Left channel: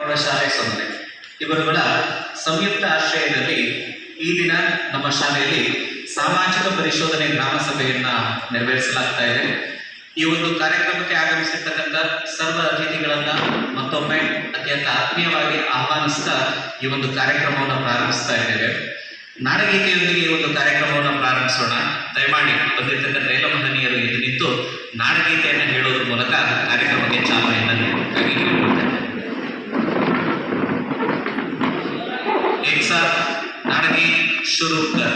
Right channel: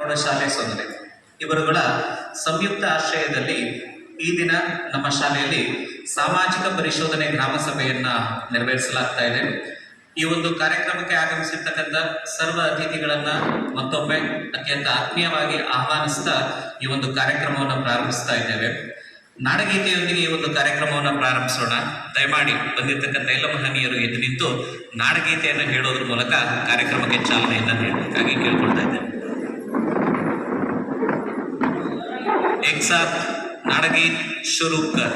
ಪ್ರೌಢಶಾಲೆ ಸೊನ್ನೆ ಇವರುಗಳ ಸಂಯುಕ್ತ ಆಶ್ರಯದಲ್ಲಿ ಈ ದಿನ ನಮ್ಮ ಶಾಲೆಯಲ್ಲಿ ಸಾಮಾಜಿಕ ಪರಿಶೋಧನೆ ಗ್ರಾಮ ಸಭೆಯನ್ನ ನೆರವೇರಿಸಲಾಗ್ತಾ ಇದೆ. ಈ ಒಂದು ಕಾರ್ಯಕ್ರಮಕ್ಕೆ ಆಗಮಿಸಿರ್ತಕ್ಕಂಥ ಸರ್ವ ಅತಿಥಿಗಳನ್ನ ಮತ್ತೊಮ್ಮೆ ಅತ್ಯಂತ ಆತ್ಮೀಯವಾಗಿ ಆಹ್ವಾನಿಸ್ತಾ ಈ ಒಂದು ಕಾರ್ಯಕ್ರಮವನ್ನು ಪ್ರಾರಂಭಿಸ್ತಾ ಇದ್ದೇವೆ. ನಾಡಗೀತೆಯೊಂದಿಗೆ ಈ ಒಂದು ಕಾರ್ಯಕ್ರಮವನ್ನು ಪ್ರಾರಂಭಿಸೋಣ. ದಯಮಾಡಿ ಬಂದಿರ್ತಕ್ಕಂಥ ಎಲ್ಲ ಮಹನೀಯರು ಎದ್ದು ನಿಂತು ನಾಡಗೀತೆಯನ್ನು ಹೇಳೋದ್ರ ಮೂಲಕ ಕಾರ್ಯಕ್ರಮಕ್ಕೆ ಚಾಲನೆಯನ್ನು ನೀಡಬೇಕಾಗಿ ಕೇಳ್ಕೊಳ್ತಾ ಇದ್ದೇನೆ. एक साथ नाटगीत शुरू कर।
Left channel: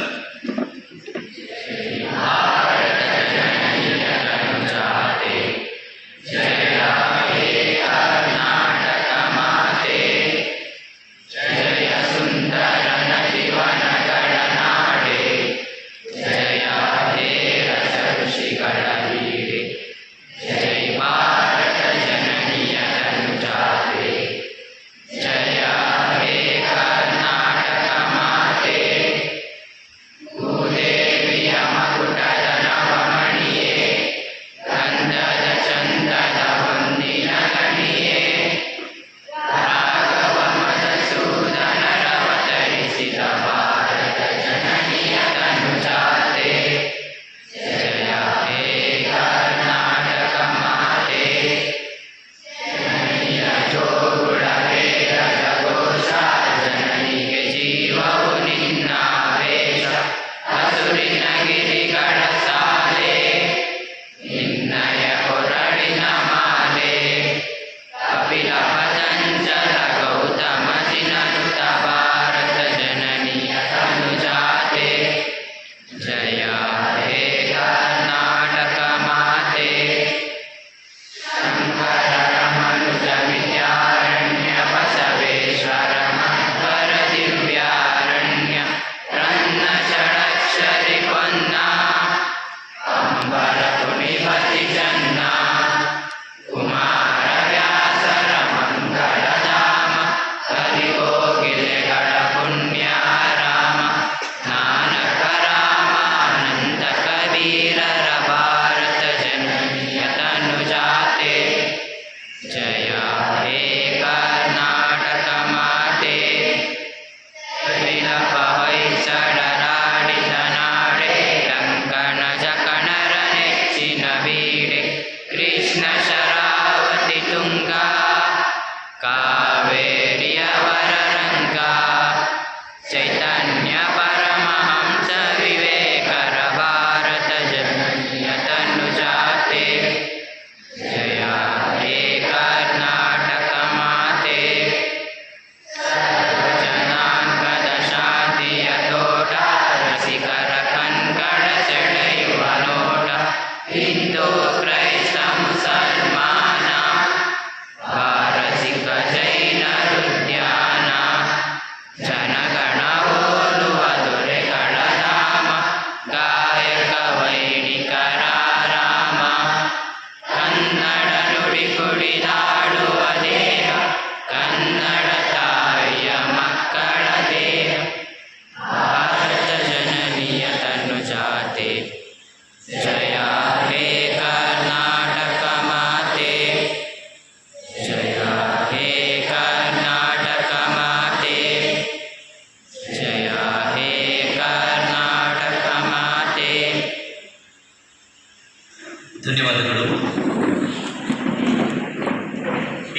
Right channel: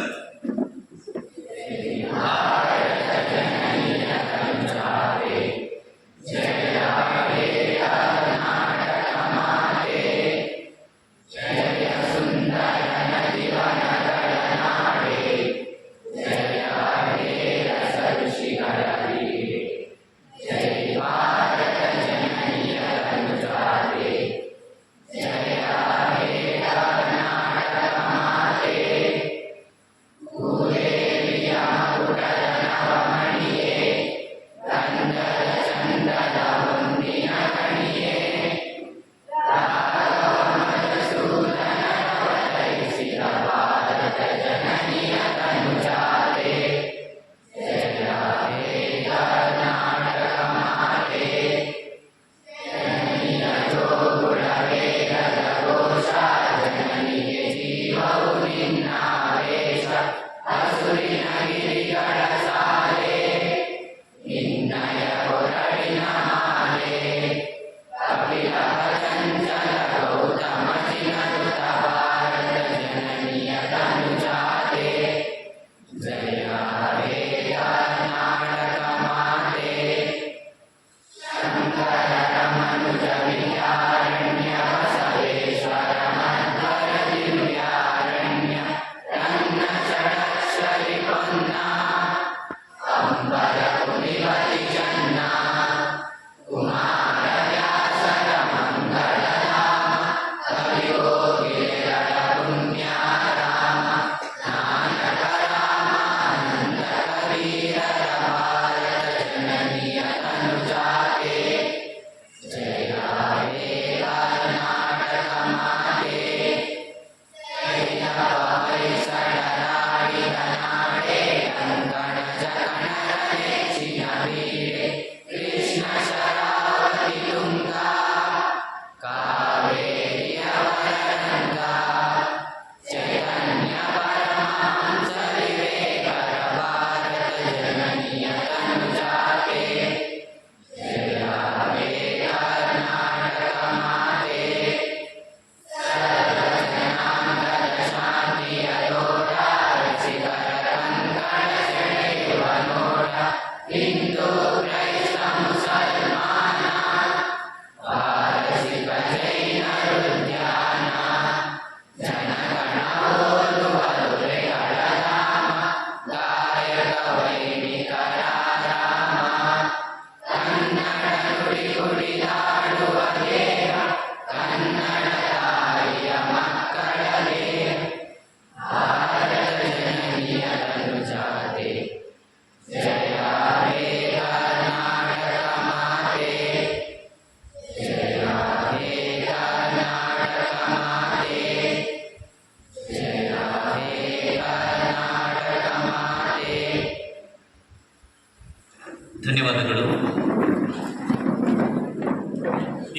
ಧನ್ಯವಾದಗಳು.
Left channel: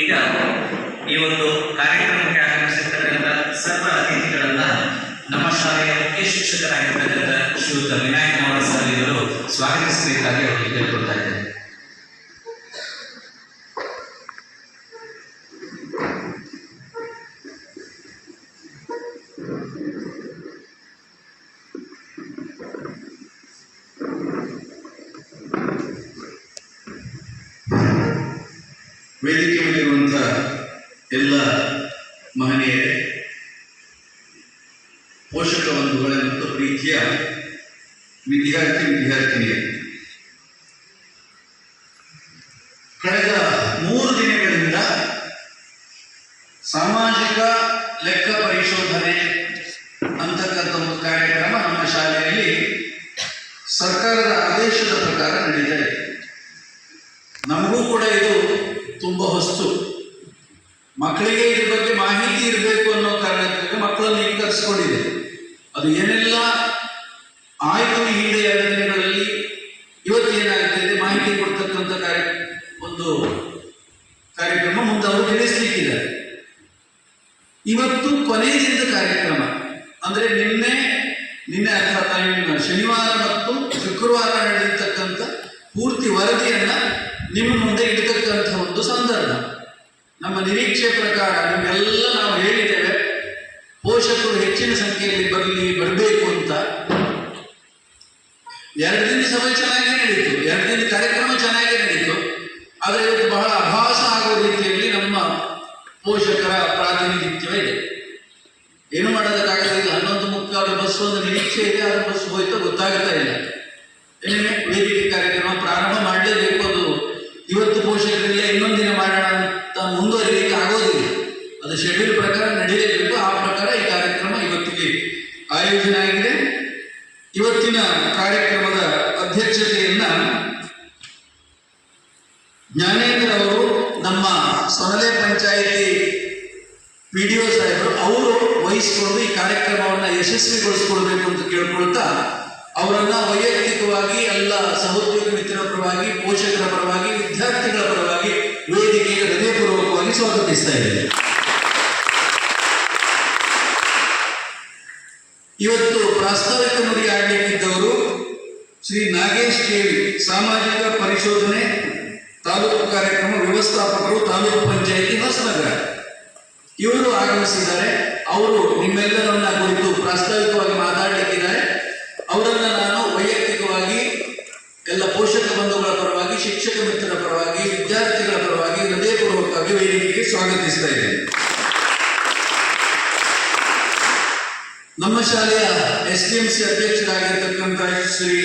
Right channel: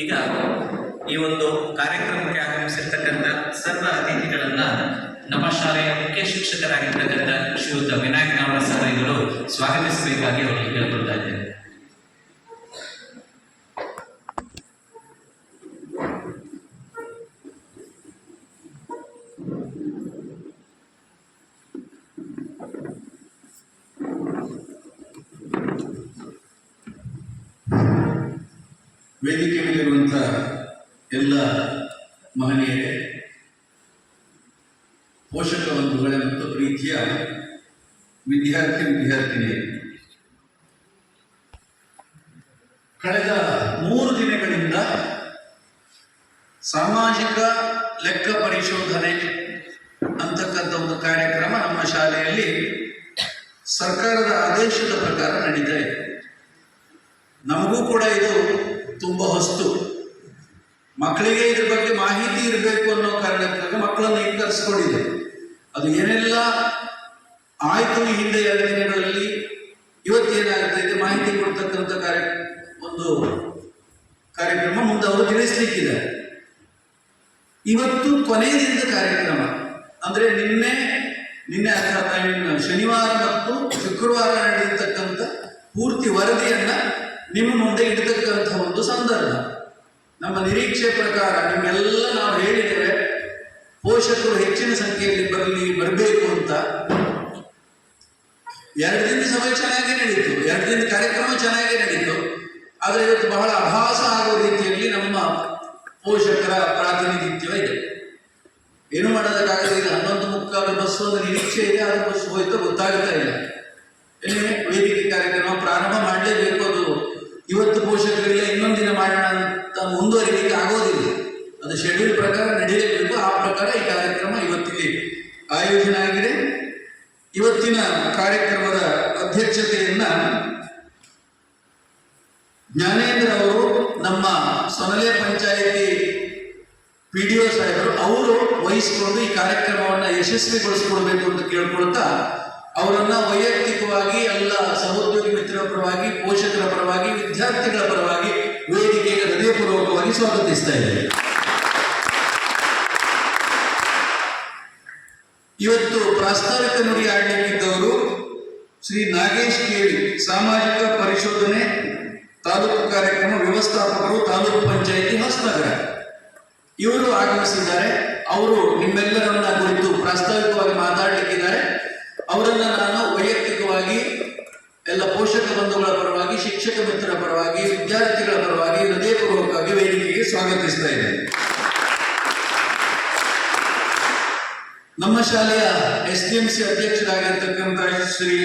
ಈಗ ಈ ಒಂದು ಕಾರ್ಯಕ್ರಮಕ್ಕೆ ಆಗಮಿಸಿರ್ತಕ್ಕಂಥ ಸರ್ವ ಅತಿಥಿಗಳನ್ನ ನಮ್ಮ ಶಾಲೆಯ ಮುಖ್ಯ ಶಿಕ್ಷಕರಾಗಿರ್ತಕ್ಕಂಥ ಶ್ರೀಯುತ ವಿನಾಯಕನವರ ಸರ್ ಇವರು ಸ್ವಾಗತಿಸಬೇಕಾಗಿ ಅವರಿಗೆ ಕೇಳ್ಕೊಳ್ತಾ ಇದ್ದೇನೆ. ವೇದಿಕೆ ಮೇಲಿರುವಂಥ ಎಲ್ಲ ಮಹನೀಯರೇ, ಪೋಷಕ ಬಂಧುಗಳೇ ಮತ್ತು ಪ್ರೀತಿಯ ವಿದ್ಯಾರ್ಥಿನಿಯರೇ, ಕಳೆದ 3 ದಿನಗಳಿಂದ ಸಾಮಾಜಿಕ ಲೆಕ್ಕ ಪರಿಶೋಧನೆ ಅಂತಕ್ಕಂಥ ಒಂದು ಕಾರ್ಯಕ್ರಮ ನಮ್ಮ ಶಾಲೆಯಲ್ಲಿ ಸರ್ಕಾರದ ಆದೇಶದ ಪ್ರಕಾರ ನಡೀತಾ ಇದೆ. ನಮಗೂ ಕೂಡ ಇದು ತುಂಬ ಹೊಸ್ತು. ಮಕ್ಕಳಿಗೆ ಇದ್ರ ಬಗ್ಗೆ ಮಾಹಿತಿ ಇರಬೇಕು ಅನ್ನೋ ಕಾರಣಕ್ಕಾಗಿ ಮಕ್ಕಳನ್ನು ಈಗ ಕರೆಸ್ಕೊಂಡಿದೆ. ಅದು ಏನೆಲ್ಲ ಆಯ್ತು ಈ ಹಿಂದೆ 2 ದಿನಗಳಲ್ಲಿ, ಇವತ್ತೇನಾಗ್ತಿದೆ ಮಾಹಿತಿ ಕೊಡ್ತಕ್ಕಂಥ ಒಂದು ಕಾರ್ಯಕ್ರಮ ಮುಂದೆ ಅವರು ತಿಳಿಸ್ಲಿಕ್ಕಿದ್ದಾರೆ. ಇವತ್ತು ಕೊನೆ ದಿನದ ಕಾರ್ಯಕ್ರಮ ಅಂದ್ರೆ ನಿನ್ನೆ ಅಥವಾ ಶನಿವಾರ ಮತ್ತು ಶುಕ್ರವಾರ ನಡೆದಿರ್ತಕ್ಕಂಥ ಪೂರ್ತಿ ವರದಿಯನ್ನ ನಿಮ್ಮ ಮುಂದೆ ಇಡತಕ್ಕಂಥ ಒಂದು ಸಂದರ್ಭ. ನಮ್ಮ ನಿರೀಕ್ಷೆ ಪ್ರಕಾರ ನಿಮ್ಮೆಲ್ಲ ನಾವು ಹೇಳಿದ್ದೇವೆ, ಪೋಷಕರು ಹೆಚ್ಚಿನ ಸಂಖ್ಯೆಯಲ್ಲಿ ಬರಬೇಕು ಅಂತ. 2 ದಿನ ಸಭೆ ಚೆನ್ನಾಗಿ ನಡೀತು, 2 ದಿನ ಕಾರ್ಯಕ್ರಮ ಚೆನ್ನಾಗಿ ನಡೀತು. ಆದರೆ ಇವತ್ತು ಬಹಳ ಅಭಾಸ ಆಗುವ ರೀತಿಯಲ್ಲಿ ನಮ್ಮ ಪೋಷಕರ ಪ್ರಾತಿನಿಧಿತ್ವ ಇದೆ. ಏನು ಮಾಡೋದಕ್ಕಾಗಲ್ಲ. ಈಗ 11:45 ಬಸ್ ಒಂದು ನಿರೀಕ್ಷೆ ಇದೆ, ಅದು ಬಸ್ ಹೋಯ್ತು ಗೊತ್ತಾಗ್ತಾ ಇಲ್ಲ. ಏನೇ ವೇದಿಕೆ ಕಾರ್ಯಕ್ರಮ ಪ್ರಾರಂಭ ಮಾಡಲೇಬೇಕು. ಅದು ಇವತ್ತು ಪೋಷಕರಿಲ್ಲ, ಇನ್ನೊಂದು ದಿನ ಮಾಡೋಣ ಅಂತ ಮುಂದುವರಿಲಿಕ್ಕೆ ಆಗೋದಿಲ್ಲ. ಅದು ಶೆಡ್ಯೂಲ್ ಪ್ರಕಾರ ನಡೀಲೇಬೇಕು. ಆ ಪ್ರಕಾರ ಈ ಕಾರ್ಯಕ್ರಮ ಇವತ್ತಿಗೆ ಆಯೋಜನೆ ಆಗಿದೆ. ಇವತ್ತಿನ ಕಾರ್ಯಕ್ರಮದ ಅಧ್ಯಕ್ಷತೆಯನ್ನ ಜ್ಞಾನೇಂದ್ರ ಅವರು, ನಮ್ಮ ಸೊನಲೆ ಪಂಚಾಯಿತಿ PDO ಸಾಹೇಬರು, ಅವರು ವಹಿಸಿಕೊಂಡು ಈ ಕಾರ್ಯಕ್ರಮವನ್ನು ಯಶಸ್ವಿಗೊಳಿಸಿಕೊಳ್ಬೇಕು ಅಂತ ಕೇಳ್ಕೊಳ್ತಾ, ಅವರನ್ನ ವೈಯಕ್ತಿಕವಾಗಿ ಎಲ್ಲ ಸಹೋದ್ಯೋಗಿ ಮಿತ್ರರ ಪರವಾಗಿ, ಪೋಷಕರ ಪರವಾಗಿ, ವಿದ್ಯಾರ್ಥಿಗಳ ಪರವಾಗಿ ವೇದಿಕೆಗೆ ಹೃದಯಪೂರ್ವಕವಾಗಿ ಸ್ವಾಗತಿಸ್ತಾ ಇದ್ದೇವೆ. ಇವತ್ತು ಪ್ರಾಸ್ತಾವಿಕ ನುಡಿ ಆಡಲಿಕ್ಕಿದ್ದವರು ಶ್ರೀ ನಾಗೇಶ್ ಕೇಳಿ, ಸಾಮಾಜಿಕ ಪರಿಶೋಧನೆ ತಾಲೂಕು ಕಾರ್ಯಕ್ರಮ ವ್ಯವಸ್ಥಾಪಕರು, ತಾಲೂಕು ಪಂಚಾಯಿತಿ ಹೊಸನಗರ. ಇವರು ಆಗಮಿಸಿದ್ದಾರೆ. ಅವರು ನಿಮ್ಮೆಲ್ಲರನ್ನ ಕುರಿತು ಪ್ರಾಸ್ತಾವಿಕವಾಗಿ ಮಾತಾಡಲಿಕ್ಕಿದ್ದಾರೆ. ಅವರನ್ನ ನಾನು ವೈಯಕ್ತಿಕವಾಗಿ ಎಲ್ಲ ಪೋಷಕ ಬಂಧುಗಳ ಪರವಾಗಿ, ಶಿಕ್ಷಕ ಮಿತ್ರರ ಪರವಾಗಿ, ವಿದ್ಯಾರ್ಥಿಗಳ ಪರವಾಗಿ ಹೃದಯಪೂರ್ವಕವಾಗಿ ವೇದಿಕೆಗೆ ಸ್ವಾಗತಿಸ್ತಾ ಇದ್ದೇನೆ. ನಮ್ಮ ಶಾಲೆಯ SDMC ಅಧ್ಯಕ್ಷರಾಗಿರ್ತಕ್ಕಂಥ ಶ್ರೀ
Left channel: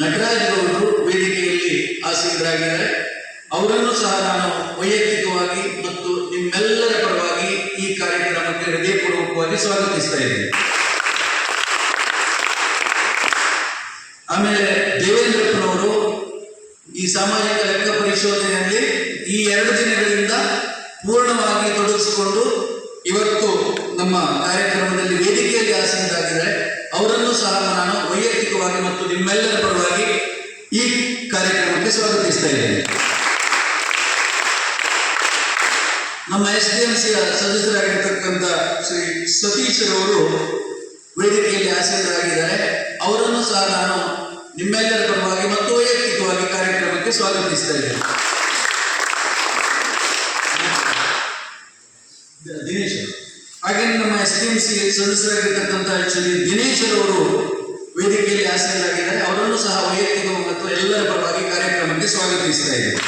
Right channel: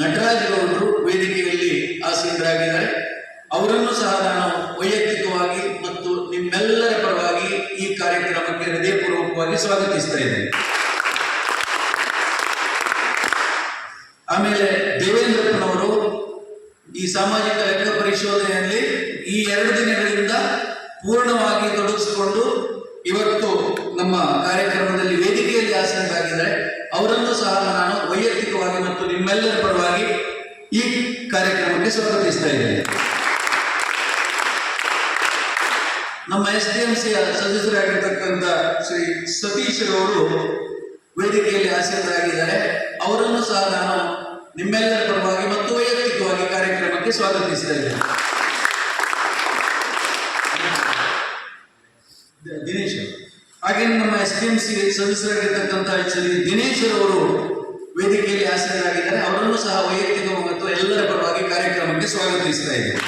ನಟರಾಜ್ ಅವರು ವೇದಿಕೆಯಲ್ಲಿ ಆಸೀನರಾಗಿದ್ದಾರೆ. ಅವರನ್ನು ಸಹ ನಾನು ವೈಯಕ್ತಿಕವಾಗಿ ಮತ್ತು ನಿಮ್ಮೆಲ್ಲರ ಪರವಾಗಿ ಈ ಕಾರ್ಯಕ್ರಮಕ್ಕೆ ಹೃದಯಪೂರ್ವಕವಾಗಿ ಸ್ವಾಗತಿಸ್ತಾ ಇದ್ದೇನೆ. ಆಮೇಲೆ ದೇವೇಂದ್ರಪ್ಪನವರು ಈ ಸಾಮಾಜಿಕ ಲೆಕ್ಕ ಪರಿಶೋಧನೆಯಲ್ಲಿ ಈ 2 ದಿನಗಳಿಂದ ಪೂರ್ಣವಾಗಿ ತೊಡಗಿಸಿಕೊಂಡು ಇವತ್ತು ನಮ್ಮ ಕಾರ್ಯಕ್ರಮದಲ್ಲಿ ವೇದಿಕೆಯಲ್ಲಿ ಆಸೀನರಾಗಿದ್ದಾರೆ. ಅವರನ್ನು ಸಹ ನಾನು ವೈಯಕ್ತಿಕವಾಗಿ ಮತ್ತು ನಿಮ್ಮೆಲ್ಲರ ಪರವಾಗಿ ಈ ಕಾರ್ಯಕ್ರಮಕ್ಕೆ ಸ್ವಾಗತಿಸ್ತಾ ಇದ್ದೇನೆ. ನಮ್ಮ SDMC ಸದಸ್ಯರಾಗಿರ್ತಕ್ಕಂಥ ಶ್ರೀ ಸತೀಶ್ ಅವರು ವೇದಿಕೆಯಲ್ಲಿ ಆಸೀನರಾಗಿದ್ದಾರೆ. ಅವರನ್ನು ಸಹ ನಾನು ನಿಮ್ಮೆಲ್ಲರ ಪರವಾಗಿ ಮತ್ತು ವೈಯಕ್ತಿಕವಾಗಿ ಕಾರ್ಯಕ್ರಮಕ್ಕೆ ಸ್ವಾಗತಿಸ್ತಾ ಇದ್ದೇನೆ. ದಿನೇಶ್, ಹಾಗೆ ನಮ್ಮ SDMC ಸದಸ್ಯರಾಗಿರ್ತಕ್ಕಂಥ ಶ್ರೀ ದಿನೇಶ್ ಅವರು ವೇದಿಕೆಯಲ್ಲಿ ಆಸೀನರಾಗಿದ್ದಾರೆ. ಅವರನ್ನು ಸಹ ವೈಯಕ್ತಿಕವಾಗಿ ಮತ್ತು ಎಲ್ಲರ ಪರವಾಗಿ ಕಾರ್ಯಕ್ರಮಕ್ಕೆ ಸ್ವಾಗತಿಸ್ತಾ ಇದ್ದೇನೆ.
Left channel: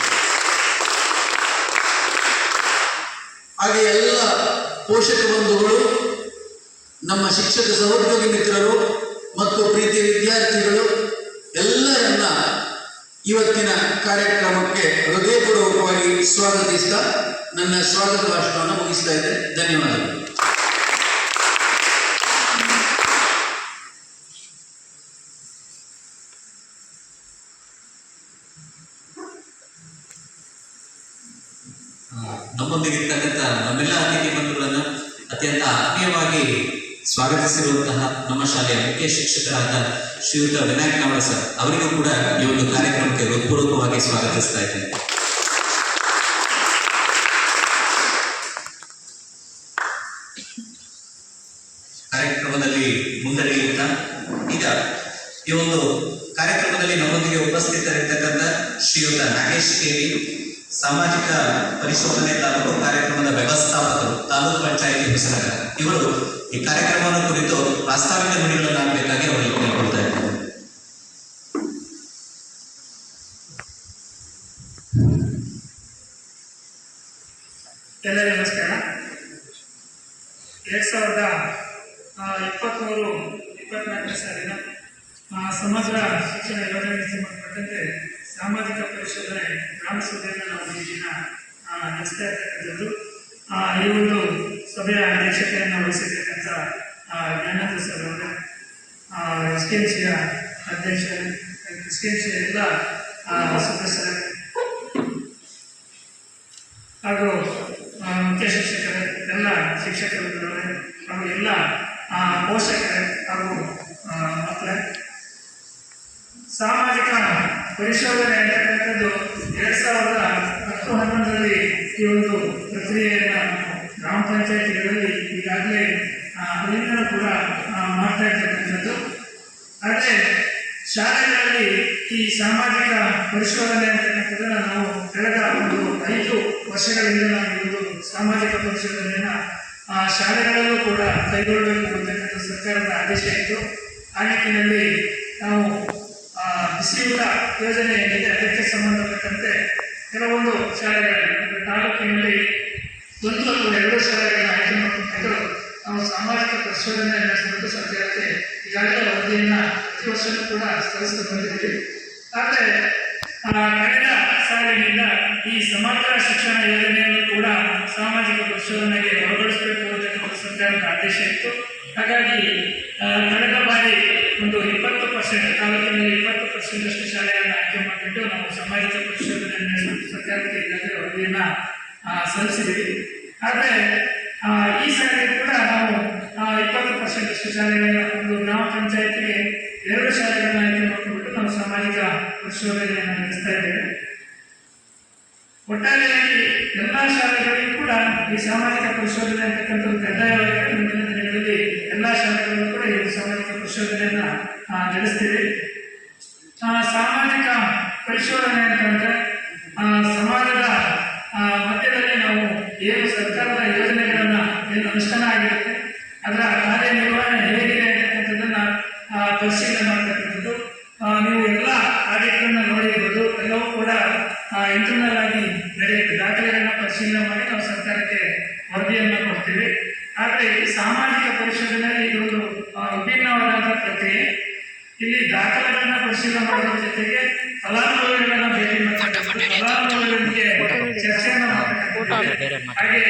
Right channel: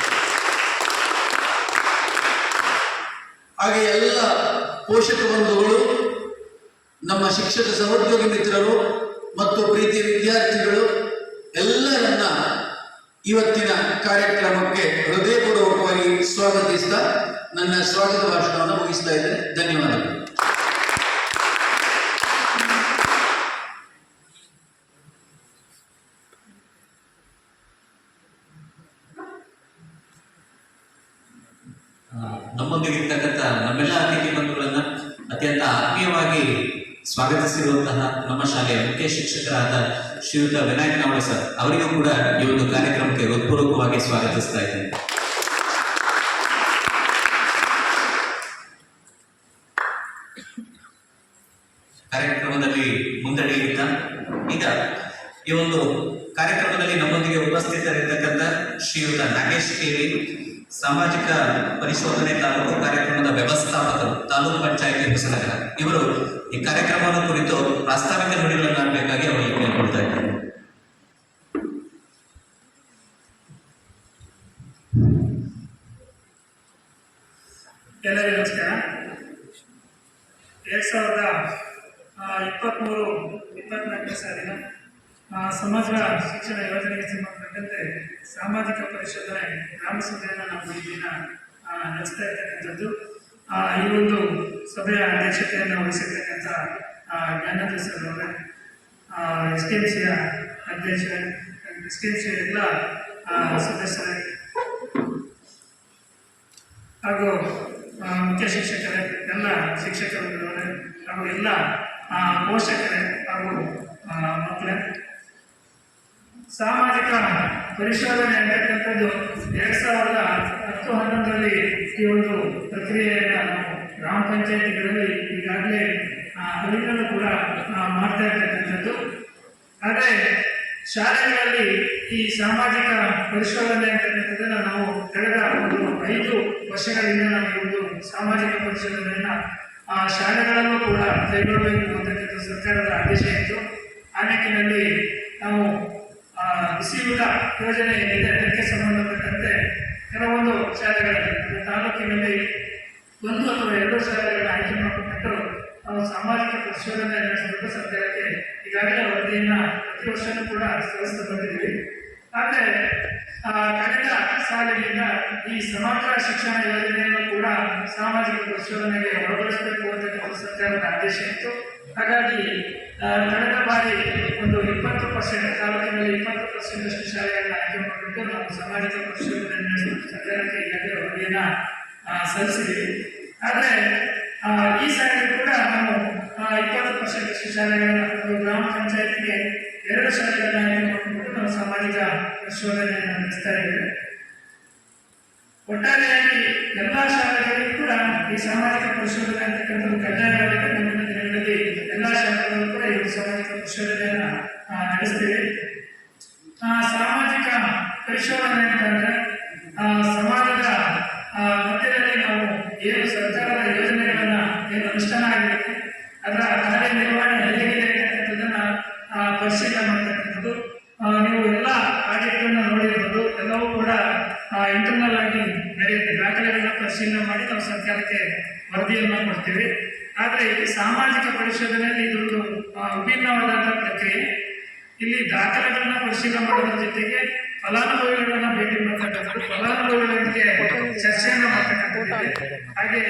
ಹಾಗೆ ಎಲ್ಲ ಪೋಷಕ ಬಂಧುಗಳು, ನಮ್ಮ ಶಿಕ್ಷಕ ಸಹೋದ್ಯೋಗಿ ಮಿತ್ರರು ಮತ್ತು ಪ್ರೀತಿಯ ವಿದ್ಯಾರ್ಥಿಗಳು ಎಲ್ಲರನ್ನ ಇವತ್ತಿನ ಕಾರ್ಯಕ್ರಮಕ್ಕೆ ಹೃದಯಪೂರ್ವಕವಾಗಿ ಸ್ವಾಗತಿಸ್ತಾ ನನ್ನ ಸ್ವಾಗತ ಭಾಷಣವನ್ನು ಮುಗಿಸ್ತಾ ಇದ್ದೇನೆ. ಧನ್ಯವಾದಗಳು. ನಮ್ಮೊಂದಿಗಿರ್ತಕ್ಕಂಥ ನಮ್ಮೆಲ್ಲ ಅತಿಥಿ ಬಂಧುಗಳನ್ನು ಅತ್ಯಂತ ಆತ್ಮೀಯವಾಗಿ ಸ್ವಾಗತಿಸಿರುವಂತಹ ನಮ್ಮ ಶಾಲೆಯ ಮುಖ್ಯ ಶಿಕ್ಷಕರಾದ ಶ್ರೀಯುತ ವಿನಾಯಕ್ ನಾವಡ ಸರ್ ಅವರಿಗೂ ಕೂಡ ಈ ಒಂದು ಕಾರ್ಯಕ್ರಮಕ್ಕೆ ಹೃತ್ಪೂರ್ವಕವಾಗಿ ಸ್ವಾಗತಿಸ್ತಾ ಇದ್ದೇನೆ. ಕಾರ್ಯಕ್ರಮದಲ್ಲಿ ಮುಂದುವರಿಯುತ್ತಾ ಈಗ ಈ ಒಂದು ಕಾರ್ಯಕ್ರಮದಲ್ಲಿ ನಮ್ಮೊಂದಿಗೆ ಉಪಸ್ಥಿತರಿರ್ತಕ್ಕಂಥ ಶ್ರೀಯುತ ನಾಗೇಶ್ ಕೇಳಿ, ಸಾಮಾಜಿಕ ಪರಿಶೋಧನೆ ತಾಲೂಕು ಕಾರ್ಯಕ್ರಮದ ವ್ಯವಸ್ಥಾಪಕರು, ತಾಲೂಕು ಪಂಚಾಯಿತಿ ಹೊಸನಗರ, ಇವರು ಈ ಕಾರ್ಯಕ್ರಮದ ಕುರಿತು ಪ್ರಾಸ್ತಾವಿಕ ನುಡಿಗಳನ್ನಾಡಬೇಕಾಗಿ ಅವರಿಗೆ ಕೇಳಿಕೊಳ್ತಾ ಇದ್ದಾರೆ. ಎಲ್ಲರಿಗೂ ನಮಸ್ಕಾರ. 2023-24 ಸಾಲಿನ ಸಮಗ್ರ ಶಿಕ್ಷಣ ಯೋಜನೆಗೆ ಸಂಬಂಧಪಟ್ಟಂತೆ ಸಾಮಾಜಿಕ ಪರಿಶೋಧನೆ ಗ್ರಾಮ ಸಭೆಯನ್ನು ನಾವು ಈ ದಿನ ನಡೆಸ್ತಾ ಇರ್ತಕ್ಕಂಥದ್ದು. ಈ ಒಂದು ಸಭೆಯ ಅಧ್ಯಕ್ಷತೆಯನ್ನು ವಹಿಸಿರ್ತಕ್ಕಂಥ ಜ್ಞಾನೇಂದ್ರ ಸರ್ ಅವರ SDMCಯ ಅಧ್ಯಕ್ಷ, SDMCಯ ಎಲ್ಲ ಸದಸ್ಯರ ಹಾಗೂ ಮುಖ್ಯ ಶಿಕ್ಷಕರ ಶಿಕ್ಷಕರಿದ್ದಾರೆ ಹಾಗೂ ಎಲ್ಲ ಪೋಷಕರೇ ಹಾಗೂ ಮಕ್ಕಳೇ, ಸಾಮಾಜಿಕ ಪರಿಶೋಧನೆ ಅಂತಕ್ಕಂಥದ್ದು 2010-11ರಲ್ಲಿ ಈ ಒಂದು ಪ್ರಕ್ರಿಯೆಯನ್ನು ನಾವು ಗ್ರಾಮ ಪಂಚಾಯತಿಗಳಲ್ಲಿ ಈಗಾಗಲೇ ಅಲ್ಲಿಂದಲೂ ಕೂಡ ಮಾಡ್ತಾ ಇರ್ತಕ್ಕಂಥದ್ದು. ಆದರೆ ಶಾಲೆಗಳಲ್ಲಿ ಈ ಸಾಮಾಜಿಕ ಪರಿಶೋಧನೆ ಅಂತಕ್ಕಂಥದ್ದನ್ನು ನಾವು ಕಳೆದ ಒಂದು 5 ವರ್ಷಗಳಿಂದ ನಾವು ಈ ಒಂದು ಸಾಮಾಜಿಕ ಪರಿಶೋಧನೆಯನ್ನು ಶಾಲೆಗಳಲ್ಲೂ ಕೂಡ ಕೈಗೊಳ್ಳಬೇಕು ಅಂತಕ್ಕಂಥ ಸರ್ಕಾರದ ಆದೇಶ ಇತ್ತು. ಆ ನಿಟ್ಟಿನಲ್ಲಿ ನಾವು ಬಿಸಿಯೂಟ ಯೋಜನೆ ಏನಿದೆ ಅದಕ್ಕೆ ಸಂಬಂಧಪಟ್ಟಂತೆ ಕೆಲವೊಂದು ಶಾಲೆಗಳಲ್ಲಿ ತಾಲೂಕಿನಲ್ಲಿ 1 ಅಥವಾ 2 ಶಾಲೆಗಳನ್ನು ಆಯ್ಕೆ ಮಾಡಿಕೊಂಡು ನಾವು ಸಾಮಾಜಿಕ ಪರಿಶೋಧನೆ ನಡೆಸಬೇಕು ಸರ್ಕಾರಕ್ಕೆ ಈಗಾಗಲೇ ವರದಿಯನ್ನು ಪ್ರತಿ ವರ್ಷವೂ ಕೂಡ ಸಲ್ಲಿಸ್ತಾ ಬಂದಿದ್ದೀವಿ. ಆದರೆ ಕಳೆದ ಸಾಲಿನಿಂದ ಈ ಸಮಗ್ರ ಶಿಕ್ಷಣ ಯೋಜನೆಯನ್ನು ಕೂಡ ಸಾಮಾಜಿಕ ಪರಿಶೋಧನೆಗೆ ಒಳಪಡಿಸಬೇಕು ಅಂತಕ್ಕಂಥ ಸರ್ಕಾರದ ಆದೇಶ ಇತ್ತು. ಹಾಗಾಗಿ ಕಳೆದ ಬಾರಿ ಒಂದು 20% ತಾಲೂಕಿನಲ್ಲಿ 20% ಶಾಲೆಯನ್ನು ಆಯ್ಕೆ ಮಾಡಿಬಿಟ್ಟು ನಾವು ಸಾಮಾಜಿಕ ಪರಿಶೋಧನೆ ನಡೆಸಬೇಕು ಸರ್ಕಾರಕ್ಕೆ ಈಗಾಗಲೇ ವರದಿಯನ್ನು ಸಲ್ಲಿಸಿದ್ದೀವಿ. ಆದರೆ ಈ ಸಾರಿ ಕೂಡ ನಾವು 20% ಶಾಲೆಗಳನ್ನ ಒಂದು ಗ್ರಾಮ ಪಂಚಾಯತಿಗೆ 2 ಶಾಲೆಗಳನ್ನ ಆಯ್ಕೆ ಮಾಡಿಕೊಂಡು ನಾವು ಸಾಮಾಜಿಕ ಪರಿಶೋಧನೆಯನ್ನು ನಡೆಸ್ತಾ ಇದ್ದೇವೆ. ಒಟ್ಟಾರೆಯಾಗಿ ಎಲ್ಲ ಶಾಲೆಗಳಿಗೂ ಕೂಡ ಈ ಸಾಮಾಜಿಕ ಪರಿಶೋಧನೆ ಅಂತಕ್ಕಂಥದ್ದು ಕಡ್ಡಾಯವಾಗಿ ಮುಂದಿನ ದಿನಗಳಲ್ಲಿ ಎಲ್ಲ ಶಾಲೆಗಳು ಕೂಡ ಈ ಸಾಮಾಜಿಕ ಪರಿಶೋಧನೆಯನ್ನು ನಡೆಸ್ತೀವಿ. ಸಾಮಾಜಿಕ ಪರಿಶೋಧನೆ ಅಂತಂದರೆ ಸಮಾಜದ ಮಧ್ಯದಲ್ಲಿ ನಾವು ಏನು ಸರ್ಕಾರದ ಯೋಜನೆಗಳನ್ನು ಏನು ಅನುಷ್ಠಾನ ಆಗಿರುತ್ತೆ ಅದರ ಕಾರ್ಯನಿರ್ವಹಣೆ ಹೇಗಿದೆ ಅಂತಕ್ಕಂಥದ್ದನ್ನು ಪರಿಶೀಲನೆ ಮಾಡ್ತಕ್ಕಂಥದ್ದು. ನೀವು ಎಲ್ಲ ಪ್ರಾಜೆಕ್ಟ್ಗಳನ್ನ ನೋಡಿರ್ಬೋದು, ಎಲ್ಲವೂ ಕೂಡ ಇಂಟರ್ನಲ್ ಆಗಿ ನಡೆಯುತ್ತೆ. ದಾಖಲೆಗಳನ್ನ ಪರಿಶೀಲನೆ ಮಾಡಿ ನಾವು ಸರ್ಕಾರಕ್ಕೆ ವರದಿಯನ್ನು ಕೊಡ್ತೀವಿ. ಆದರೆ ಈ ಸಾಮಾಜಿಕ ಪರಿಶೋಧನೆಯಲ್ಲಿ ಇದೊಂದು ವಿಭಿನ್ನವಾದಂಥ ಪ್ರಕ್ರಿಯೆ. ಇಲ್ಲಿ ದಾಖಲೆಗಳನ್ನ ಪರಿಶೀಲನೆ ಮಾಡೋದ್ರ ಜೊತೆಗೆ ಫಲಾನುಭವಿಗಳನ್ನ ಭೇಟಿ ಫಲಾನುಭವಿಗಳಿಗೆ ಚರ್ಚೆಯನ್ನು ಮಾಡ್ತಕ್ಕಂಥದ್ದು, ಹಾಗೆ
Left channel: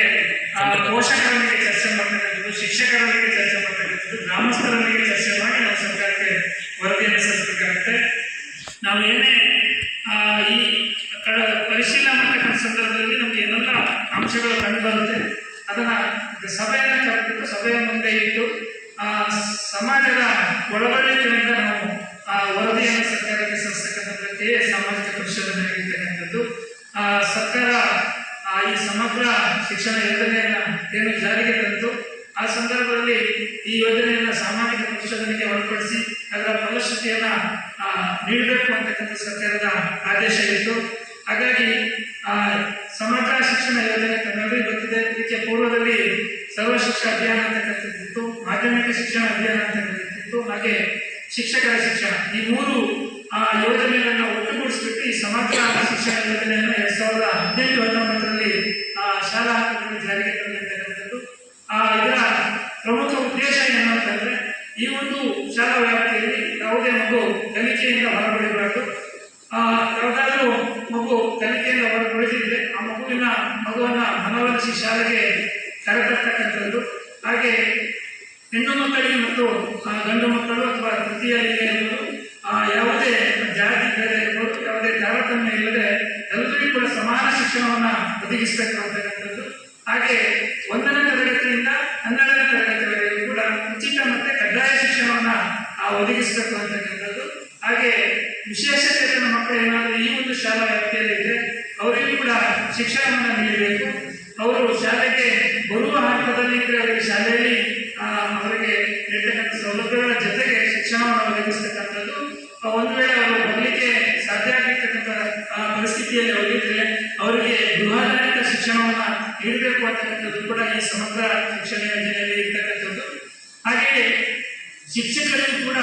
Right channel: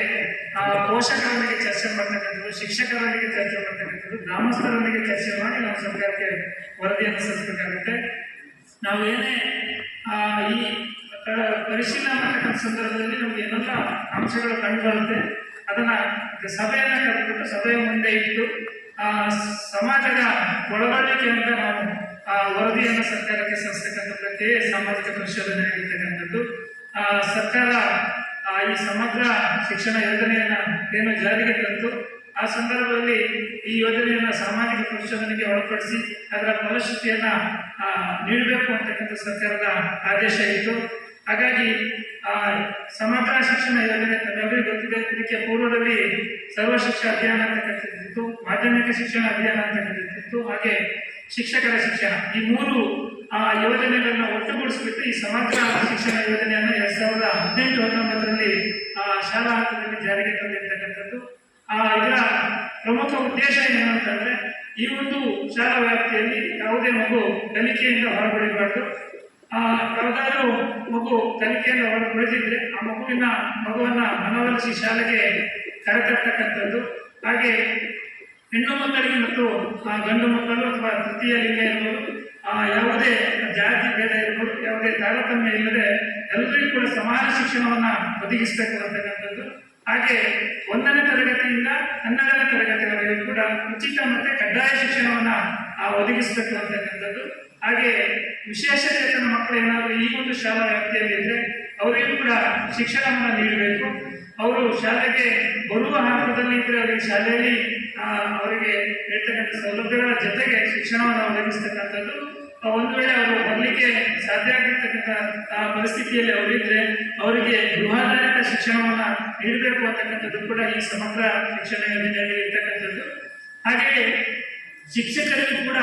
ಪೋಷಕರೊಂದಿಗೆ ಚರ್ಚೆ ಮಾಡ್ತಕ್ಕಂಥದ್ದು, ಶಿಕ್ಷಕರೊಂದಿಗೆ ಚರ್ಚೆ ಮಾಡ್ತಕ್ಕಂಥದ್ದು, ಗ್ರಾಮಸ್ಥರೊಂದಿಗೆ ಚರ್ಚೆ ಮಾಡಿ ನಾವು ಸರ್ಕಾರಕ್ಕೆ ವರದಿಯನ್ನು ಸಲ್ಲಿಸಬೇಕಾಗುತ್ತೆ. ನಾವು ಏನೇ ಈ ಪರಿಶೀಲನೆ ಮಾಡ್ತಕ್ಕಂಥ ಸಂದರ್ಭದಲ್ಲಿ ನಮಗೆ ಏನೆಲ್ಲ ಅಂಶಗಳು ಕಂಡು ಬರುತ್ತೆ ಅದನ್ನ ಸಭೆಯನ್ನು ಕರೆದುಬಿಟ್ಟು ಸಭೆಯ ಮುಂದೆ ಇಟ್ಟು ಸಮಾಜದ ಒಳಗೊಳ್ಳಿಕೆಯಿಂದ ನಾವು ವರದಿಯನ್ನು ಸರ್ಕಾರಕ್ಕೆ ಸಲ್ಲಿಸತಕ್ಕಂಥದ್ದಕ್ಕೆ ಸಾಮಾಜಿಕ ಪರಿಶೋಧನೆ ಆಗಿರ್ತಕ್ಕಂಥದ್ದು. ಸರ್ಕಾರ ಈ ಸಮಗ್ರ ಶಿಕ್ಷಣ ಯೋಜನೆಯನ್ನು ಏನು ಜಾರಿಗೆ ತಂತು ಆ ಸಂದರ್ಭದಲ್ಲಿ ಈ ಯೋಜನೆಯನ್ನು ಸಾಮಾಜಿಕ ಪರಿಶೋಧನೆಗೆ ಒಳಪಡಿಸಿ ಅದರ ಫಲಶ್ರುತಿಯನ್ನು ನೀಡಬೇಕು ಅಂತಕ್ಕಂಥ ಸರ್ಕಾರದ ಆದೇಶ ಇತ್ತು. ಹಾಗಾಗಿ ಸಮಗ್ರ ಶಿಕ್ಷಣ ಯೋಜನೆ ತಮ್ಮೆಲ್ಲರಿಗೂ ಗೊತ್ತಿದೆ. ಇದಕ್ಕೆ ಪೂರ್ವದಲ್ಲಿ ಸರ್ವ ಶಿಕ್ಷಣ ಅಭಿಯಾನ ಅಂತಕ್ಕಂಥದ್ದಿತ್ತು, ಮಾಧ್ಯಮಿಕ ಶಿಕ್ಷಣ ಅಭಿಯಾನ ಅಂತಕ್ಕಂಥದ್ದಿತ್ತು, ಹಾಗೆ ಶಿಕ್ಷಕರ ಶಿಕ್ಷಣ. ಈ 3 ಯೋಜನೆಗಳನ್ನು ಒಟ್ಟುಗೂಡಿಸ್ಬಿಟ್ಟು ಈ ಸಮಗ್ರ ಶಿಕ್ಷಣ ಯೋಜನೆಯನ್ನು 2018-19ರಲ್ಲಿ ಶಾಲಾ ಹಂತದಲ್ಲಿ ಜಾರಿಗೆ ತಂದಿರ್ತಕ್ಕಂಥದ್ದು. ಇದರ ಪ್ರಮುಖ ಉದ್ದೇಶ ಏನು ಅಂತಂದರೆ ಈ ಒಂದು ಶಾಲಾ ವ್ಯಾಪ್ತಿಯಲ್ಲಿ ಯಾವುದೇ ಮಗು ಕಲಿಕೆಯಿಂದ ಹೊರಬಡಿಬಾರ್ದು. ಯಾವುದಾದ್ರೂ ಮಗು ಕಲಿಕೆಯಿಂದ ಹೊರಬಡಿದಿದ್ರೆ ಆ ಮಗುವನ್ನು ಮನವೊಲಿಸಿ ಶಾಲೆಗೆ ಕರೆತರ್ತಕ್ಕಂಥದ್ದು. ಹಾಗೆ ಹೆಣ್ಣು ಮಕ್ಕಳಿಗೆ ಮತ್ತು ಗಂಡು ಮಕ್ಕಳು ಅಥವಾ ತೃತೀಯ ಲಿಂಗ ಇರ್ಬೋದು, ಯಾವುದೇ ಜಾತಿ ಭೇದ ಇರ್ಬೋದು, ಯಾವುದೇ ತಾರತಮ್ಯ ಇಲ್ಲದೆ ಎಲ್ಲರಿಗೂ ಕೂಡ ಸಮಾನ ಶಿಕ್ಷಣವನ್ನು ಒದಗಿಸಬೇಕು ಅಂತಕ್ಕಂಥದ್ದು. ಹಾಗೆ 1ನೇ ತರಗತಿಯಿಂದ 12ನೇ ತರಗತಿವರೆಗೂ ಕೂಡ ಉಚಿತ ಮತ್ತು ಕಡ್ಡಾಯ ಶಿಕ್ಷಣವನ್ನು ಒದಗಿಸಬೇಕು ಅಂತಕ್ಕಂಥದ್ದು. ಹಾಗೆ ವಿಶೇಷಚೇತನ ಮಕ್ಕಳು ಏನಾದರೂ ಈ ಒಂದು ಶಾಲಾ ವ್ಯಾಪ್ತಿಯಲ್ಲಿ ಇದ್ದರೆ ಅವರಿಗೂ ಕೂಡ ಶಿಕ್ಷಣವನ್ನು ನೀಡಬೇಕು. ಅವರು ಶಾಲೆಗೆ ಬರುವ ಹಂತದಲ್ಲಿ ಅವರಿಗೆ ಶಾಲೆಯಲ್ಲಿ ಅವರಿಗೆ ನೀಡ್ತಕ್ಕಂಥ ಸೌಲಭ್ಯಗಳ ಜೊತೆಗೆ ಶಿಕ್ಷಣವನ್ನು ಒದಗಿಸ್ತಕ್ಕಂಥದ್ದು. ಒಂದು ವೇಳೆ ಅವರು ಬರಲಿಕ್ಕೆ ಸಾಧ್ಯ ಆಗಿರ್ತಕ್ಕಂಥ ಪರಿಸ್ಥಿತಿಯಲ್ಲಿ ಅವರಿದ್ದರೆ ಅವರಿಗೆ ಗೃಹಾಧಾರಿತ ಶಿಕ್ಷಣವನ್ನು ನೀಡಬೇಕು ಅಂತಕ್ಕಂಥದ್ದು ಕೂಡ ಈ ಸಮಗ್ರ ಶಿಕ್ಷಣ ಯೋಜನೆಯಲ್ಲಿ ಇರ್ತಕ್ಕಂಥದ್ದು. ಹಾಗೆಯೇ ಶಿಕ್ಷಕರಿಗೂ ಕೂಡ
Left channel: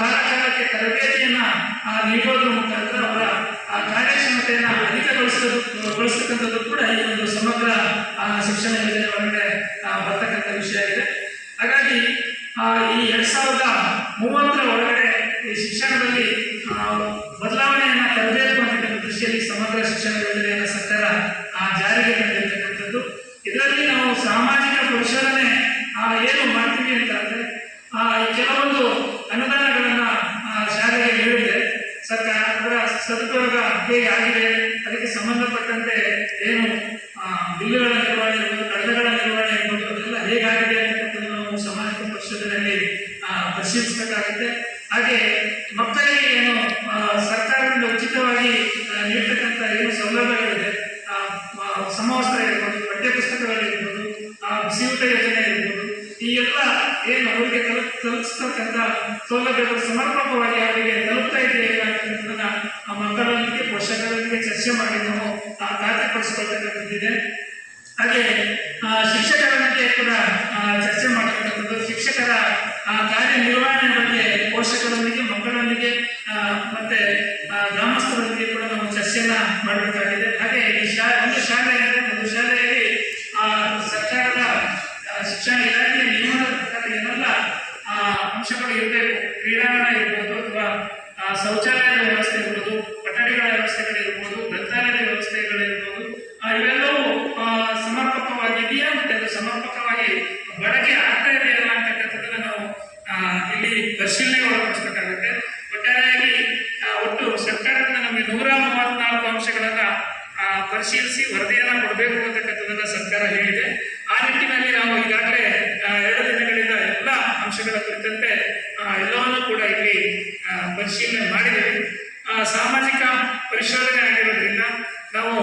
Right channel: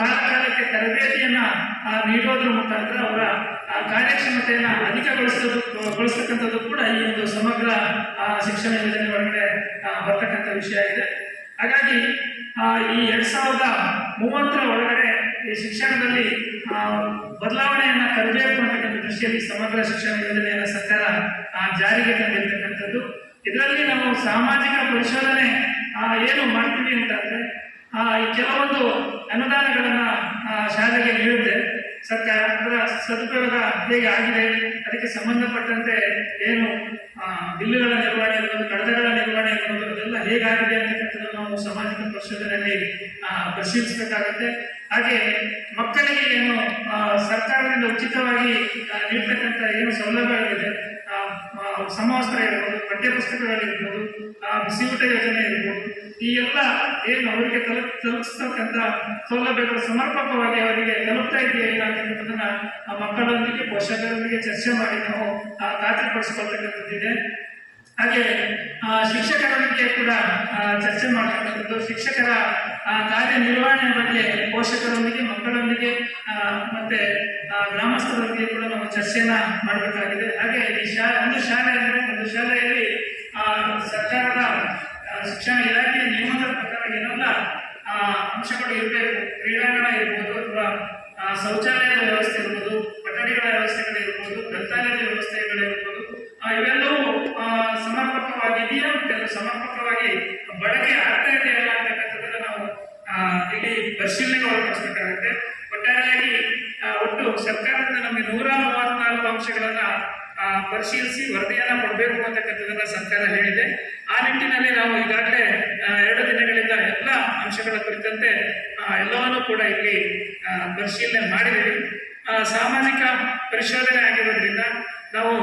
ಕಾಲಕಾಲಕ್ಕೆ ತರಬೇತಿಯನ್ನು ನೀಡೋದ್ರ ಮುಖಾಂತರ ಅವರ ಕಾರ್ಯಕ್ಷಮತೆಯನ್ನು ಅಧಿಕಗೊಳಿಸ್ತಕ್ಕಂಥದ್ದು ಕೂಡ ಈ ಒಂದು ಸಮಗ್ರ ಶಿಕ್ಷಣ ಯೋಜನೆ ಒಳಗಡೆ ಬರ್ತಕ್ಕಂಥ ವಿಷಯ ಇದೆ. ಹಾಗಾಗಿ ಈ 2030ರ ಒಳಗಡೆ ಈ ಶಿಕ್ಷಣದಲ್ಲಿ ಬದಲಾವಣೆಯನ್ನು ತರಬೇಕು ಅಂತಕ್ಕಂಥ ದೃಷ್ಟಿಯಲ್ಲಿ ಸಮಗ್ರ ಶಿಕ್ಷಣ ಯೋಜನೆಯನ್ನು ಸರ್ಕಾರ ಜಾರಿಗೆ ತಂದಿರ್ತಕ್ಕಂಥದ್ದು. ಇದರಲ್ಲಿ ನಾವು ಸಾಮಾಜಿಕ ಪರಿಶೋಧನೆ ಏನು ಮಾಡ್ತೀವಿ ಅಂತಂದರೆ ಕೆಲವೊಂದು ಅನುದಾನಗಳನ್ನು ಶಾಲೆಗೆ ನೀಡಿದೆ ಸರ್ಕಾರ. ಅದರ ಸದುಪಯೋಗ ಹೇಗೆ ಆಗಿದೆ, ಅದಕ್ಕೆ ಸಂಬಂಧಪಟ್ಟಂತೆ ಏನು ಬಿಲ್ಲುಗಳ ನಿರ್ವಹಣೆ ಇರ್ಬೋದು, ಕಡತಗಳ ನಿರ್ವಹಣೆ ಇರ್ಬೋದು, ಪರಿಶೋಧನೆಯಲ್ಲಿ ಪರಿಶೀಲಿಸಬೇಕಾಗುತ್ತೆ. ಹಾಗೆ ಮಕ್ಕಳಿಗೆ ಏನು ಸರ್ಕಾರದಿಂದ ಉಚಿತವಾಗಿ ನೀಡ್ತಕ್ಕಂಥ ಏನು ಸೌಲಭ್ಯಗಳಿದೆ, ಸಮವಸ್ತ್ರ ಇರ್ಬೋದು, ಪಠ್ಯಪುಸ್ತಕಗಳಿರ್ಬೋದು, ಬಿಸಿಯೂಟ ಯೋಜನೆ ಇರ್ಬೋದು, ಈ ಎಲ್ಲ ಏನು ಅವರಿಗೆ ತಲುಪಿಸ್ತಕ್ಕಂಥ ಸೌಲಭ್ಯಗಳು ಸಮರ್ಪಕವಾಗಿ ಅವರಿಗೆ ತಲುಪ್ತಾ ಇದೆಯಾ ಅಂತಕ್ಕಂಥದ್ದನ್ನ ಮಕ್ಕಳೊಂದಿಗೆ ಪೋಷಕರೊಂದಿಗೆ ಚರ್ಚೆ ಮಾಡಿ ನಾವು ಖಾತ್ರಿಪಡಿಸಿಕೊಳ್ತಕ್ಕಂಥದ್ದಿದೆ. ಹಾಗೆ ಶಿಕ್ಷಕರೊಂದಿಗೆ ಕೂಡ ಚರ್ಚೆ ಮಾಡ್ತಕ್ಕಂಥದ್ದು, ಶಿಕ್ಷಕರ ಕಾರ್ಯನಿರ್ವಹಣೆ ಬಗ್ಗೆ ಪೋಷಕರೊಂದಿಗೆ, ಮಕ್ಕಳೊಂದಿಗೆ ಮತ್ತೆ ಗ್ರಾಮಸ್ಥರೊಂದಿಗೆ ಕೂಡ ನಾವು ಚರ್ಚೆಯನ್ನ ಮಾಡಬೇಕಾಗಿದೆ. ಹಾಗೆ ಈ ಒಂದು ಶಾಲೆಯಲ್ಲಿ ಸರ್ಕಾರದ ಶಿಕ್ಷಣ ಇಲಾಖೆಯ ನಿಯಮದ ಪ್ರಕಾರ ಏನೆಲ್ಲ ಅಂಶಗಳು ಇರಬೇಕು, ಕ್ರೀಡಾಂಗಣ ಇರ್ಬೋದು ಅಥವಾ ಶೌಚಾಲಯದ ವ್ಯವಸ್ಥೆ ಇರ್ಬೋದು, ಕೊಠಡಿಗಳ ವ್ಯವಸ್ಥೆಗಳಿರ್ಬೋದು, ಗ್ರಂಥಾಲಯದ ವ್ಯವಸ್ಥೆಗಳಿರ್ಬೋದು, ಇವೆಲ್ಲವೂ ಸಮರ್ಪಕವಾಗಿದೆಯಾ ಮತ್ತು ಅದು ಸಮರ್ಪಕವಾಗಿ ಬಳಕೆ ಆಗ್ತಾ ಇದೆಯಲ್ಲ ಅಂತಕ್ಕಂಥದ್ದನ್ನ ನಾವು ಇಲ್ಲಿ ಪರಿಶೀಲನೆಗೆ ಒಳಪಡಿಸಬೇಕಾಗುತ್ತೆ. ಒಟ್ಟಾರೆಯಾಗಿ ಒಟ್ಟು ಸರ್ಕಾರದಿಂದ ನಮಗೆ 134 ಅಂಶಗಳನ್ನ ಪರಿಶೀಲಿಸಿ ವರದಿಯನ್ನ ಕೊಡಬೇಕು ಅಂತಕ್ಕಂಥದ್ದನ್ನ ಸರ್ಕಾರ ಹೇಳಿದೆ. ಆ ನಿಟ್ಟಿನಲ್ಲಿ ನಾವು ಈಗಾಗಲೇ 2 ದಿನಗಳಿಂದ ಎಲ್ಲ ಅಂಶಗಳ ಕುರಿತಂತೆ ಎಲ್ಲವನ್ನೂ ಕೂಡ ಇಲ್ಲಿ ಪರಿಶೀಲನೆ ಮಾಡಿದ್ದೇವೆ. ಸಾಮಾಜಿಕ ಪರಿಶೋಧನೆ ಆಗಿರೋದ್ರಿಂದ ನಾವು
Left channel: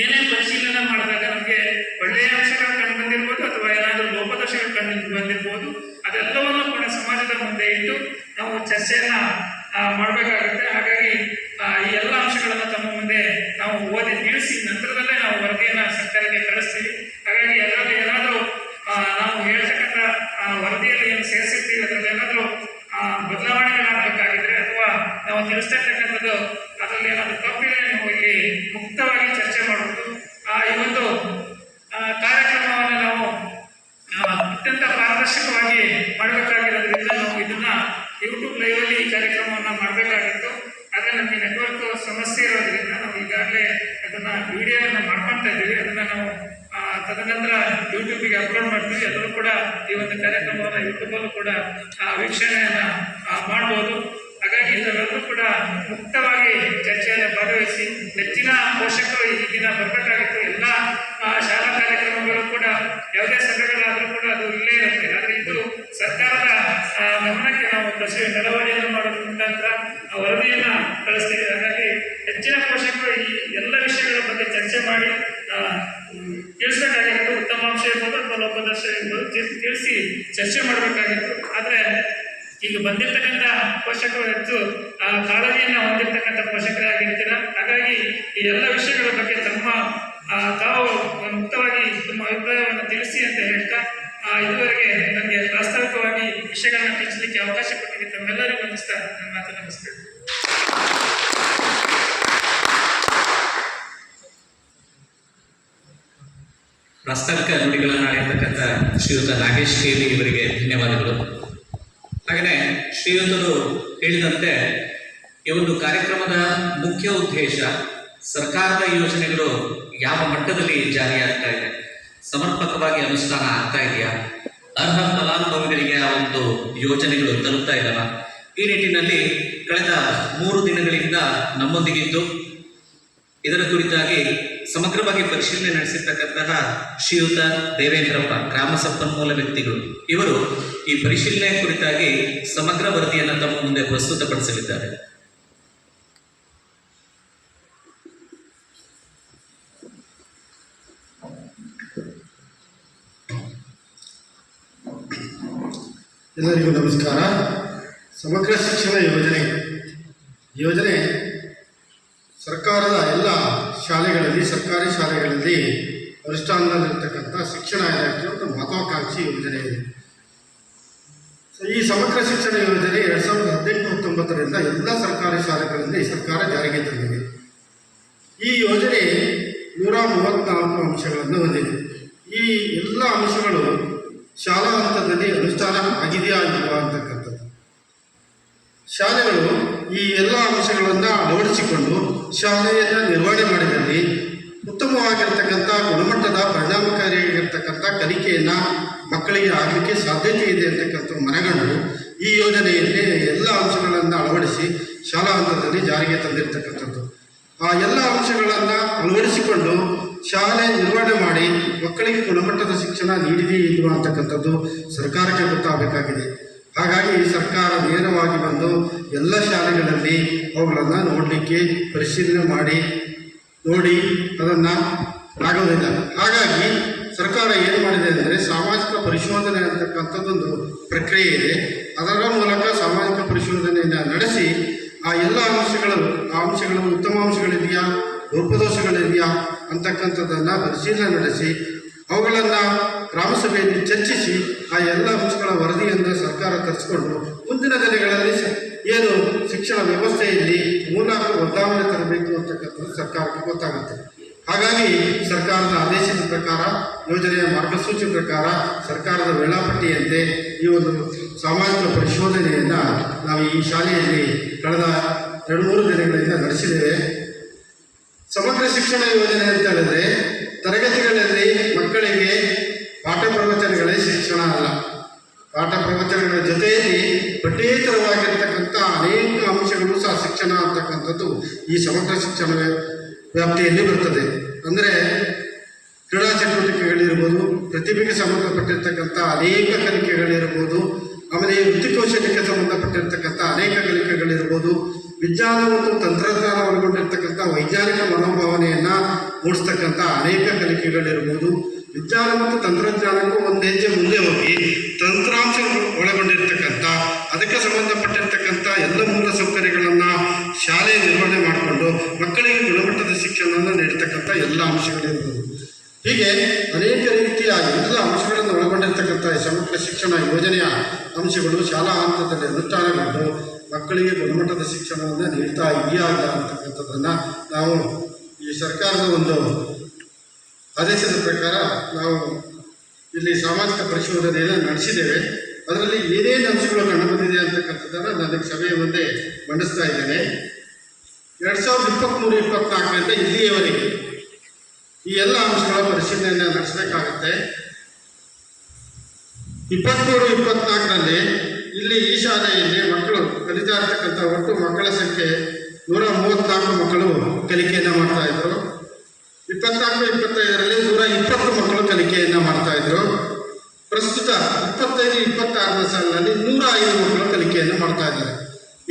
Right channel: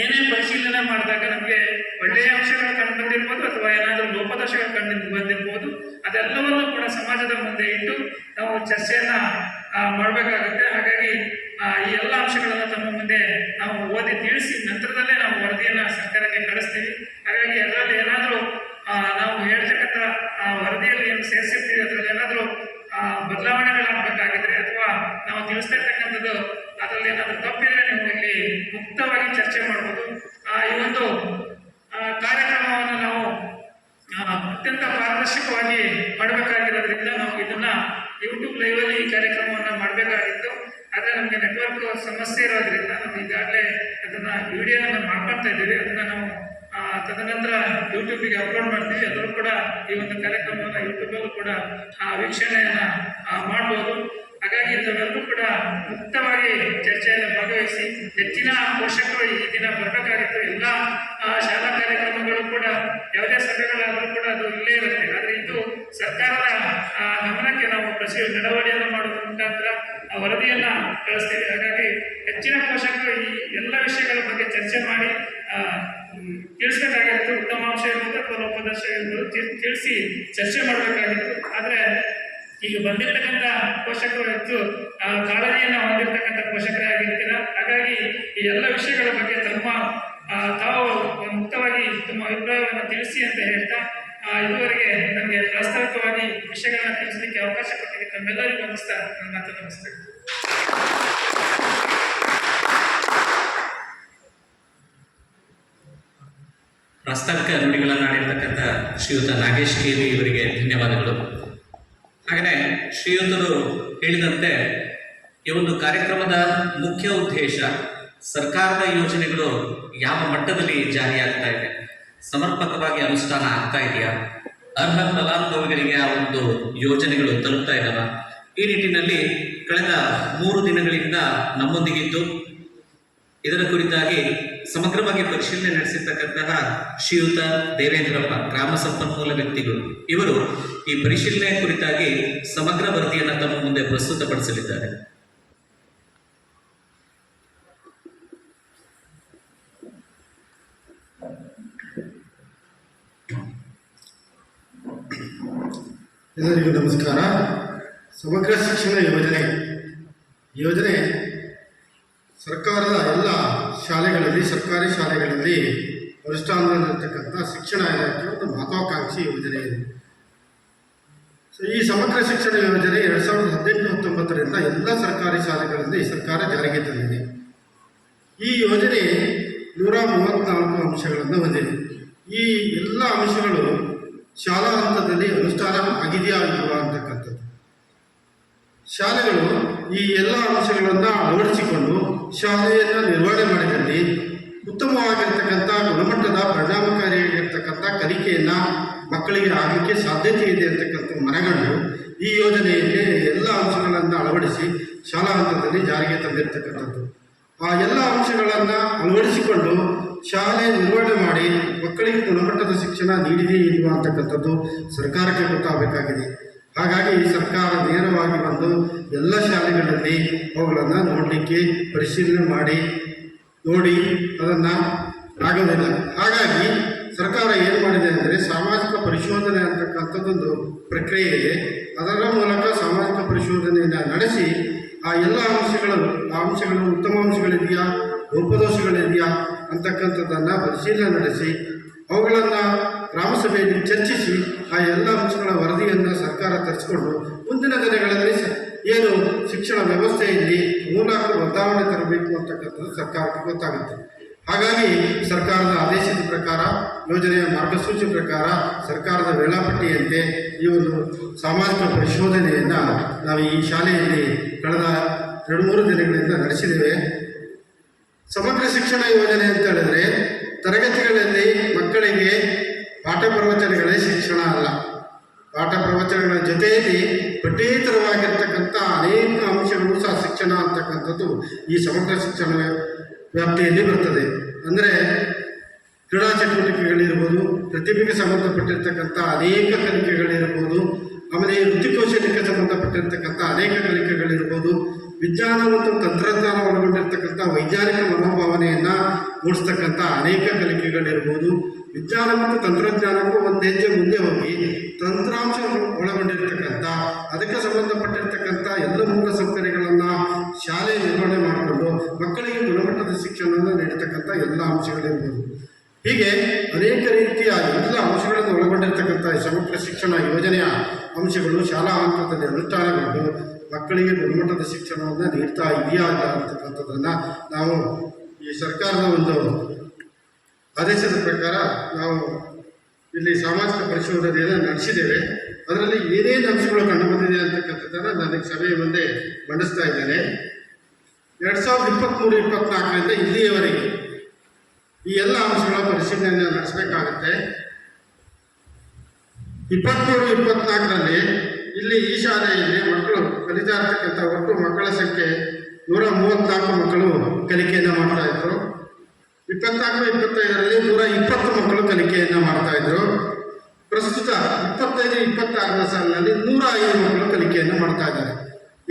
ಏನೇ ಪರಿಶೀಲನೆ ಮಾಡಿದಾಗ ನಮಗೆ ಒಳ್ಳೆಯ ಅಂಶಗಳು ಕಂಡು ಬಂದಿರ್ಬೋದು ಅಥವಾ ಏನಾದರೂ ಲೋಪದೋಷಗಳು ಕಂಡು ಬಂದಿರ್ಬೋದು, ಅದೆಲ್ಲವನ್ನೂ ಕೂಡ ಸಮಾಜದ ಮುಂದೆ ಇಟ್ಟು ನಾವು ಚರ್ಚೆಯನ್ನ ಮಾಡಬೇಕಾಗುತ್ತೆ. ಹಾಗಾಗಿ ಈ ಎಲ್ಲ ಅಂಶಗಳನ್ನು ತಮ್ಮ ಮುಂದೆ ನಾವು ಓದಿ ತಿಳಿಸಿ ನಂತರದಲ್ಲೇ ನಾವು ವರದಿಯನ್ನು ಸರ್ಕಾರಕ್ಕೆ ಕಳಿಸ್ತೀವಿ. ಹಾಗಾಗಿ ಅದರಲ್ಲಿ ಏನಾದರೂ ನಾವು ಹೇಳ್ತಕ್ಕಂಥ ವರದಿಯಲ್ಲಿ ಏನು ಸೇರಿಸಿರ್ತೀವಿ ಅದರಲ್ಲಿ ಏನಾದರೂ ಬದಲಾವಣೆಗಳಾಗಬೇಕಾಗಿದ್ರೆ ಅಥವಾ ನಾವು ತಿಳಿಸ್ತಾ ಇರ್ತಕ್ಕಂಥದ್ದು ಅದರಲ್ಲಿ ಏನಾದರೂ ತಪ್ಪಿದ್ರೆ ನೀವು ಇಲ್ಲಿ ಮುಕ್ತವಾಗಿ ಚರ್ಚೆ ಮಾಡಬಹುದು. ಈ ಒಂದು ಕಾರ್ಯಕ್ರಮವನ್ನು ನಾವು ಅತ್ಯಂತ ಪಾರದರ್ಶಕವಾಗಿ ಮಾಡಬೇಕಾಗಿರೋದ್ರಿಂದ ನಾವು ಇದನ್ನ ಯೂಟ್ಯೂಬ್ ಲೈವಲ್ಲಿ ಈ ಕಾರ್ಯಕ್ರಮವನ್ನು ಮಾಡಬೇಕಾಗಿತ್ತು. ಆದರೆ ನಮಗೆ ನೆಟ್ವರ್ಕ್ ಸಮಸ್ಯೆ ಇರೋದ್ರಿಂದ ನಾವು ಈಗಾಗಲೇ ಅದನ್ನ ವಿಡಿಯೋನ ಮಾಡ್ಕೊಳ್ತಾ ಇದ್ದೀವಿ. ಅದನ್ನ ನಾವು ತದನಂತರ ಯೂಟ್ಯೂಬಿಗೆ ಅಪ್ಲೋಡ್ ಮಾಡ್ತೀವಿ. ಅದರಲ್ಲೂ ಕೂಡ ಈ ಒಂದು ಕಾರ್ಯಕ್ರಮವನ್ನು ಯೂಟ್ಯೂಬಲ್ಲೂ ಕೂಡ ವೀಕ್ಷಣೆಯನ್ನು ಮಾಡ್ಬೋದು. ಹಾಗಾಗಿ ಇದರಲ್ಲೂ ಕೂಡ ಮುಕ್ತವಾಗಿ ಚರ್ಚೆಯನ್ನು ಭಾಗವಹಿಸಿ ಹೆಚ್ಚಿನ ಪೋಷಕರು ಈ ದಿನ ಬರಬೇಕಾಗಿತ್ತು. ಎಲ್ಲ ಶಾಲಾ ಕಾರ್ಯಕ್ರಮಗಳು ಕೂಡ ಯಾವುದೇ ಸಭೆಗಳಾದರೂ ಕೂಡ ಅದು ಇಲ್ಲೇ ಇರುತ್ತೆ. ಆದರೆ ಇದು ಸರ್ಕಾರದ ಗಮನಕ್ಕೆ ನಾವು ನಡವಳಿಕೆಯನ್ನು ಮಾಡೋದ್ರ ಮುಖಾಂತರ ವರದಿಯನ್ನು ಕಳಿಸ್ತೀವಿ. ಹಾಗಾಗಿ ಹೆಚ್ಚಿನ ಪೋಷಕರು ಈ ಎಲ್ಲ ವಿಷಯಗಳ ಬಗ್ಗೆ ಚರ್ಚೆ ಮಾಡಿ ತಿಳಿಸ್ಬೇಕಾಗಿತ್ತು. ಉತ್ತಮ ಅಂಶ ಇರ್ಬೋದು ಅಥವಾ ಲೋಪದೋಷ ಇರ್ಬೋದು ತಿಳಿಸಿ ಚರ್ಚೆ ಮಾಡಬೇಕಾಗಿತ್ತು. ಆದರೆ ಈಗ ಬಂದಿರತಕ್ಕಂಥ ಪೋಷಕರು ಹೆಚ್ಚು ಕಾಳಜಿಯನ್ನು ಹೊಂದಿರತಕ್ಕಂಥ ಪೋಷಕರೇ ಆಗಿರ್ತೀರ. ಹಾಗಾಗಿ ಈ ಎಲ್ಲ ವಿಷಯಗಳ ಬಗ್ಗೆ ತಾವು ಮುಕ್ತವಾಗಿ ತಮ್ಮ ಅಭಿಪ್ರಾಯವನ್ನು ತಿಳಿಸಿ ಅಂತ ಹೇಳ್ತಾ ಇದುವರೆಗೆ ನಮಗೆ ಪ್ರಾಸ್ತಾವಿಕವಾಗಿ ವಿಷಯಗಳನ್ನ ತಿಳಿಸಲಿಕ್ಕೆ ಅವಕಾಶ ಕೊಟ್ಟಿದೆ. ತಮ್ಮೆಲ್ಲರಿಗೂ ವಂದಿಸ್ತಾ ನನ್ನ ಮಾತನ್ನು ಮುಗಿಸ್ತೇನೆ. ಪ್ರಾಸ್ತಾವಿಕ ನುಡಿಗಳನ್ನು ಆಡಿರ್ತಕ್ಕಂಥ ಶ್ರೀಯುತ ನಾಗೇಶ್ ಕೇಲಿ ಇವರಿಗೆ ಧನ್ಯವಾದಗಳು. ಹಾಗೆಯೇ ಶ್ರೀಯುತರು ಹೇಳಿದಂತೆ ಈ ಒಂದು ಕಾರ್ಯಕ್ರಮದ ಮುಖ್ಯ ಉದ್ದೇಶ ಸರ್ಕಾರದ ಯೋಜನೆಗಳು ಯಾವ ಮಟ್ಟದಲ್ಲಿ ಜಾರಿಯಾಗ್ತಾ ಇದೆ, ಸಮರ್ಪಕವಾಗಿ ಅನುಷ್ಠಾನ ಆಗ್ತಾ ಇದೆಯಾ, ಅರ್ಹ ಫಲಾನುಭವಿಗಳಿಗೆ ಆ ಒಂದು ಯೋಜನೆಗಳು ತಲುಪ್ತಾ ಇದ್ದಾವ. ಈ ನಿಟ್ಟಿನಲ್ಲಿ ಕಳೆದ 3 ದಿನಗಳಿಂದ ನಮ್ಮೊಂದಿಗಿದ್ದು ಇದರ ಕುರಿತಾಗಿ ಸಮಗ್ರವಾಗಿ ಪರಿಶೀಲನೆ ನಡೆಸಿರ್ತಕ್ಕಂತಹ ಶ್ರೀಯುತ ದೇವೇಂದ್ರಪ್ಪ, ಗ್ರಾಮ ಸಂಪನ್ಮೂಲ ವ್ಯಕ್ತಿಗಳು, ಇವರು ಈ ಪರಿಶೀಲನೆ ಕುರಿತಾಗಿ ಸಮಗ್ರ ವರದಿಯನ್ನು ತಮ್ಮ ಮುಂದೆ ಪ್ರಸ್ತುತಪಡಿಸಲಿದ್ದಾರೆ. ಎಲ್ಲರಿಗೂ ನಮಸ್ಕಾರ. ಸಮಗ್ರ ಶಿಕ್ಷಣ ಯೋಜನೆ ಸರ್ಕಾರದ ಎಲ್ಲ ಶಾಲೆಗಳಲ್ಲಿ, ಸರ್ಕಾರಿ ಶಾಲೆಗಳಲ್ಲಿ ಅನುಷ್ಠಾನದಲ್ಲಿರ್ತಕ್ಕಂಥ ಶಿಕ್ಷಣ ಇಲಾಖೆ ಒಂದು ಮಹತ್ವಾಕಾಂಕ್ಷಿ ಯೋಜನೆ ಇದೆ. ಈ ಸಮಗ್ರ ಶಿಕ್ಷಣ ಯೋಜನೆ 2018-19ರಿಂದ ಎಲ್ಲ ಸರ್ಕಾರಿ ಶಾಲೆಗಳಲ್ಲಿ ಸರ್ಕಾರ ಜಾರಿಗೆ ತಂದಿದೆ. ಈ ಯೋಜನೆ 134 ಅಂಶಗಳನ್ನು ಹೊಂದಿದೆ. ಈ ಎಲ್ಲ ಅಂಶಗಳು ಶಾಲಾ ಹಂತದಲ್ಲಿ ಅನುಷ್ಠಾನ ಆಗಿದೆಯಾ ಇಲ್ವಾ ಅಂತಕ್ಕಂಥದ್ದು. ಶಾಲೆಗಳು ಈ ಎಲ್ಲ ಅಂಶಗಳನ್ನು ಅಳವಡಿಸಿಕೊಂಡು ಶಾಲೆಯನ್ನು ನಿರ್ವಹಣೆ ಮಾಡಿದಲ್ಲಿ ಉತ್ತಮವಾಗಿರ್ತಕ್ಕಂಥ ಗುಣಮಟ್ಟದ ಪರಿಣಾಮಕಾರಿಯಾಗಿರ್ತಕ್ಕಂಥ ಕಲಿಕೆಯನ್ನು ಮಕ್ಕಳಿಗೆ ಆಗಲಿಕ್ಕೆ ಸಾಧ್ಯತೆ ಇದೆ ಅಂತಕ್ಕಂಥ ಮನಗಂಡು ಈ ಯೋಜನೆಯಲ್ಲಿ ಎಲ್ಲ ಅಂಶಗಳನ್ನು ಅಳವಡಿಸಿ ಶಾಲಾ ಹಂತದಲ್ಲಿ ಜಾರಿಗೆ ತಂದಿರತಕ್ಕಂಥದ್ದು. ಆ ಎಲ್ಲ ಅಂಶಗಳನ್ನು ಅಳವಡಿಸಿಕೊಂಡು ಶಾಲೆ ನಿರ್ವಹಣೆ ಮಾಡಿ ಮಕ್ಕಳಿಗೆ ಗುಣಮಟ್ಟದ ಶಿಕ್ಷಣ ನೀಡಿದೆಯೇ ಇಲ್ವಾ ಅಂತಕ್ಕಂಥದ್ದು ಸರ್ಕಾರಕ್ಕೆ ಗೊತ್ತಾಗಬೇಕಾಗಿದೆ. ಹಾಗಾಗಿ ಈ ಸರ್ಕಾರ ನೇರವಾಗಿ ಬಂದು ಎಲ್ಲ ಶಾಲೆಗಳಲ್ಲಿ ಅವುಗಳನ್ನು ನೋಡಲಿಕ್ಕೆ ಪರಿಶೀಲನೆ ನೋಡಿ ಅದನ್ನು ಆಗೋದಿಲ್ಲ. ಹಾಗಾಗಿ ಸರ್ಕಾರ ಏನು ಮಾಡಿದೆ ಅಂದರೆ ಸಾಮಾಜಿಕ ಪರಿಶೋಧನೆ ಅಂತಕ್ಕಂಥದ್ದೊಂದು ಪ್ರಕ್ರಿಯೆ ಇದೆ. ಅದರ ಮೂಲಕ ಸಾಮಾಜಿಕ ಪರಿಶೋಧನೆಯನ್ನು ನಡೆಸಿ ಆ ಎಲ್ಲ ಅಂಶಗಳು ಉತ್ತಮ ಅಂಶಗಳಿದೆಯಾ, ಲೋಪದೋಷಗಳಿದೆಯಾ ಅಂತಕ್ಕಂಥದ್ದನ್ನು ಪರಿಶೀಲನೆ ನಡೆಸಿ ಅವುಗಳನ್ನು ಗ್ರಾಮಸಭೆಯಲ್ಲಿ ಚರ್ಚಿಸಿ ಆ ಎಲ್ಲ ಅಂಶಗಳ ವರದಿಯನ್ನು ಸರ್ಕಾರ ತರಿಸಿಕೊಂಡು ಮುಂದಿನ ದಿನಗಳಲ್ಲಿ ಏನು ಶಿಕ್ಷಣ ವ್ಯವಸ್ಥೆಯಲ್ಲಿ ಮೂಲಕ ಬದಲಾವಣೆ ತರಬೇಕು ಅಂತಕ್ಕಂಥದ್ದು ಸರ್ಕಾರಕ್ಕೆ ಗೊತ್ತಾಗುತ್ತೆ. ಹಾಗಾಗಿ ಸರ್ಕಾರದ ಆದೇಶದ ಪ್ರಕಾರ, ಯೋಜನೆಯ ಮಾರ್ಗಸೂಚಿ ಪ್ರಕಾರ, ಸರ್ಕಾರದ ವೇಳಾಪಟ್ಟಿಯಂತೆ ಈ ಒಂದು ಸಾಮಾಜಿಕ ಪರಿಶೋಧನೆಯನ್ನು ನಾವು ಈ ಶಾಲೆಯಲ್ಲಿ ಕಳೆದ 2-3 ದಿನಗಳಿಂದ ನಡೆಸಿದ್ದೇವೆ. ಸಮಗ್ರ ಶಿಕ್ಷಣ ಯೋಜನೆ ಅಂತ ಹೇಳಿದ್ರೆ ತರಗತಿಗಳಲ್ಲಿ ಮಕ್ಕಳಿಗೆ ಪಾಠ ಪ್ರವಚನಗಳೇ ಶಿಕ್ಷಣ ಅಲ್ಲ. ಪಾಠ ಪ್ರವಚನಗಳ ಜೊತೆಯಲ್ಲಿ ಪಠ್ಯೇತರವಾಗಿರ್ತಕ್ಕಂಥ ಅನೇಕ ಅಂಶಗಳು ಸಹ ಶಿಕ್ಷಣ ಅಂತಕ್ಕಂಥದ್ದು ಈ ಸಮಗ್ರ ಶಿಕ್ಷಣ ವ್ಯಾಪ್ತಿಯಲ್ಲಿ ಬರ್ತದೆ. ಅಂದರೆ ಕ್ರೀಡಾ ಚಟುವಟಿಕೆಗಳಿರ್ಬೋದು, ಪ್ರತಿಭೆಗೆ ಸಂಬಂಧಪಟ್ಟಿರ್ತಕ್ಕಂಥ ಅನೇಕ ಕಲಿಕೆಗಳಿರ್ಬೋದು, ಆಮೇಲೆ ವೃತ್ತಿಕೌಶಲ್ಯಕ್ಕೆ ಸಂಬಂಧಪಟ್ಟಿರ್ತಕ್ಕಂಥ ಅನೇಕ ಕಲಿಕೆಗಳಿರ್ಬೋದು, ವಿಜ್ಞಾನ ಮತ್ತು ತಂತ್ರಜ್ಞಾನ ಒಳಗೊಂಡಿರ್ತಕ್ಕಂಥ ವೈಜ್ಞಾನಿಕ ಮನೋಭಾವನೆಯನ್ನು ಮೂಡಿಸ್ತಕ್ಕಂಥ ಅನೇಕ ಕಲಿಕೆಗಳಿರ್ಬೋದು, ವಿಜ್ಞಾನ ಮತ್ತು ತಂತ್ರಜ್ಞಾನಕ್ಕೂ ಒಂದು ಹೆಜ್ಜೆ ಮುಂದೆ ಹೋಗಿ ತಂತ್ರಾಂಶ ಒಳಗೊಂಡಿರ್ತಕ್ಕಂಥ ಅದಕ್ಕೆ ಸಂಬಂಧಪಟ್ಟಿರ್ತಕ್ಕಂಥ ಎಲ್ಲ ಮೂಲ ಸೌಕರ್ಯಗಳನ್ನು ಶಾಲೆ ನಿರ್ವಹಣೆ ಮಾಡಿಕೊಂಡು ಮಕ್ಕಳಿಗೆ ಗುಣಮಟ್ಟದ ಶಿಕ್ಷಣವನ್ನು ನೀಡತಕ್ಕಂಥ ಎಲ್ಲ ಅಂಶಗಳಿರ್ಬೋದು. ಹೀಗೆ ಅನೇಕ ರೀತಿಯ ಎಲ್ಲ ಅಂಶಗಳನ್ನು ಒಳಗೊಂಡಿರ್ತಕ್ಕಂಥ ಈ ಸಮಗ್ರ ಶಿಕ್ಷಣ ಯೋಜನೆಯ ಅಂಶಗಳು ಶಾಲಾ ಹಂತದಲ್ಲಿ ಅನುಷ್ಠಾನಗೊಂಡು ಮಕ್ಕಳಿಗೆ ಗುಣಮಟ್ಟದ ಶಿಕ್ಷಣವನ್ನು ನೀಡ್ತಾ ಇದೆಯಾ ಇಲ್ಲ ಅಂತಕ್ಕಂಥದ್ದನ್ನು ನಾವು ಈ ಸರ್ಕಾರದ ಒಂದು ಆದೇಶದ ಪ್ರಕಾರ ನಾವು ಇಲ್ಲಿ ಸಾಮಾಜಿಕ ಪರಿಶೋಧನೆಯನ್ನು ನಡೆಸಿದ್ದೇವೆ. ಅದರಲ್ಲಿ ಏನೇನು ಅಂಶಗಳು ಕಂಡುಬಂದಿದೆ ಅಂತಕ್ಕಂಥದ್ದನ್ನು ನನಗೆ ಸಭೆಯ ಮುಂದೆ ಮಂಡಿಸ್ತಾ ಇದ್ದೇನೆ. 2023-24ರಿಂದ ಇಲ್ಲಿಯವರೆಗೆ ಈ ಎಲ್ಲ ಅಂಶಗಳ ಪರಿಶೀಲನೆಯನ್ನು ನಡೆಸಬೇಕಾಗುತ್ತೆ. 23-24ರಲ್ಲಿ ಇಲ್ಲಿ ಈ ಶಾಲೆಯಲ್ಲಿ ಮಕ್ಕಳು ಕಲಿತಾ ಇರ್ತಕ್ಕಂಥ ಒಟ್ಟು ಮಕ್ಕಳ ಸಂಖ್ಯೆ 134 ಮಕ್ಕಳು ಕಲಿಕೆಯನ್ನು ಮಾಡ್ತಾ ಇದ್ರು. 24-25ರಲ್ಲಿ 120 ಮಕ್ಕಳು ಕಲಿಕೆಯನ್ನು ಮಾಡ್ತಾ ಇದ್ರು. ಪ್ರಸ್ತುತ 25-26ನೇ ಸಾಲಿನಲ್ಲಿ 105 ಮಕ್ಕಳು ಕಲಿಕೆಯನ್ನು ಮಾಡ್ತಾ ಇದ್ದಾರೆ.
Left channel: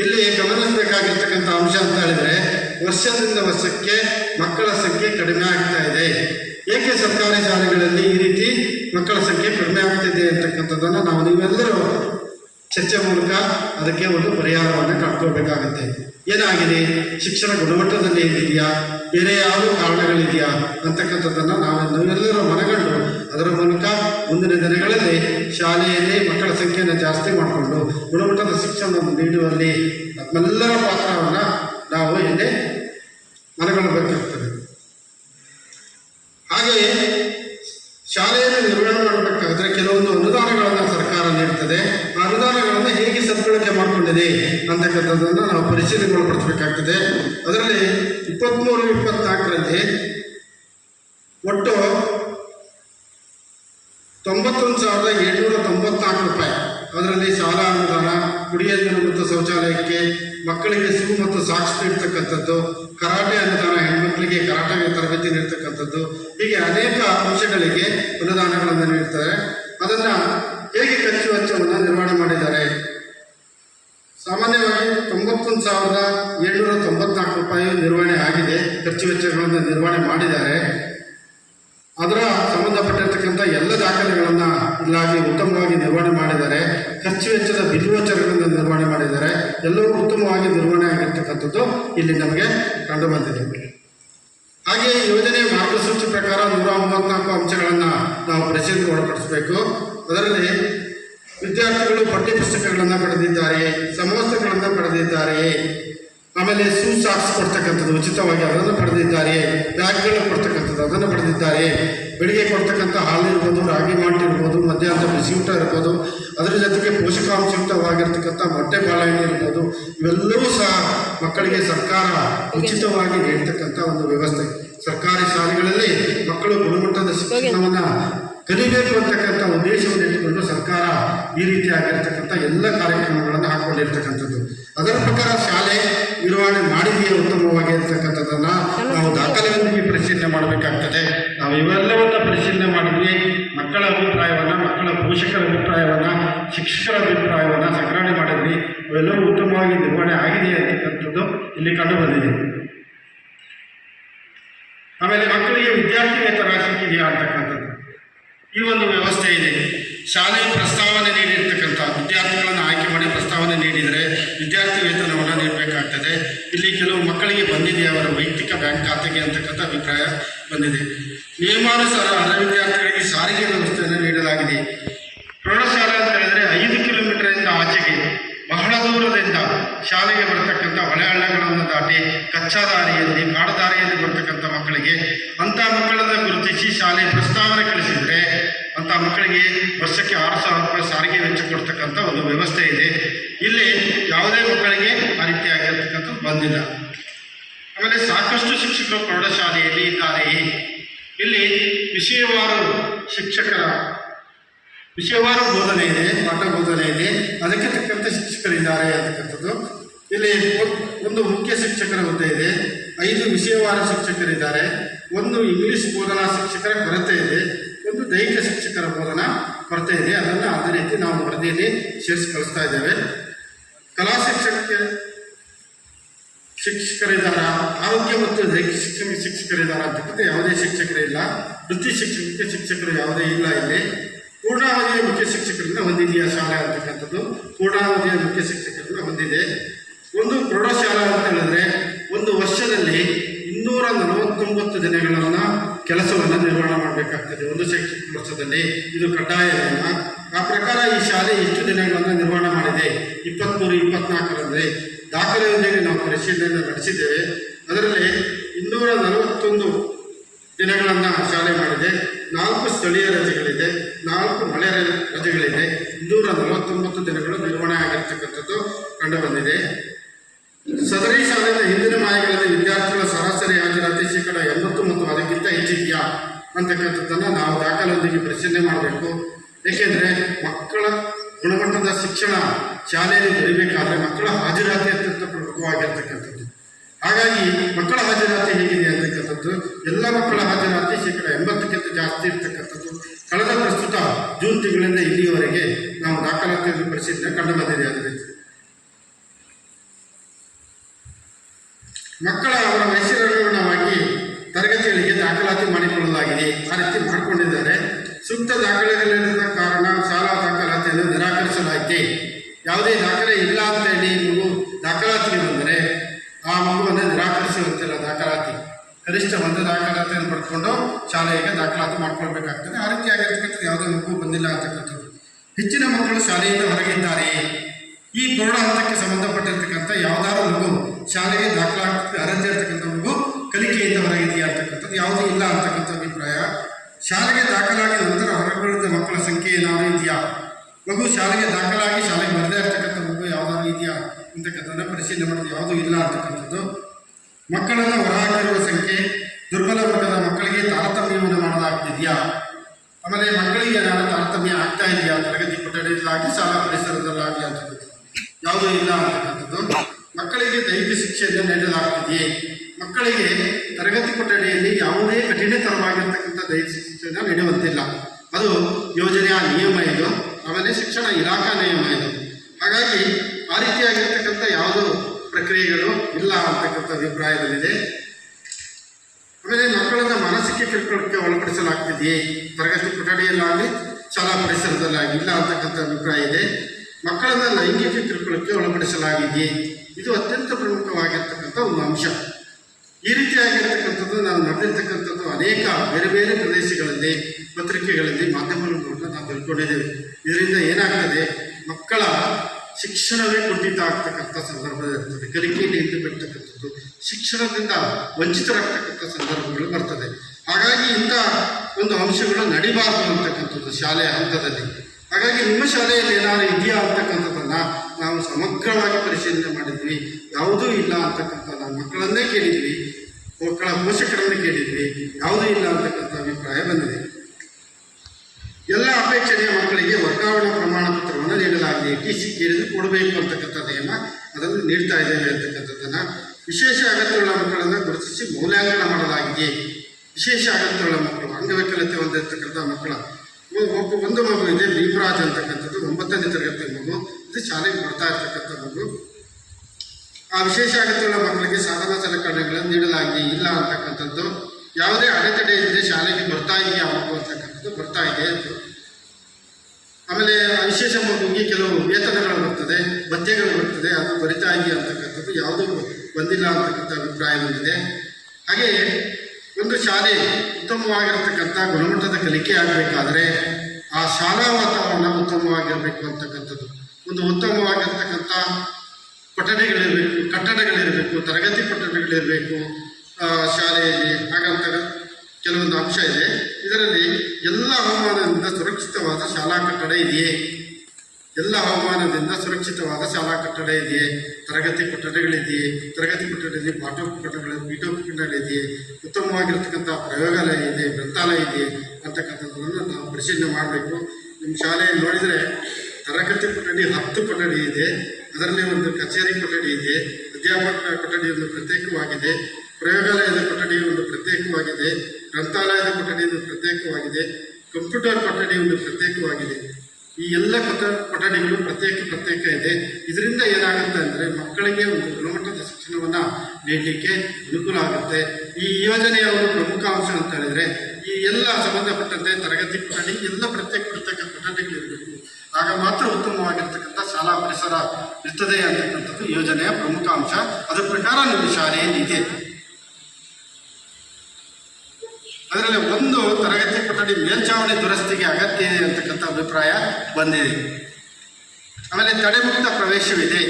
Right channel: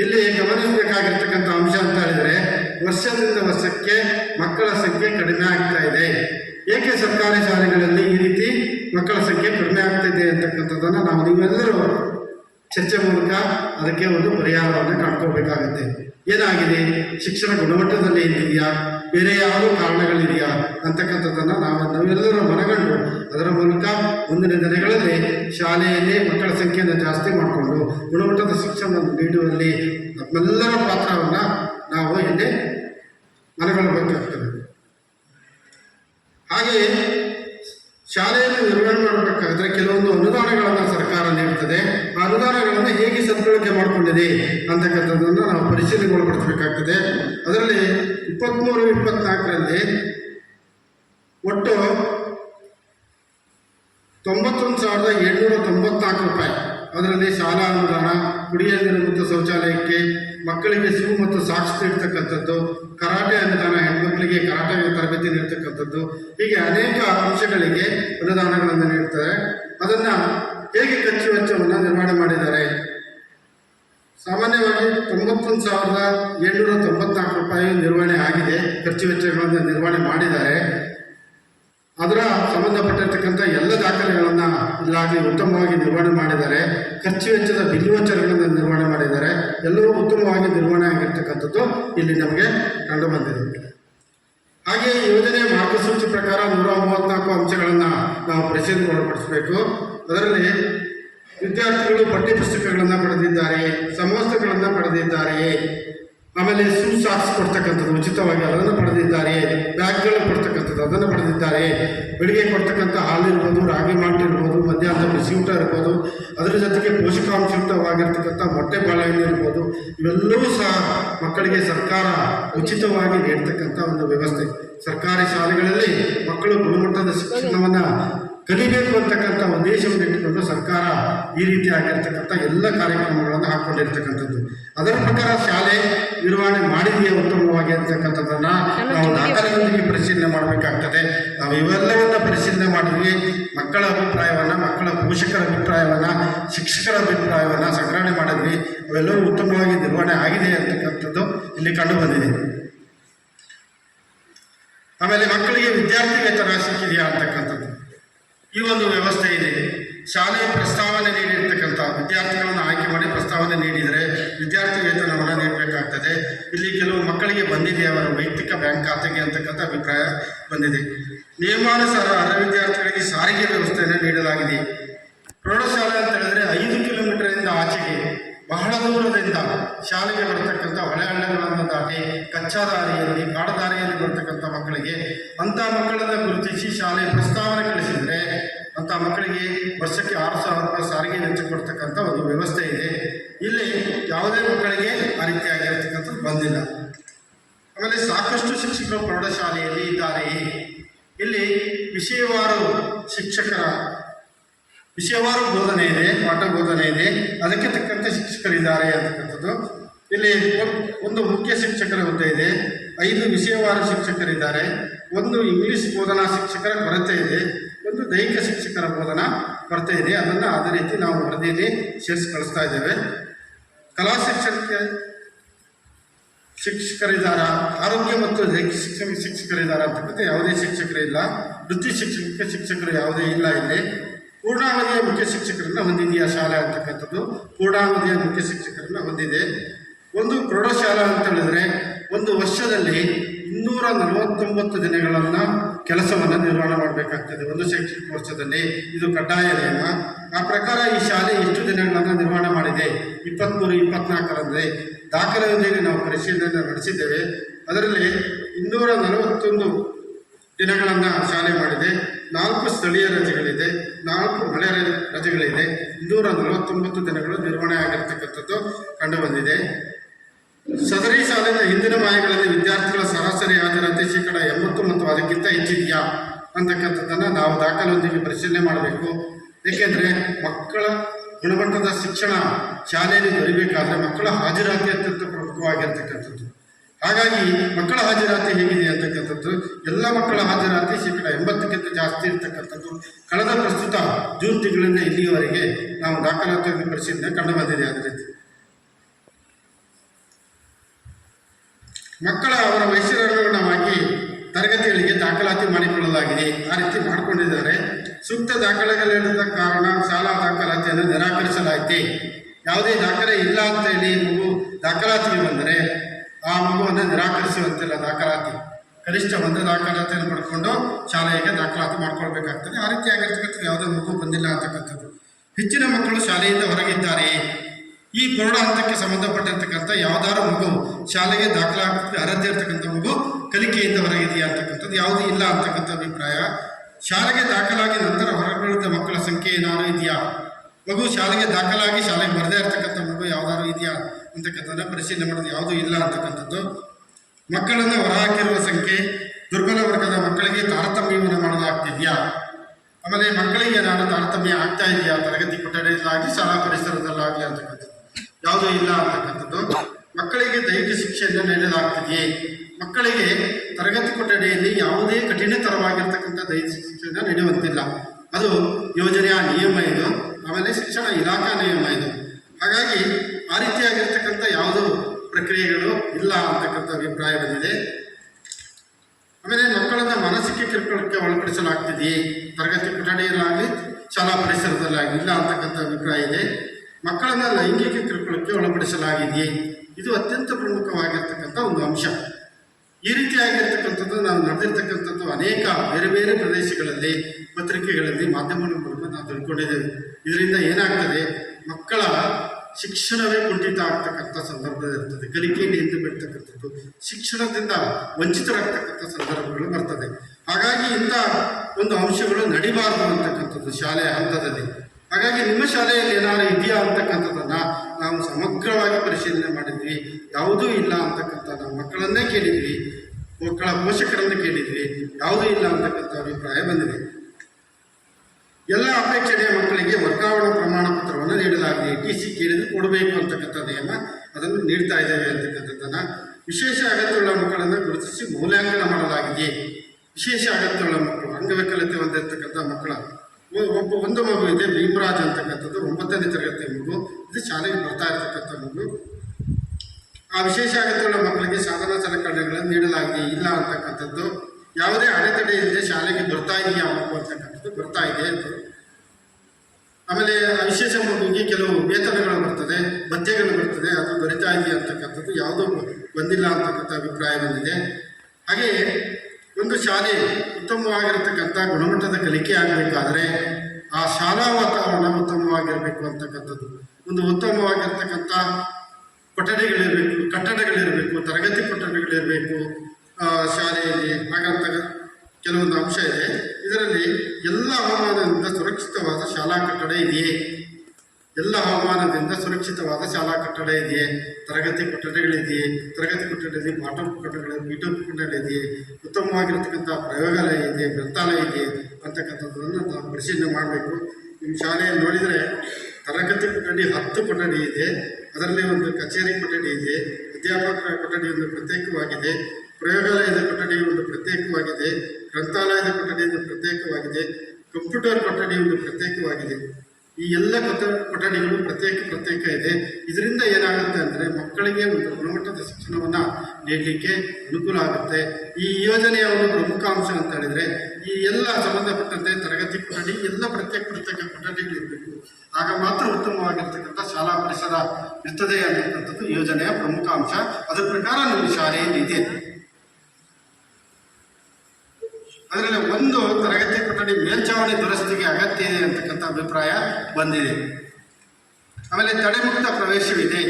ಇಲ್ಲಿ ಗಮನಿಸಬೇಕಾಗಿರ್ತಕ್ಕಂಥ ಅಂಶ ಅಂತ ಹೇಳಿದರೆ ವರ್ಷದಿಂದ ವರ್ಷಕ್ಕೆ ಮಕ್ಕಳ ಸಂಖ್ಯೆ ಕಡಿಮೆ ಆಗ್ತಾ ಇದೆ. ಏಕೆ ಸರ್ಕಾರಿ ಶಾಲೆಗಳಲ್ಲಿ ಈ ರೀತಿ ಮಕ್ಕಳ ಸಂಖ್ಯೆ ಕಡಿಮೆ ಆಗ್ತಿದೆ ಅಂತಕ್ಕಂಥದ್ದನ್ನು ನಾವು ನೀವೆಲ್ಲರೂ ಚರ್ಚೆ ಮೂಲಕ ಅದಕ್ಕೆ ಒಂದು ಪರಿಹಾರವನ್ನು ಕಂಡುಕೋಬೇಕಾಗುತ್ತೆ. ಏನಾಗಿದೆ, ಶಿಕ್ಷಣ ಗುಣಮಟ್ಟದಲ್ಲಿ ಇದೆಯಾ, ಬೇರೆ ಯಾವ ಕಾರಣಗಳಿದೆಯಾ ಅಂತಕ್ಕಂಥದ್ದನ್ನು ನಾವೆಲ್ಲರೂ ಮನಗಂಡು ಅದರ ಮೂಲಕ ಮುಂದಿನ ದಿನಗಳಲ್ಲಿ ಶಾಲೆಯಲ್ಲಿ ಮಕ್ಕಳ ಸಂಖ್ಯೆಯನ್ನು ಜಾಸ್ತಿ ಮಾಡಿಕೊಂಡು ಗುಣಮಟ್ಟದ ಶಿಕ್ಷಣವನ್ನು ನೀಡುವಲ್ಲಿ ನಮ್ಮೆಲ್ಲರ ಪಾತ್ರವನ್ನು ನಾವು ಇಲ್ಲಿ ಮನಗಂಡಬೇಕಾಗ್ತದೆ. ಹಾಗೆಯೇ ಶಾಲೆಯನ್ನು ನಿರ್ವಹಣೆ ಮಾಡಬೇಕಾದ್ರೆ ಕೆಲವೊಂದು ಅನುದಾನಗಳನ್ನು ಸರ್ಕಾರ ನೀಡುತ್ತದೆ. ಆ ಅನುದಾನಗಳನ್ನು ಹೇಗೆ ಸದ್ಬಳಕೆ ಮಾಡಿಕೊಂಡಿದೆ ಅಂತಕ್ಕಂಥದ್ದನ್ನು ನಾವು ಪರಿಶೀಲನೆಗೊಳಪಡಿಸಬೇಕಾಗ್ತದೆ. ಅದರಲ್ಲಿ 23-24ರಲ್ಲಿ ಒಟ್ಟು 91,794 ರೂಪಾಯಿ, ಅದರಲ್ಲಿ ಶಾಲಾ ಅನುದಾನ, ಕುಡಿಯುವ ನೀರು ಮತ್ತು ಶೌಚಾಲಯಕ್ಕೆ, ಮಕ್ಕಳಿಗೆ ಶೂ ಮತ್ತು ಸಾಕ್ಸ್ ನೀಡ್ತಕ್ಕಂಥದ್ದು, ಕರಾಟೆ ಅನುದಾನ, ಹೆಣ್ಮಕ್ಳಿಗೆ ಕರಾಟೆ ತರಬೇತಿ ನೀಡ್ತಕ್ಕಂಥದ್ದು, ಹೀಗೆ ಅನೇಕ ಅಂಶಗಳಿಗೆ ಅನುದಾನಗಳನ್ನು ನೀಡ್ತಾರೆ. ಅದನ್ನು ಹೇಗೆ ಖರ್ಚು ವೆಚ್ಚವನ್ನು ನಿರ್ವಹಣೆ ಮಾಡಿದ್ದಾರೆ? ಸಾಮಾನ್ಯವಾಗಿ 91,794 ರೂಪಾಯಿ ನಿರ್ವಹಣೆ ಆಗಿದೆ. ಖರ್ಚು ವೆಚ್ಚಗಳನ್ನು ನಿರ್ವಹಣೆ ಮಾಡಿದ್ದಾರೆ. ಅದರ ಸಂಬಂಧಪಟ್ಟಿರ್ತಕ್ಕಂಥ ಎಲ್ಲ ದಾಖಲೆಗಳನ್ನು ಇಲ್ಲಾಗಿ ಉತ್ತಮವಾಗಿ ನಿರ್ವಹಣೆ ಮಾಡಿದ್ದಾರೆ. ಖರ್ಚು ವೆಚ್ಚದ ಬಿಲ್ಲುವಚರಗಳನ್ನು ನಿರ್ವಹಣೆ ಮಾಡಿದ್ದಾರೆ. ಎಲ್ಲವೂ ಉತ್ತಮವಾಗಿ ನಿರ್ವಹಣೆ ಆಗಿರ್ತಕ್ಕಂಥದ್ದು ಇಲ್ಲಿ ನಮಗೆ ಕಂಡುಬಂದಿದೆ. ಹಾಗೆಯೇ ಯೋಜನೆಯ ಮಾರ್ಗಸೂಚಿ ಪ್ರಕಾರ 134 ಅಂಶಗಳನ್ನು ನಾವು ಪರಿಶೀಲನೆಗೊಳಪಡಿಸಬೇಕು. ಅದರಲ್ಲಿ ವಿದ್ಯಾರ್ಥಿಗಳು ಪಠ್ಯ ಪುಸ್ತಕಗಳನ್ನು ಪಡೆದಿದ್ದಾರೆಯೇ, ಸಮವಸ್ತ್ರಗಳನ್ನು ಪಡೆದಿದ್ದಾರೆಯೇ, ಆಮೇಲೆ ಶೂ ಸಾಕ್ಸ್ ಕೊಡ್ತಕ್ಕಂಥದ್ದು ಉಚಿತವಾಗಿ ಅದನ್ನು ಪಡೆದಿದ್ದಾರೆಯೇ, ಬ್ಯಾಗ್ಗಳು ಕೊಡ್ತಕ್ಕಂಥದ್ದು ಅದನ್ನು ಪಡೆದಿದ್ದಾರೆಯೇ, ಬೆಳಿಗ್ಗೆ ಕೊಡ್ತಕ್ಕಂಥ ಹಾಲು ಇರ್ಬೋದು, ರಾಗಿ ಮಾಲ್ಟ್ ಇರ್ಬೋದು, ಮಧ್ಯಾಹ್ನದ ಬಿಸಿ ಊಟ ಇರ್ಬೋದು, ಅದರ ಜೊತೆಗೆ ಪೋಷಕಾಂಶಯುಕ್ತವಾಗಿರ್ತಕ್ಕಂಥ ಮೊಟ್ಟೆ ಬಾಳೆಹಣ್ಣು ಇರ್ಬೋದು, ಇವೆಲ್ಲವೂ ಸಹ ಮಕ್ಕಳಿಗೆ ಸರ್ಕಾರ ಉಚಿತವಾಗಿ ನೀಡ್ತಕ್ಕಂಥ ಒಂದು ವ್ಯವಸ್ಥೆ. ಸರ್ಕಾರಿ ಶಾಲೆಗಳಲ್ಲಿ ಮಕ್ಕಳು ಗುಣಮಟ್ಟದ ಶಿಕ್ಷಣವನ್ನು ಕಲಿಬೇಕು ಅಂತಕ್ಕಂಥ ಉದ್ದೇಶವನ್ನು ಇಟ್ಟುಕೊಂಡು ಸರ್ಕಾರ ಈ ರೀತಿಯಾಗಿರ್ತಕ್ಕಂಥ ಎಲ್ಲ ಕಾರ್ಯಕ್ರಮಗಳನ್ನು ಹಾಕ್ಕೊಂಡಿರ್ತಕ್ಕಂಥದ್ದು. ಅದರ ಪ್ರಕಾರ ಶಾಲೆ ನಿರ್ವಹಣೆ ಮಾಡಿದೆಯಾ ಉತ್ತಮವಾಗಿ ಅಂತಕ್ಕಂಥದ್ದನ್ನು ನಾವು ದಾಖಲೆಯೊಂದಿಗೆ ಪರಿಶೀಲನೆ ಮಾಡಬೇಕಾಗ್ತದೆ. ನಾವು ಇವೆಲ್ಲವನ್ನ ಪರಿಶೀಲನೆ ಮಾಡಿದ್ವಿ. ಮಕ್ಕಳ ಅಭಿಪ್ರಾಯವನ್ನು, ಮಕ್ಕಳ ಪೋಷಕರ ಅಭಿಪ್ರಾಯವನ್ನು, ಶಿಕ್ಷಕರ ಅಭಿಪ್ರಾಯವನ್ನು ಸಂಗ್ರಹಣೆ ಮಾಡಿದ್ವಿ. ಅವೆಲ್ಲವೂ ಉತ್ತಮವಾಗಿ ನಿರ್ವಹಣೆ ಆಗಿದೆ ಅಂತಕ್ಕಂಥದ್ದು ಇಲ್ಲಿ ಕಂಡು ಬಂದಿದೆ. ಆಮೇಲೆ ಮಕ್ಕಳಿಗೆ ವಿದ್ಯಾರ್ಥಿ ವೇತನ ಸಿಕ್ಕಿದೆಯಾ ಅಂತಕ್ಕಂಥದ್ದು ಈ ಒಂದು ವ್ಯವಸ್ಥೆ ಇದೆ. ಶಾಲೆ ಪ್ರಸ್ತಾವನೆ ನೀಡಿರ್ತಕ್ಕಂಥ ವಿದ್ಯಾರ್ಥಿಗಳನ್ನು ಆಯ್ಕೆ ಮಾಡಿ ಪ್ರಸ್ತಾವನೆ ನೀಡಿದರೆ ವಿದ್ಯಾರ್ಥಿ ವೇತನವನ್ನು ನೀಡಬೇಕಾಗ್ತದೆ. ಇಲ್ಲಿ ಕೆಲವು ಮಕ್ಕಳಿಗೆ ಬಂದಿದೆ ಅವರ ವೈಯಕ್ತಿಕ ಬ್ಯಾಂಕ್ ಖಾತೆಗೆ ಅಂತಕ್ಕಂಥ ಅಭಿಪ್ರಾಯ ಬಂದಿದೆ. ನಿಯಮಾನುಸಾರ ಅರ್ಹ ವಿದ್ಯಾರ್ಥಿಗಳಿಗೆ ಸಾರಿಗೆ ವ್ಯವಸ್ಥೆಯನ್ನು ನೀಡಲಾಗಿದೆ. ಪ್ರೌಢಶಾಲೆ ಅಂತ ಹೇಳಿದರೆ 5 ಕಿಲೋಮೀಟರಿಂದ ಆಚೆಗೆ ಬಹಳ ದೂರದಿಂದ ಶಾಲೆಗೆ ಬರತಕ್ಕಂಥ ಹೊಳೆಹಳ್ಳಗಳನ್ನು ದಾಟಿ ಕಚ್ಚಾ ದಾರಿಯಲ್ಲಿ, ಕಾಡದಾರಿಯಲ್ಲಿ ಬರ್ತಕ್ಕಂಥ ಮಕ್ಕಳಿಗೆ, ಅಂಥ ಮಕ್ಕಳನ್ನು ಗುರುತಿಸಿ ಶಾಲೆ ಪ್ರಸ್ತಾವನೆ ಕಳಿಸಿದರೆ ಅಂಥ ಮಕ್ಕಳಿಗೆ ವರ್ಷಕ್ಕೆ 6,000 ರೂಪಾಯಿ ಸಾರಿಗೆ ವೆಚ್ಚ ಕೊಡ್ತಕ್ಕಂಥ ಒಂದು ವ್ಯವಸ್ಥೆ ಇದೆ. ಇಲ್ಲಿ ಯಾವುದೇ ಮಕ್ಕಳಿಗೆ ಆ ರೀತಿಯಾಗಿರ್ತಕ್ಕಂಥದ್ದು ಬಂದಿಲ್ಲ. ಆಮೇಲೆ ಸಾಕಷ್ಟು ಶಿಕ್ಷಕರು ಪ್ರೌಢಶಾಲೆಯಲ್ಲಿ ಇದ್ದಾರೆಯೇ? ಇಲ್ಲಿ ವಿಷಯವಾರು ಬೋಧನೆ ಇದೆ, ಪಾಠ ಬೋಧನೆ ಇದೆ, ಅದಕ್ಕೆ ತಕ್ಕಂಥ ಶಿಕ್ಷಕರಿದ್ದಾರೆ ಅಂತಕ್ಕಂಥದ್ದು. ಇಲ್ಲಿ ಒಂದು ಮುಖ್ಯ ಶಿಕ್ಷಕರ ಹುದ್ದೆ ಇದೆ, 5 ವಿಷಯವಾರು ಶಿಕ್ಷಕರಿದ್ದಾರೆ, 1 ಇಂಗ್ಲೀಷ್ ಬೋಧನಾ ಶಿಕ್ಷಕರ ಕೊರತೆ ಇದೆ, 1 ದೈಹಿಕ ಶಿಕ್ಷಕರ ಬೋಧನಾ ಕೊರತೆ ಇದೆ. ಅದನ್ನು ಅದೇ ರೀತಿ ನಾವು ವರದಿಯಲ್ಲಿ ಸೇರಿಸಿ ಕಳಿಸ್ತಾ ಇದ್ದೇವೆ. ಕಲಾ ಶಿಕ್ಷಕರಿದ್ದಾರ, ಆರೋಗ್ಯ ಮತ್ತು ದೈಹಿಕ ಶಿಕ್ಷಕರಿದ್ದಾರೆ ಅಂತಕ್ಕಂಥ ಯಾವುದೇ ಶಿಕ್ಷಕರಿಲ್ಲ. ವೃತ್ತಿ ಶಿಕ್ಷಕರು ಯಾವುದೇ ಇಲ್ಲ. ಇಲ್ಲಿ ಪೂರ್ಣಾವಧಿಯ ಮುಖ್ಯ ಶಿಕ್ಷಕರನ್ನ ಹೊಂದಿದೆಯಾ ಶಾಲೆ ಅಂತಕ್ಕಂಥದ್ದು? ಪೂರ್ಣಾವಧಿಯ ಮುಖ್ಯ ವರ್ಷಗಳನ್ನ ಹೊಂದಿದೆ. ಒಂದು ಪ್ರೌಢಶಾಲಾ ಅಂತ ಹೇಳಿದ್ರೆ ಒಂದು ವರ್ಷದಲ್ಲಿ 249 ದಿನಗಳನ್ನು ಕೆಲಸವನ್ನು ನಿರ್ವಹಣೆ ಮಾಡಬೇಕಾಗ್ತದೆ. ಒಂದು ಶೈಕ್ಷಣಿಕ ವರ್ಷದಲ್ಲಿ ಇದು ಕಡ್ಡಾಯ ನಿಯಮ. ಆ ಪ್ರಕಾರ ಈ ಶಾಲೆ ಎಷ್ಟು ದಿನಗಳನ್ನು ನಿರ್ವಹಣೆ ಮಾಡಿದೆ 23-24ರಲ್ಲಿ ದಾಖಲೆಯೊಂದಿಗೆ ನಾವು ಪರಿಶೀಲನೆ ನಡೆಸಿದ್ದೇವೆ. ಅದರಲ್ಲಿ 241 ದಿನಗಳನ್ನು ಶಾಲೆ ಮಾಡಿದೆ, 4 ಸ್ಥಳೀಯ ರಜೆಗಳಿದೆ, 4 ಮಳೆ ರಜೆಗಳಿದೆ. 249 ದಿನಗಳು ನಿರ್ವಹಣೆ ಆಗಿರ್ತಕ್ಕಂಥದ್ದು ಕಂಡುಬಂದಿದೆ. ಸದರಿ ಶಾಲೆಯ ಹಿಂದಿನ ಮಾಹಿತಿಗಳಲ್ಲಿ ವಿದ್ಯಾರ್ಥಿಗಳ ಸರಾಸರಿ ಹಾಜರಾತಿ 80% ಮತ್ತು ಅದಕ್ಕಿಂತ ಹೆಚ್ಚಿದೆಯಾ ಅಂತಕ್ಕಂಥದ್ದನ್ನು ನಾವು ದಾಖಲೆಯೊಂದಿಗೆ ಪರಿಶೀಲನೆ ಮಾಡಬೇಕು. ಏಕೆಂದರೆ ಮಕ್ಕಳ ಗುಣಮಟ್ಟದ ಶಿಕ್ಷಣ ಶಾಲೆಯಲ್ಲಿ ದೊರೆಯಬೇಕಾದ್ರೆ ಮಕ್ಕಳ ಹಾಜರಾತಿ ಅತ್ಯಂತ ಪ್ರಮುಖವಾಗಿರ್ತಕ್ಕಂಥದ್ದು. ಹಾಗಾಗಿ ಮಕ್ಕಳ ಹಾಜರಾತಿ ಹೇಗಿದೆ ಅಂತಕ್ಕಂಥದ್ದು, ಎಲ್ಲ ಮಕ್ಕಳ ಹಾಜರಾತಿ 80%ಕ್ಕಿಂತ ಜಾಸ್ತಿ ಇರ್ತಕ್ಕಂಥದ್ದು ಕಳೆದ ಪ್ರಸ್ತುತ ಜೂನ್ ತಿಂಗಳಿಂದ ಇಲ್ಲಿಯವರೆಗೆ ನಾವು ದಾಖಲಾತಿಯನ್ನು ಪರಿಶೀಲನೆ ಕಂಡುಬಂದಿದೆ. ಅದೇ ರೀತಿ ಮಕ್ಕಳ ಅವರ ವಯಸ್ಸಿನನುಗುಣವಾಗಿ ತರಗತಿಗಳಿಗೆ ದಾಖಲಾತಿ ಮಾಡಿಕೊಳ್ಳಲಾಗಿದೆ. ಆ ರೀತಿ ಮಾಡಿಕೊಂಡಿದ್ದಾರೆ. ಸೂಕ್ತ ದಾಖಲೆಗಳಿಲ್ಲದ ಕಾರಣ ಶಾಲಾ ದಾಖಲಾತಿಯನ್ನು ನಿರಾಕರಿಸಲಾಗಿದೆ. ಯಾವುದೇ ದಾಖಲೆ ಇಲ್ಲ ಅಂತ ಹೇಳಿ ಮಗು ದಾಖಲಾತಿಗೆ ಬಂದರೆ ಆ ಮಗುವನ್ನು ನಿರಾಕರಿಸುವಂತಿಲ್ಲ. ದಾಖಲಾತಿ ಕನಿಷ್ಠ ಒಂದು ದಾಖಲಾತಿಯನ್ನು ಪಡ್ಕೊಂಡು ಶಾಲೆಗೆ ದಾಖಲಾತಿ ಮಾಡ್ಕೊಳ್ಬೇಕಾಗ್ತದೆ. ಆ ರೀತಿಯಾಗಿರ್ತಕ್ಕಂಥದ್ದು ಯಾವುದೇ ಮಗು ಬಂದಿಲ್ಲ ಅಂತಕ್ಕಂಥದ್ದು. ಹೆಚ್ಚಿನ ಮಕ್ಕಳು ಶಾಲೆಯಿಂದ ಹೊರಗಿದ್ದಾರೆಯೇ? ಈ ಪ್ರೌಢ ಹಂತಕ್ಕೆ ಸಂಬಂಧಪಟ್ಟಿರ್ತಕ್ಕಂಥ ಯಾವುದಾದ್ರು ಮಗು ಶಾಲೆಗೆ ದಾಖಲಾತಿ ಅರ್ಹತೆ ಇರ್ತಕ್ಕಂಥ ಮಗು ಕಲಿಕೆಯಿಂದ ಹೊರಗಿದೆಯಾ ಅಂತಕ್ಕಂಥದ್ದು ಯಾವುದೂ ಇಲ್ಲ ಅಂತಕ್ಕಂಥ ಅಭಿಪ್ರಾಯ. ಶಾಲೆಗೆ ದಾಖಲಾಗಿ ನಂತರ ಹೊರಗುಳಿದ ಮಕ್ಕಳ ಸಂಖ್ಯೆ ಏನಾದರೂ ಇದೆಯಾ? ಮಗು ಶಾಲೆಗೆ ದಾಖಲಾಗಿ ಶಾಲೆಗೆ ಬರದೇ ಇರ್ತಕ್ಕಂಥ ಮಗು ಯಾವುದಾದ್ರು ಇದೆಯಾ ಅಂತಕ್ಕಂಥದ್ದನ್ನು ಪರಿಶೀಲನೆ ಮಾಡೋದು ಯಾವುದೂ ಇಲ್ಲ ಅಂತಕ್ಕಂಥದ್ದು. ಮಕ್ಕಳನ್ನು ಹೊರಹಾಕಿರುವ ಸಂಖ್ಯೆ, ದುರ್ಬಲ ವರ್ಗದ ಮಕ್ಕಳಿಗೆ ತಾರತಮ್ಯವನ್ನು ಮಾಡೋದಾಗ್ತಿದೆಯಾ? ಆಮೇಲೆ ಮಕ್ಕಳಿಗೆ ಏನಾದರೂ ತಾರತಮ್ಯ ಆಗ್ತಾ ಇದೆಯಾ ತರಗತಿ ಕೊಠಡಿಯಲ್ಲಾಗಿ ಶಾಲಾ ಪರಿಸರದಲ್ಲಾಗಲಿ ಅಂತಕ್ಕಂಥದ್ದು ಯಾವುದೂ ಇಲ್ಲ ಅಂತಕ್ಕಂಥದ್ದು. ಮಕ್ಕಳಿಗೆ ದೈಹಿಕ ಶಿಕ್ಷೆಯನ್ನು ನೀಡಲಾಗ್ತಿದೆಯೇ? ಮಕ್ಕಳಿಗೆ ತರಗತಿ ಕೊಠಡಿಯಲ್ಲಿ ಯಾವುದೇ ಕಠಿಣತರವಾಗಿರ್ತಕ್ಕಂಥ ದೈಹಿಕ ಶಿಕ್ಷೆಯನ್ನು ನೀಡುವಂತಿಲ್ಲ. ಅದು ಯೋಜನೆಯ ನಿಯಮ ಇದು, ಆಮೇಲೆ ಶಿಕ್ಷಣ ಇಲಾಖಾ ನಿಯಮ ಇದು. ಹಾಗಾಗಿ ಆ ರೀತಿಯಾಗಿರ್ತಕ್ಕಂಥ ಯಾವುದೂ ಪ್ರಕ್ರಿಯೆಗಳು ಇಲ್ಲ ಅಂತಕ್ಕಂಥ ಅಭಿಪ್ರಾಯ ಬಂದಿದೆ. ಆಮೇಲೆ ಮಕ್ಕಳನ್ನು ಮಾನಸಿಕ ಕಿರುಕುಳಕ್ಕೆ ಒಳಪಡಿಸಲಾಗ್ತಿದೆಯೇ ತರಗತಿ ಕೊಠಡಿಯಲ್ಲಾಗಲಿ ಶಾಲಾ ಪರಿಸರದಲ್ಲಾಗಿ ಇಲ್ಲ ಅಂತಕ್ಕಂಥ ಅಭಿಪ್ರಾಯ ಇದೆ. ಮಕ್ಕಳನ್ನು ಲೈಂಗಿಕ ಕಿರುಕುಳಕ್ಕೆ ಒಳಪಡಿಸಲಾಗಿದೆಯೇ? ಇದು ಅತ್ಯಂತ ಪ್ರಮುಖವಾಗಿರ್ತಕ್ಕಂಥ ಒಂದು ಅಂಶ. ಈ ರೀತಿಯಾಗಿರ್ತಕ್ಕಂಥದ್ದು ನಾವು ನಡೆದಿರ್ತಕ್ಕಂಥದ್ದು ಅನೇಕ ಬೇರೆ ಬೇರೆ ಪ್ರದೇಶಗಳಲ್ಲಿ, ಪತ್ರಿಕೆಗಳಲ್ಲಿ, ಮಾಧ್ಯಮಗಳನ್ನು ನಾವು ತಿಳ್ಕೊಂಡಿದ್ದೇವೆ. ಇದರಿಂದ ಏನಾಗ್ತದೆ, ಮಕ್ಕಳ ಶಿಕ್ಷಣವೇ ಕುಂಠಿತ ಆಗ್ತಕ್ಕಂಥ ಸಂದರ್ಭ ಇರ್ತದೆ. ಕಲಿಕೆಯಲ್ಲಿ ಹಿಂದೆ ಬಿಡ್ತಕ್ಕಂಥದ್ದು, ಶಿಕ್ಷಣದಿಂದ ವಂಚಿತರಾಗ್ತಕ್ಕಂಥ ಸಂದರ್ಭಗಳು ಬರ್ತದೆ. ಹಾಗಾಗಿ ಇಂಥ ಒಂದು ಅಂಶಗಳು ನಡಿಬಾರದು ಅಂತಕ್ಕಂಥದ್ದು ಶಾಲೆಯ ಹಂತದಲ್ಲಿ. ಹಾಗಾಗಿ ನಿಮ್ಮ ಶಾಲೆಯಲ್ಲಿ ಏನಾದರೂ ಇದೆಯಾ ಅಂತಕ್ಕಂಥದ್ದನ್ನು ನಾವು ಸಮಗ್ರವಾಗಿ ಪರಿಶೀಲನೆ ಮಾಡಿದ್ವಿ. ಯಾವುದೂ ಇಲ್ಲ ಅಂತಕ್ಕಂಥ ನಾವು ಮಕ್ಕಳನ್ನೇ ಕೇಳಿದ್ವಿ, ಮಕ್ಕಳ ಪೋಷಕರನ್ನೇ ಕೇಳಿದ್ವಿ, ಯಾವುದೂ ಇಲ್ಲ ಅಂತಕ್ಕಂಥ ಅಭಿಪ್ರಾಯ ಬಂದಿದೆ. ಎಲ್ಲ ಅಪೇಕ್ಷಣೀಯ ಮಕ್ಕಳಿಗೆ ವರ್ಗಾವಣಾ ಪ್ರಮಾಣ ಪತ್ರವನ್ನು ನೀಡಲಾಗಿದೆ. TC ಕೇಳಿದ್ರೆ ಕೊಡಬೇಕು ಅಂತಕ್ಕಂಥ ನಿಯಮ ಅದನ್ನು ನೀಡ್ತಾ ಇದ್ದೇವೆ ಅಂತಕ್ಕಂಥ ಅಂತಕ್ಕಂಥದ್ದನ್ನು ವಿಶೇಷ ಅಗತ್ಯವುಳ್ಳ ಮಕ್ಕಳನ್ನು ಗುರುತಿಸಿ ಮೌಲ್ಯಾಂಕನ ಮಾಡಲಾಗಿದೆಯೇ. ವಿಶೇಷ ಅಗತ್ಯವುಳ್ಳ ಮಕ್ಕಳು, ಅಂಗವೈಕಲ್ಯತೆ ಹೊಂದಿರತಕ್ಕಂಥ ಮಕ್ಕಳ ಒಂದು ಮಗು ಇದೆ, ಭೀಮರಾಜ್ ಅಂತಕ್ಕಂಥದ್ದು 9ನೇ ತರಗತಿ ಮಗು. ಇದು ಶಾಲೆಗೆ ಬರ್ತಾ ಇರ್ತಕ್ಕಂಥ ಮಗು. ಆ ವಿಶೇಷ ಅಗತ್ಯವುಳ್ಳ ಮಕ್ಕಳಿಗೆ ಸಾಧನ ಸಲಕರಣೆಗಳನ್ನು ನೀಡಲಾಗಿದೆ ಇಲ್ಲ ಅಂತಕ್ಕಂಥದ್ದು. ಯಾವುದೇ ಅಡೆತಡೆ ಇದ್ದರೆ ಶಾಲೆಗೆ ಬರ್ತಾ ಇದೆಯಾ ಮಗು ಅಂತಕ್ಕಂಥದ್ದು, ಬರ್ತಾ ಇದೆ ಅದು. ಆಮೇಲೆ ವಿಶೇಷ ಮಗುವಿಗೆ ಕೆಲವು ವೇತನಗಳು ಬರ್ತದೆ, ಭತ್ಯೆಗಳು ಬರ್ತದೆ, ಅದು ಬರಿತಾ ಇದೆಯಾ ಅಂತಕ್ಕಂಥದ್ದು ಯಾವುದೂ ಬಂದಿಲ್ಲ ಅಂತಕ್ಕಂಥ ಅಭಿಪ್ರಾಯ ಬಂದಿದೆ. ಹಾಗೆಯೇ ಒಂದು ಶಾಲೆ ಉತ್ತಮವಾಗಿರತಕ್ಕಂಥ ಗುಣಮಟ್ಟದ ಕಲಿಕೆ ಆಗಬೇಕಾದರೆ ಆ ಶಾಲಾ ವಾತಾವರಣ ಉತ್ತಮವಾಗಿರಬೇಕು ಅಂತಕ್ಕಂಥದ್ದು. ಒಂದು ಉತ್ತಮವಾಗಿರ್ತಕ್ಕಂಥ ಕಟ್ಟಡಗಳಿರಬೇಕು, ತರಗತಿ ಕೊಠಡಿಗಳಿರಬೇಕು ಶಾಲೆಯಲ್ಲಿ. ಹಾಗಂತ ಕೆಲವೊಂದು ಅಂಶ ಇದೆ. ಇದರಲ್ಲಿ ಎಲ್ಲ ಹವಾಮಾನದಿಂದ ಸುರಕ್ಷಿತವಾದ ಶಾಲಾ ಕಟ್ಟಡ ಇದೆಯೇ? ಎಲ್ಲ ಹವಾಮಾನದಿಂದ ಸುರಕ್ಷಿತವಾದ ಶಾಲಾ ಕಟ್ಟಡ ಇದೆಯೇ? ತರಗತಿ ಕೊಠಡಿಗಳಿದೆಯೇ? ತರಗತಿ ಕೊಠಡಿಯಲ್ಲಿ ಪೀಠೋಪಕರಣಗಳಿದೆಯೇ? ಉತ್ತಮವಾಗಿರ್ತಕ್ಕಂಥ ಪ್ರಯೋಗಾಲಯ ಇದೆ, ಗ್ರಂಥಾಲಯ ಇದೆಯೇ ಅಂತಕ್ಕಂಥದ್ದನ್ನು ನಾವು ಪರಿಶೀಲನೆ ಮಾಡಬೇಕು. ನಿಮ್ಮ ಶಾಲೆಯಲ್ಲಿ ನೋಡಿದರೆ ತರಗತಿ ಕೊಠಡಿ 10 ಕೊಠಡಿ ಇದೆ. ಅದರಲ್ಲಿ ಒಂದು ಕಚೇರಿ ಕೊಠಡಿ ಇದೆ, ಅಧ್ಯಾಪಕ ಕೊಠಡಿ ಒಂದು ಪ್ರತ್ಯೇಕವಾಗಿದೆ, ಪ್ರಯೋಗಾಲಯದ ಕೊಠಡಿ ಒಂದು ಪ್ರತ್ಯೇಕವಾಗಿದೆ, ಗ್ರಂಥಾಲಯದ ಕೊಠಡಿ ಒಂದು ಪ್ರತ್ಯೇಕವಾಗಿದೆ, ಕಂಪ್ಯೂಟರ್ ಕೊಠಡಿ ಒಂದು ಪ್ರತ್ಯೇಕವಾಗಿದೆ. ಈ ಎಲ್ಲ ಕೊಠಡಿಗಳು ಪ್ರತ್ಯೇಕ ಇದೆ. ಇದರಿಂದ ಏನಾಗುತ್ತೆ ಅಂದರೆ ಮಕ್ಕಳಿಗೆ ಒಂದು ಗುಣಮಟ್ಟದ ಶಿಕ್ಷಣವನ್ನು ನೀಡಲಿಕ್ಕೆ ಅನುಕೂಲ ಆಗುತ್ತೆ. ಈ ಯೋಜನೆಯ ಒಂದು ಪ್ರಮುಖ ಅಂಶ ಅಂತ ಹೇಳಿದರೆ ಈ ಎಲ್ಲ ಸಂಬಂಧಪಟ್ಟಂತೆ ತರಗತಿ ಕೊಠಡಿ ಎಲ್ಲ ಪ್ರತ್ಯೇಕ ಕೊಠಡಿಗಳಿರಬೇಕು. ಆಗ ಮಾತ್ರ ಉತ್ತಮವಾಗಿರ್ತಕ್ಕಂಥ ಶಾಲಾ ಪರಿಸರ ಇರ್ತದೆ ಅಂತಕ್ಕಂಥದ್ದು ಯೋಜನೆಯ ಪ್ರಮುಖ ಅಂಶ. ಅದರ ಪ್ರಕಾರ ನಿಮ್ಮ ಶಾಲೆಯಲ್ಲಿ ಇದೆ. ಅದರಲ್ಲಿ ಒಂದು ತರಗತಿ ಕೊಠಡಿ ಮೇಲ್ಛಾವಣಿ ದುರಸ್ತಿಗೆ ಅಗತ್ಯ ಇದೆ ಅಂತಕ್ಕಂಥ ಅಭಿಪ್ರಾಯ ಬಂದಿದೆ. ಆಮೇಲೆ ತಡೆಮುಕ್ತ ಪ್ರವೇಶವಿದೆ.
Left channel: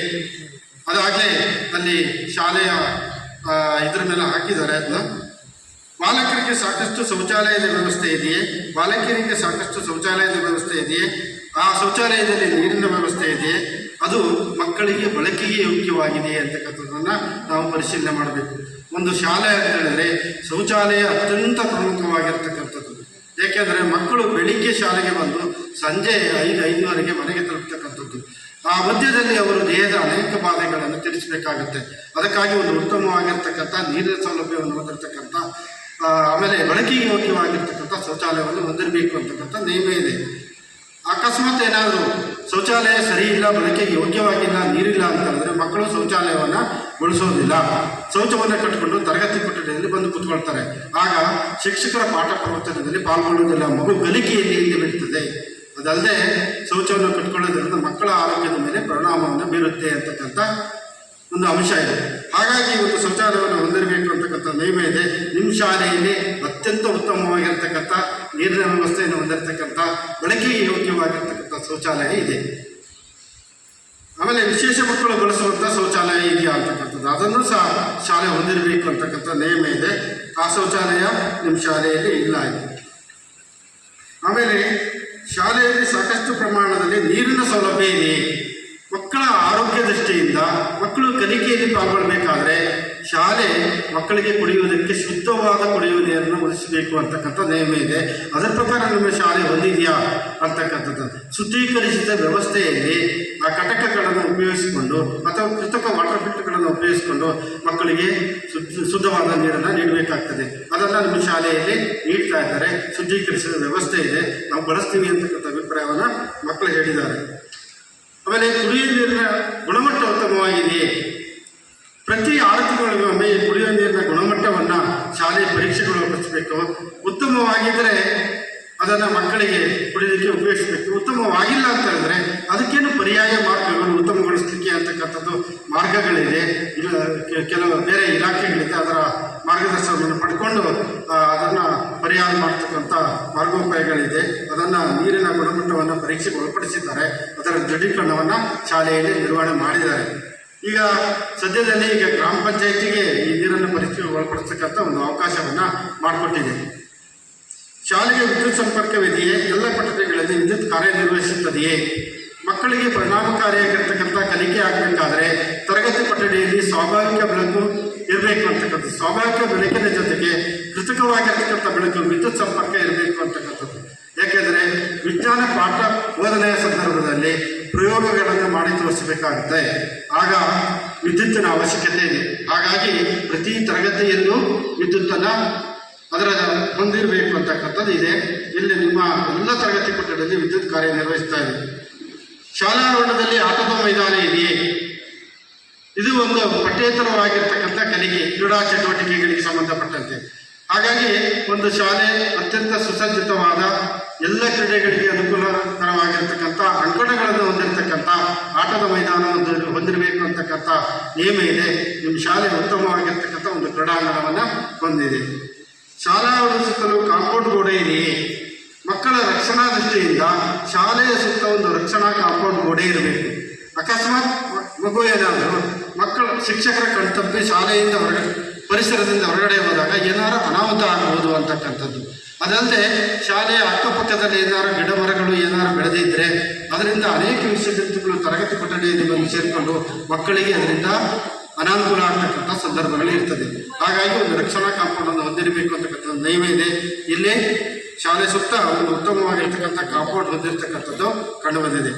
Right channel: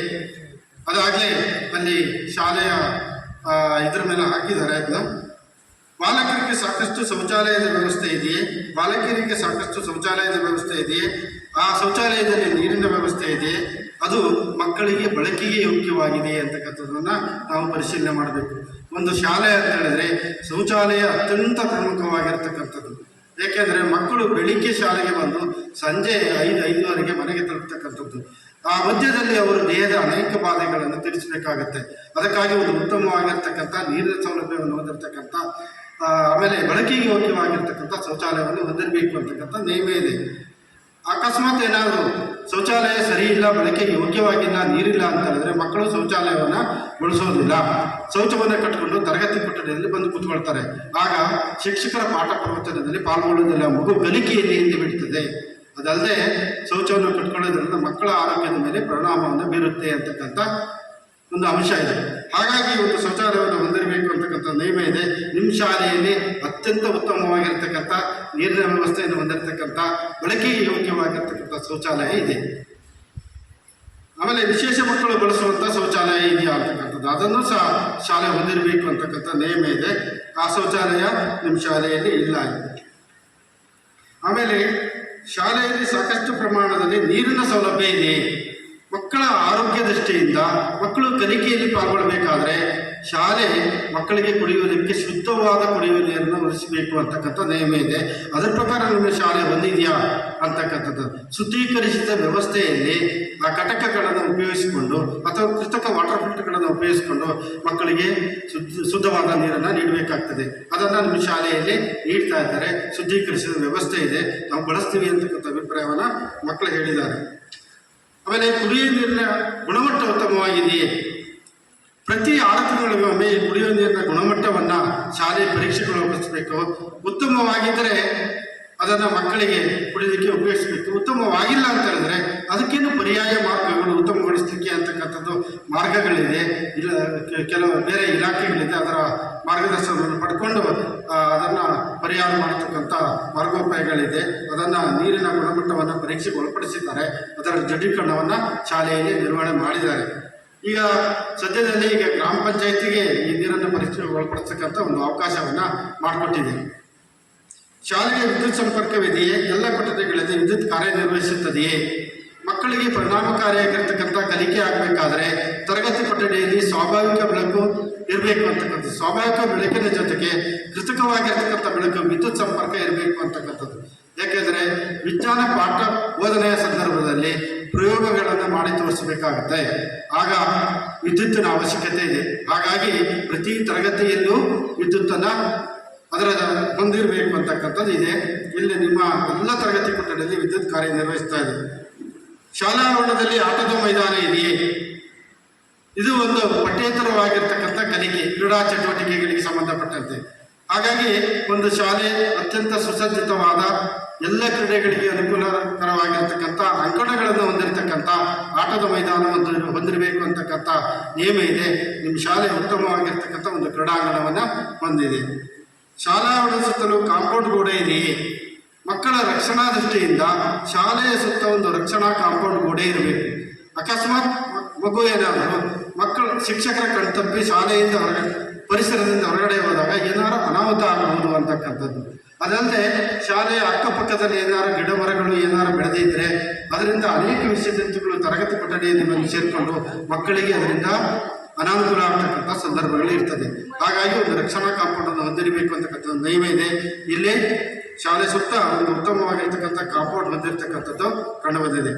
ಅದಾಗಲೇ ಅಲ್ಲಿ ಶಾಲೆಯ ಇದ್ರ ಮೇಲೆ ಹಾಕಿದ್ದಾರೆ. ಅದನ್ನ ಬಾಲಕರಿಗೆ ಸಾಕಷ್ಟು ಶೌಚಾಲಯದ ವ್ಯವಸ್ಥೆ ಇದೆಯೇ? ಬಾಲಕಿಯರಿಗೆ ಸಾಕಷ್ಟು ಶೌಚಾಲಯದ ವ್ಯವಸ್ಥೆ ಇದೆಯೇ? ಆ ಶೌಚಾಲಯದಲ್ಲಿ ನೀರಿನ ವ್ಯವಸ್ಥೆ ಇದೆಯೇ? ಅದು ಮಕ್ಕಳಿಗೆ ಬಳಕೆಗೆ ಯೋಗ್ಯವಾಗಿದೆ ಅಂತಕ್ಕಂಥದ್ದನ್ನು ನಾವು ಪರಿಶೀಲನೆ ಮಾಡಬೇಕು. ಒಂದು ಶಾಲೆ ಅಂತ ಹೇಳಿದ್ರೆ ಶೌಚಾಲಯ ಅತ್ಯಂತ ಪ್ರಮುಖವಾಗಿರ್ತಕ್ಕಂಥದ್ದು. ಏಕೆಂದರೆ ಮಕ್ಕಳು ಬೆಳಿಗ್ಗೆ ಶಾಲೆಗೆ ಬಂದು ಸಂಜೆ 5-5:30 ಮನೆಗೆ ತಲುಪತಕ್ಕಂಥದ್ದು. ಆ ಮಧ್ಯದಲ್ಲಿ ಅವರು ದೇಹದ ಅನೇಕ ಬಾಧೆಗಳನ್ನು ತಿಳಿಸಬೇಕಾಗತ್ತೆ. ಅದಕ್ಕಾಗಿ ಒಂದು ಉತ್ತಮವಾಗಿರ್ತಕ್ಕಂಥ ನೀರಿನ ಸೌಲಭ್ಯವನ್ನು ಹೊಂದಿರತಕ್ಕಂಥ ಆಮೇಲೆ ಬಳಕೆಗೆ ಯೋಗ್ಯವಾಗಿರ್ತಕ್ಕಂಥ ಶೌಚಾಲಯವನ್ನು ಹೊಂದಿರಬೇಕು ಅಂತಕ್ಕಂಥ ನಿಯಮ ಇದೆ. ಅಕಸ್ಮಾತ್ ಏನಾದರೂ ಶೌಚಾಲಯ ಸರಿ ಇಲ್ಲ, ಬಳಕೆಗೆ ಯೋಗ್ಯವಾಗಿಲ್ಲ, ನೀರಿಲ್ಲ ಅಂತ ಹೇಳಿದ್ರೆ ಮಕ್ಕಳು ಶೌಚಾಲಯವನ್ನು ಬಳಸೋದಿಲ್ಲ. ಶೌಚವನ್ನು ಕಟ್ಟಿಕೊಂಡು ತರಗತಿ ಕೊಠಡಿಯಲ್ಲಿ ಬಂದು ಕೂತ್ಕೊಳ್ತಾರೆ. ಆಗ ಶಿಕ್ಷಕರ ಪಾಠ ಪ್ರವಚನದಲ್ಲಿ ಪಾಲ್ಗೊಳ್ಳುವುದಿಲ್ಲ, ಮಗು ಕಲಿಕೆಯಲ್ಲಿ ಹಿಂದೆ ಬಿಡ್ತದೆ. ಅದಲ್ಲದೆ ಶೌಚವನ್ನು ಕಟ್ಕೊಳ್ಳೋದ್ರಿಂದ ಮಕ್ಕಳ ಆರೋಗ್ಯದ ಮೇಲೆ ಪರಿಣಾಮವನ್ನು ಬೀರುತ್ತೆ ಅಂತಕ್ಕಂಥ ಒಂದು ಅಂಶ ಇದೆ. ಹಾಗಾಗಿ ಒಂದು ಶೌಚಾಲಯವನ್ನು ಹೊಂದಿರಬೇಕು ಅಂತಕ್ಕಂಥ ನಿಯಮ ಇದೆ. ನಿಮ್ಮ ಶಾಲೆಯಲ್ಲಿ ಅತ್ಯಂತ ಉತ್ತಮವಾಗಿರ್ತಕ್ಕಂಥ ನೀರಿನ ವ್ಯವಸ್ಥೆಯನ್ನು ಹೊಂದಿರತಕ್ಕಂಥ ಬಳಕೆಗೆ ಯೋಗ್ಯವಾಗಿರ್ತಕ್ಕಂಥ ಶೌಚಾಲಯ ಇದೆ. ಆಮೇಲೆ ವಿಶೇಷ ಮಕ್ಕಳು ಬಳಸುವಂಥ ಶೌಚಾಲಯ ಇದೆಯಾ ಅಂತಕ್ಕಂಥದ್ದು ಅದನ್ನು ಸಹ ಶಾಲೆ ಹೊಂದಿರಬೇಕು ಅಂತಕ್ಕಂಥ ನಿಯಮ ಇದೆ. ಆ ಶೌಚಾಲಯ ನಿಮ್ಮ ಶಾಲೆಯಲ್ಲಿ ಇಲ್ಲ ಇದೆ. ಆಮೇಲೆ ಶಾಲೆಯಲ್ಲಿ ಸಾಕಷ್ಟು ಪ್ರಮಾಣದಲ್ಲಿ ನೀರಿನ ಸೌಲಭ್ಯ ಇದೆ. ಮಕ್ಕಳ ಆರೋಗ್ಯ ದೃಷ್ಟಿಯಿಂದ ಮಕ್ಕಳು ಕಲಿಕೆಯಲ್ಲಿ ಪಾಲ್ಗೊಳ್ಳಬೇಕಾದ್ರೆ ಶಾಲೆ ಮಕ್ಕಳಿಗೆ ಕುಡಿಯುವುದಕ್ಕೆ ಶುದ್ಧವಾದ ಕುಡಿಯುವ ನೀರನ್ನು ಒದಗಿಸಬೇಕು ಅಂತಕ್ಕಂಥ ನಿಯಮ ಇದೆ. ಅದರ ಪ್ರಕಾರ ನಿಮ್ಮ ಶಾಲೆ ಹೊಂದಿದೆಯಾ ಅಂತಕ್ಕಂಥದ್ದು. ಶುದ್ಧೀಕರಿಸಿದ ವ್ಯವಸ್ಥೆಯಲ್ಲಿ ಆ ಘಟಕಗಳನ್ನು ಉಪಯೋಗಿಸಿಕೊಂಡು ಅಥವಾ ಕೃತಕ ವಾಟರ್ ಫಿಲ್ಟರ್ಗಳನ್ನು ಉಪಯೋಗಿಸಿಕೊಂಡು ಮಕ್ಕಳಿಗೆ ಶುದ್ಧವಾದ ನೀರನ್ನು ನೀಡಬೇಕಾಗ್ತದೆ. ಅದನ್ನು ನಿಮ್ಮ ಶಾಲೆಯಲ್ಲಿ ನೀಡ್ತಾ ಇದ್ದಾರೆ. ಶುದ್ಧೀಕರಿಸಿದ ವ್ಯವಸ್ಥೆ ಇದೆ, ನಾವು ಬಳಸ್ತೀವಿ ಅಂತಕ್ಕಂಥ ಅಭಿಪ್ರಾಯವನ್ನು ಮಕ್ಕಳು ಹೇಳಿದ್ದಾರೆ. ಆಮೇಲೆ ಕುಡಿಯುವ ನೀರಿನ ಗುಣಮಟ್ಟ ಉತ್ತಮವಾಗಿದೆಯೇ? ಪ್ರತಿ 6 ತಿಂಗಳಿಗೊಮ್ಮೆ ಕುಡಿಯುವ ನೀರಿನ ಗುಣಮಟ್ಟವನ್ನು ಶಾಲೆಯ ಪರೀಕ್ಷೆಗಳು ಒದಗಿಸಬೇಕು. ಉತ್ತಮವಾಗಿದ್ದರೆ ಅದನ್ನು ಮಕ್ಕಳಿಗೆ ಕುಡಿಯೋದಕ್ಕೆ ಉಪಯೋಗಿಸಬೇಕು. ಉತ್ತಮವಾಗಿಲ್ಲ ಅಂತ ಹೇಳಿದ್ರೆ ಅದಕ್ಕೇನು ಪರ್ಯಾಯ ಮಾರ್ಗಗಳು ಉತ್ತಮಗೊಳಿಸಲಿಕ್ಕೆ ಅಂತಕ್ಕಂಥದ್ದು ಮಾರ್ಗಗಳಿದೆ. ಕೆಲವು ಬೇರೆ ಇಲಾಖೆಗಳಿದೆ, ಅದರ ಮಾರ್ಗದರ್ಶನವನ್ನು ಪಡ್ಕೊಂಡು ಅದನ್ನು ಪರಿಹಾರ ಮಾಡತಕ್ಕಂಥ ಮಾರ್ಗೋಪಾಯಗಳಿದೆ. ಅದನ್ನು ನೀರಿನ ಗುಣಮಟ್ಟವನ್ನು ಪರೀಕ್ಷೆಗೆ ಒಳಪಡಿಸಿದ್ದಾರೆ. ಅದರ ದೃಢೀಕರಣವನ್ನು ಶಾಲೆಯಲ್ಲಿ ನಿರ್ವಹಣೆ ಮಾಡಿದ್ದಾರೆ. ಈಗ ಸದ್ಯದಲ್ಲಿ ಗ್ರಾಮ ಪಂಚಾಯಿತಿಗೆ ಈ ನೀರನ್ನು ಪರೀಕ್ಷೆಗೆ ಒಳಪಡಿಸ್ತಕ್ಕಂಥ ಒಂದು ಅವಕಾಶವನ್ನು ಮಾಡಿಕೊಟ್ಟಿದೆ. ಶಾಲೆಗೆ ವಿದ್ಯುತ್ ಸಂಪರ್ಕವಿದೆಯೇ? ಎಲ್ಲ ಕೊಠಡಿಗಳಲ್ಲಿ ವಿದ್ಯುತ್ ಕಾರ್ಯನಿರ್ವಹಿಸುತ್ತದೆಯೇ? ಮಕ್ಕಳಿಗೆ ಪರಿಣಾಮಕಾರಿಯಾಗಿರ್ತಕ್ಕಂಥ ಕಲಿಕೆ ಆಗಬೇಕಾದ್ರೆ ತರಗತಿ ಕೊಠಡಿಯಲ್ಲಿ ಸ್ವಾಭಾವಿಕ ಬೆಳಕು ಇರಬೇಕು ಅಂತಕ್ಕಂಥದ್ದು. ಸ್ವಾಭಾವಿಕ ಬೆಳಕಿನ ಜೊತೆಗೆ ಕೃತಕವಾಗಿರ್ತಕ್ಕಂಥ ಬೆಳಕು ವಿದ್ಯುತ್ ಸಂಪರ್ಕ ಇರಬೇಕು ಅಂತಕ್ಕಂಥದ್ದು. ಯಾಕೆಂದರೆ ವಿಜ್ಞಾನ ಪಾಠ ಬೋಧನೆಯ ಸಂದರ್ಭದಲ್ಲಿ ಪ್ರಯೋಗಗಳನ್ನು ಮಾಡಿ ತೋರಿಸಬೇಕಾಗುತ್ತೆ. ಆಗ ವಿದ್ಯುತ್ತಿನ ಅವಶ್ಯಕತೆ ಇದೆ. ಹಾಗಾಗಿ ಪ್ರತಿ ತರಗತಿಯಲ್ಲೂ ವಿದ್ಯುತ್ತನ್ನು ಅದರ ಹೊಂದಿರಬೇಕು ಅಂತಕ್ಕಂಥದ್ದು ಇದೆ. ಇಲ್ಲಿ ನಿಮ್ಮ ಎಲ್ಲ ತರಗತಿ ಕೊಠಡಿಯಲ್ಲಿ ವಿದ್ಯುತ್ ಕಾರ್ಯನಿರ್ವಹಿಸ್ತಾ ಇದೆ. ಶಾಲಾ ಆವರಣದಲ್ಲಿ ಆಟದ ಮೈದಾನ ಇದೆಯೇ? ಇದು ಒಂದು ಪಠ್ಯೇತರವಾಗಿರ್ತಕ್ಕಂಥ ಕಲಿಕೆ, ಕ್ರೀಡಾ ಚಟುವಟಿಕೆಗಳಿಗೆ ಸಂಬಂಧಪಟ್ಟಂತೆ. ಹಾಗಾಗಿ ಒಂದು ಶಾಲೆ ಅತ್ಯಂತ ಸುಸಜ್ಜಿತವಾದ ಎಲ್ಲ ಕ್ರೀಡೆಗಳಿಗೆ ಅನುಕೂಲಕರವಾಗಿರ್ತಕ್ಕಂಥ ಅಂಕಣಗಳನ್ನು ಹೊಂದಿರತಕ್ಕಂಥ ಆಟದ ಮೈದಾನವನ್ನು ಹೊಂದಿರಬೇಕು ಅಂತಕ್ಕಂಥ ನಿಯಮ ಇದೆ. ನಿಮ್ಮ ಶಾಲೆ ಉತ್ತಮವಾಗಿರ್ತಕ್ಕಂಥ ಒಂದು ಕ್ರೀಡಾಂಗಣವನ್ನು ಹೊಂದಿದೆ. ಶಾಲಾ ಆವರಣದ ಸುತ್ತಲೂ ಕಾಂಪೌಂಡ್ ಗೋಡೆ ಇದೆಯೇ? ಮಕ್ಕಳ ರಕ್ಷಣಾ ದೃಷ್ಟಿಯಿಂದ ಶಾಲೆಯ ಸುತ್ತ ಒಂದು ರಕ್ಷಣಾ ಕಾಂಪೌಂಡ್ ಗೋಡೆ ಇರಬೇಕು. ಅಕಸ್ಮಾತ್ ಮಗು ಏನಾದರೂ ಮಕ್ಕಳು ಶಿಕ್ಷಕರ ಕಣ್ತಪ್ಪಿ ಶಾಲೆಯಿಂದ ಪರಿಸರದಿಂದ ಹೊರಗಡೆ ಹೋದಾಗ ಏನಾರು ಅನಾಹುತ ಆಗಬಹುದು ಅಂತಕ್ಕಂಥದ್ದು. ಅದಲ್ಲದೆ ಶಾಲೆಯ ಅಕ್ಕಪಕ್ಕದಲ್ಲಿ ಏನಾರು ಗಿಡ ಮರಗಳು ಏನಾರು ಬೆಳೆದಿದ್ದರೆ ಅದರಿಂದ ಅನೇಕ ವಿಷಯಗಳು ತರಗತಿ ಕೊಠಡಿಯಲ್ಲಿ ಬಂದು ಸೇರಿಕೊಂಡು ಮಕ್ಕಳಿಗೆ ಅದರಿಂದ ಅನಾನುಕೂಲ ಆಗ್ತಕ್ಕಂಥ ಸಂದರ್ಭಗಳು ಇರ್ತದೆ. ಹಾಗಾಗಿ ಒಂದು ರಕ್ಷಣಾ ಕಾಂಪೌಂಡನ್ನು ಹೊಂದಿರಬೇಕು ಅಂತಕ್ಕಂಥ ನಿಯಮ ಇದೆ. ಇಲ್ಲೇ ಶಾಲೆ ಸುತ್ತ ಒಂದು ಉತ್ತಮವಾಗಿರ್ತಕ್ಕಂಥ ಕಾಂಪೌಂಡ್ ಹೊಂದಿರತಕ್ಕಂಥದ್ದು ಕಂಡುಬಂದಿದೆ.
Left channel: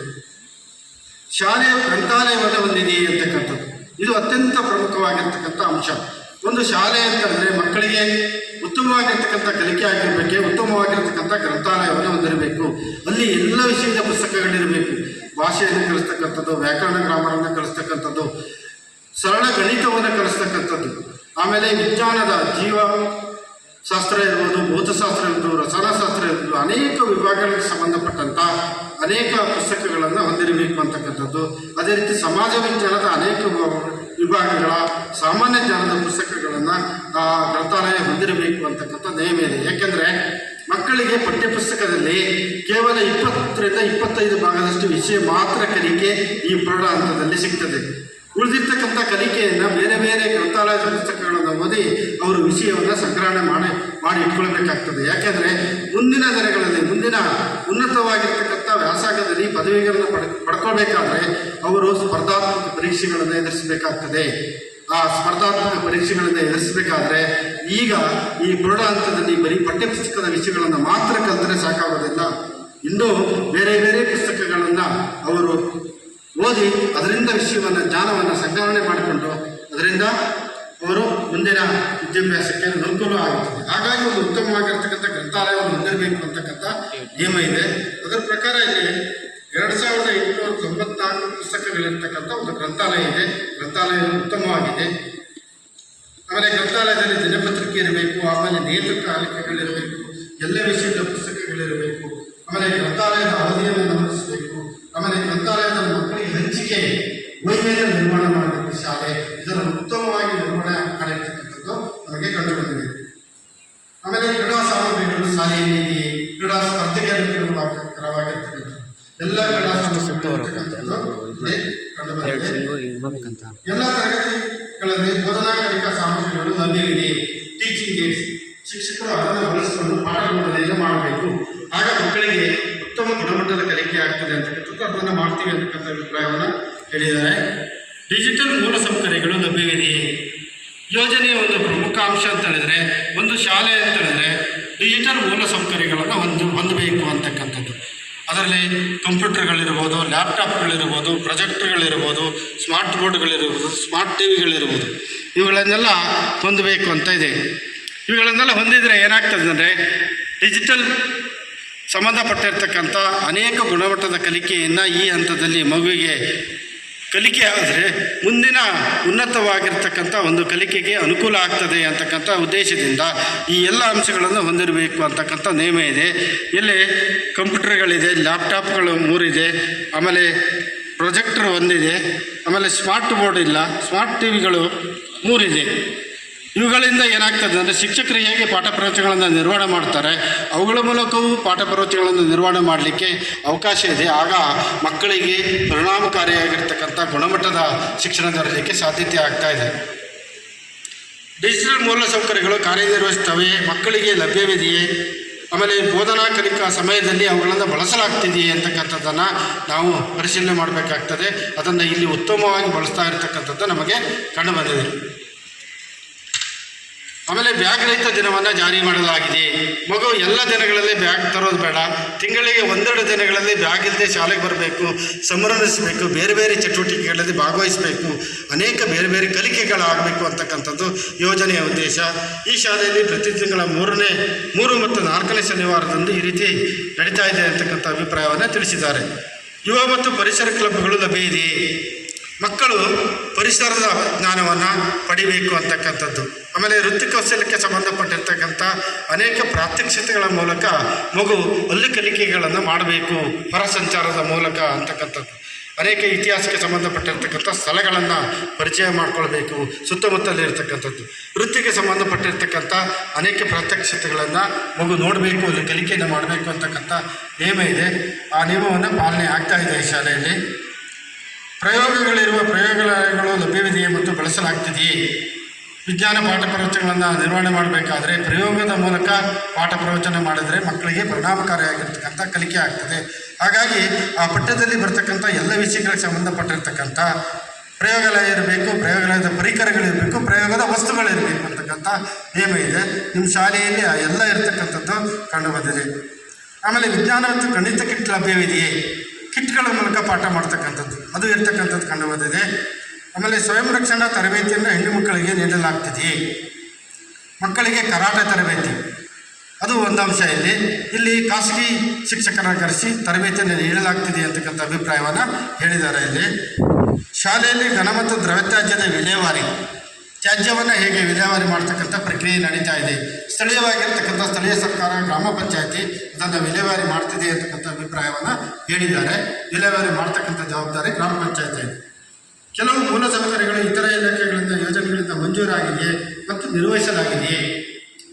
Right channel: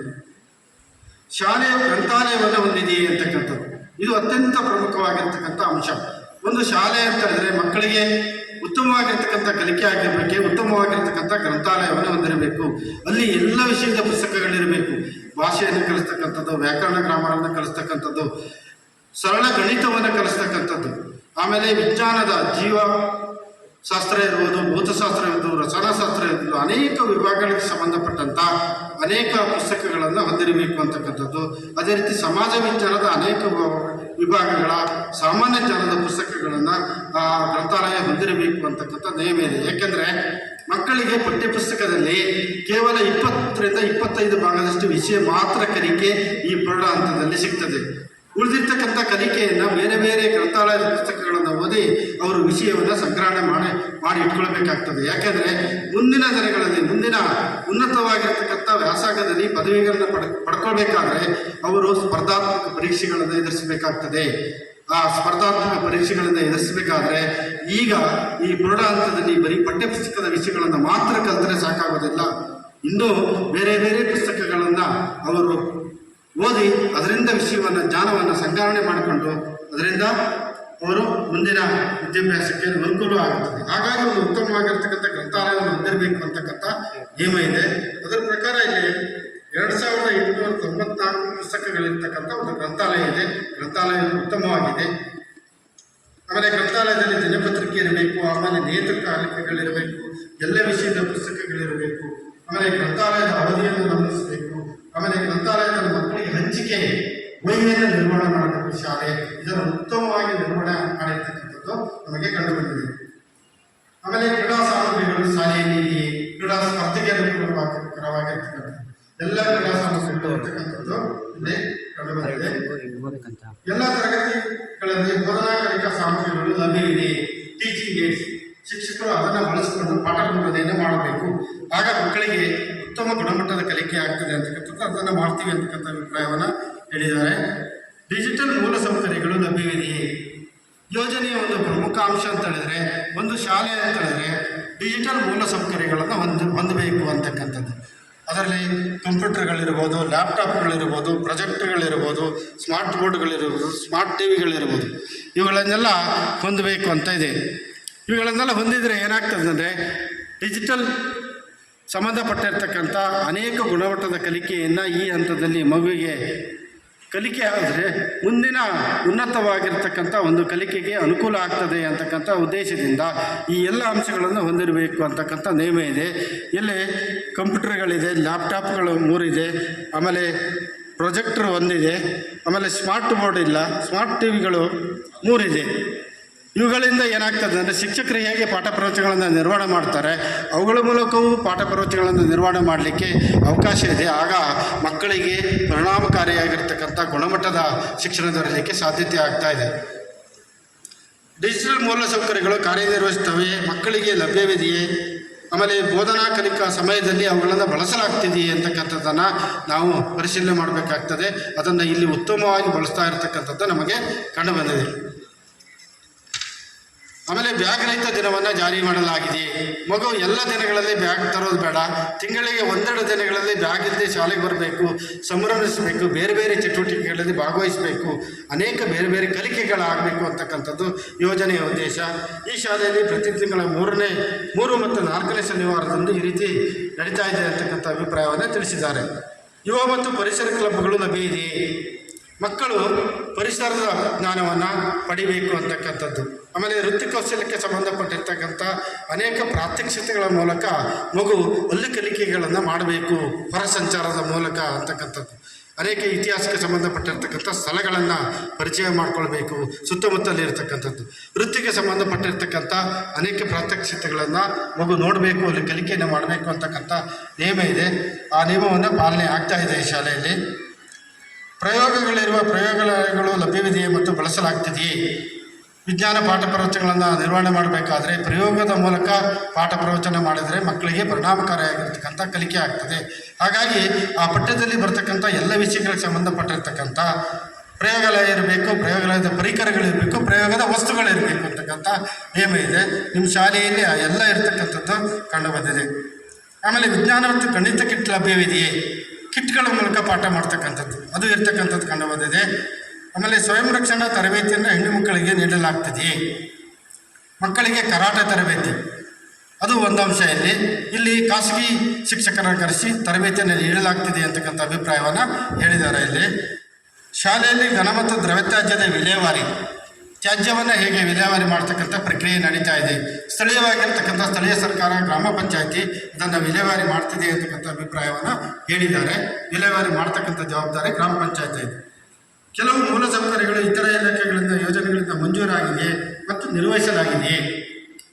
ಶಾಲೆಯ ಗ್ರಂಥಾಲಯವನ್ನು ಹೊಂದಿದೆಯೇ ಅಂತಕ್ಕಂಥದ್ದು ಇದು ಅತ್ಯಂತ ಪ್ರಮುಖವಾಗಿರ್ತಕ್ಕಂಥ ಅಂಶ. ಒಂದು ಶಾಲೆ ಅಂತಂದರೆ ಮಕ್ಕಳಿಗೆ ಉತ್ತಮವಾಗಿರ್ತಕ್ಕಂಥ ಕಲಿಕೆ ಆಗಿರಬೇಕೆ, ಉತ್ತಮವಾಗಿರ್ತಕ್ಕಂಥ ಗ್ರಂಥಾಲಯವನ್ನು ಹೊಂದಿರಬೇಕು. ಅಲ್ಲಿ ಎಲ್ಲ ವಿಷಯದ ಪುಸ್ತಕಗಳಿರಬೇಕು. ಭಾಷೆಯನ್ನು ಕಲಿಸ್ತಕ್ಕಂಥದ್ದು, ವ್ಯಾಕರಣ ಗ್ರಾಮರನ್ನು ಕಲಿಸ್ತಕ್ಕಂಥದ್ದು, ಸರಳ ಗಣಿತವನ್ನು ಕಲಿಸ್ತಕ್ಕಂಥದ್ದು, ಆಮೇಲೆ ವಿಜ್ಞಾನದ ಜೀವಶಾಸ್ತ್ರ ಇರ್ಬೋದು, ಭೌತಶಾಸ್ತ್ರ ಇರ್ಬೋದು, ರಸಾಯನಶಾಸ್ತ್ರ ಇರ್ಬೋದು, ಅನೇಕ ವಿಭಾಗಗಳಿಗೆ ಸಂಬಂಧಪಟ್ಟಂಥ ಅನೇಕ ಪುಸ್ತಕಗಳನ್ನು ಹೊಂದಿರಬೇಕು ಅಂತಕ್ಕಂಥದ್ದು. ಅದೇ ರೀತಿ ಸಮಾಜ ವಿಜ್ಞಾನದ ಅನೇಕ ವಿಭಾಗಗಳ ಸಾಮಾನ್ಯ ಜ್ಞಾನದ ಪುಸ್ತಕಗಳನ್ನು ಗ್ರಂಥಾಲಯ ಹೊಂದಿರಬೇಕು ಅಂತಕ್ಕಂಥ ನಿಯಮ ಇದೆ. ಏಕೆಂದರೆ ಮಕ್ಕಳಿಗೆ ಪಠ್ಯಪುಸ್ತಕದಲ್ಲಿ ಕೇವಲ 20ರಿಂದ 25 ಭಾಗದಷ್ಟು ವಿಷಯ ಮಾತ್ರ ಕಲಿಕೆ ಈ ಪ್ರೌಢ ಹಂತದಲ್ಲಿ ಸಿಗ್ತದೆ. ಉಳಿದಿರ್ತಕ್ಕಂಥ ಕಲಿಕೆಯನ್ನು ಬೇರೆ ಬೇರೆ ಗ್ರಂಥಾಲಯದ ಪುಸ್ತಕಗಳನ್ನು ಓದಿ ಅವರು ವಿಷಯವನ್ನು ಸಂಗ್ರಹಣೆ ಮಾಡಿ ಇಟ್ಕೊಳ್ಬೇಕಾಗ್ತದೆ. ಯಾಕೆಂದರೆ ಮುಂದಿನ ದಿನಗಳಲ್ಲಿ ಮುಂದಿನ ಉನ್ನತವಾಗಿರ್ತಕ್ಕಂಥ ವ್ಯಾಸಂಗದಲ್ಲಿ ಪದವಿಗಳನ್ನು ಪಡ್ಕೊಳ್ಬೇಕಾದ್ರೆ ಅವರು ಸ್ಪರ್ಧಾತ್ಮಕ ಪರೀಕ್ಷೆಗಳನ್ನು ಎದುರಿಸಬೇಕಾಗ್ತದೆ. ಆ ಸ್ಪರ್ಧಾತ್ಮಕ ಪರೀಕ್ಷೆಗಳನ್ನು ಎದುರಿಸಬೇಕಾದ್ರೆ ಈಗ ಈ ಪ್ರೌಢ ಹಂತದಲ್ಲಿ ಬರೀ ಪಠ್ಯಪುಸ್ತಕದ ವಿಷಯಗಳನ್ನು ಮಾತ್ರ ಕಲಿತರೆ ಸಾಕಾಗೋದಿಲ್ಲ. ಇನ್ನೂ ಬೇರೆ ಬೇರೆ ಪುಸ್ತಕಗಳನ್ನು ಅವರು ಓದಿ ಅದರಿಂದ ವಿಷಯವನ್ನು ಜ್ಞಾನವನ್ನು ಸಂಗ್ರಹಣೆ ಮಾಡಿಕೊಂಡು ಅದರಿಂದ ಅವರು ಮುಂದಿನ ವಿದ್ಯಾಭ್ಯಾಸಕ್ಕೆ ಅನುಕೂಲ ಆಗುತ್ತದೆ. ಹಾಗಾಗಿ ಒಂದು ಉತ್ತಮವಾಗಿರ್ತಕ್ಕಂಥ ಗ್ರಂಥಾಲಯವನ್ನು ಹೊಂದಿರಬೇಕು ಅಂತಕ್ಕಂಥ ನಿಯಮ ಇದೆ. ಅದರ ಪ್ರಕಾರ ಇಲ್ಲಿ 2894 ಪುಸ್ತಕಗಳಿರ್ತಕ್ಕಂಥ ಒಂದು ಗ್ರಂಥಾಲಯ ಇದೆ. ಗ್ರಂಥಾಲಯ ಉತ್ತಮವಾಗಿದೆ. ಆಮೇಲೆ ಗ್ರಂಥಾಲಯದಲ್ಲಿ ದಿನಪತ್ರಿಕೆ ಇರಬೇಕು, ಆಮೇಲೆ ನೇತೃಕಾಲಿಕೆಗಳಿರಬೇಕು, ಎಲ್ಲ ವಿಷಯದ ಪುಸ್ತಕಗಳಿರಬೇಕು, ಆಮೇಲೆ ಗ್ರಂಥಾಲಯದ ಅವಧಿಯನ್ನು ಗಮನಿಸಬೇಕು, ಆಮೇಲೆ ಗ್ರಂಥಾಲಯದ ಮಕ್ಕಳಿಗೆ ಹಂಚಿಕೆ ವೈವಿಧ್ಯ ನಿರ್ವಹಣೆ ಮಾಡಬೇಕು ಶಾಲೆ. ಇದರ ಉತ್ತಮವಾಗಿ ನಿರ್ವಹಣೆ ಮಾಡಿರ್ತಕ್ಕಂಥದ್ದು ನಮಗೆ ಕಂಡುಬಂದಿದೆ. ಆಮೇಲೆ ಕ್ರೀಡಾ ಸಾಮಗ್ರಿಗಳು ಶಾಲೆಯಲ್ಲಿ ಕ್ರೀಡಾ ಸ್ಪರ್ಧೆಗೆ ಅನುಕೂಲವಾಗಿರ್ತಕ್ಕಂಥದ್ದು ಎಲ್ಲ ಕ್ರೀಡಾ ಸಾಮಗ್ರಿಗಳು ಇಲ್ಲಿ ಕಂಡುಬಂದಿದೆ. ಎಲ್ಲ ತರಗತಿಗಳಲ್ಲಿ ಬೋಧನಾ ಕಲಿಕಾ ಸಾಮಗ್ರಿಗಳು ಲಭ್ಯವಿದೆ. ಟೀಚಿಂಗ್ ಏಡ್ಸ್ ಶಿಕ್ಷಕರು ಅದನ್ನು ಬಳಸಿಕೊಂಡು ಪಾಠ ಬೋಧನೆಯನ್ನು ಮಾಡಬೇಕು. ಆಗ ಮಕ್ಕಳಿಗೆ ಉತ್ತಮ ಗುಣಮಟ್ಟದ ಕಲಿಕೆ ಆಗ್ತದೆ ಅಂತಕ್ಕಂಥದ್ದು ಅದನ್ನು ಮಾಡ್ತೀವಿ ಅಂತಕ್ಕಂಥ ಅಭಿಪ್ರಾಯವನ್ನು ಹೇಳಿದ್ದಾರೆ. ಡಿಜಿಟಲ್ ಮೂಲಸೌಕರ್ಯಗಳು ಲಭ್ಯವಿದೆಯೇ? ಯೋಜನೆಯ ಒಂದು ಪ್ರಮುಖ ಅಂಶ ಅಂತ ಹೇಳಿದ್ರೆ ಒಂದು ಶಾಲೆ ಅಂತ ಹೇಳಿದ್ರೆ ಡಿಜಿಟಲ್ ಮೂಲಸೌಕರ್ಯಗಳನ್ನು ಹೊಂದಬೇಕು ಅಂತಕ್ಕಂಥದ್ದು. ಅದರಲ್ಲಿ ಕಂಪ್ಯೂಟರ್ಗಳಿರ್ಬೋದು, ಲ್ಯಾಪ್ಟಾಪ್ಗಳಿರ್ಬೋದು, ಪ್ರೊಜೆಕ್ಟರ್ಗಳಿರ್ಬೋದು, ಸ್ಮಾರ್ಟ್ ಬೋರ್ಡ್ಗಳಿರ್ಬೋದು, ಸ್ಮಾರ್ಟ್ ಟಿವಿಗಳಿರ್ಬೋದು, ಇವುಗಳನ್ನೆಲ್ಲ ಹೊಂದಬೇಕು ಅಂತ ಇದೆ. ಇವುಗಳನ್ನೆಲ್ಲ ಹೊಂದಿದರೆ ಏನಾಗ್ತದೆ ಅಂದರೆ ಡಿಜಿಟಲ್ ಸಂಬಂಧಪಟ್ಟಿರ್ತಕ್ಕಂಥ ಅನೇಕ ಗುಣಮಟ್ಟದ ಕಲಿಕೆಯನ್ನು ಈ ಹಂತದಲ್ಲಿ ಮಗುವಿಗೆ ಕಲಿಕೆ ಆದರೆ ಮುಂದಿನ ಉನ್ನತವಾಗಿರ್ತಕ್ಕಂಥ ಒಂದು ಕಲಿಕೆಗೆ ಅನುಕೂಲ ಆಗ್ತದೆ ಅಂತಕ್ಕಂಥ ಉದ್ದೇಶದಿಂದ ಈ ಎಲ್ಲ ಅಂಶಗಳನ್ನು ಹೊಂದಿರಬೇಕು ಅಂತಕ್ಕಂಥ ನಿಯಮ ಇದೆ. ಇಲ್ಲಿ ಕಂಪ್ಯೂಟರ್ಗಳಿದೆ, ಲ್ಯಾಪ್ಟಾಪ್ಗಳು 3 ಇದೆ, ಆಮೇಲೆ ಪ್ರೊಜೆಕ್ಟರ್ 1 ಇದೆ, ಆಮೇಲೆ ಸ್ಮಾರ್ಟ್ ಬೋರ್ಡ್ ಇಲ್ಲ, ಸ್ಮಾರ್ಟ್ ಟಿವಿಗಳು 3 ಇದೆ. ಇವುಗಳಿಂದ ಏನಾಗ್ತದೆ ಅಂದರೆ ಶಿಕ್ಷಕರು ಹೇಗೆ ಪಾಠ ಪ್ರವಚನಗಳನ್ನು ನಿರ್ವಹಣೆ ಮಾಡ್ತಾರೆ ಅವುಗಳ ಮೂಲಕವೂ ಪಾಠ ಪ್ರವಚನಗಳನ್ನು ನಿರ್ವಹಣೆ ಮಾಡಲಿಕ್ಕೆ ಅವಕಾಶ ಇದೆ. ಆಗ ಮಕ್ಕಳಿಗೆ ಪರಿಣಾಮಕಾರಿಯಾಗಿರ್ತಕ್ಕಂಥ ಗುಣಮಟ್ಟದ ಶಿಕ್ಷಣ ದೊರೆಯಲಿಕ್ಕೆ ಸಾಧ್ಯತೆ ಆಗ್ತಾ ಇದೆ. ಡಿಜಿಟಲ್ ಮೂಲಸೌಕರ್ಯಗಳು ಕಾರ್ಯನಿರ್ವಹಿಸ್ತವೆ, ಮಕ್ಕಳಿಗೆ ಲಭ್ಯವಿದೆಯೇ, ಆಮೇಲೆ ಬೋಧನಾ ಕಲಿಕಾ ಸಮಯದಲ್ಲಿ ಅವುಗಳನ್ನು ಬಳಸಲಾಗ್ತಿದೆಯೇ ಅಂತಕ್ಕಂಥದ್ದನ್ನು ನಾವು ಪರಿಶೀಲನೆ ಮಾಡಬೇಕಾಗ್ತದೆ. ಅದನ್ನು ಇಲ್ಲಿ ಉತ್ತಮವಾಗಿ ಬಳಸ್ತಾ ಇರತಕ್ಕಂಥದ್ದು ನಮಗೆ ಕಂಡುಬಂದಿದೆ. ಆಮೇಲೆ ಬ್ಯಾಗ್ ರಹಿತ ದಿನವನ್ನು ಜಾರಿ ಮಾಡಲಾಗಿದೆ. ಮಗು ಎಲ್ಲ ದಿನಗಳಲ್ಲಿ ಬ್ಯಾಗ್ ತರೋದು ಬೇಡ, ತಿಂಗಳಿಗೆ ಒಂದೆರಡು ದಿನಗಳಲ್ಲಿ ಬ್ಯಾಗ್ ಇಲ್ಲದೆ ಶಾಲೆಗೆ ಬರಬೇಕು, ಸಂಭ್ರಮಿಸಬೇಕು, ಬೇರೆ ಬೇರೆ ಚಟುವಟಿಕೆಗಳಲ್ಲಿ ಭಾಗವಹಿಸಬೇಕು, ಅನೇಕ ಬೇರೆ ಬೇರೆ ಕಲಿಕೆಗಳಾಗಬೇಕು ಅಂತಕ್ಕಂಥದ್ದು ಯೋಜನೆಯ ಉದ್ದೇಶ. ಈ ಶಾಲೆಯಲ್ಲಿ ಪ್ರತಿ ತಿಂಗಳ 3 ಮತ್ತು 4ನೇ ಶನಿವಾರದಂದು ಈ ರೀತಿ ನಡೀತಾ ಇದೆ ಅಂತಕ್ಕಂಥ ಅಭಿಪ್ರಾಯವನ್ನು ತಿಳಿಸಿದ್ದಾರೆ. ಯುವ ಮತ್ತು ಪರಿಸರ ಕ್ಲಬ್ಗಳು ಲಭ್ಯ ಇದೆ. ಮಕ್ಕಳು ಪರಿಸರದ ಜ್ಞಾನವನ್ನು ಪಡಿಬೇಕು ಅಂತಕ್ಕಂಥದ್ದು. ಆಮೇಲೆ ವೃತ್ತಿ ಕೌಶಲ್ಯಕ್ಕೆ ಸಂಬಂಧಪಟ್ಟಿರ್ತಕ್ಕಂಥ ಅನೇಕ ಪ್ರಾತ್ಯಕ್ಷಿತೆಗಳ ಮೂಲಕ ಮಗು ಅಲ್ಲಿ ಕಲಿಕೆಗಳನ್ನು ಮಾಡಬೇಕು, ಹೊರ ಸಂಚಾರದ ಮೂಲಕ ಅಂತಕ್ಕಂಥದ್ದು. ಅನೇಕ ಇತಿಹಾಸಕ್ಕೆ ಸಂಬಂಧಪಟ್ಟಿರ್ತಕ್ಕಂಥ ಸ್ಥಳಗಳನ್ನು ಪರಿಚಯ ಮಾಡಿಕೊಳ್ಬೇಕು, ಸುತ್ತಮುತ್ತಲಿರ್ತಕ್ಕಂಥದ್ದು. ವೃತ್ತಿಗೆ ಸಂಬಂಧಪಟ್ಟಿರ್ತಕ್ಕಂಥ ಅನೇಕ ಪ್ರಾತ್ಯಕ್ಷಿತೆಗಳನ್ನು ಮಗು ನೋಡಬೇಕು, ಅಲ್ಲಿ ಕಲಿಕೆಯನ್ನು ಮಾಡಬೇಕು ಅಂತಕ್ಕಂಥ ನಿಯಮ ಇದೆ. ಆ ನಿಯಮವನ್ನು ಪಾಲನೆ ಆಗ್ತಾ ಇದೆ ಈ ಶಾಲೆಯಲ್ಲಿ. ಪ್ರಯೋಗಾಲಯಗಳು ಲಭ್ಯವಿದೆಯೇ ಮತ್ತು ಬಳಸಲಾಗ್ತಿದೆಯೇ? ವಿಜ್ಞಾನ ಪಾಠ ಪ್ರವಚನಗಳನ್ನು ನಿರ್ವಹಣೆ ಮಾಡಬೇಕಾದ್ರೆ ಪ್ರಯೋಗದ ಮೂಲಕ ಪಾಠ ಪ್ರವಚನ ಮಾಡಿದರೆ ಮಕ್ಕಳಿಗೆ ಪರಿಣಾಮಕಾರಿಯಾಗಿರ್ತಕ್ಕಂಥ ಕಲಿಕೆ ಆಗ್ತದೆ. ಹಾಗಾಗಿ ಆ ಪಠ್ಯದಲ್ಲಿ ಬರ್ತಕ್ಕಂಥ ಎಲ್ಲ ವಿಷಯಗಳಿಗೆ ಸಂಬಂಧಪಟ್ಟಿರ್ತಕ್ಕಂಥ ಪ್ರಯೋಗಾಲಯ ಇರಬೇಕು, ಪ್ರಯೋಗಾಲಯದ ಪರಿಕರಗಳಿರಬೇಕು, ಪ್ರಯೋಗದ ವಸ್ತುಗಳಿರಬೇಕು ಅಂತಕ್ಕಂಥ ನಿಯಮ ಇದೆ. ನಿಮ್ಮ ಶಾಲೆಯಲ್ಲಿ ಆ ಎಲ್ಲ ಇರತಕ್ಕಂಥದ್ದು ಕಂಡುಬಂದಿದೆ. ಆಮೇಲೆ ವಿಜ್ಞಾನ ಮತ್ತು ಗಣಿತ ಕಿಟ್ ಲಭ್ಯವಿದೆಯೇ? ಕಿಟ್ಗಳ ಮೂಲಕ ಪಾಠ ಮಾಡ್ತಕ್ಕಂಥದ್ದು ಅದು ಇರ್ತಕ್ಕಂಥದ್ದು ಕಂಡುಬಂದಿದೆ. ಆಮೇಲೆ ಸ್ವಯಂ ರಕ್ಷಣಾ ತರಬೇತಿಯನ್ನು ಹೆಣ್ಣು ಮಕ್ಕಳಿಗೆ ನೀಡಲಾಗ್ತಿದೆಯೇ? ಮಕ್ಕಳಿಗೆ ಕರಾಟೆ ತರಬೇತಿ ಅದು ಒಂದು ಅಂಶ. ಇಲ್ಲಿ ಖಾಸಗಿ ಶಿಕ್ಷಕರನ್ನು ಕರೆಸಿ ತರಬೇತಿಯನ್ನು ನೀಡಲಾಗ್ತಿದೆ ಅಂತಕ್ಕಂಥ ಅಭಿಪ್ರಾಯವನ್ನು ಹೇಳಿದ್ದಾರೆ. ಇಲ್ಲಿ ಶಾಲೆಯಲ್ಲಿ ಘನ ಮತ್ತು ದ್ರವ್ಯತ್ಯಾಜ್ಯದ ವಿಲೇವಾರಿ, ತ್ಯಾಜ್ಯವನ್ನು ಹೇಗೆ ವಿಲೇವಾರಿ ಮಾಡ್ತಕ್ಕಂಥ ಪ್ರಕ್ರಿಯೆ ನಡೀತಾ ಇದೆ. ಸ್ಥಳೀಯವಾಗಿರ್ತಕ್ಕಂಥ ಸ್ಥಳೀಯ ಸರ್ಕಾರ, ಗ್ರಾಮ ಪಂಚಾಯತಿ ಇದನ್ನು ವಿಲೇವಾರಿ ಮಾಡ್ತಿದೆ ಅಂತಕ್ಕಂಥ ಅಭಿಪ್ರಾಯವನ್ನು ಹೇಳಿದ್ದಾರೆ. ವಿಲೇವಾರಿ ಮಾಡ್ತಕ್ಕಂಥ ಜವಾಬ್ದಾರಿ ಗ್ರಾಮ ಪಂಚಾಯತಿ ಇದೆ. ಕೆಲವು ಮೂಲಸೌಕರ್ಯಗಳು ಇತರ ಇಲಾಖೆಗಳಿಂದ ಯೋಜನೆಗಳಿಂದ ಮಂಜೂರಾಗಿದೆಯೇ ಮತ್ತು ನಿರ್ವಹಿಸಲಾಗಿದೆಯೇ?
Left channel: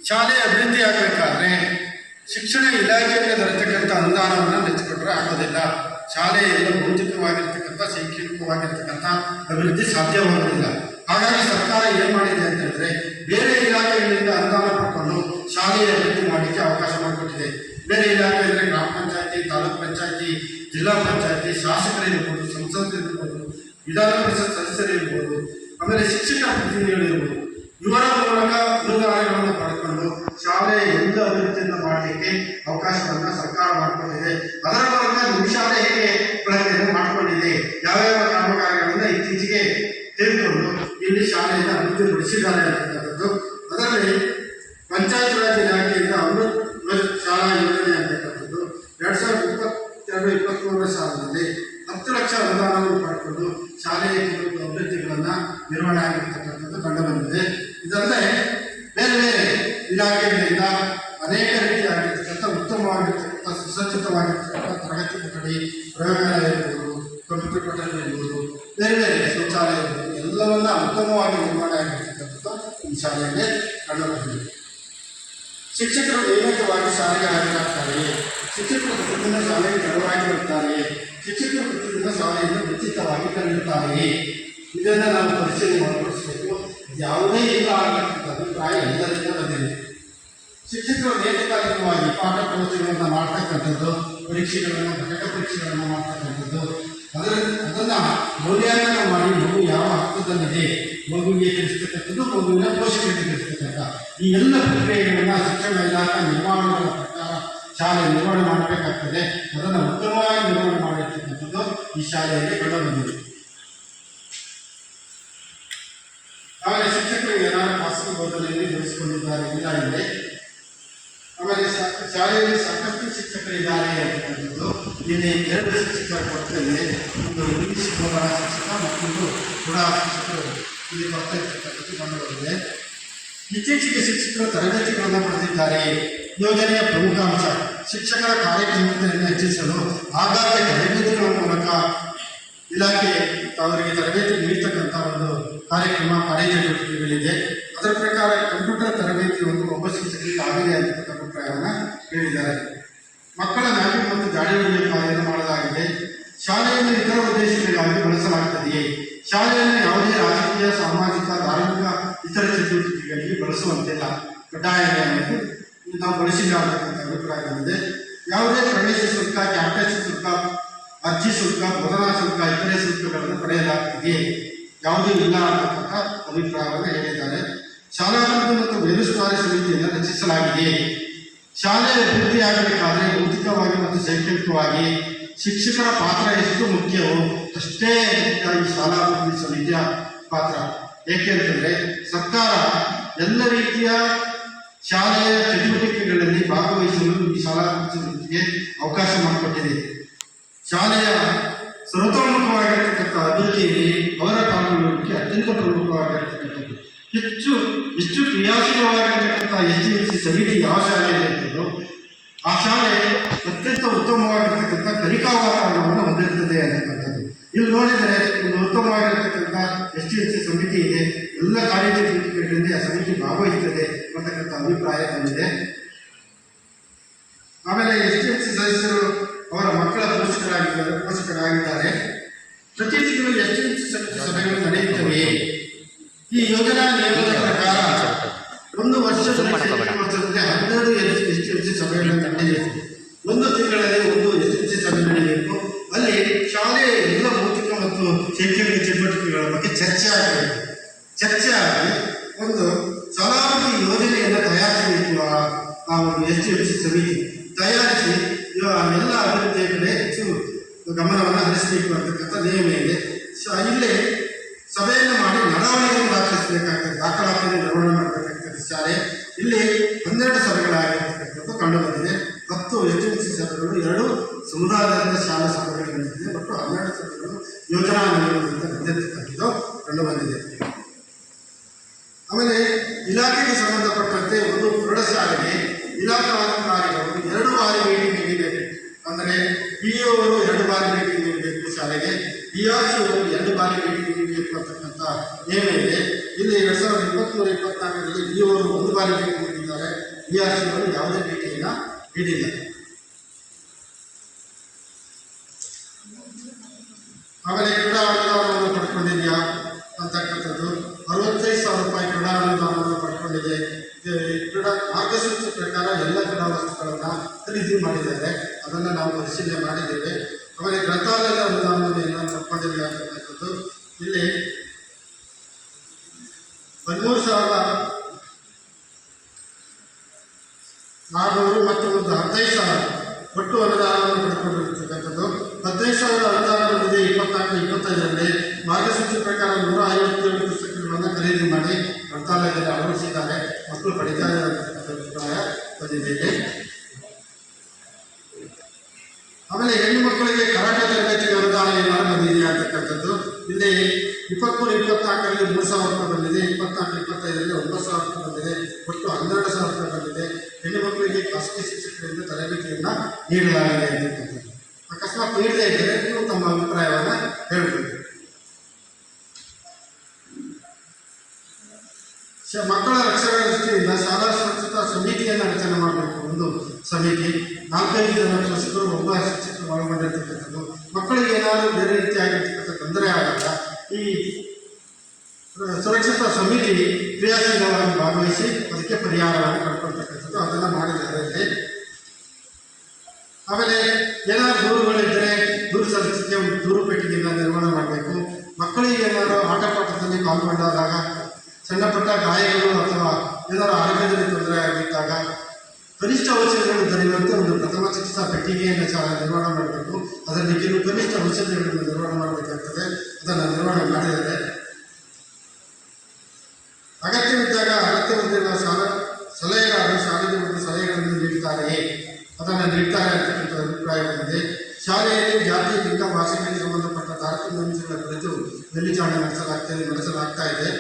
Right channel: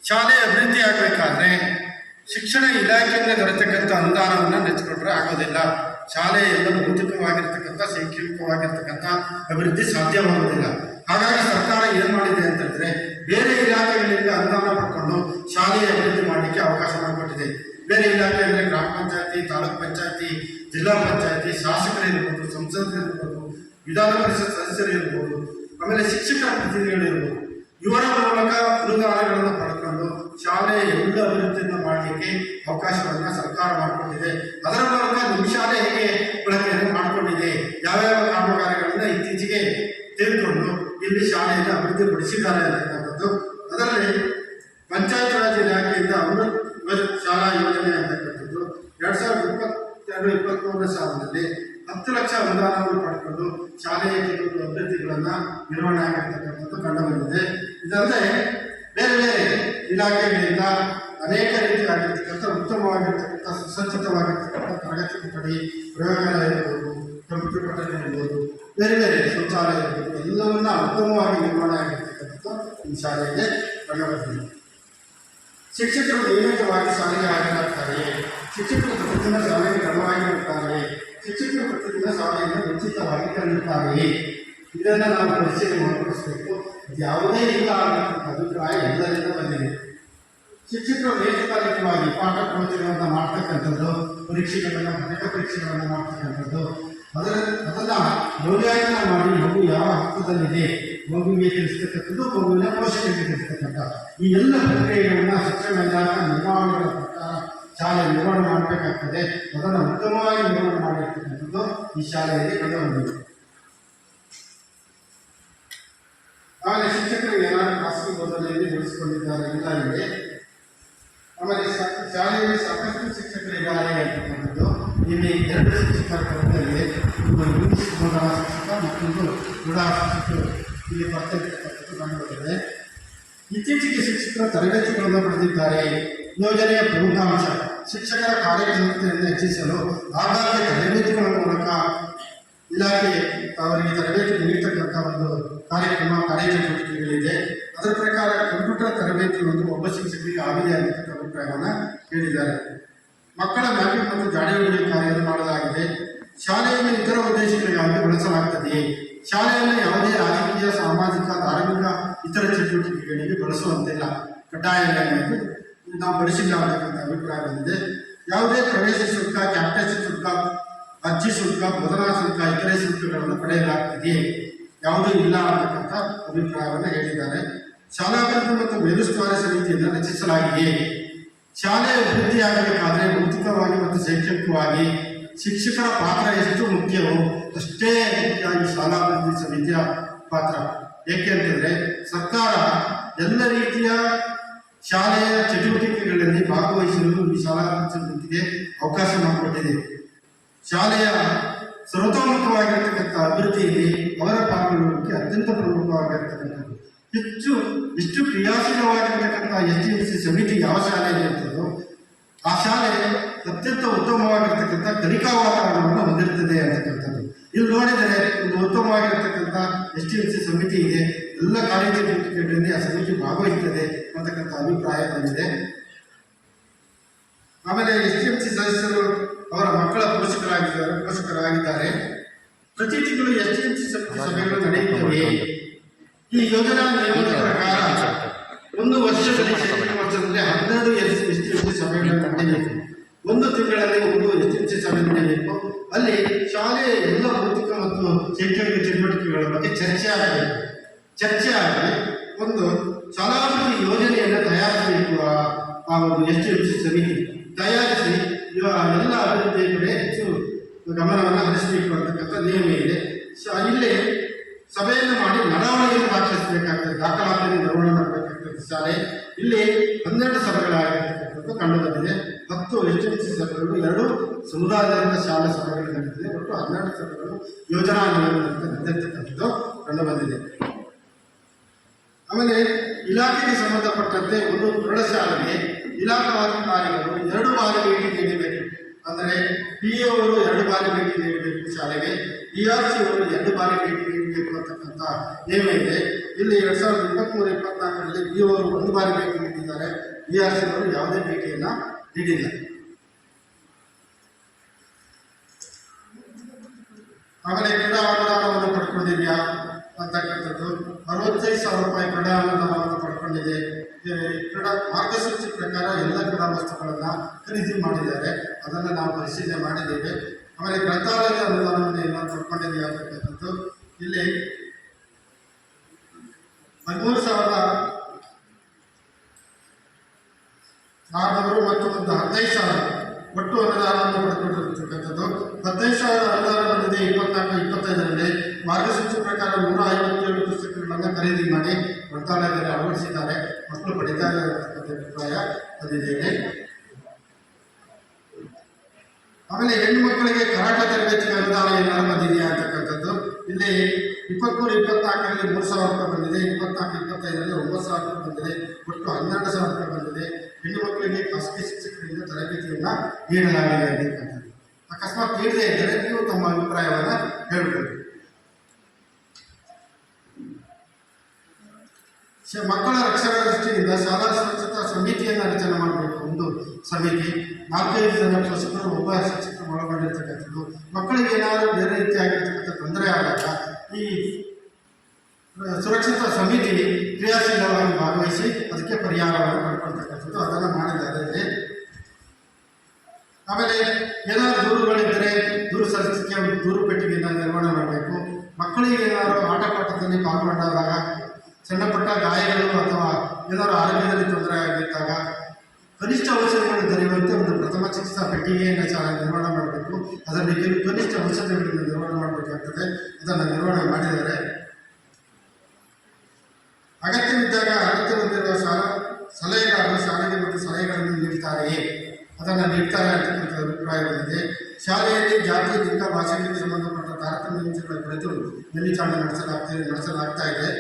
ಶಾಲೆ ಅಭಿವೃದ್ಧಿ ಆಗಬೇಕಾದ್ರೆ ಶಿಕ್ಷಣ ಇಲಾಖೆಯಲ್ಲಿ ದೊರೆತಕ್ಕಂಥ ಅನುದಾನವನ್ನು ನೆಚ್ಚಿಕೊಂಡ್ರೆ ಆಗೋದಿಲ್ಲ. ಶಾಲೆಯೆಲ್ಲ ಭೌತಿಕವಾಗಿರ್ತಕ್ಕಂಥ ಶೈಕ್ಷಣಿಕವಾಗಿರ್ತಕ್ಕಂಥ ಅಭಿವೃದ್ಧಿ ಸಾಧ್ಯವಾಗುವುದಿಲ್ಲ. ಹಾಗಾಗಿ ಸರ್ಕಾರ ಏನು ಮಾಡಿದೆ ಅಂತ ಹೇಳಿದ್ರೆ ಬೇರೆ ಇಲಾಖೆಗಳಿಂದ ಅನುದಾನ ಪಡ್ಕೊಂಡು ಶಾಲೆಯ ಅಭಿವೃದ್ಧಿ ಮಾಡಲಿಕ್ಕೆ ಅವಕಾಶ ಮಾಡಿಕೊಟ್ಟಿದೆ. ಬೇರೆ ಇಲಾಖೆ ಅಂದರೆ ಗ್ರಾಮ ಪಂಚಾಯತಿ, ತಾಲೂಕು ಪಂಚಾಯತಿ, ಜಿಲ್ಲಾ ಪಂಚಾಯತಿ, ಶಾಸಕರಿರ್ಬೋದು, ಸಂಸದರಿರ್ಬೋದು, ವಿಧಾನ ಪರಿಷತ್ ಸದಸ್ಯರಿರ್ಬೋದು, ಆಮೇಲೆ ಶಿಕ್ಷಕ ಪ್ರತಿನಿಧಿಗಳಿರ್ಬೋದು, ಇವರ ಮೂಲಕ ಅನುದಾನಗಳನ್ನು ಪಡೆದುಕೊಂಡು ಶಾಲೆಯ ಎಲ್ಲ ಅಭಿವೃದ್ಧಿಯನ್ನು ಮಾಡಲಿಕ್ಕೆ ಅವಕಾಶವನ್ನು ಸರ್ಕಾರ ಮಾಡಿಕೊಂಡಿದೆ. ಅದರ ಮೂಲಕ ನಿಮ್ಮ ಶಾಲೆ ಹೇಗೆ ಬಳಕೆಯನ್ನು ಮಾಡಿಕೊಂಡಿದೆ, ಯಾವ್ಯಾವ ಕಾಮಗಾರಿಗಳನ್ನು ಇತ್ತೀಚೆಗೆ ತೆಗೆದುಕೊಂಡು ಇಲ್ಲಿ ಶಾಲೆಯನ್ನು ಅಭಿವೃದ್ಧಿಪಡಿಸಿದ್ದಾರೆ ಅಂತಕ್ಕಂಥದ್ದು. ಅದರಲ್ಲಿ ಪಂಚಾಯತ್ ರಾಜ್ ಇಲಾಖೆಯಿಂದ ಅಮೃತ್ ಶಾಲಾ ಯೋಜನೆ ಅಂತಕ್ಕಂಥದ್ದು 2022-23ನೇ ಸಾಲಿನಲ್ಲಿ 10 ಲಕ್ಷ ಅನುದಾನವನ್ನು ಪಡ್ಕೊಂಡು ಶಾಲೆಯ ಕೆಲವು ಅಭ್ಯರ್ಥಿಗಳನ್ನು ನಿರ್ವಹಣೆ ಆಗಿರ್ತಕ್ಕಂಥದ್ದು ಕಂಡುಬಂದಿದೆ. ಇದಲ್ಲದೆ ಬೇರೆ ಬೇರೆ ಇಲಾಖೆಗಳಿಂದ ಅನೇಕ ರೀತಿಯಾಗಿರ್ತಕ್ಕಂಥ ಉತ್ತಮವಾಗಿರ್ತಕ್ಕಂಥ ಸುಸಜ್ಜಿತವಾಗಿರ್ತಕ್ಕಂಥ ತರಗತಿ ಕೊಠಡಿ, ಪ್ರಯೋಗಾಲಯ ಇರ್ಬೋದು, ಕಂಪ್ಯೂಟರ್ ಕೊಠಡಿ ಇರ್ಬೋದು, ಬೇರೆ ಬೇರೆ ಶೌಚಾಲಯ ಇರ್ಬೋದು, ಎಲ್ಲವನ್ನ ಉತ್ತಮವಾಗಿ ನಿರ್ವಹಣೆ ಆಗಿರ್ತಕ್ಕಂಥದ್ದು ಈ ಶಾಲೆಯಲ್ಲಿ ಕಂಡುಬಂದಿದೆ. ಶಿಕ್ಷಕರು ನಿಯಮಿತವಾಗಿ ಶಾಲೆಗೆ ಹಾಜರಾಗ್ತಾರೆಯೇ? ಶಿಕ್ಷಕರು ಪ್ರತಿದಿನ ಶಾಲೆಗೆ ಕ್ರಮವಾಗಿ ಬರ್ತಾರೆಯೇ? ಶಿಕ್ಷಕರು ಪ್ರತಿದಿನ ಶಾಲೆಯನ್ನು ಉಚಿತವಾಗಿ ಕಲಿಯುತ್ತಾರೆಯೇ? ಇದನ್ನು ನಾವು ಪರಿಶೀಲನೆ ಮಾಡಿಕೊಡಿಸಬೇಕು. ಯಾವುದೇ ಇಲ್ಲ ಅನ್ನತಕ್ಕಂಥ ಅಭಿಪ್ರಾಯ ಎಲ್ಲರಿಂದ ಬಂದಿದೆ. ಶಿಕ್ಷಕರು ನೇತೃತ್ವವಾಗಿ ಪಾಠ ಪ್ರವಚನಗಳನ್ನು ಮಾಡ್ತಕ್ಕಂಥದ್ದು, ಪರೀಕ್ಷೆಗಳನ್ನು, ಘಟಕ ಪರೀಕ್ಷೆಗಳನ್ನು ಮಾಡ್ತಕ್ಕಂಥದ್ದು, ಅದನ್ನು ಮೌಲ್ಯಾಂಕನ ಮಾಡಿ ಮಗು ಯಾವ ಹಂತದಲ್ಲಿದೆ ಮಗುವಿಗೆ ತಿಳಿಸ್ತಕ್ಕಂಥದ್ದು, ಮಗುವಿನ ಪೋಷಕರಿಗೆ ತಿಳಿಸ್ತಕ್ಕಂಥ ಈ ಎಲ್ಲ ಪ್ರಕ್ರಿಯೆಗಳನ್ನು ಶಿಕ್ಷಣ ಇಲಾಖೆ ನಿರ್ವಹಣೆಗಳ ಪ್ರಕಾರ ಶಾಲೆ ನಿರ್ವಹಣೆ ಮಾಡಬೇಕಾಗ್ತದೆ. ಅದನ್ನು ಉತ್ತಮವಾಗಿ ನಿರ್ವಹಣೆ ಮಾಡಿರ್ತಕ್ಕಂಥದ್ದು ಈ ಶಾಲೆಯಲ್ಲಿ ಕಂಡುಬಂದಿದೆ. ಆಮೇಲೆ ಶಿಕ್ಷಕರು ಏನಾದರೂ ಖಾಸಗಿ ಬೋಧನೆಯಲ್ಲಿ ಜೋಡಿಸಿಕೊಂಡಿದ್ದಾರೆ ಇಲ್ಲ ಇದೆ. ಆಮೇಲೆ ಶಾಲೆಯಲ್ಲಿ ಸಾಕಷ್ಟು ಶಿಕ್ಷಕರಿದ್ದಾರೆ ಅಂತಕ್ಕಂಥದ್ದು. ಇಲ್ಲಿ 2 ಶಿಕ್ಷಕರ ಕೊರತೆಯಿದೆ. ಒಂದು ಇಂಗ್ಲೀಷ್ ಬೋಧನಾ ಶಿಕ್ಷಕ, ಮತ್ತೊಂದು ಕ್ರೀಡಾ ಶಿಕ್ಷಕರು ಇಲ್ಲಿ ಕೊರತೆ ಇರ್ತಕ್ಕಂಥದ್ದು ಕಂಡುಬಂದಿದೆ. ಇತ್ತೀಚೆಗೆ ಶಿಕ್ಷಕರ ತರಬೇತಿಗಳನ್ನು ಪಡೆದಿದ್ದಾರೆ. ಯೋಜನೆಯ ಪ್ರಮುಖ ಅಂಶ ಶಿಕ್ಷಕರ ಕಾರ್ಯಕ್ಷಮತೆಯನ್ನು ಹೆಚ್ಚಿಸಲು ಆಗಾಗ್ಗೆ ತರಬೇತಿಗಳ ಮೂಲಕ ಇಲಾಖೆ ಅವರಿಗೆ ತರಬೇತಿ ನೀಡ್ತಕ್ಕಂಥ ಒಂದು ಕಾರ್ಯಚಟುವಟಿಕೆಗಳಿದೆ. ಅದರ ಪ್ರಕಾರ ಕಂಪ್ಯೂಟರ್ ತರಬೇತಿ ಒಬ್ಬ ಶಿಕ್ಷಕರಿಗೆ ಆಗಲಿ ಅಂತಕ್ಕಂಥ ಅಭಿಪ್ರಾಯವನ್ನು ಹೇಳಿದ್ದಾರೆ. ಮಕ್ಕಳ ಮ್ಯಾಪಿಂಗ್ ಮತ್ತು ಗಾಡಿ ಹೊಡೆಯುವ ಕಾರ್ಯವನ್ನು ಮಾಡಲಾಗಿದೆ. ಶಾಲೆಯನ್ನು ಇತರ ಉದ್ದೇಶಗಳಿಗಾಗಿ ಬಳಸಲಾಗುತ್ತದೆಯೇ? ಶಾಲೆಯನ್ನು ಯಾವುದೇ ರಾಜಕೀಯ, ಸಾಮಾಜಿಕ, ಧಾರ್ಮಿಕ ಇತರ ಚಟುವಟಿಕೆಗಳಿಗೆ ಬಳಸುವಂತಿಲ್ಲ. ಕಡ್ಡಾಯ ಅನ್ನೋದು ನಾವು ಬಳಸಿಲ್ಲ ಅಂತಕ್ಕಂಥ ಅಭಿಪ್ರಾಯ ಬಂದಿದೆ. ಯಾವುದೇ ಪ್ರವೇಶ ಶುಲ್ಕ, ಕ್ಯಾಂಪಸ್ ಶುಲ್ಕ, ಅರ್ಜಿ ಶುಲ್ಕ, ಬೋಧನಾ ಶುಲ್ಕ, ಇತರೆ ಶುಲ್ಕಗಳನ್ನು ಪಡೆಯಲಾಗ್ತಿದೆಯೇ? ಯಾವುದೂ ಇಲ್ಲ ಅನ್ನತಕ್ಕಂಥ ಅಭಿಪ್ರಾಯವನ್ನು ಹೇಳಿದ್ದಾರೆ. ಶಾಲಾಭಿವೃದ್ಧಿ ಮತ್ತು ಮೇಲುಸ್ತುವಾರಿ ಸಮಿತಿಯನ್ನು ರಚಿಸಲಾಗಿದೆ. ಶಾಲೆ ಅಭಿವೃದ್ಧಿಯಾಗಬೇಕಾದರೆ ಭೌತಿಕವಾಗಿ ಮತ್ತು ಶೈಕ್ಷಣಿಕವಾಗಿ ಶಿಕ್ಷಕರ ಪಾತ್ರ ಎಷ್ಟು ಮುಖ್ಯವೋ ಅಷ್ಟೇ ಮುಖ್ಯವಾಗಿ ಶಾಲಾಭಿವೃದ್ಧಿ ಸಮಿತಿಯ ಪಾತ್ರ. ಏಕೆಂತಂದರೆ ಸರ್ಕಾರ ಎಲ್ಲ ರೀತಿಯ ಶಾಲೆಯ ಚಟುವಟಿಕೆಗಳಲ್ಲಿ ಭಾಗವಹಿಸಲು ಈ ಶಾಲಾಭಿವೃದ್ಧಿ ಸಮಿತಿಗೆ ಅವಕಾಶ ಮಾಡಿಕೊಟ್ಟಿದೆ. ಶಾಲೆಯ ಸರ್ವತೋಮುಖವಾಗಿರತಕ್ಕಂಥ ಅಭಿವೃದ್ಧಿಯಲ್ಲಿ ಅವರ ಪಾಲ್ಗೊಳ್ಳುವಿಕೆ ಅತ್ಯಂತ ಪ್ರಮುಖವಾಗಿರ್ತಕ್ಕಂಥದ್ದು. ಹೆಚ್ಚು ಕ್ರಿಯಾಶೀಲವಾಗಿರತಕ್ಕಂಥ SDLC ಸಮಿತಿ ಯಾವ ಶಾಲೆಯಲ್ಲಿ ಇರ್ತದೋ ಆ ಶಾಲೆ ಅತ್ಯಂತ ಉತ್ತಮವಾಗಿರ್ತಕ್ಕಂಥ ಕಲಿಕಾ ವಾತಾವರಣವನ್ನು ಹೊಂದಿರ್ತದೆ ಅಂತಕ್ಕಂಥದ್ದು. ಇಲ್ಲಿ ನೋಡಿದರೆ ಒಂದು ಉತ್ತಮವಾಗಿರತಕ್ಕಂಥ SDLC ಸಮಿತಿ ಇದೆ, ಎಲ್ಲ ಕಾಲೇಜು ಚಟುವಟಿಕೆಗಳಲ್ಲಿ ಆ ಸಮಿತಿ ಭಾಗವಹಿಸ್ತದೆ ಅಂತಕ್ಕಂಥ ಅಭಿಪ್ರಾಯ ಬಂದಿದೆ. ಆಮೇಲೆ SDLC ಸದಸ್ಯರು ಅವರ ಮಕ್ಕಳ ಪೋಷಕರಾಗಿದ್ದಾರೆ. ಪ್ರತಿ ತಿಂಗಳು SDLC ಸಮಿತಿ ಸಭೆಗಳು ನಡೆಯುತ್ತವೆ. ಈ ಯೋಜನಾ ನಿಯಮದ ಪ್ರಕಾರ ಒಂದು ವರ್ಷದಲ್ಲಿ 12 SDLC ಸಭೆಗಳನ್ನು ನಡೆಯಬೇಕು. ಒಂದು ತಿಂಗಳಲ್ಲಿ ಒಂದು SDLC ಸಭೆ ನಡೆಯಬೇಕು. ಅಲ್ಲಿ ಶಾಲೆಯ ಎಲ್ಲ ಭೌತಿಕ ಮತ್ತು ಶೈಕ್ಷಣಿಕ ಚಟುವಟಿಕೆಗಳ ಬಗ್ಗೆ ಚರ್ಚೆ ಆಗಿ ಒಂದು ಶಾಲಾಭಿವೃದ್ಧಿ ಯೋಜನೆಯನ್ನು ತಯಾರಿಸಬೇಕು. ಆ ಒಂದು SDLC ಸಮಿತಿ ತಯಾರಿಸಿ ಎಲ್ಲ ಅಭಿವೃದ್ಧಿಯ ಕಡೆ ಹೆಚ್ಚು ಗಮನವನ್ನು ಹರಿಸಬೇಕು ಅಂತಕ್ಕಂಥ ನಿಯಮ ಇದೆ. ಇಲ್ಲಿ ಸಭೆಯನ್ನು ಮಾಡಿ ನಡವಳಿಕೆಯನ್ನು ದಾಖಲಿಸಬೇಕಾಗ್ತದೆ, ದಾಖಲಾತಿಯನ್ನು ನಿರ್ವಹಣೆ ಮಾಡಬೇಕಾಗ್ತದೆ ಶಾಲೆ. ಇಲ್ಲಿ 12 ಸಭೆಗಳಾಗಿರ್ತಕ್ಕಂಥದ್ದು ಕಂಡು ಬಂದಿದೆ. 10 SDLC ಸಭೆಗಳು, 2 ಸಮುದಾಯದ ಶಾಲಾ ಸಭೆಗಳು ನಡೆದಿದೆ. ಒಟ್ಟು 12 ಸಭೆಗಳು ಯೋಜನಾ ನಿಯಮದಂತೆ ನಡೆದಿರ್ತಕ್ಕಂಥದ್ದು ಕಂಡು ಬಂದಿದೆ. ಆಮೇಲೆ ಇಲಾಖೆಗೆ ಸಂಬಂಧಪಟ್ಟಂತೆ ಒಂದು ಪ್ರೌಢಶಾಲೆಗೆ ಇಲಾಖಾಧಿಕಾರಿಗಳು 2 ಬಾರಿ ಭೇಟಿ ನೀಡಬೇಕು. ಅಂದರೆ PO ಅವರು 2 ಬಾರಿ ಭೇಟಿ ನೀಡಬೇಕು ಶಾಲೆಗೆ, DRC ಅವರು 2 ಬಾರಿ ಭೇಟಿ ನೀಡಬೇಕು ಅಂತಕ್ಕಂಥ ನಿಯಮ ಇದೆ. ಇಲ್ಲಿ 2023-24ರಲ್ಲಿ PO ಅವರು 1 ಬಾರಿ ಭೇಟಿ ನೀಡಿದ್ದಾರೆ, DRC ಅವರು ಯಾವುದೇ ಭೇಟಿಯನ್ನು ನೀಡಿಲ್ಲ. ಆಮೇಲೆ ಕ್ರೀಡಾ ಅನುದಾನವನ್ನು ಪಡ್ಕೊಂಡಿದೆಯಾ ಅಂತಕ್ಕಂಥದ್ದು 65,000 ರೂಪಾಯಿ ಕ್ರೀಡಾ ಅನುದಾನವನ್ನು ಪಡ್ಕೊಂಡಿದೆ. ಕ್ರೀಡಾ ಮಾರ್ಗಸೂಚಿ ಪ್ರಕಾರ ಎಲ್ಲ ಕ್ರೀಡಾ ವಸ್ತುಗಳನ್ನು ಖರೀದಿ ಮಾಡಿದ್ದಾರೆ, ಅದನ್ನು ನಾವು ಪರಿಶೀಲನೆ ಮಾಡಿದ್ದೇವೆ. ಆಮೇಲೆ ಗ್ರಂಥಾಲಯದ ಅನುದಾನವನ್ನು ಎಲ್ಲ ಪಡ್ಕೊಂಡಿದೆಯಾ ಅಂತಕ್ಕಂಥದ್ದು ಇಲ್ಲಿ 13,600 ಮತ್ತು ಒಂದು 15,000 ಒಟ್ಟು ಅನುದಾನವನ್ನು ಪಡ್ಕೊಂಡಿರ್ತಕ್ಕಂಥದ್ದು. 15,000 ಅನುದಾನ ಬಂದಿದೆ 24-25ರಲ್ಲಿ. ಮಾರ್ಗಸೂಚಿ ಪ್ರಕಾರ 157 ಪುಸ್ತಕಗಳನ್ನು ಖರೀದಿ ಮಾಡಿ ಗ್ರಂಥಾಲಯದಲ್ಲಿ ಅಳವಡಿಸಿದ್ದಾರೆ, ಮಕ್ಕಳು ಪಡಿತಾರೆ ಅಂತಕ್ಕಂಥ ಅಭಿಪ್ರಾಯ ಬಂದಿದ್ದೇನೆ. ಆಮೇಲೆ ಹೆಣ್ಣು ಮಕ್ಕಳಿಗೆ ಕರಾಟೆ ತರಬೇತಿಗೆ ಅನುದಾನ ಏನಾದ್ರು ಬಂದಿದೆಯಾ ಅಂತಕ್ಕಂಥದ್ದು ಇಲ್ಲಿ 23-24ರಲ್ಲಿ 3,000 ರೂಪಾಯಿ ಬಂದಿದೆ, 24-25ರಲ್ಲಿ 9,000 ರೂಪಾಯಿ ಬಂದಿದೆ, ಒಟ್ಟು 12,000 ರೂಪಾಯಿ ಬಂದಿದೆ. ಹೆಣ್ಣು ಮಕ್ಕಳಿಗೆ ಖಾಸಗಿ ಶಿಕ್ಷಕರಿಂದ ತರಬೇತಿಯನ್ನು ನೀಡಲಾಗಿದೆ ಅಂತಕ್ಕಂಥದ್ದು. ಅಕಸ್ಮಾತ್ ನೀಡದೇ ಇದ್ದರೆ ನೀವು ತಮ್ಮ ಅಭಿಪ್ರಾಯವನ್ನು ಹೇಳಬೇಕು. ಮಕ್ಕಳ ರಕ್ಷಣಾ ದೃಷ್ಟಿಯಿಂದ ಶಾಲಾ ಸುರಕ್ಷತಾ ಸಮಿತಿಯನ್ನು ರಚನೆ ಮಾಡಬೇಕು. ಒಂದು ಸಮಿತಿ 4-5 ಜನ ಪೋಷಕರು, 1 ಶಿಕ್ಷಕರು ಒಳಗೊಂಡಿರ್ತಕ್ಕಂಥದ್ದು. ಮಕ್ಕಳಿಗೆ ಏನಾದರೂ ಬೇರೆ ರೀತಿಯಾಗಿರ್ತಕ್ಕಂಥ ತೊಂದರೆ ಆದಾಗ ಈ ಸುರಕ್ಷತಾ ಸಮಿತಿ ಕ್ರಿಯಾಶೀಲವಾಗಿ ಭಾಗವಹಿಸಿ ಅದಕ್ಕೆ ಪರಿಹಾರವನ್ನು ಪಡ್ಕೊಳ್ತಕ್ಕಂಥದ್ದು, ಅದನ್ನು ಮಾಡಿದ್ದಾರೆ. ಆಮೇಲೆ ಏನಾದರೂ ದೂರುಗಳಿದ್ದರೆ ದೂರು ಸಲ್ಲಿಸಲಿಕ್ಕೆ ಒಂದು ದೂರು ಪೆಟ್ಟಿಗೆಯನ್ನು ನಿರ್ವಹಣೆ ಮಾಡಬೇಕು. ಮಕ್ಕಳಿಗೆ ಏನಾದರೂ ಆಟ ಪಾಠದಲ್ಲಿ ಪಾಲ್ಗೊಂಡಾಗ ಸಣ್ಣ ಪುಟ್ಟ ಗಾಯಗಳು ಅಥವಾ ಏನಾದರೂ ಆರೋಗ್ಯದಲ್ಲಿ ತೊಂದರೆ ಆಗಿದ್ದಾಗ ಕನಿಷ್ಠ ಔಷಧಿಗಳು ದೊರೆಯುವಂತೆ ಒಂದು ಪ್ರಥಮ ಚಿಕಿತ್ಸಾ ಪೆಟ್ಟಿಗೆಯನ್ನು ಶಾಲೆ ನಿರ್ವಹಣೆ ಮಾಡಬೇಕು. ಅದರಲ್ಲಿ ಕೆಲವು ಕನಿಷ್ಠ ಔಷಧಿಗಳನ್ನು ನಿರ್ವಹಣೆ ಮಾಡಬೇಕಾಗ್ತದೆ, ಅದನ್ನು ನಿರ್ವಹಣೆ ಮಾಡಿದ್ದಾರೆ. ಅಗತ್ಯವಿದ್ದಾಗ ಅಗತ್ಯವಿದ್ದಿರುವ ಸಲಹೆಗಾರರು ಶಾಲೆಗೆ ಒಂದು ಸಲಹೆಗಳನ್ನು ನೀಡುತ್ತಾರೆಯೇ, ಅದನ್ನು ನೀಡ್ತಾರೆ ಅಂತಕ್ಕಂಥ ಅಭಿಪ್ರಾಯ ಬಂದಿದೆ. ಶಾಲೆಯಲ್ಲಿ ಜಾತಿ, ಲಿಂಗ, ಭಾಷೆಗಳಿಗೆ ಸಂಬಂಧಪಟ್ಟ ತಾರತಮ್ಯ ಅಂಶಗಳ ಕುರಿತು ಮೇಲ್ವಿಚಾರಣೆ ನಡೆಸಲಾಗ್ತಾ ಇದೆ.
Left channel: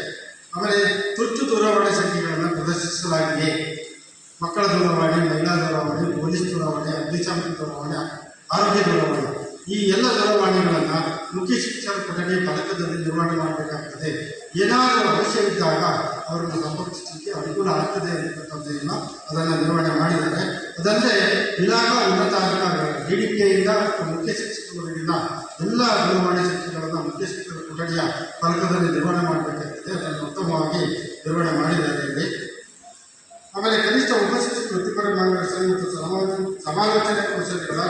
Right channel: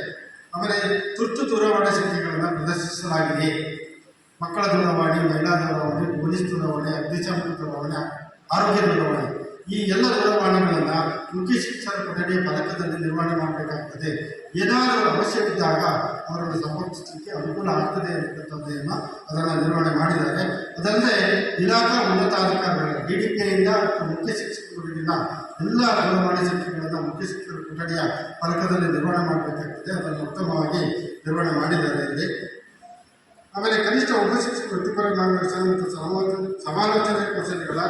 ಆಮೇಲೆ ತುರ್ತು ದೂರವಾಣಿ ಸಂಖ್ಯೆಗಳನ್ನು ಪ್ರದರ್ಶಿಸಲಾಗಿದೆ. ಮಕ್ಕಳ ದೂರವಾಣಿ, ಮಹಿಳಾ ದೂರವಾಣಿ, ಪೊಲೀಸ್ ದೂರವಾಣಿ, ಅಗ್ನಿಶಾಮಕ ದೂರವಾಣಿ, ಆರೋಗ್ಯ ದೂರವಾಣಿ, ಈ ಎಲ್ಲ ದೂರವಾಣಿಗಳನ್ನು ಮುಖ್ಯ ಶಿಕ್ಷಣ ಕೊಠಡಿಯ ಫಲಕದಲ್ಲಿ ನಿರ್ವಹಣೆ ಮಾಡಬೇಕಾಗ್ತದೆ. ಏನಾದರೂ ಅವಶ್ಯವಿದ್ದಾಗ ಅವರನ್ನು ಸಂಪರ್ಕಿಸಲಿಕ್ಕೆ ಅನುಕೂಲ ಆಗ್ತದೆ ಅಂತಕ್ಕಂಥದ್ದನ್ನು ಅದನ್ನು ನಿರ್ವಹಣೆ ಮಾಡಿದ್ದಾರೆ. ಅದಲ್ಲದೆ ಇಲಾಖಾ ಉನ್ನತಾಧಿಕಾರಿಗಳು DDPಯಿಂದ ಮುಖ್ಯ ಶಿಕ್ಷಕರುಗಳಿಂದ ಎಲ್ಲ ದೂರವಾಣಿ ಸಂಖ್ಯೆಗಳನ್ನು ಮುಖ್ಯ ಶಿಕ್ಷಕರ ಕೊಠಡಿಯ ಫಲಕದಲ್ಲಿ ನಿರ್ವಹಣೆ ಮಾಡಬೇಕಾಗ್ತದೆ, ಅದನ್ನು ಉತ್ತಮವಾಗಿ ನಿರ್ವಹಣೆ ಮಾಡಿದ್ದಾರೆ ಇಲ್ಲಿ. ಆಮೇಲೆ ಕನಿಷ್ಠ ಉಪಶಿಕ್ಷಕ ವೃತ್ತಿಪರ ಮಾರ್ಗದರ್ಶನ ಮತ್ತು ಸಮಾಲೋಚನೆ ಕೌಶಲ್ಯಗಳ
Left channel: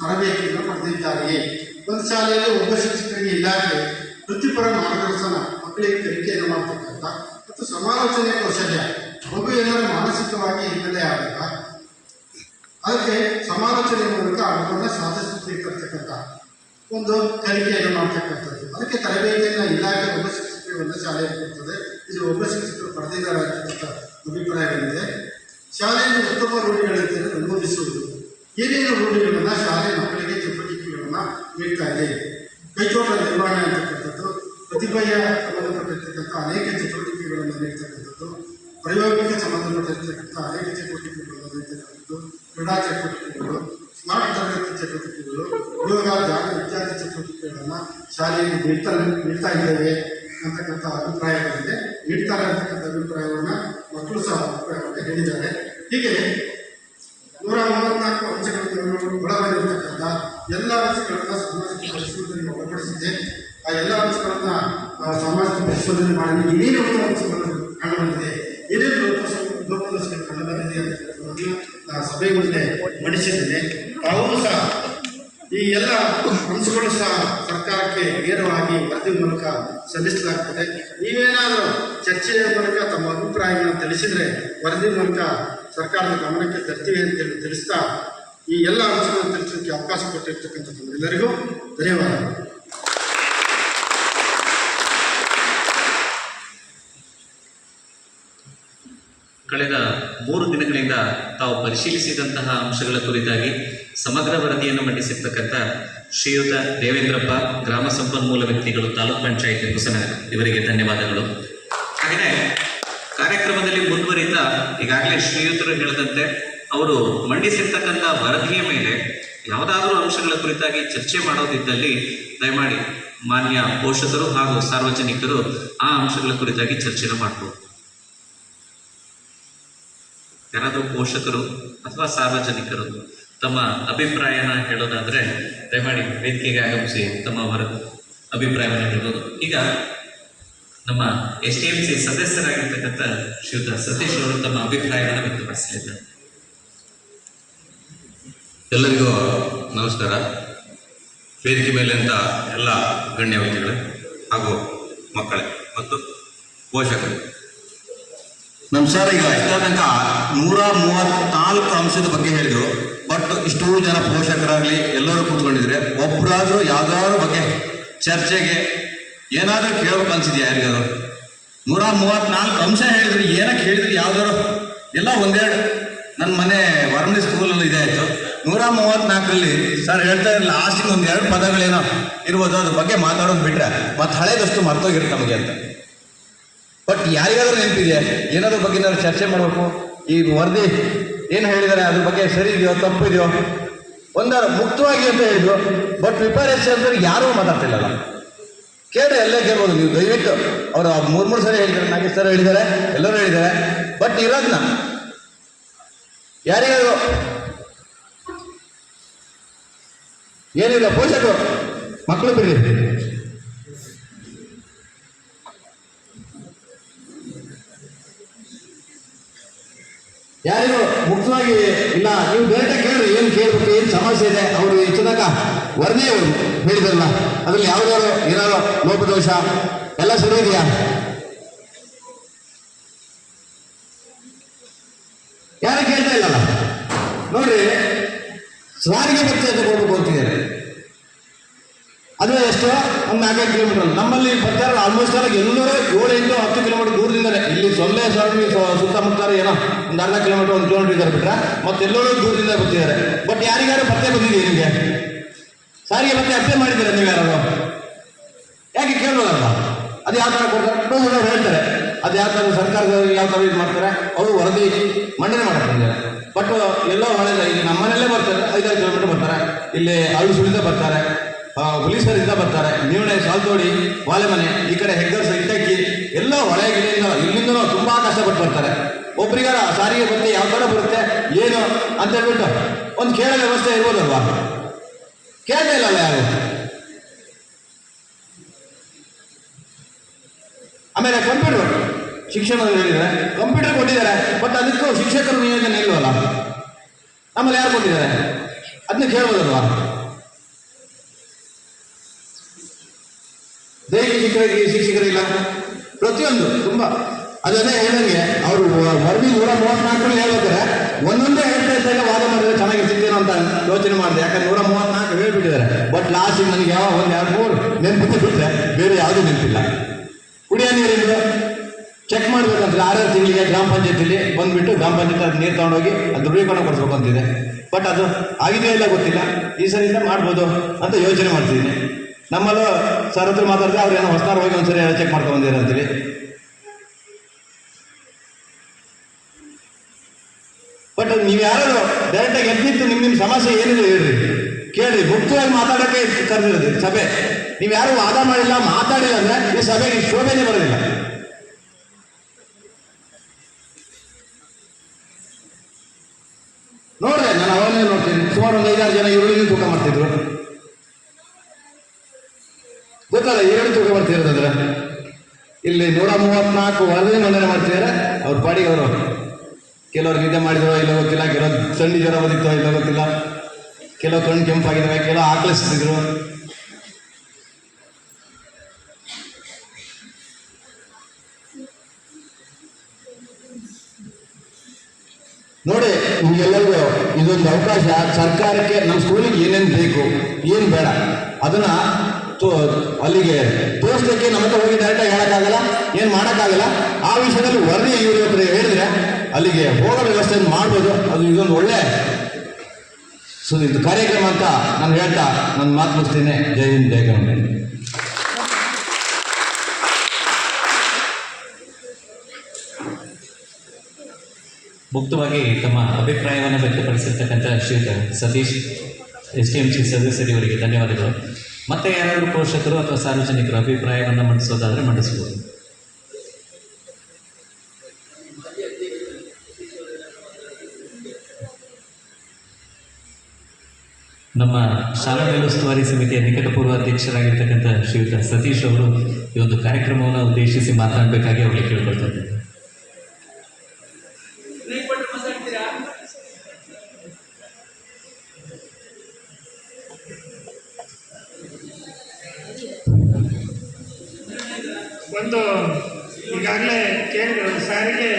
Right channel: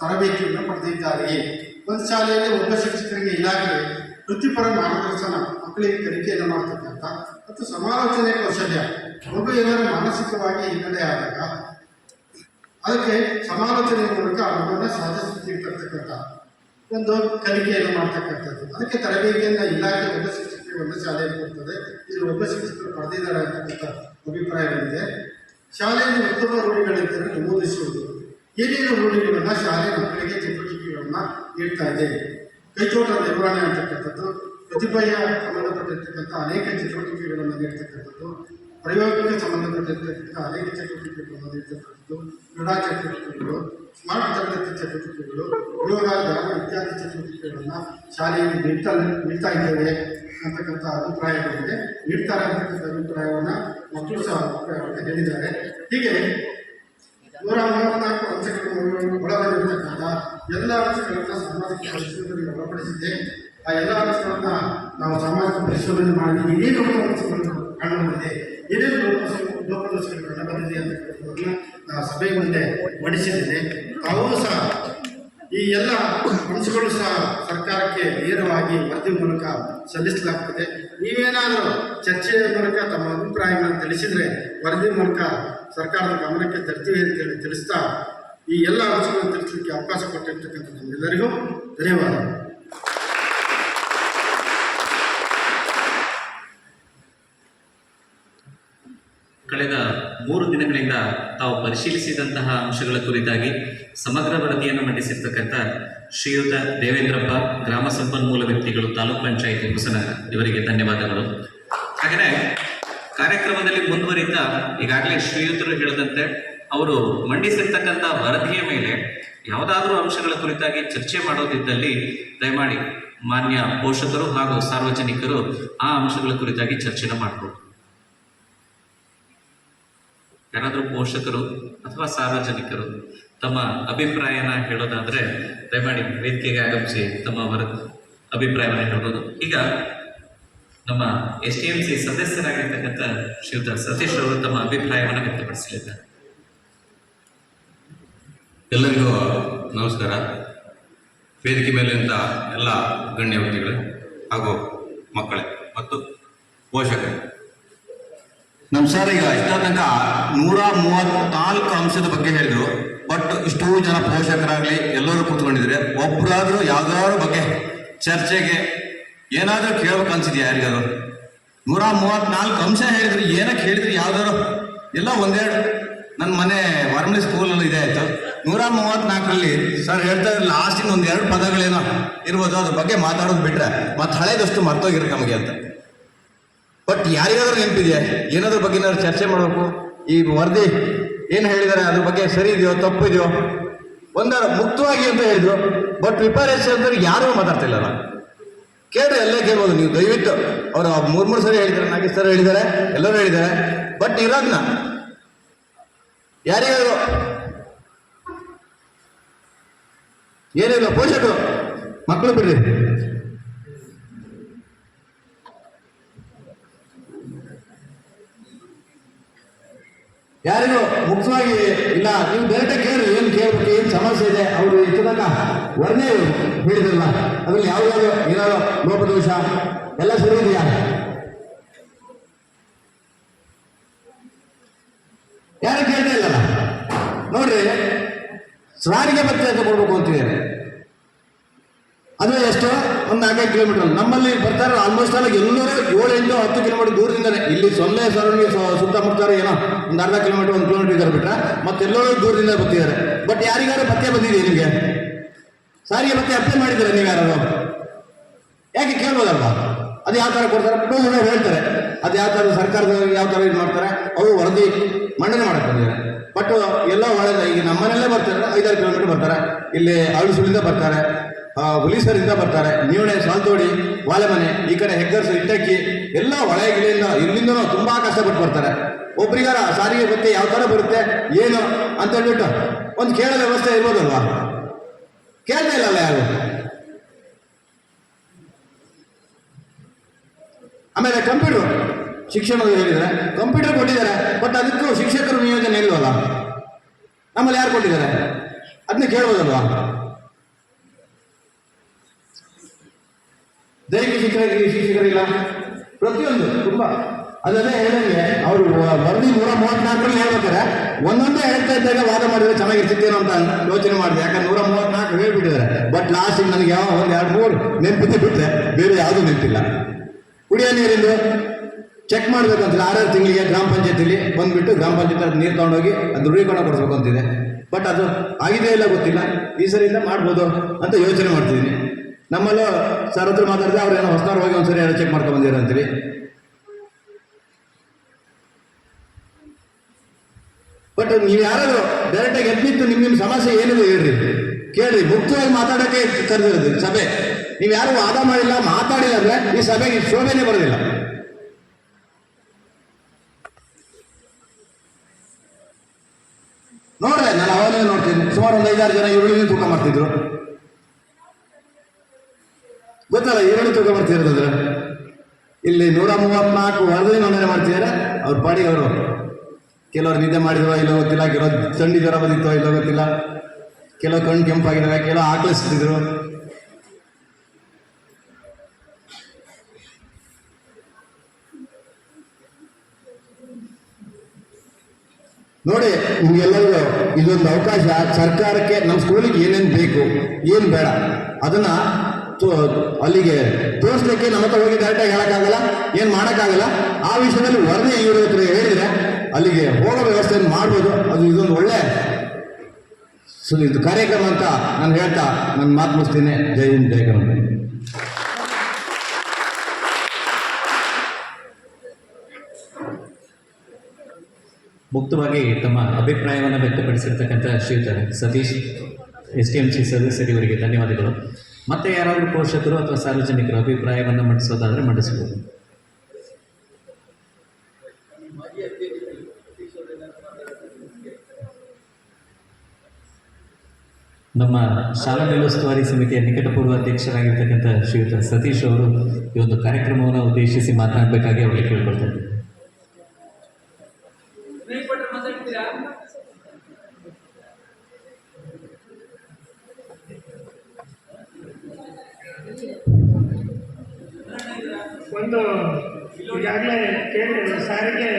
ತರಬೇತಿಯನ್ನು ಪಡೆದಿದ್ದಾರೆ. ಒಂದು ಶಾಲೆಯಲ್ಲಿ ಒಬ್ಬ ಶಿಕ್ಷಕರಿಗೆ ಇಲಾಖೆ ವೃತ್ತಿಪರ ಮಾರ್ಗದರ್ಶನ, ಮಕ್ಕಳಿಗೆ ಮಕ್ಕಳಿಗೆ ಕಲಿಕೆಯನ್ನು ಮಾಡ್ತಕ್ಕಂಥ ಮತ್ತು ಸಮಾಲೋಚನೆ ಕೌಶಲ್ಯ. ಮಗು ಏನಾದರೂ ಮಾನಸಿಕವಾಗಿ ಹಿನ್ನೆಲೆ ಆದಾಗ ಅದಕ್ಕೆ ಸಮಾಲೋಚನೆ ಮೂಲಕ ಆ ಮಗುವನ್ನು ಸಾಧಿಸುತ್ತಿರ್ತಕ್ಕಂಥ ಒಂದು ಕಲಿಕೆಯನ್ನು ಮಾಡ್ತಕ್ಕಂಥದ್ದು. ಅದಕ್ಕೆ ತರಬೇತಿಯನ್ನು ಇಲಾಖೆ ಒಬ್ಬ ಶಿಕ್ಷಕರು ಒಂದು ಶಾಲೆಯಲ್ಲಿ ಕೊಡ್ತದೆ. ಇದು ಒಬ್ಬ ಶಿಕ್ಷಕರು ಪಡೆದಿದ್ದಾರೆ ಅಂತಕ್ಕಂಥ ಅಭಿಪ್ರಾಯಗಳಿದೆ. ಶಾಲೆಯಲ್ಲಿ ಉತ್ತಮ ರೂಢಿಗಳಿದ್ದರೆ ನಮೂದಿಸುವುದು. ಏನೇನು ರೂಢಿಗಳನ್ನು ಶಾಲೆ ಮಕ್ಕಳಿಗೆ ಚಟುವಟಿಕೆಗಳನ್ನು ನೀಡ್ತಾ ಇದೆ. ಕೈತೋಟದ ನಿರ್ವಹಣೆ ಅಂತಕ್ಕಂಥದ್ದು, ಪ್ರತಿಭೆಯ ಸಂಬಂಧಪಟ್ಟಿರ್ತಕ್ಕಂಥ ಅನೇಕ ಚಟುವಟಿಕೆಗಳನ್ನು ನೀಡ್ತಕ್ಕಂಥದ್ದು, ಪ್ರಯೋಗಕ್ಕೆ ಸಂಬಂಧಪಟ್ಟಿರ್ತಕ್ಕಂಥ ಅನೇಕ ಚಟುವಟಿಕೆಗಳನ್ನು ನೀಡ್ತಕ್ಕಂಥದ್ದು, ಕ್ರೀಡಾ ಚಟುವಟಿಕೆಗಳು, ಸ್ಮಾರ್ಟ್ ತರಗತಿ ಚಟುವಟಿಕೆಗಳು, ಯೋಗ ಧ್ಯಾನ ಇತ್ಯಾದಿ ಚಟುವಟಿಕೆಗಳನ್ನು ಶಾಲೆಯಲ್ಲಿ ನೀಡ್ತಾ ಇದ್ದೇವೆ ಅಂತಕ್ಕಂಥ ಅಭಿಪ್ರಾಯಗಳಿದೆ. ನೀಡ್ತಾರೆ ಅಂತಕ್ಕಂಥ ಅಭಿಪ್ರಾಯವನ್ನು ಮಕ್ಕಳು ಸಹ ಅಭಿಪ್ರಾಯವನ್ನು ಹೇಳಿದ್ದಾರೆ. ಹೀಗೆ 134 ಅಂಶಗಳನ್ನು ಒಳಗೊಂಡಿರ್ತಕ್ಕಂಥ ಎಲ್ಲ ಅಂಶಗಳನ್ನು ಸಾಮಾಜಿಕ ಪರಿಶೋಧನೆಗೆ ಒಳಪಡಿಸಿದೆ. ಆ ಎಲ್ಲ ಅಂಶಗಳನ್ನು ನಾವು ಸಾಮಾಜಿಕ ಪರಿಶೋಧನೆ ಮಾಡಿ ಏನೇನು ಅಂಶಗಳು ಕಂಡುಬಂದಿದೆ, ಏನೇನು ಲೋಪದೋಷಗಳು ಕಂಡುಬಂದಿದೆ ಅಂತಕ್ಕಂಥದ್ದನ್ನು ನಾನು ಸಭೆ ಮುಂದೆ ಮಂಡಿಸಿದ್ದೇನೆ. ತಾವೂ ಸಹ ಈ ಎಲ್ಲ ಅಂಶಗಳು ಸಹ ಸರ್ಕಾರಕ್ಕೆ ನೇರವಾಗಿ ವರದಿ ಮೂಲಕ ಸಲ್ಲಿಸಲಾಗ್ತದೆ. ನೀವೇನಾದರೂ ಚರ್ಚೆಯ ಮೂಲಕ ತಮ್ಮ ಅಭಿಪ್ರಾಯಗಳನ್ನು ತಿಳಿಸಿದರೆ ವರದಿ ಮೂಲಕ ಸರ್ಕಾರದ ಗಮನಕ್ಕೆ ತರ್ತೀವಿ ಅಂತೇಳಿ ತಿಳಿಸ್ತಾ ಈ ಎಲ್ಲ ಅಂಶಗಳನ್ನು ತಿಳಿಸಲಿಕ್ಕೆ ಅವಕಾಶ ಕೊಟ್ಟಿರ್ತಕ್ಕಂಥ ತಮ್ಮೆಲ್ಲರಿಗೂ ಧನ್ಯವಾದಗಳು. ಕಳೆದ 3 ದಿನಗಳಿಂದ ತಾವು ಪರಿಶೀಲಿಸಿದಂತಹ ಅಂಶಗಳ ಕುರಿತಾಗಿ ಸಮಗ್ರ ವರದಿಯನ್ನು ಮಂಡಿಸಿರ್ತಕ್ಕಂಥ ಶ್ರೀಯುತ ದೇವೇಂದ್ರಪ್ಪ, ಗ್ರಾಮ ಸಂಪನ್ಮೂಲ ವ್ಯಕ್ತಿಗಳು, ತಾಲೂಕ್ ಪಂಚಾಯತ್ ಹೊಸನಗರ, ಇವರಿಗೆ ಧನ್ಯವಾದಗಳು. ಹಾಗೆಯೇ ಕಾರ್ಯಕ್ರಮದಲ್ಲಿ ಮುಂದುವರಿತಾ ಈಗಾಗಲೇ ಶ್ರೀಯುತರು ಹೇಳಿದಂತೆ ಅವರು ಮಂಡಿಸಿರ್ತಕ್ಕಂಥ ವರದಿಯ ಮೇಲೆ ಯಾವುದಾದ್ರೂ ಅಂಶಗಳ ಕುರಿತಾಗಿ ಚರ್ಚೆ ಮಾಡೋದಿದ್ದಲ್ಲಿ ದಯಮಾಡಿ ಮಾನ್ಯ ಪೋಷಕರು ಹಾಗೂ ಸಾರ್ವಜನಿಕರು ಆ ಅಂಶಗಳ ಕುರಿತಾಗಿ ಚರ್ಚೆನ ಮಾಡ್ಬೋದು. ಯಾರಾದರೂ ಪೋಷಕರು ಅಥವಾ ಸಾರ್ವಜನಿಕರು ತಮ್ಮ ಅಭಿಪ್ರಾಯನ ಹೇಳೋದಾದರೆ ದಯಮಾಡಿ ವೇದಿಕೆಗೆ ಆಗಮಿಸಿ ತಮ್ಮ ಅಭಿಪ್ರಾಯವನ್ನು ಹೇಳ್ಬೋದು. ಈಗ ನಮ್ಮ STMC ಸದಸ್ಯರಾಗಿರ್ತಕ್ಕಂಥ ಶ್ರೀಯುತ ಸತೀಶ್ ಅವರು ತಮ್ಮ ಅಭಿಪ್ರಾಯವನ್ನು ವ್ಯಕ್ತಪಡಿಸಲಿದ್ದಾರೆ. ಎಲ್ಲರಿಗೂ ನಮಸ್ಕಾರ. ವೇದಿಕೆ ಮೇಲಿಂದ ಎಲ್ಲ ಗಣ್ಯ ವ್ಯಕ್ತಿಗಳು ಹಾಗೂ ಮಕ್ಕಳೇ ಮತ್ತು ಪೋಷಕರು. ನಮ್ಮ ಸರ್ ಈಗ ಇಷ್ಟ ತನಕ 134 ಅಂಶದ ಬಗ್ಗೆ ಹೇಳಿದರು. ಬಟ್ ಇಷ್ಟೂ ಜನ ಪೋಷಕರಾಗಲಿ ಎಲ್ಲರೂ ಕೂತ್ಕೊಂಡಿದ್ರೆ ಒಬ್ಬರಾದರೂ ಯಾವುದಾದ್ರು ಬಗ್ಗೆ ಚರ್ಚೆಗೆ ಏನಾದರೂ ಕೇಳಬೇಕು ಅನ್ಸಿದ್ಯಾ ಯಾರಿಗಾದ್ರು? 134 ಅಂಶ ಹೇಳಿದ್ರು, ಏನಕ್ಕೆ ಹೇಳಿದ್ರು ಯಾವ್ದಾದ್ರು ಎಲ್ಲ ಒಂದೆರಡು. ನನ್ನ ಮನೆ ವರ್ಮಿ ಸ್ಕೂಲಲ್ಲಿ ಇದೆ ಆಯಿತು. 134ರಲ್ಲಿ ಸರ್ ಹೇಳ್ತಾ ಇರಲಿಲ್ಲ, ಲಾಸ್ಟಿನ ಒಂದೆರಡು ಪದಗಳೇನೋ ಇರ್ಬೋದು, ಅದ್ರ ಬಗ್ಗೆ ಮಾತಾಡೋದು ಬಿಟ್ಟರೆ ಮತ್ತು ಹಳೇದಷ್ಟು ಮರ್ತೋಗಿರುತ್ತೆ ನಮಗೆ ಅಂತ. ಬಟ್ ಯಾರಿಗಾದ್ರೂ ನೆನಪಿದೆ ಏನಾದ್ರ ಬಗ್ಗೆ ಏನಾದ್ರು ಚರ್ಚೆ ಮಾಡಬೇಕು? ಈ ವರದಿ ಏನು ಹೇಳಿದ್ದಾರೆ ಅದ್ರ ಬಗ್ಗೆ ಸರಿ ಇದೆಯೋ ತಪ್ಪು ಇದೆಯೋ ಒಂದಾರು ಮುಕ್ತವಾಗಿ ಅಂತ ಹೇಳಿದ್ರು. ಬಟ್ ಪ್ರಿಪೇರೇಷನ್ ಅಂದ್ರೆ ಯಾರೂ ಮಾತಾಡ್ತಿಲ್ಲಲ್ಲ. ಕೇಳ್ರಿ, ಎಲ್ಲೇ ಕೇಳ್ಬೋದು ನೀವು ದಯವಿಟ್ಟು. ಅವರು 3 ಸರಿ ಹೇಳಿದ್ದಾರೆ, 4 ಸರಿ ಹೇಳಿದ್ದಾರೆ, ಎಲ್ಲರೂ ಹೇಳಿದ್ದಾರೆ. ಬಟ್ ಇರೋದನ್ನ ಯಾರಿಗಾದ್ರು ಏನಿಲ್ಲ, ಪೋಷಕರು ಮಕ್ಕಳು ಬಿಡ್ರಿ. ಯಾರಿಗೂ ಮುಖ್ಯವಾಗಿ ಇಲ್ಲ, ನೀವು ಬೇರೆ ಕೇಳ್ರಿ, ಏನು ಕೇಳಬೇಕು, ಏನು ಸಮಸ್ಯೆ ಇದೆ. ಅವರು ಹೆಚ್ಚಿನಾಗ ವರದಿ ಹೇಳಿದ್ರಲ್ಲ, ಅದ್ರಲ್ಲಿ ಯಾವ್ದಾದ್ರು ಏನಾದ್ರು ಲೋಪದೋಷ ಎಲ್ಲ ಸರಿ ಇದೆಯಾ? ಯಾರು ಕೇಳ್ತಾ ಇಲ್ಲಲ್ಲ. ನೋಡ್ರಿ, ಸಾರಿಗೆ ಭತ್ಯೆ ಅಂತ ಕೊಡ್ಬೇಕು ಅಂತಿದ್ದಾರೆ. ಅದು ಎಷ್ಟು? ಒಂದು 4 ಕಿಲೋಮೀಟರ್. ನಮ್ಮಲ್ಲಿ ಬರ್ತಾರೆ ಆಲ್ಮೋಸ್ಟ್ ಆಗಿ ಎಲ್ಲರೂ 7-10 ಕಿಲೋಮೀಟರ್ ದೂರದಿಂದಾನೆ. ಇಲ್ಲಿ ಸೊಳ್ಳೆ ಸರೌಂಡಿ ಸುತ್ತಮುತ್ತ ಏನೋ ಒಂದು ಅರ್ಧ ಕಿಲೋಮೀಟರ್ 1 ಕಿಲೋಮೀಟರ್ ಇದ್ದಾರೆ ಬಿಟ್ರೆ ಮತ್ತೆಲ್ಲರೂ ದೂರದಿಂದ ಬರ್ತಿದ್ದಾರೆ. ಬಟ್ ಯಾರಿಗಾರು ಭತ್ಯೆ ಬಂದಿದೆಯಾ ನಿಮಗೆ? ಸಾರಿಗೆ ಭತ್ಯೆ ಅಪ್ಲೈ ಮಾಡಿದ್ದೀರಾ ನೀವು ಯಾರು? ಯಾಕೆ ಕೇಳ್ಬೋದಲ್ಲ? ಅದು ಯಾವ ಥರ ಕೊಡ್ತಾರೆ ಹೇಳ್ತಾರೆ. ಅದು ಯಾವ ಥರ ಸರ್ಕಾರದವರು ಯಾವ ಥರ ಇದು ಮಾಡ್ತಾರೆ, ಅವರು ವರದಿ ಮಂಡನೆ ಮಾಡ್ಕೊಂಡಿದ್ದಾರೆ. ಬಟ್ ಎಲ್ಲೋ ಒಳ್ಳೆದ. ಈಗ ನಮ್ಮನೆಯಲ್ಲೇ ಬರ್ತಾರೆ, 5-6 ಕಿಲೋಮೀಟರ್ ಬರ್ತಾರೆ. ಇಲ್ಲಿ ಅಳುಸುಳಿಂದ ಬರ್ತಾರೆ, ಹುಲಿಸರಿಂದ ಬರ್ತಾರೆ, ನೀವಣೆ, ಸಾಲ್ತೋಡಿ, ಬಾಲೆಮನೆ, ಈ ಕಡೆ ಹೆಗ್ಗರ್ಸು, ಇಟ್ಟಕ್ಕಿ ಎಲ್ಲ ಹೊಳೆಗಿಲಿಂದ ಇಲ್ಲಿಂದನೂ ತುಂಬ ಕಷ್ಟಪಟ್ಟು ಬರ್ತಾರೆ. ಒಬ್ರಿಗಾರ ಸಾರಿಗೆ ಭತ್ಯೆ ಯಾವ ಥರ ಬರುತ್ತೆ ಏನು ಅಂತ ಹೇಳ್ಬಿಟ್ಟು ಒಂದು ಕೇಳೋ ವ್ಯವಸ್ಥೆ ಇರ್ಬೋದಲ್ವಾ? ಕೇಳ್ತಾ ಇಲ್ಲಲ್ಲ ಯಾರು. ಆಮೇಲೆ ಕಂಪ್ಯೂಟರ್ ಶಿಕ್ಷಣದಲ್ಲಿ ಹೇಳಿದ್ದಾರೆ, ಕಂಪ್ಯೂಟರ್ ಕೊಟ್ಟಿದ್ದಾರೆ. ಬಟ್ ಅದಕ್ಕೂ ಶಿಕ್ಷಕರು ನಿಯೋಜನೆ ಇಲ್ವಲ್ಲ. ನಮ್ಮಲ್ಲಿ ಯಾರು ಕೊಟ್ಟಿದ್ದಾರೆ ಅದನ್ನ ಕೇಳ್ಬೋದಲ್ವಾ? ದೈಹಿಕ ಶಿಕ್ಷಕರಿಲ್ಲ, ಪ್ರತಿಯೊಂದು ತುಂಬ ಅದೇ ಹೇಳಿದಂಗೆ ಅವರು ವರದಿ 134 ಹೇಳ್ಬೇಕಾರೆ ಒಂದೊಂದೇ ಹೇಳ್ತಾ ಇದ್ದಾಗ ವಾದ ಮಾಡಿದ್ರೆ ಚೆನ್ನಾಗಿರ್ತಿದ್ದೇನೋ ಅಂತ ಯೋಚನೆ ಮಾಡಿದೆ. ಯಾಕಂದ್ರೆ 134 ಹೇಳ್ಬಿಟ್ಟಿದ್ದಾರೆ. ಬಟ್ ಲಾಸ್ಟಿಗೆ ನನಗೆ ಯಾವ 1, 2, 3 ನೆನಪಿದ್ದೆ ಬಿಟ್ಟರೆ ಬೇರೆ ಯಾವುದೂ ನೆನಪಿಲ್ಲ. ಕುಡಿಯೋ ನೀರಿಂದು ಚೆಕ್ ಮಾಡ್ಬೇಕಂತಿಲ್ಲ. 6 ತಿಂಗಳಿಗೆ ಗ್ರಾಮ ಪಂಚಾಯತಿಲಿ ಬಂದುಬಿಟ್ಟು ಗ್ರಾಮ ಪಂಚಾಯತ್ ಅದು ನೀರು ತಗೊಂಡೋಗಿ ಅದು ದೃಢೀಕರಣ ಕೊಡಿಸ್ಬೇಕು ಅಂತಿದೆ. ಬಟ್ ಅದು ಆಗಿದೆಯೋ ಇಲ್ಲ ಗೊತ್ತಿಲ್ಲ. ಈ ಸರಿಯಿಂದ ಮಾಡ್ಬೋದು ಅಂತ ಯೋಚನೆ ಮಾಡ್ತಿದ್ದೀನಿ. ನಮ್ಮಲ್ಲೂ ಸರ್ ಹತ್ರ ಮಾತಾಡಿದ್ರೆ ಅವ್ರು ಏನೋ ಹೊಸದಾರು ಹೋಗಿ ಒಂದ್ಸರಿ ಚೆಕ್ ಮಾಡ್ಕೊಂಡು ಬಂದಿರ ಅಂತೀವಿ. ಬಟ್ ನೀವು ಯಾರು ಡೈರೆಕ್ಟಾಗಿ ಎದ್ದಿತ್ತು ನಿಮ್ಮ ಸಮಸ್ಯೆ ಏನಿದೆ ಹೇಳ್ರಿ, ಕೇಳಿ. ಮುಕ್ತವಾಗಿ ಮಾತಾಡೋಕ್ಕೆ ಕರೆದಿರೋದು ಸಭೆ. ನೀವು ಯಾರು ವಾದ ಮಾಡಿಲ್ಲ, ಮಾತಾಡಿಲ್ಲ ಅಂದ್ರೆ ಈ ಸಭೆಗೆ ಶೋಭೆನೇ ಬರೋದಿಲ್ಲ. ನೋಡ್ರೆ ನಾನು ಅವಾಗಲೇ ನೋಡ್ತೀನಿ, ಸುಮಾರು ಒಂದು 5-6 ಜನ ಈರುಳ್ಳಿ ತೂಕ ಮಾಡ್ತಿದ್ರು. ಗೊತ್ತಲ್ಲ ಈರುಳ್ಳಿ ತೂಕ ಮಾಡ್ತಿರೋದ್ರ. ಇಲ್ಲಿ 134 ವರದಿ ನೋಂದಣಿ ಮಾಡ್ತಿದ್ದಾರೆ. ಅವ್ರ ಪಾಡಿಗೆ ಅವರು ಕೆಲವರು ನಿದ್ದೆ ಮಾಡಿದವ ಇಲ್ಲ ಗೊತ್ತಿಲ್ಲ, ಕೆಲವರು ಥಂಡಿ ಜ್ವರ ಬಂದಿತ್ತೋ ಇಲ್ಲ ಗೊತ್ತಿಲ್ಲ, ಕೆಲವು ಕಣ್ಣು ಕೆಂಪಾಗಿದ್ದಾವೆ, ಕೆಲವು ಆಕಳಿಸ್ತಿದ್ರು. ನೋಡಿ, ನಿಮ್ಗೆಲ್ಲರಿಗೂ ಇದೊಂದು ಅವಕಾಶ. ಸರ್ಕಾರಕ್ಕೆ ನಮ್ಮ ಸ್ಕೂಲಿಗೆ ಏನೇನು ಬೇಕು, ಏನು ಬೇಡ ಅದನ್ನ ಅಲ್ಲಿಗೆ ತೋರಿಸ್ಲಿಕ್ಕೆ ನಮ್ಮ ಹತ್ರ ಹೋಗಿ ಡೈರೆಕ್ಟಾಗಿ ಹೇಳೋಕ್ಕಾಗಲ್ಲ, ಏನು ಮಾಡೋಕ್ಕಾಗಲ್ಲ. ಆ ವಿಷಯದಲ್ಲಿ ವರದಿ ಇವ್ರ ಹತ್ರ ಹೇಳಿದ್ರೆ ಅಲ್ಲಿಗೆ ಹೋಗೋ ವ್ಯವಸ್ಥೆಯನ್ನು ಮಾಡ್ಬೋದು. ಅದು ಇದೊಂದು ಒಳ್ಳೆ ಇದು ಕಾರ್ಯಕ್ರಮ ಅಂತ ನಾನು ಹೇಳ್ತಾ ನನ್ನ ಮಾತು ಮುಗಿಸ್ತೀನಿ. ಜೈ ಹಿಂದ್, ಜೈ ಕನ್ನಡ. ಮುಕ್ತವಾಗಿ ತಮ್ಮ ಅಭಿಪ್ರಾಯವನ್ನು ವ್ಯಕ್ತಪಡಿಸಿರ್ತಕ್ಕಂಥ ಶ್ರೀಯುತ ಸತೀಶ್ STMC ಸದಸ್ಯರಿಗೆ ಧನ್ಯವಾದಗಳು. ಮತ್ತೆ ಯಾರಾದರೂ ಪೋಷಕರು ಅಥವಾ ಸಾರ್ವಜನಿಕರು ಅಭಿಪ್ರಾಯವನ್ನು ಮಂಡಿಸೋದಾದರೆ ಮಂಡಿಸಬಹುದು. ನಮ್ಮ ಶಾಲಾ ಮೇಲುಸ್ತುವಾರಿ ಸಮಿತಿಯ ನಿಕಟಪೂರ್ವ ಅಧ್ಯಕ್ಷರಾಗಿರ್ತಕ್ಕಂಥ ಶ್ರೀಯುತ ಸತೀಶ್ ಅವರು ಈ ಒಂದು ಕಾರ್ಯಕ್ರಮವನ್ನು ಉದ್ದೇಶಿಸಿ ಮಾತನಾಡಬೇಕಾಗಿ ಅವರಿಗೆ ಕೇಳ್ಕೊಳ್ತಾ ಇದ್ದಾರೆ. ಒಂದು ಈಗಾಗಲೇ ಕೇಳಿದ್ರು, ಸಾರಿಗೆ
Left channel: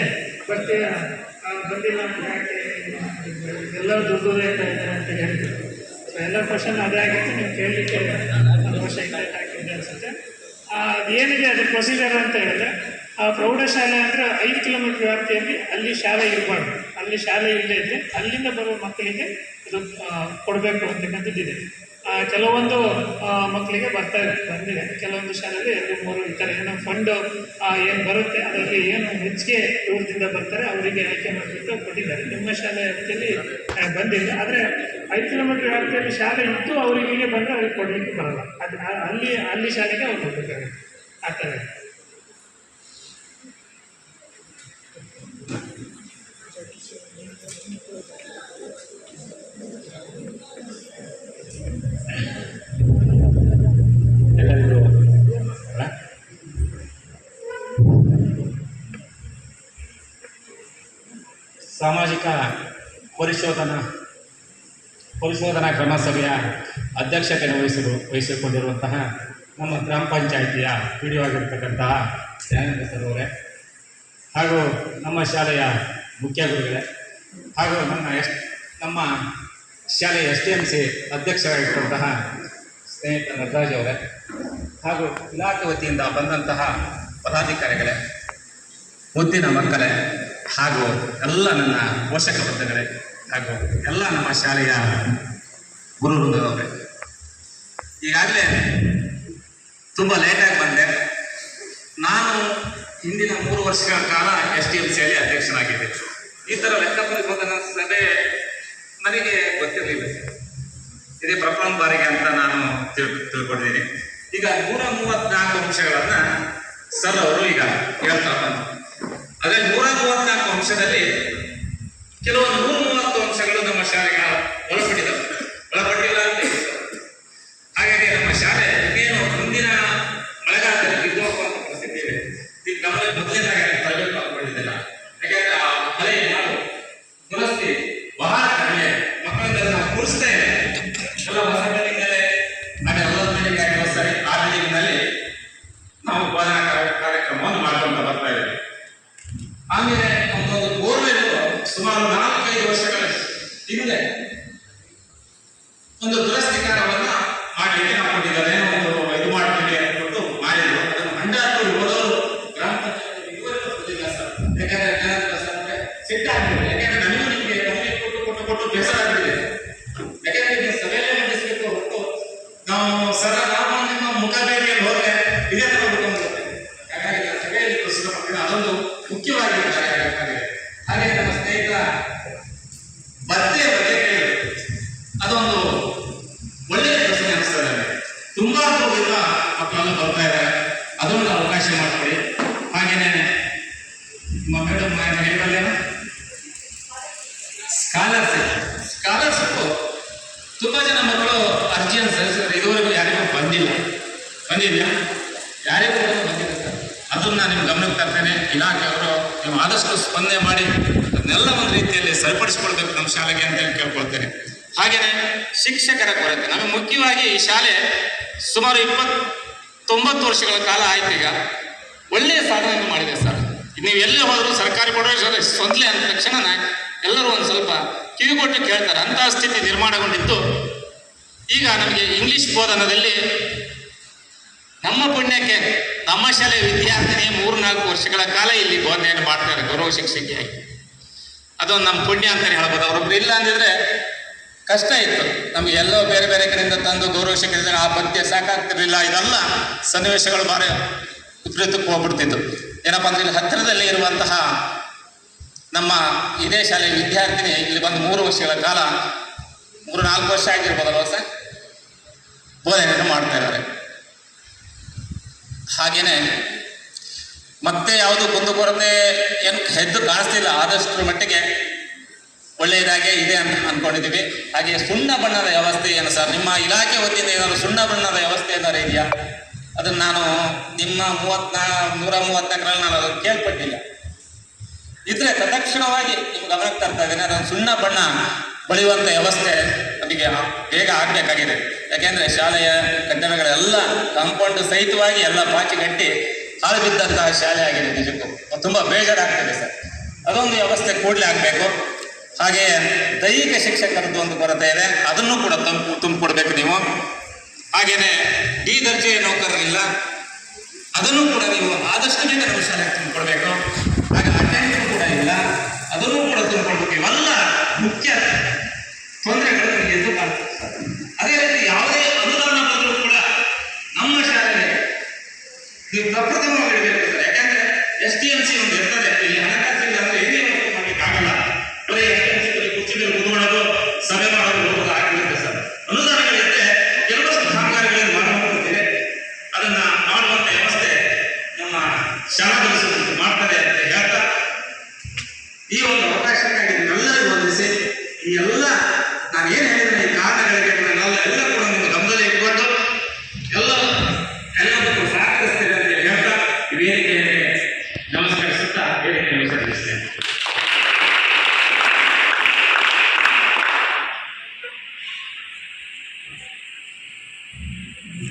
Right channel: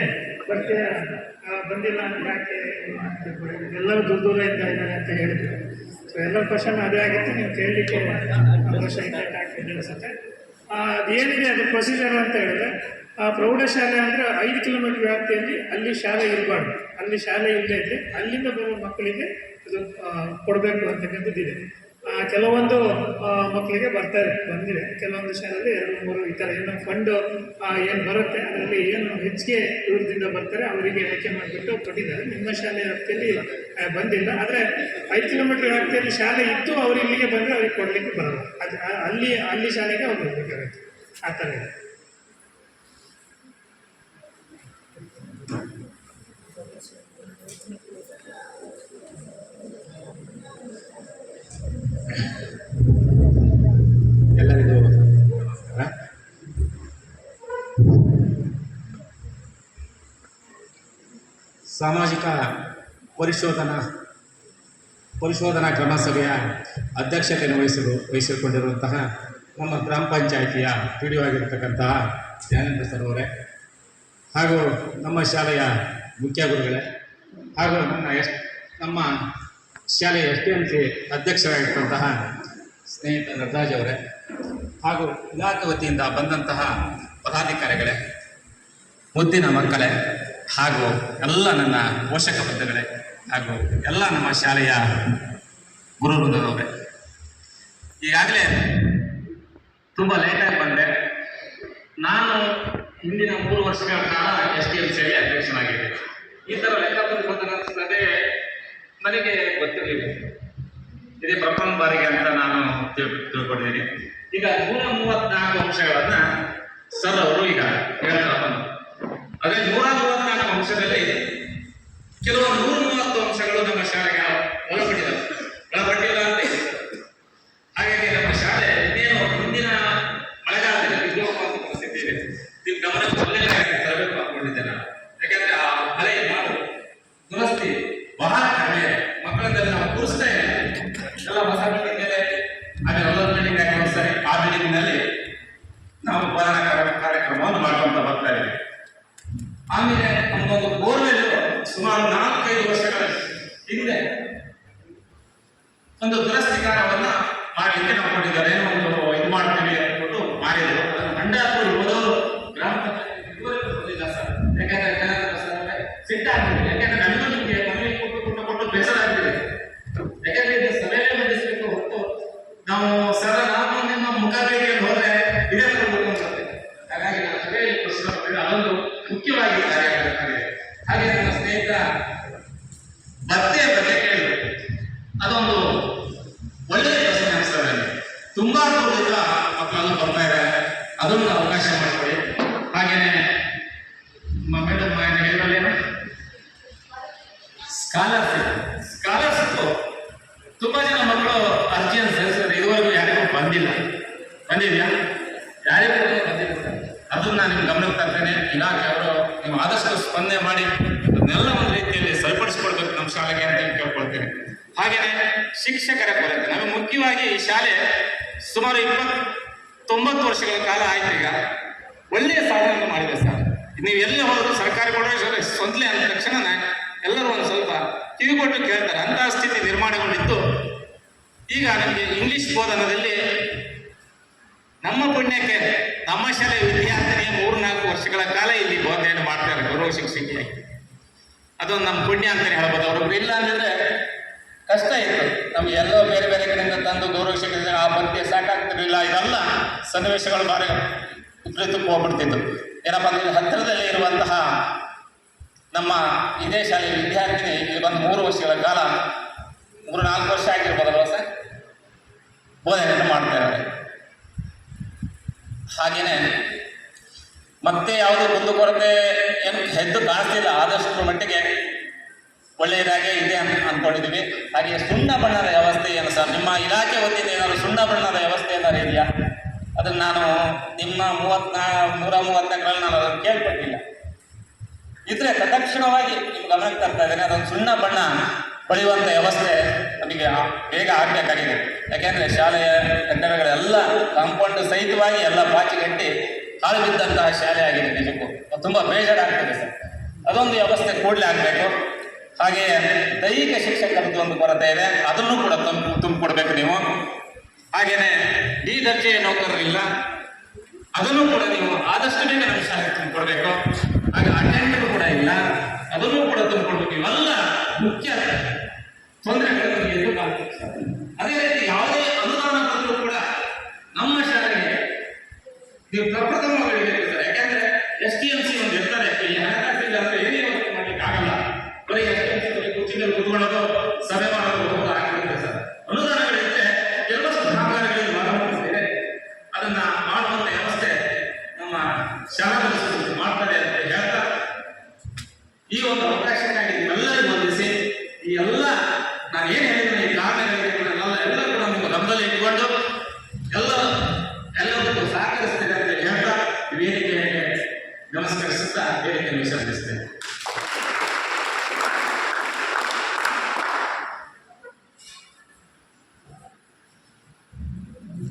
ಬಂದಿಲ್ಲ ಯಾಕೆ ಎಲ್ಲರೂ ದುಡ್ಡು ಇದ್ದಾರೆ ಅಂತ ಹೇಳಿದ್ರು. ಸೊ ಎಲ್ಲರ ಕ್ವಶನ್ ಅದೇ ಆಗಿತ್ತು. ನೀವು ಕೇಳಲಿಕ್ಕೆ ಅವಕಾಶ ಹಾಕಿದೆ ಅನಿಸುತ್ತೆ. ಅದೇನಿದೆ ಅದು ಪ್ರೊಸೀಜರ್ ಅಂತ ಹೇಳಿದ್ರೆ, ಆ ಪ್ರೌಢಶಾಲೆ ಅಂದರೆ 5 ಕಿಲೋಮೀಟರ್ ವ್ಯಾಪ್ತಿಯಲ್ಲಿ ಅಲ್ಲಿ ಶಾಲೆ ಇರಬಾರ್ದು. ಅಲ್ಲಿ ಶಾಲೆ ಇಲ್ಲದೇ ಇದ್ದರೆ ಅಲ್ಲಿಂದ ಬರುವ ಮಕ್ಕಳಿಗೆ ಅದು ಕೊಡಬೇಕು ಅಂತಕ್ಕಂಥದ್ದಿದೆ. ಕೆಲವೊಂದು ಮಕ್ಕಳಿಗೆ ಬಂದಿದೆ. ಕೆಲವೊಂದು ಶಾಲೆಯಲ್ಲಿ 2-3 ಈ ಥರ ಏನೋ ಫಂಡು ಏನು ಬರುತ್ತೆ ಅದರಲ್ಲಿ ಏನು ಹೆಚ್ಚಿಗೆ ದೂರದಿಂದ ಬರ್ತಾರೆ ಅವರಿಗೆ ಆಯ್ಕೆ ಮಾಡಿಬಿಟ್ಟು ಕೊಟ್ಟಿದ್ದಾರೆ. ನಿಮ್ಮ ಶಾಲೆ ವ್ಯಾಪ್ತಿಯಲ್ಲಿ ಬಂದಿಲ್ಲ. ಆದರೆ 5 ಕಿಲೋಮೀಟರ್ ವ್ಯಾಪ್ತಿಯಲ್ಲಿ ಶಾಲೆ ಇದ್ದು ಅವ್ರು ಇಲ್ಲಿಗೆ ಬಂದರೆ ಅವ್ರಿಗೆ ಕೊಡಲಿಕ್ಕೆ ಬರಲ್ಲ. ಅದು ಅಲ್ಲಿ ಶಾಲೆಗೆ ಅವ್ರು ಹೋಗಬೇಕಾಗುತ್ತೆ. ಆ ಥರ ಇದೆ. ಎಲ್ಲರಿಗೂ ಸಾಮಾಜಿಕ ಪರಿಶೋಧನಾ ಕ್ರಮ ಸಭೆಯ ಅಧ್ಯಕ್ಷತೆಯನ್ನು ವಹಿಸಿಕೊಂಡಿರುವಂತಹ ನಮ್ಮ ಗ್ರಾಮ ಪಂಚಾಯಿತಿಯ PDO ಆಗಿರತಕ್ಕಂತಹ ಜ್ಞಾನೇಂದ್ರ ಸರ್ ಅವರೇ, ಹಾಗೂ ನಮ್ಮ ಶಾಲೆಯ ಮುಖ್ಯ ಗುರುಗಳೇ, ಹಾಗೂ ನಮ್ಮ ಶಾಲೆಯ STMC ಅಧ್ಯಕ್ಷರಾಗಿರ್ತಕ್ಕಂತಹ ಸ್ನೇಹಿತ ನಟರಾಜ್ ಅವರೇ, ಹಾಗೂ ಇಲಾಖೆ ವತಿಯಿಂದ ಬಂದಂತಹ ಪದಾಧಿಕಾರಿಗಳೇ, ಮುದ್ದಿನ ಮಕ್ಕಳೇ, ಹಾಗೂ ಎಲ್ಲ ನನ್ನ ಪೋಷಕ ವರ್ಗಗಳೇ, ಹಾಗೂ ಎಲ್ಲ ನಮ್ಮ ಶಾಲೆಯ ಗುರು ವೃಂದದವರೇ, ಈಗಾಗಲೇ ತುಂಬ ಲೇಟಾಗಿ ಬಂದೆ. ನಾನು ಹಿಂದಿನ 3 ವರ್ಷಗಳ ಕಾಲ STMCಯಲ್ಲಿ ಅಧ್ಯಕ್ಷನಾಗಿದ್ದೆ. ಈ ಥರ ಲೆಕ್ಕಪರಿಶೋಧನಾ ಸಭೆ ನನಗೆ ಗೊತ್ತಿರಲಿಲ್ಲ. ಇದೇ ಪ್ರಥಮ ಬಾರಿಗೆ ಅಂತ ನಾನು ತಿಳ್ಕೊಂಡಿದ್ದೀನಿ. ಈಗ 134 ಅಂಶಗಳನ್ನು ಸರ್ ಅವರು ಈಗ ಹೇಳ್ತಾ ಬಂದರು. ಅದರಲ್ಲಿ 134 ಅಂಶದಲ್ಲಿ ಕೆಲವು 130 ಅಂಶಗಳು ನಮ್ಮ ಶಾಲೆಗೆ ಒಳಪಟ್ಟಿಲ್ಲ ಅಂತ ಇದೆ. ಹಾಗಾಗಿ ನಮ್ಮ ಶಾಲೆ ಇನ್ನೇನು ಮುಂದಿನ ಮಳೆಗಾಲದಲ್ಲಿ ಬಿದ್ದೋಗ ಅಂತ ಪರಿಸ್ಥಿತಿ ನಿಮ್ಮ ಗಮನಕ್ಕೆ ಮೊದಲನೇದಾಗಿ ತರಬೇಕು ಅಂದ್ಕೊಂಡಿದ್ದೇನೆ. ಯಾಕಂದ್ರೆ ಆ ಮಳೆ ಮಾಡು ದುರಸ್ತಿ ಬಹಳ ಕಡಿಮೆ, ಮಕ್ಕಳನ್ನೆಲ್ಲ ನಾವು ಕೂರಿಸ್ತಾ ಇಲ್ಲ. ಎಲ್ಲ ಹೊಸ ಬಿಲ್ಡಿಂಗಲ್ಲೇ ಅದೇ 40 ಬಿಲ್ಡಿಂಗ್ ಆಗಿ ಸರಿ ಆ ಬಿಲ್ಡಿಂಗ್ನಲ್ಲಿ ನಾವು ಬೋಧನಾ ಕಾರ್ಯಕ್ರಮವನ್ನು ಮಾಡ್ತೀವಿ. ಅದೊಂದು ಮುಖ್ಯವಾಗಿ ಕಾರ್ಯ. ಹಾಗೆ ನಮ್ಮ ಸ್ನೇಹಿತ ಭತ್ಯೆಯ ಬಗ್ಗೆ ಕೇಳಿದ್ರು. ಅದೊಂದು ಒಳ್ಳೆಯ ಪ್ರಶ್ನೆ ಅನಿಸ್ತದೆ ನನಗೆ. ತುಂಬಾ ದೂರದಿಂದ ಮಕ್ಕಳೆಲ್ಲ ಬರ್ತಾ ಇದ್ದಾರೆ, ಅದೊಂದು ಅವಕಾಶ ಮಾಡಿಕೊಡಿ. ಹಾಗೇನೆ ಮೇಡಮ್ ಹೇಳ್ಕೊಳ್ಳೇನು ಸ್ಕಾಲರ್ಶಿಪ್ ತುಂಬಾ ಜನ ಮಕ್ಕಳು ಅರ್ಜಿಯನ್ನು ಸಲ್ಲಿಸಿದ್ರೆ ಇದುವರೆಗೂ ಯಾರಿಗೂ ಬಂದಿಲ್ಲ ಯಾರಿಗೂ ಬಂದಿಲ್ಲ ಸರ್. ಅದನ್ನ ನಿಮ್ಮ ಗಮನಕ್ಕೆ ತರ್ತೇನೆ. ಇಲಾಖೆಯವರು ನೀವು ಆದಷ್ಟು ಸ್ಪಂದನೆ ಮಾಡಿ ಅದನ್ನೆಲ್ಲ ಒಂದು ರೀತಿಯಲ್ಲಿ ಸರಿಪಡಿಸ್ಕೊಳ್ಬೇಕು ನಮ್ಮ ಶಾಲೆಗೆ ಅಂತ ಕೇಳ್ಕೊಳ್ತೇನೆ. ಹಾಗೇನೆ ಶಿಕ್ಷಕರ ಕೊರತೆ ನಮಗೆ ಮುಖ್ಯವಾಗಿ ಈ ಶಾಲೆ ಸುಮಾರು 90 ವರ್ಷಗಳ ಕಾಲ ಆಯ್ತು. ಈಗ ಒಳ್ಳೆಯ ಸಾಧನೆ ಮಾಡಿದೆ ಸರ್. ನೀವು ಎಲ್ಲಿ ಹೋದರೂ ಸರ್ಕಾರಿ ಪ್ರೌಢಶಾಲೆ ಸ್ವಂತಲೇ ಅಂದ ತಕ್ಷಣ ಎಲ್ಲರೂ ಒಂದು ಸ್ವಲ್ಪ ಕಿವಿಗೊಟ್ಟು ಕೇಳ್ತಾರೆ. ಅಂತಹ ಸ್ಥಿತಿ ನಿರ್ಮಾಣಗೊಂಡಿದ್ದು ಈಗ ನಮಗೆ ಇಂಗ್ಲಿಷ್ ಬೋಧನದಲ್ಲಿ ನಮ್ಮ ಪುಣ್ಯಕ್ಕೆ ನಮ್ಮ ಶಾಲೆ ವಿದ್ಯಾರ್ಥಿನಿ 3-4 ವರ್ಷಗಳ ಕಾಲ ಇಲ್ಲಿ ಬೋಧನೆಯನ್ನು ಮಾಡ್ತಾರೆ ಗೌರವ ಶಿಕ್ಷಕಿಯಾಗಿ. ಅದೊಂದು ನಮ್ಮ ಪುಣ್ಯ ಅಂತಲೇ ಹೇಳ್ಬೋದು. ಅವ್ರೊಬ್ರು ಇಲ್ಲ ಅಂದಿದ್ರೆ ಕಷ್ಟ ಇತ್ತು. ನಮ್ಗೆ ಎಲ್ಲೋ ಬೇರೆ ಬೇರೆ ಕಡೆಯಿಂದ ತಂದು ಗೌರವ ಶಿಕ್ಷಕಿದ್ರೆ ಆ ಪದ್ಯ ಸಾಕಾಗ್ತಿರ್ಲಿಲ್ಲ. ಇದೆಲ್ಲ ಸನ್ನಿವೇಶಗಳು ಬಾರಿ ವಿಪರೀತಕ್ಕೆ ಹೋಗ್ಬಿಡ್ತಿತ್ತು. ಏನಪ್ಪ ಅಂದ್ರೆ ಇಲ್ಲಿ ಹತ್ತಿರದಲ್ಲಿ ಇರುವಂತಹ ನಮ್ಮ ಇದೇ ಶಾಲೆ ವಿದ್ಯಾರ್ಥಿನಿ ಇಲ್ಲಿ ಬಂದು 3 ವರ್ಷಗಳ ಕಾಲ 3-4 ವರ್ಷ ಆಗಿರ್ಬೋದಲ್ವ ಸರ್ ಬೋಧನೆಯನ್ನು ಮಾಡ್ತಾ ಇದ್ದಾರೆ. ಹಾಗೇನೆ ಮತ್ತೆ ಯಾವುದು ಕುಂದುಕೊರತೆ ಏನು ಹೆದ್ದು ಕಾಣಿಸ್ತಿಲ್ಲ. ಆದಷ್ಟು ಮಟ್ಟಿಗೆ ಒಳ್ಳೆಯದಾಗೇ ಇದೆ ಅಂತ ಅಂದ್ಕೊಂಡಿದ್ದೀವಿ. ಹಾಗೆ ಸುಣ್ಣ ಬಣ್ಣದ ವ್ಯವಸ್ಥೆ ಏನು ಸರ್ ನಿಮ್ಮ ಇಲಾಖೆ ವತಿಯಿಂದ ಏನಾದ್ರು ಸುಣ್ಣ ಬಣ್ಣದ ವ್ಯವಸ್ಥೆ ಏನಾದ್ರು ಇದೆಯಾ? ಅದನ್ನು ನಾನು ನಿಮ್ಮ 134ರಲ್ಲಿ ನಾನು ಅದನ್ನು ಕೇಳ್ಪಟ್ಟಿಲ್ಲ. ಇದ್ರೆ ತತ್ಕ್ಷಣವಾಗಿ ನಿಮ್ಮ ಗಮನಕ್ಕೆ ತರ್ತಾ ಇದ್ದೇನೆ. ಅದೊಂದು ಸುಣ್ಣ ಬಣ್ಣ ಬಳಿಯುವಂಥ ವ್ಯವಸ್ಥೆ ನಮಗೆ ಬೇಗ ಆಗಬೇಕಾಗಿದೆ. ಯಾಕೆಂದರೆ ಶಾಲೆಯ ಕಟ್ಟಡಗಳೆಲ್ಲ ಕಾಂಪೌಂಡ್ ಸಹಿತವಾಗಿ ಎಲ್ಲ ಬಾಕಿ ಕಟ್ಟಿ ಹಾಳು ಬಿದ್ದಂತಹ ಶಾಲೆ ಆಗಿದೆ. ನಿಜಕ್ಕೂ ತುಂಬ ಬೇಜಾರಾಗ್ತಿದೆ ಸರ್. ಅದೊಂದು ವ್ಯವಸ್ಥೆ ಕೂಡಲೇ ಆಗಬೇಕು. ಹಾಗೆ ದೈಹಿಕ ಶಿಕ್ಷಕರದ್ದು ಒಂದು ಕೊರತೆ ಇದೆ, ಅದನ್ನು ಕೂಡ ತುಂಬಿಕೊಡ್ಬೇಕು ನೀವು. ಹಾಗೇನೆ ಡಿ ದರ್ಜೆಯ ನೌಕರರಿಲ್ಲ, ಅದನ್ನು ಕೂಡ ನೀವು ಆದಷ್ಟು ಬೇಗ ನಮ್ಮ ಶಾಲೆಗೆ ತುಂಬಿಕೊಡ್ಬೇಕು. ಹಾಗೆ ಅಟೆಂಡರ್ ಕೂಡ ಇಲ್ಲ, ಅದನ್ನು ಕೂಡ ತುಂಬಿಕೊಡ್ಬೇಕು. ಇವೆಲ್ಲ ಮುಖ್ಯ ತೊಂದರೆಗಳು ನಮಗೆ ಎದ್ದು ಕಾಣ್ತದೆ ಸರ್. ಅದೇ ರೀತಿ ಯಾವುದೇ ಅನುದಾನ ಬಂದರೂ ಕೂಡ ನಮ್ಮ ಶಾಲೆಗೆ ನೀವು ಪ್ರಪ್ರಥಮವಾಗಿರಬೇಕು ಸರ್. ಯಾಕಂದ್ರೆ STMC ಒಂದು ಇರ್ತದೆ, ಇಲ್ಲಿ ಹಣಕಾಸಿಲ್ಲ ಅಂದ್ರೆ ಏನೇ ವಸ್ತು ಮಾಡ್ಲಿಕ್ಕೆ ಆಗಲ್ಲ. ಬರೀ STMC ಕುರ್ಚಿ ಮೇಲೆ ಕೂತ್ಕೊಳ್ಳೋದು ಸಭೆ ಮಾಡೋದು ಹೋಗೋದು ಆಗಿರುತ್ತೆ ಸರ್. ಅನುದಾನಗಳಿದ್ರೆ ಕೆಲವಷ್ಟು ಕಾಮಗಾರಿಗಳಲ್ಲಿ ಮಾಡಬಹುದಿದೆ. ಅದನ್ನ ಮಾಡುವಂತ ವ್ಯವಸ್ಥೆ ನಮ್ಮ ಶಾಲಾ ಮಾಡ್ತಾರೆ ಅಂತ ಹೇಳ್ತಾ ಈ ಒಂದು ಅವಕಾಶಕ್ಕಾಗಿ ಎಲ್ಲರಿಗೂ ವಂದಿಸಿ ಈ ಎಲ್ಲ ನಾನು ಏನು ಹೇಳಿದ್ರೆ ಈ ಕಾರಣಗಳಿಗೆ ಎಲ್ಲ ಕೂಡ ನಿಮ್ಮ ಗಮನದಲ್ಲಿ ಇಟ್ಕೊಂಡು ಎಲ್ಲದಕ್ಕೂ ಸಹಕರಿಸ್ತೇನೆ ಅಂತ ಹೇಳ್ತಾ ಈ ವೇದಿಕೆಯನ್ನು ನಮಸ್ಕರಿಸುತ್ತಾ ವೇದಿಕೆಯನ್ನು ವಿಸರ್ಜಿಸ್ತೇನೆ.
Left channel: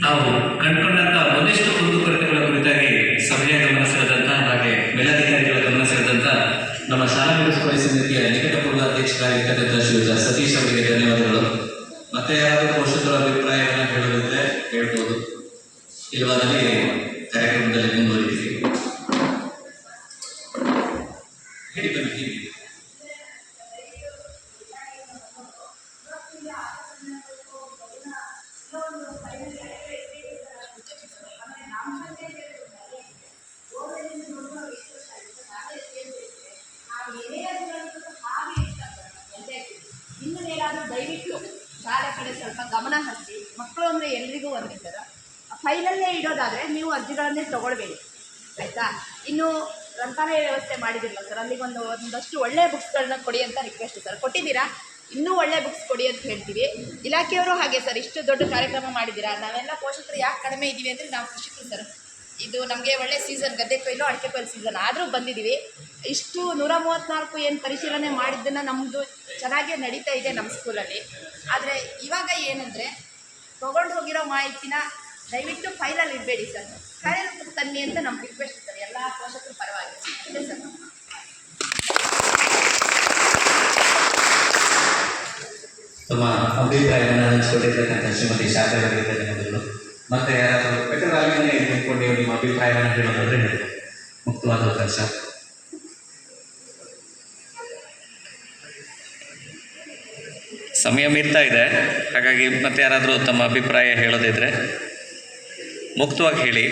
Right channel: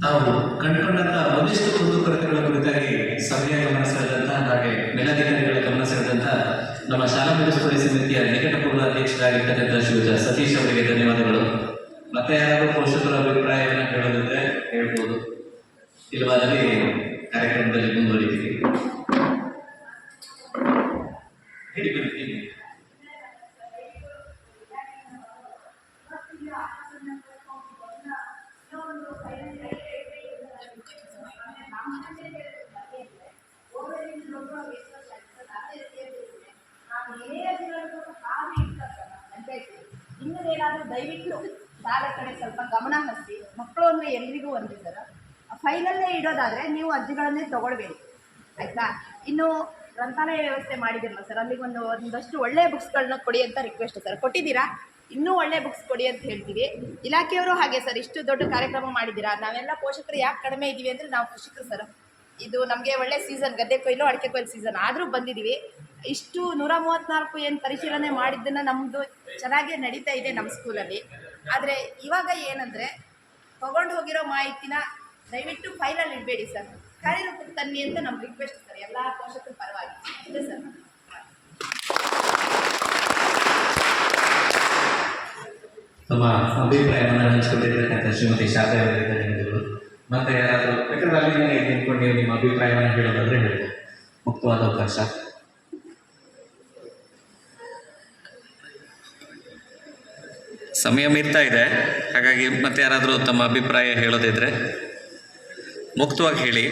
ತಾವು ಕಂಡುಕೊಂಡಂತ ಒಂದಿಷ್ಟು ಕುಂದುಕೊರತೆಗಳ ಕುರಿತಾಗಿ ಸಭೆಯ ಗಮನ ಸೆಳೆದಂತ ಹಾಗೆ ಮೇಲಧಿಕಾರಿಗಳ ಗಮನ ಸೆಳೆದಂತ ನಮ್ಮ ಶಾಲಾ ಮುನ್ಸಿಪಲ್ ಸಮಿತಿಯ ನಿಕಟಪೂರ್ವ ಅಧ್ಯಕ್ಷರಾಗಿರ್ತಕ್ಕಂಥ ಶ್ರೀಯುತ ಸತೀಶ್ ಅವರಿಗೆ ಧನ್ಯವಾದಗಳು. ಮತ್ತೆ ಯಾರಾದರೂ ಪೋಷಕರ ಅಭಿಪ್ರಾಯವನ್ನು ಹೇಳೋದಿದ್ರೆ ಹೇಳ್ಬೋದು, ಇಲ್ಲವಾದಲ್ಲಿ ಕಾರ್ಯಕ್ರಮದಲ್ಲಿ ಮುಂದುವರಿತೀವಿ. ಹೇಳಿ ಬನ್ನಿ. ಇನ್ನೇನಾದರೂ ದಯವಿಟ್ಟು ಶಾಲೆ ಕಡೆ ಸ್ವಲ್ಪ ಗಮನ ಹರಿಸಿ. ಮಕ್ಕಳು ಅಂದರೆ ಎಲ್ರಿಗೂ ಒಂದಿದ್ದಾರ ಫೈನಲ್ಲೇ ಇಡೋದಾದರೆ ನೀವು ಅರ್ಜಿಗಳನ್ನೇ ತೊಗೊಳ್ಬೇಡಿ ಆಯಿತಾ. ಇನ್ನು ಗ್ರಂಥಾಲಯ ವ್ಯವಸ್ಥೆ ಮಾಡಿದಿರಲ್ಲ ಸರ್, ಅಲ್ಲಿಗೆ ಒಂದಷ್ಟು ಒಳ್ಳೆಯ ಬುಕ್ಸ್ಗಳನ್ನ ಕೊಡಿ ಅಂತ ರಿಕ್ವೆಸ್ಟ್ ಸರ್. ಕೊಟ್ಟಿದ್ದೀರಾ, ಇನ್ನೂ ಒಳ್ಳೆ ಬುಕ್ಸ್ ಕೊಡಿ ಅಂತ ಹೇಳ್ತೀವಿ. ಇಲಾಖೆಯವರು ಹಾಗೆ ಸರ್, ಇಷ್ಟು ದೊಡ್ಡ ಕಾರ್ಯಕ್ರಮ ಮಾಡಿದ್ದೀರಾ. ನಾವೆಲ್ಲ ಪೋಷಕರು ಯಾಕೆ ಕಡಿಮೆ ಇದ್ದೀವಿ ಅಂದರೆ ನಾವು ಕೃಷಿಕರು ಸರ್. ಇದು ನಮಗೆ ಒಳ್ಳೆ ಸೀಸನ್, ಗದ್ದೆ ಕೊಯ್ಲು ಅಡಿಕೆ ಕೊಯ್ಲು ಸೀಸನ್ ಆದರೂ ಬಂದಿದ್ದೀವಿ. ಇಷ್ಟು 134 ಏನು ಪರಿಶೀಲನೆ ಮಾಡಿದ್ದನ್ನು ನಮ್ಮದು ಚೆನ್ನಾಗೇ ನಡೀತಾ ಇದೆ ನಮ್ಮ ಸ್ಕೂಲಲ್ಲಿ. ಆದರೆ ಇವಾಗ ಏನಂದರೆ ತೊಗೊಂಡು ಹೋಗಿರೋ ಮಾಹಿತಿನ ದಯವಿಟ್ಟು ಫೈಲಲ್ಲಿ ಇಡಬೇಡಿ ಸರ್, ಕಾರ್ಯರೂಪಕ್ಕೆ ತನ್ನಿ ಅಂತ ನಮ್ಮ ರಿಕ್ವೆಸ್ಟ್ ಸರ್, ಎಲ್ಲ ಪೋಷಕರ ಪರವಾಗಿ ಅಷ್ಟೇ ಸರ್. ತಮ್ಮ ಅಭಿಪ್ರಾಯವನ್ನು ಹಂಚಿಕೊಂಡಿರ್ತಕ್ಕಂಥ ಶ್ರೀಮತಿ ಶಾಖೆ ಅವರಿಗೆ ಧನ್ಯವಾದಗಳು. ಮತ್ತೆ ಯಾರಾದರೂ ಯಾಕಂದ್ರೆ ಅಲ್ಲಿಂದಲೇ ನಿಂತ್ಕೊಂಡು ನೀವು ನಿಮ್ಮ ಅಭಿಪ್ರಾಯವನ್ನು ಹೇಳೋದಾದ್ರೆ ಹೇಳಿ, ಮುಕ್ತವಾದ ಅವಕಾಶ. ಸಮಯ ಮೀರ್ತಾ ಇದೆ, ಹಾಗಾಗಿ ಮತ್ತೆ ಯಾರಾದರೂ ತಮ್ಮ ಅಭಿಪ್ರಾಯ ಹೇಳೋದಿದ್ರೆ ಮುಕ್ತವಾಗಿ ಹೇಳಿ.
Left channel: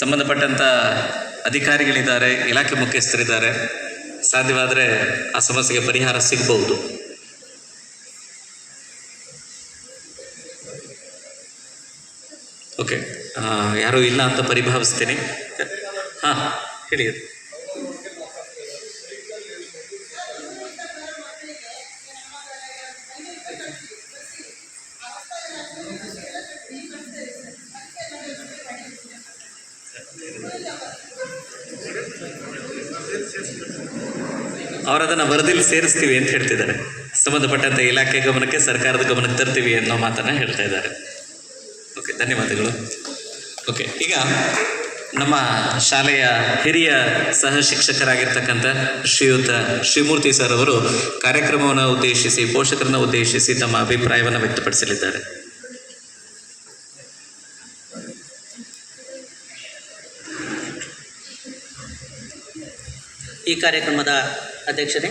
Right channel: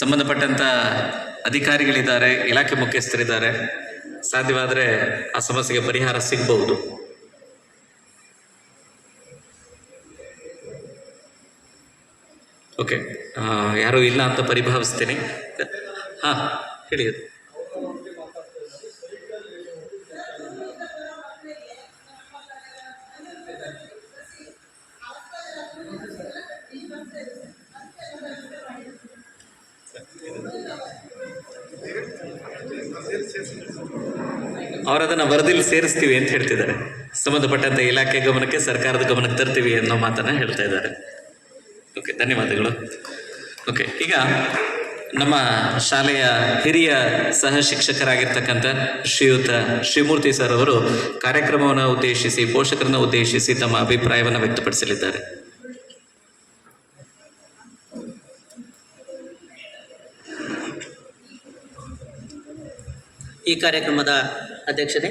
ಸಂಬಂಧಪಟ್ಟಂಥ ಅಧಿಕಾರಿಗಳಿದ್ದಾರೆ, ಇಲಾಖೆ ಮುಖ್ಯಸ್ಥರಿದ್ದಾರೆ. ಸಾಧ್ಯವಾದರೆ ಆ ಸಮಸ್ಯೆಗೆ ಪರಿಹಾರ ಸಿಗಬಹುದು. ಓಕೆ, ಯಾರೂ ಇಲ್ಲ ಅಂತ ಪರಿಭಾವಿಸ್ತೀನಿ. ಹಾಂ, ಹೇಳಿ. ಅವರದನ್ನು ವರದಿಯಲ್ಲಿ ಸೇರಿಸ್ತೀವಿ ಅಂತ ಹೇಳ್ತಿದ್ದಾರೆ. ಸಂಬಂಧಪಟ್ಟಂಥ ಇಲಾಖೆ ಗಮನಕ್ಕೆ, ಸರ್ಕಾರದ ಗಮನಕ್ಕೆ ತರ್ತೀವಿ ಅನ್ನೋ ಮಾತನ್ನು ಹೇಳ್ತಾ ಇದ್ದಾರೆ. ಓಕೆ, ಧನ್ಯವಾದಗಳು. ಓಕೆ, ಈಗ ನಮ್ಮ ಶಾಲೆಯ ಹಿರಿಯ ಸಹ ಶಿಕ್ಷಕರಾಗಿರ್ತಕ್ಕಂಥ ಶ್ರೀಯುತ ಶ್ರೀಮೂರ್ತಿ ಸರ್ ಅವರು ಕಾರ್ಯಕ್ರಮವನ್ನು ಉದ್ದೇಶಿಸಿ, ಪೋಷಕರನ್ನು ಉದ್ದೇಶಿಸಿ ತಮ್ಮ ಅಭಿಪ್ರಾಯವನ್ನು ವ್ಯಕ್ತಪಡಿಸಲಿದ್ದಾರೆ. ಈ ಕಾರ್ಯಕ್ರಮದ ಅಧ್ಯಕ್ಷತೆ,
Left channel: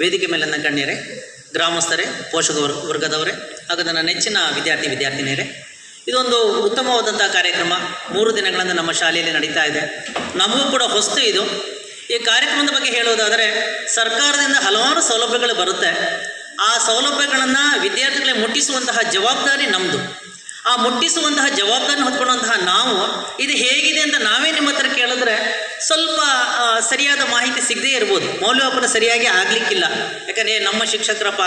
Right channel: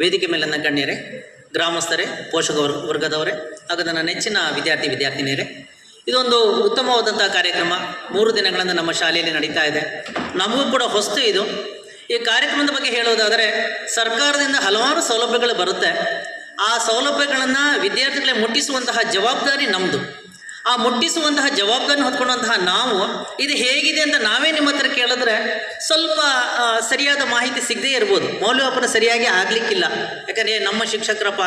ವೇದಿಕೆ ಮೇಲಿನ ಗಣ್ಯರೇ, ಗ್ರಾಮಸ್ಥರೇ, ಪೋಷಕ ವರ್ಗದವರೇ ಹಾಗೂ ನನ್ನ ನೆಚ್ಚಿನ ವಿದ್ಯಾರ್ಥಿನಿಯರೇ, ಇದೊಂದು ಉತ್ತಮವಾದಂಥ ಕಾರ್ಯಕ್ರಮ. 3 ದಿನಗಳಿಂದ ನಮ್ಮ ಶಾಲೆಯಲ್ಲಿ ನಡೀತಾ ಇದೆ. ನಮಗೂ ಕೂಡ ಹೊಸ್ತು ಇದು. ಈ ಕಾರ್ಯಕ್ರಮದ ಬಗ್ಗೆ ಹೇಳುವುದಾದರೆ, ಸರ್ಕಾರದಿಂದ ಹಲವಾರು ಸೌಲಭ್ಯಗಳು ಬರುತ್ತೆ. ಆ ಸೌಲಭ್ಯಗಳನ್ನು ವಿದ್ಯಾರ್ಥಿಗಳಿಗೆ ಮುಟ್ಟಿಸುವಂತಹ ಜವಾಬ್ದಾರಿ ನಮ್ಮದು. ಆ ಮುಟ್ಟಿಸುವಂತಹ ಜವಾಬ್ದಾರಿ ಹೊತ್ಕೊಳ್ಳುವಂತಹ ನಾವು ಇದು ಹೇಗಿದೆ ಅಂತ ನಾವೇ ನಿಮ್ಮ ಹತ್ರ ಕೇಳಿದ್ರೆ ಸ್ವಲ್ಪ ಸರಿಯಾದ ಮಾಹಿತಿ ಸಿಗದೇ ಇರ್ಬೋದು, ಮೌಲ್ಯಮಾಪನ ಸರಿಯಾಗಿ ಆಗಲಿಕ್ಕಿಲ್ಲ. ಯಾಕಂದರೆ ನಮ್ಮ ಶಿಕ್ಷಕರಪ್ಪ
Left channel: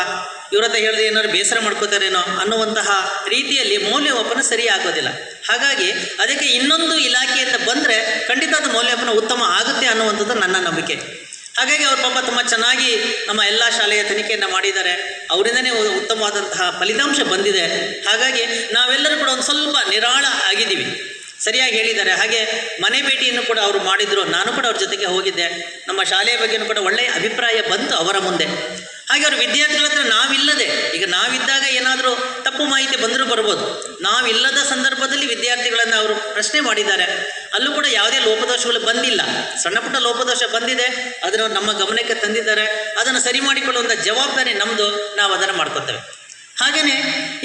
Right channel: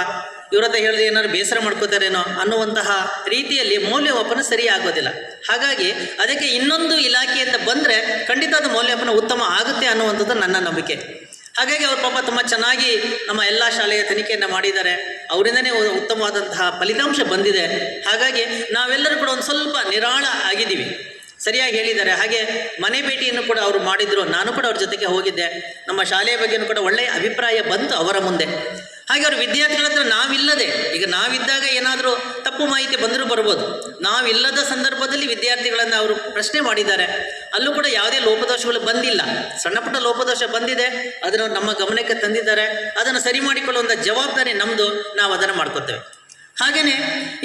ಇವ್ರ ಹತ್ರ ಹೇಳಿದ್ರೆ ಏನಾದ್ರು ಬೇಸರ ಮಾಡ್ಕೋತಾರೇನೋ ಅನ್ನುವಂತಹ ರೀತಿಯಲ್ಲಿ ಮೌಲ್ಯಮಾಪನ ಸರಿ ಆಗೋದಿಲ್ಲ. ಹಾಗಾಗಿ ಅದಕ್ಕೆ ಇನ್ನೊಂದು ಇಲಾಖೆಯಿಂದ ಬಂದರೆ ಖಂಡಿತ ಅದು ಮೌಲ್ಯಮಾಪನ ಉತ್ತಮ ಆಗುತ್ತೆ ಅನ್ನುವಂಥದ್ದು ನನ್ನ ನಂಬಿಕೆ. ಹಾಗಾಗಿ ಅವ್ರ ಪಾಪ ತುಂಬ ಚೆನ್ನಾಗಿ ನಮ್ಮ ಎಲ್ಲ ಶಾಲೆಯ ತನಿಖೆಯನ್ನು ಮಾಡಿದ್ದಾರೆ. ಅವರಿಂದನೇ ಉತ್ತಮವಾದಂತಹ ಫಲಿತಾಂಶ ಬಂದಿದೆ. ಹಾಗಾಗಿ ನಾವೆಲ್ಲರೂ ಕೂಡ ಒಂದು ಸ್ವಲ್ಪ ನಿರಾಳ ಆಗಿದ್ದೀವಿ. ಸರಿಯಾಗಿ ಹೇಳಿದ್ದಾರೆ. ಹಾಗೆ ಮನೆ ಭೇಟಿಯನ್ನು ಕೂಡ ಅವರು ಮಾಡಿದರು. ನಾನು ಕೂಡ ಅವ್ರ ಜೊತೆಗೆ ಹೋಗಿದ್ದೆ. ನಮ್ಮ ಶಾಲೆಯ ಬಗ್ಗೆಯೂ ಕೂಡ ಒಳ್ಳೆಯ ಅಭಿಪ್ರಾಯ ಬಂತು ಅವರ ಮುಂದೆ. ಹಾಗೆ ಅವ್ರ ವಿದ್ಯಾರ್ಥಿಗಳ ಹತ್ರ ನಾವಿಲ್ಲದೆ, ಈಗ ನಾವಿದ್ದಾಗ ಏನಾದರೂ ತಪ್ಪು ಮಾಹಿತಿ ಬಂದರೂ ಬರ್ಬೋದು. ನಾವಿಲ್ಲದ ಸಂದರ್ಭದಲ್ಲಿ ವಿದ್ಯಾರ್ಥಿಗಳನ್ನು ಅವರು ಪ್ರಶ್ನೆ ಮಾಡಿದ್ದಾರೆ. ಅಲ್ಲೂ ಕೂಡ ಯಾವುದೇ ಲೋಪದೋಷಗಳು ಬಂದಿಲ್ಲ. ಸಣ್ಣ ಪುಟ್ಟ ಲೋಪದೋಷ ಬಂದಿದೆ, ಅದನ್ನು ನಮ್ಮ ಗಮನಕ್ಕೆ ತಂದಿದ್ದಾರೆ. ಅದನ್ನು ಸರಿ ಮಾಡಿಕೊಳ್ಳುವಂಥ ಜವಾಬ್ದಾರಿ ನಮ್ಮದು, ನಾವು ಅದನ್ನು ಮಾಡ್ಕೊತೇವೆ. ಹಾಗೆಯೇ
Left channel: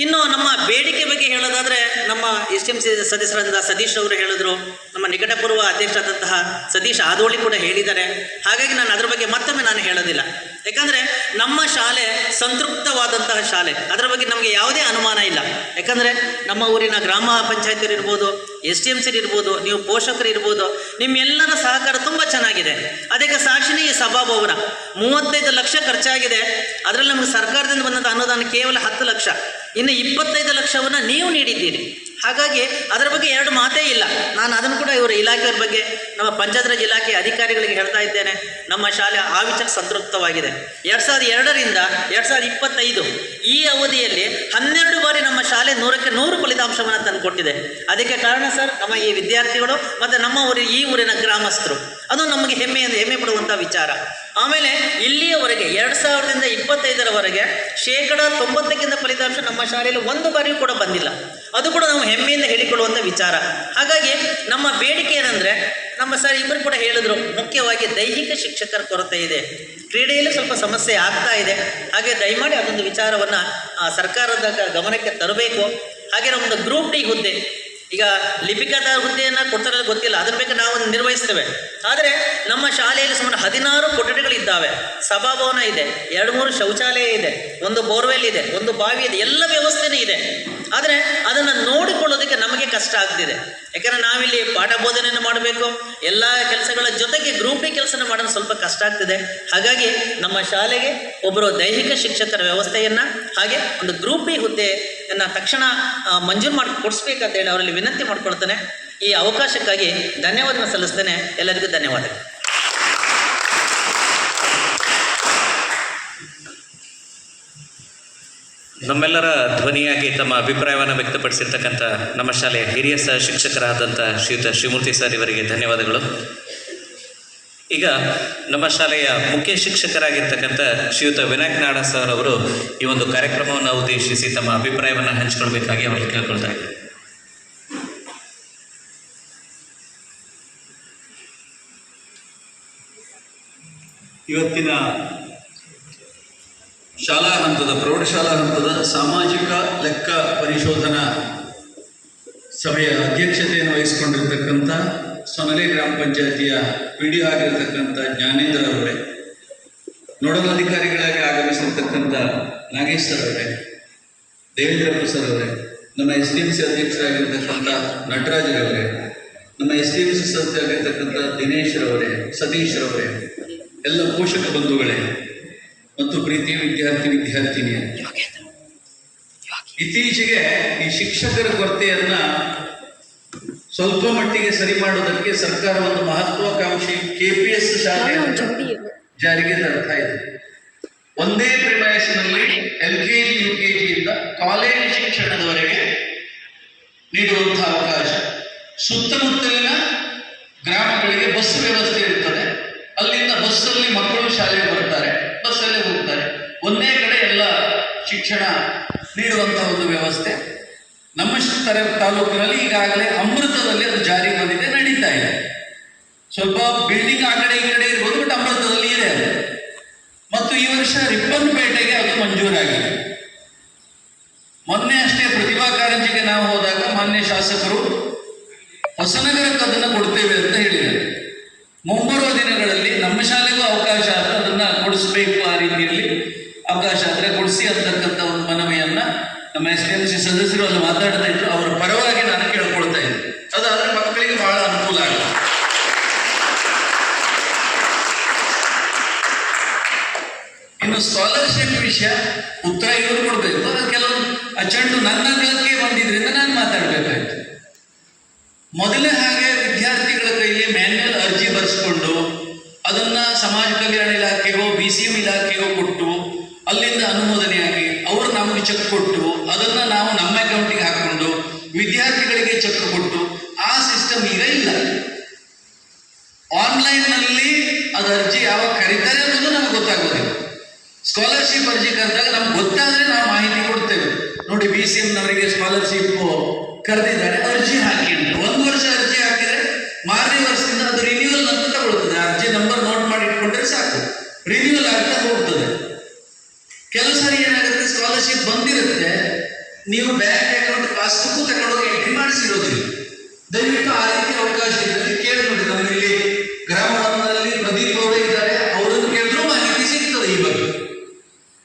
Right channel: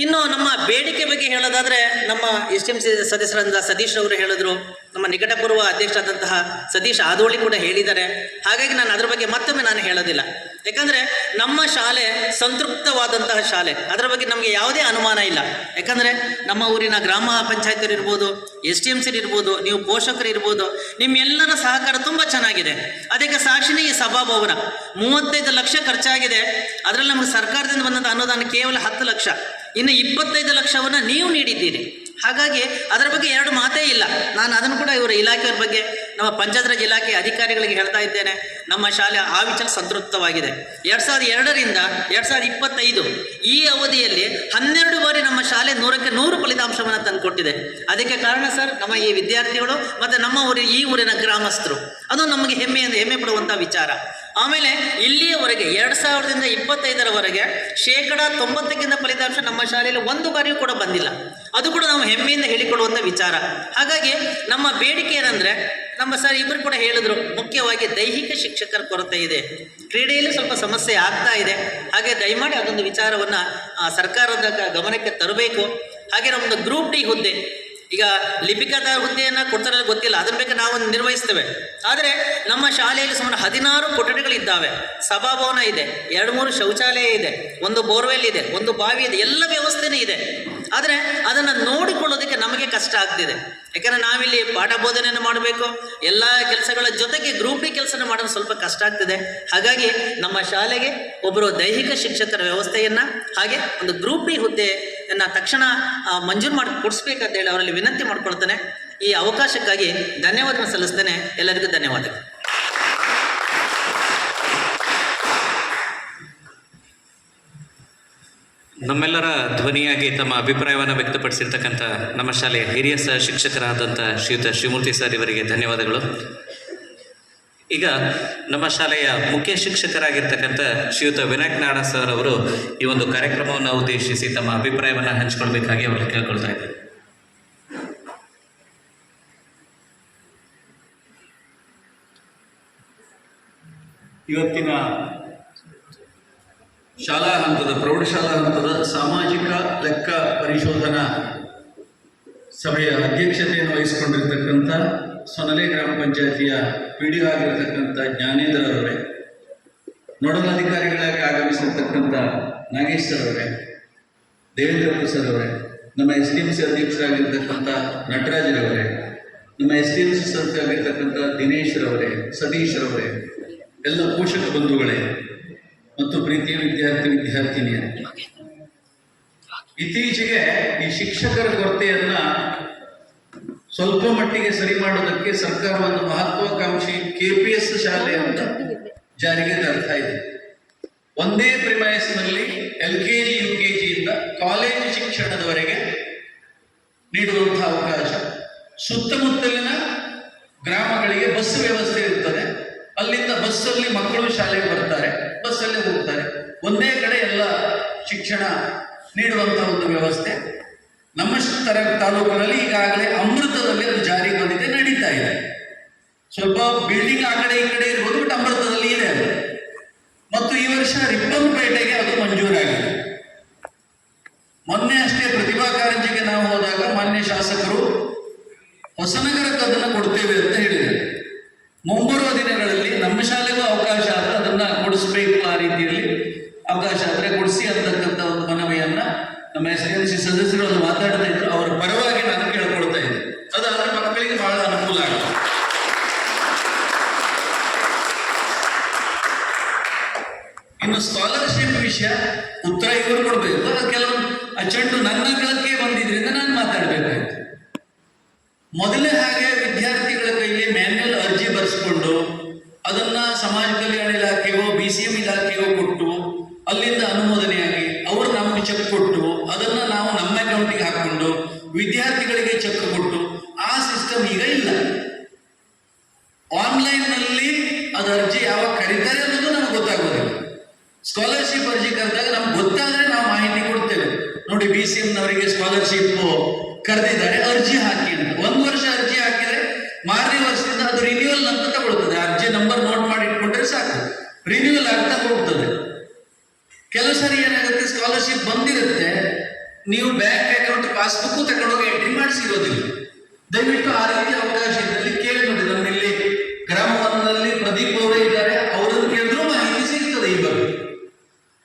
ಇನ್ನು ನಮ್ಮ ಬೇಡಿಕೆ ಬಗ್ಗೆ ಹೇಳೋದಾದರೆ, ನಮ್ಮ SMC ಸದಸ್ಯರಾದ ಸತೀಶ್ ಅವರು ಹೇಳಿದ್ರು, ನಮ್ಮ ನಿಕಟಪೂರ್ವ ಅಧ್ಯಕ್ಷರಾದಂತಹ ಸತೀಶ್ ಆದೋಳಿ ಕೂಡ ಹೇಳಿದ್ದಾರೆ. ಹಾಗಾಗಿ ನಾನು ಅದರ ಬಗ್ಗೆ ಮತ್ತೊಮ್ಮೆ ನಾನು ಹೇಳೋದಿಲ್ಲ. ಯಾಕಂದರೆ ನಮ್ಮ ಶಾಲೆ ಸಂತೃಪ್ತವಾದಂತಹ ಶಾಲೆ, ಅದರ ಬಗ್ಗೆ ನಮಗೆ ಯಾವುದೇ ಅನುಮಾನ ಇಲ್ಲ. ಯಾಕಂದರೆ ನಮ್ಮ ಊರಿನ ಗ್ರಾಮ ಪಂಚಾಯತ್ ಇರ್ಬೋದು, SDMC ಇರ್ಬೋದು, ನೀವು ಪೋಷಕರು ಇರ್ಬೋದು, ನಿಮ್ಮೆಲ್ಲರ ಸಹಕಾರ ತುಂಬ ಚೆನ್ನಾಗಿದೆ. ಅದಕ್ಕೆ ಸಾಕ್ಷಿನೇ ಈ ಸಭಾಭವನ. 35 ಲಕ್ಷ ಖರ್ಚಾಗಿದೆ. ಅದರಲ್ಲಿ ನಮಗೆ ಸರ್ಕಾರದಿಂದ ಬಂದಂಥ ಅನುದಾನ ಕೇವಲ 10 ಲಕ್ಷ. ಇನ್ನು 25 ಲಕ್ಷವನ್ನು ನೀವು ನೀಡಿದ್ದೀರಿ. ಹಾಗಾಗಿ ಅದರ ಬಗ್ಗೆ 2 ಮಾತೇ ಇಲ್ಲ. ನಾನು ಅದನ್ನು ಕೂಡ ಇವರ ಇಲಾಖೆಯ ಬಗ್ಗೆ, ನಮ್ಮ ಪಂಚಾಯತ್ ರಾಜ್ ಇಲಾಖೆ ಅಧಿಕಾರಿಗಳಿಗೆ ಹೇಳ್ತಾ ಇದ್ದೇನೆ. ನಮ್ಮ ಶಾಲೆ ಆ ವಿಚಾರ ಸಂತೃಪ್ತವಾಗಿದೆ. 2002ರಿಂದ 2025 ಈ ಅವಧಿಯಲ್ಲಿ 12 ಬಾರಿ ನಮ್ಮ ಶಾಲೆ 100ಕ್ಕೆ 100 ಫಲಿತಾಂಶವನ್ನು ತಂದುಕೊಟ್ಟಿದೆ. ಅದಕ್ಕೆ ಕಾರಣ ಸರ್ ನಮ್ಮ ಈ ವಿದ್ಯಾರ್ಥಿಗಳು ಮತ್ತು ನಮ್ಮ ಈ ಊರಿನ ಗ್ರಾಮಸ್ಥರು. ಅದು ನಮಗೆ ಹೆಮ್ಮೆ ಪಡುವಂಥ ವಿಚಾರ. ಆಮೇಲೆ ಇಲ್ಲಿಯವರೆಗೆ 2000ರಿಂದ 2025ರವರೆಗೆ 90%ಕ್ಕಿಂತ ಫಲಿತಾಂಶ ನಮ್ಮ ಶಾಲೆಯಲ್ಲಿ 1 ಬಾರಿಯೂ ಕೂಡ ಬಂದಿಲ್ಲ. ಅದು ಕೂಡ ನಾವು ಹೆಮ್ಮೆಯಿಂದ ಹೇಳಿಕೊಳ್ಳುವಂಥ ವಿಚಾರ. ಹಾಗಾಗಿ ನಮ್ಮ ಬೇಡಿಕೆ ಏನಂದರೆ, ನಮ್ಮ ಸರ್ ಇಬ್ಬರು ಕೂಡ ಹೇಳಿದ್ರು, ಮುಖ್ಯವಾಗಿ ದೈಹಿಕ ಶಿಕ್ಷಕರ ಕೊರತೆ ಇದೆ, ಕ್ರೀಡೆಯಲ್ಲಿ ಸ್ವಲ್ಪ ಸಮಸ್ಯೆ ಆಗ್ತಾ ಇದೆ. ಹಾಗೆ ದಯಮಾಡಿ ಅದೊಂದು ವಿಚಾರವನ್ನು ಸರ್ಕಾರದ ಗಮನಕ್ಕೆ ತರಬೇಕು. ಹಾಗೆ ನಮ್ಮದು ಗ್ರೂಪ್ ಡಿ ಹುದ್ದೆ, ಈಗ ಲಿಪಿಕದ ಹುದ್ದೆಯನ್ನು ಕೊಡ್ತಾರಲ್ಲ ಗೊತ್ತಿಲ್ಲ, ಅದರ ಬಗ್ಗೆ ನಾವು ನಿರ್ವಹಿಸ್ತೇವೆ. ಆದರೆ ನಮ್ಮ ಶಾಲೆಯಲ್ಲಿ ಸುಮಾರು 16 ಕೊಠಡಿಗಳಿದ್ದಾವೆ, ಸಭಾಭವನ ಇದೆ, 2-3 ಶೌಚಾಲಯ ಇದೆ, 1 ಬೋರ್ವೆಲ್ ಇದೆ, 1 ಬಾವಿ ಇದೆ, ಎಲ್ಲ ವ್ಯವಸ್ಥೆನೇ ಇದೆ. ಆದರೆ ಅದನ್ನು ನೋಡಿಕೊಳ್ಳೋದಕ್ಕೆ ನಮಗೆ ಕಷ್ಟ ಆಗ್ತಿದೆ. ಯಾಕಂದರೆ ನಾವಿಲ್ಲಿ ಪಾಠ ಬೋಧನೆಯನ್ನು ಮಾಡಬೇಕು, ಎಲ್ಲ ಕೆಲಸಗಳ ಜೊತೆಗೆ ಗ್ರೂಪ್ ಡಿ ಕೆಲಸನ ಮಾಡೋದು ಸ್ವಲ್ಪ ಕಷ್ಟ ಆಗ್ತಿದೆ. ಹಾಗಾಗಿ ನಮ್ಮ ಶಾಲೆಗೆ ಒಬ್ಬರು ದೈಹಿಕ ಶಿಕ್ಷಕರ ವ್ಯವಸ್ಥೆಯನ್ನು, ಹಾಗೆ ಒಂದು ಗ್ರೂಪ್ ಡಿ ಹುದ್ದೆಯನ್ನು ತಕ್ಷಣ ಮಂಜೂರು ಮಾಡಿ ಕೊಡಿಸ್ಬೇಕಂತ ಹೇಳಿ ಅವರಲ್ಲಿ ವಿನಂತಿ ಮಾಡ್ಕೊಳ್ತೇನೆ. ಈ ಅವಕಾಶಕ್ಕಾಗಿ ಧನ್ಯವಾದ ಸಲ್ಲಿಸ್ತೇನೆ. ಎಲ್ಲರಿಗೂ ಧನ್ಯವಾದಗಳು. ನಮ್ಮೆಲ್ಲರ ಧ್ವನಿಯಾಗಿ ತಮ್ಮ ಅಭಿಪ್ರಾಯವನ್ನು ವ್ಯಕ್ತಪಡಿಸಿರ್ತಕ್ಕಂಥ ನಮ್ಮ ಶಾಲೆಯ ಹಿರಿಯ ಸಹ ಶಿಕ್ಷಕರಾದಂಥ ಶ್ರೀಯುತ ಶ್ರೀಮೂರ್ತಿ ಸರ್ ಇವರಿಗೆ ಧನ್ಯವಾದಗಳು. ಈಗ ನಮ್ಮ ಶಾಲೆಯ ಮುಖ್ಯ ಶಿಕ್ಷಕರಾಗಿರ್ತಕ್ಕಂಥ ಶ್ರೀಯುತ ವಿನಾಯಕ್ ನಾಡ ಸರ್ ಅವರು ಈ ಒಂದು ಕಾರ್ಯಕ್ರಮವನ್ನು ಉದ್ದೇಶಿಸಿ ತಮ್ಮ ಅಭಿಪ್ರಾಯವನ್ನು ಹಂಚಿಕೊಳ್ಬೇಕಾಗಿ ಅವರಿಗೆ ಕೇಳ್ಕೊಳ್ತಾ ಇದ್ದಾರೆ. ಇವತ್ತಿನ ಶಾಲಾ ಹಂತದ, ಪ್ರೌಢಶಾಲಾ ಹಂತದ ಸಾಮಾಜಿಕ ಲೆಕ್ಕ ಪರಿಶೋಧನಾ ಸಭೆಯ ಅಧ್ಯಕ್ಷತೆಯನ್ನು ವಹಿಸಿಕೊಂಡಿರ್ತಕ್ಕಂಥ ಸೊನಲೆ ಗ್ರಾಮ ಪಂಚಾಯತಿಯ ಪಿ.ಡಿ. ಆಗಿರ್ತಕ್ಕಂಥ ಜ್ಞಾನೇಂದ್ರ ಅವರೇ, ನೋಡಲ್ ಅಧಿಕಾರಿಗಳಾಗಿ ಆಗಮಿಸಿರ್ತಕ್ಕಂಥ ನಾಗೇಶ್ ಸರ್ ಅವರೇ, ದೇವೇಂದ್ರಪ್ಪ ಸರ್ ಅವರೇ, ನಮ್ಮ SDMC ಅಧ್ಯಕ್ಷರಾಗಿರ್ತಕ್ಕಂಥ ನಟರಾಜರವರೇ, ನಮ್ಮ SDMC ಸದಸ್ಯರಾಗಿರ್ತಕ್ಕಂಥ ದಿನೇಶ್ ರವರೇ, ಸತೀಶ್ ರವರೇ, ಎಲ್ಲ ಪೋಷಕ ಬಂಧುಗಳೇ ಮತ್ತು ಪ್ರೀತಿಯ ವಿದ್ಯಾರ್ಥಿನಿಯರೇ, ಇತ್ತೀಚೆಗೆ ಈ ಶಿಕ್ಷಕರ ಕೊರತೆಯನ್ನ ಸ್ವಲ್ಪ ಮಟ್ಟಿಗೆ ಸರಿ ಮಾಡೋದಕ್ಕೆ ಸರ್ಕಾರ ಒಂದು ಮಹತ್ವಾಕಾಂಕ್ಷಿ KPS ಶಾಲೆಯನ್ನು ಜಾರಿಗೆ ತರ್ತಾ ಇದೆ. ಒಂದೇ ಪ್ರಿಮೈಸಿನಲ್ಲಿ LKG UKG ಇಂದ ಕಾಲೇಜು ಶಿಕ್ಷಣದವರೆಗೆ ನೀಡುವಂತಹ ಅವಕಾಶ. ಸುತ್ತಮುತ್ತಲಿನ ಗ್ರಾಮಗಳಿಗೆ ಬಸ್ ವ್ಯವಸ್ಥೆ ಇರ್ತದೆ. ಅಲ್ಲಿಂದ ಬಸ್ಸಲ್ಲಿ ಮಕ್ಕಳು ಶಾಲೆಗೆ ಬರ್ತಾರೆ, ಬಸ್ಸಲ್ಲಿ ಹೋಗ್ತಾರೆ. ಒಂದೇ ಕಡೆ ಎಲ್ಲ ಶಿಕ್ಷಣ ನೀಡುವಂತಹ ಒಂದು ವ್ಯವಸ್ಥೆ ನಮ್ಮ ತಾಲೂಕಿನಲ್ಲಿ ಈಗಾಗಲೇ ಅಮೃತದಲ್ಲಿ ಅದು ಜಾರಿಗೆ ಬಂದಿದೆ, ನಡೀತಾ ಇದೆ. ಸ್ವಲ್ಪ ಬಿಲ್ಡಿಂಗ್ ಆ ಕಡೆ ಈ ಕಡೆ ಇರ್ಬೋದು, ಬಟ್ ಅಮೃತದಲ್ಲಿ ಇದೆ ಅದು. ಮತ್ತು ಈ ವರ್ಷ ರಿಪ್ಪನ್ಪೇಟೆಗೆ ಅದು ಮಂಜೂರಾಗಿದೆ. ಮೊನ್ನೆ ಅಷ್ಟೇ ಪ್ರತಿಭಾ ಕಾರಂಜಿಗೆ ನಾವು ಹೋದಾಗ ಮಾನ್ಯ ಶಾಸಕರು ಹೊಸನಗರಕ್ಕೆ ಅದನ್ನು ಕೊಡ್ತೇವೆ ಅಂತ ಹೇಳಿದ್ದಾರೆ. ಮುಂಬರುವ ದಿನಗಳಲ್ಲಿ ನಮ್ಮ ಶಾಲೆಗೂ ಅವಕಾಶ ಆದರೆ ಅದನ್ನು ಕೊಡಿಸ್ಬೇಕು, ಆ ರೀತಿಯಲ್ಲಿ ಅವಕಾಶ ಆದರೆ ಕೊಡಿಸಿ ಅಂತಕ್ಕಂಥ ಒಂದು ಮನವಿಯನ್ನ ನಮ್ಮ SDMC ಸದಸ್ಯರು ಅಲ್ಲಿ ಮಾತಾಡ್ತಾ ಇದ್ರು. ಅವರ ಪರವಾಗಿ ನಾನು ಕೇಳ್ಕೊಳ್ತಾ ಇದ್ದೆ. ಅದಾದ್ರೆ ಮಕ್ಕಳಿಗೆ ಬಹಳ ಅನುಕೂಲ ಆಗುತ್ತೆ. ಇನ್ನು ಸ್ಕಾಲರ್ಶಿಪ್ ವಿಷಯ ಉತ್ತರ ಇವರು ಕೊಡಬೇಕು. ಅದು ಕೆಲವು ಅಚ್ಚಂಡು ನನ್ನ ಗಳಕ್ಕೆ ಬಂದಿದ್ರಿಂದ ನಾನು ಮಾತಾಡಬೇಕಾಯ್ತು. ಮೊದಲೇ ಹಾಗೆ ವಿದ್ಯಾರ್ಥಿಗಳ ಕೈಲಿ ಮ್ಯಾನ್ಯುಯಲ್ ಅರ್ಜಿ ಬರೆಸ್ಕೊಂಡು ಅದನ್ನ ಸಮಾಜ ಕಲ್ಯಾಣ ಇಲಾಖೆಗೋ BCM ಇಲಾಖೆಗೋ ಕೊಟ್ಟು ಅಲ್ಲಿಂದ ಅನುಮೋದನೆಯಾಗಿ ಅವರು ನಮಗೆ ಚೆಕ್ ಕೊಟ್ಟು ಅದನ್ನ ನಾವು ನಮ್ಮ ಅಕೌಂಟಿಗೆ ಹಾಕೊಂಡು ವಿದ್ಯಾರ್ಥಿಗಳಿಗೆ ಚೆಕ್ ಕೊಟ್ಟು ಆ ಸಿಸ್ಟಮ್ ಈಗ ಇಲ್ಲ. ಆನ್ಲೈನ್ನಲ್ಲಿ ಅದು ಅರ್ಜಿ ಯಾವಾಗ ಕರೀತಾರೆ ಅನ್ನೋದು ನಮ್ಗೆ ಗೊತ್ತಾಗೋದಿಲ್ಲ. ಸ್ಕಾಲರ್ಶಿಪ್ ಅರ್ಜಿ ಕರೆದಾಗ ನಮ್ಗೆ ಗೊತ್ತಾದ್ರೆ ನಾವು ಮಾಹಿತಿ ಕೊಡ್ತೇವೆ. ನೋಡಿ, BCMನವರಿಗೆ ಸ್ಕಾಲರ್ಶಿಪ್ ಕರೆದಿದ್ದಾರೆ, ಅರ್ಜಿ ಹಾಕಿ ಅಂತ. 1 ವರ್ಷ ಅರ್ಜಿ ಹಾಕಿದ್ರೆ ಮಾರನೇ ವರ್ಷದಿಂದ ಅದು ರಿನ್ಯೂವಲ್ ಅಂತ ತಗೊಳ್ತದೆ. ಅರ್ಜಿ ನಂಬರ್ ನೋಟ್ ಮಾಡಿ ಇಟ್ಕೊಂಡ್ರೆ ಸಾಕು, ರಿನ್ಯೂವಲ್ ಆಗ್ತಾ ಹೋಗ್ತದೆ. ಕೆಲವು ಸಾರಿ ಏನಾಗುತ್ತೆ, ಸ್ಕಾಲರ್ಶಿಪ್ ಬಂದಿರುತ್ತೆ, ನೀವು ಬ್ಯಾಂಕ್ ಅಕೌಂಟ್ ಪಾಸ್ಬುಕ್ ತಗೊಂಡೋಗಿ ಎಂಟ್ರಿ ಮಾಡಿಸಿರೋದಿಲ್ಲ. ದಯವಿಟ್ಟು ಆ ರೀತಿ ಅವಕಾಶ ಇದ್ದಲ್ಲಿ ಕೇಳಿ ನೋಡಿ. ನಮ್ಮಲ್ಲಿ ಗ್ರಾಮ 1ನಲ್ಲಿ ಪ್ರದೀಪ್ ಅವರೇ ಇದ್ದಾರೆ, ಅವರನ್ನು ಕೇಳಿದ್ರು ಮಾಹಿತಿ ಸಿಗ್ತದೆ ಈ ಬಗ್ಗೆ.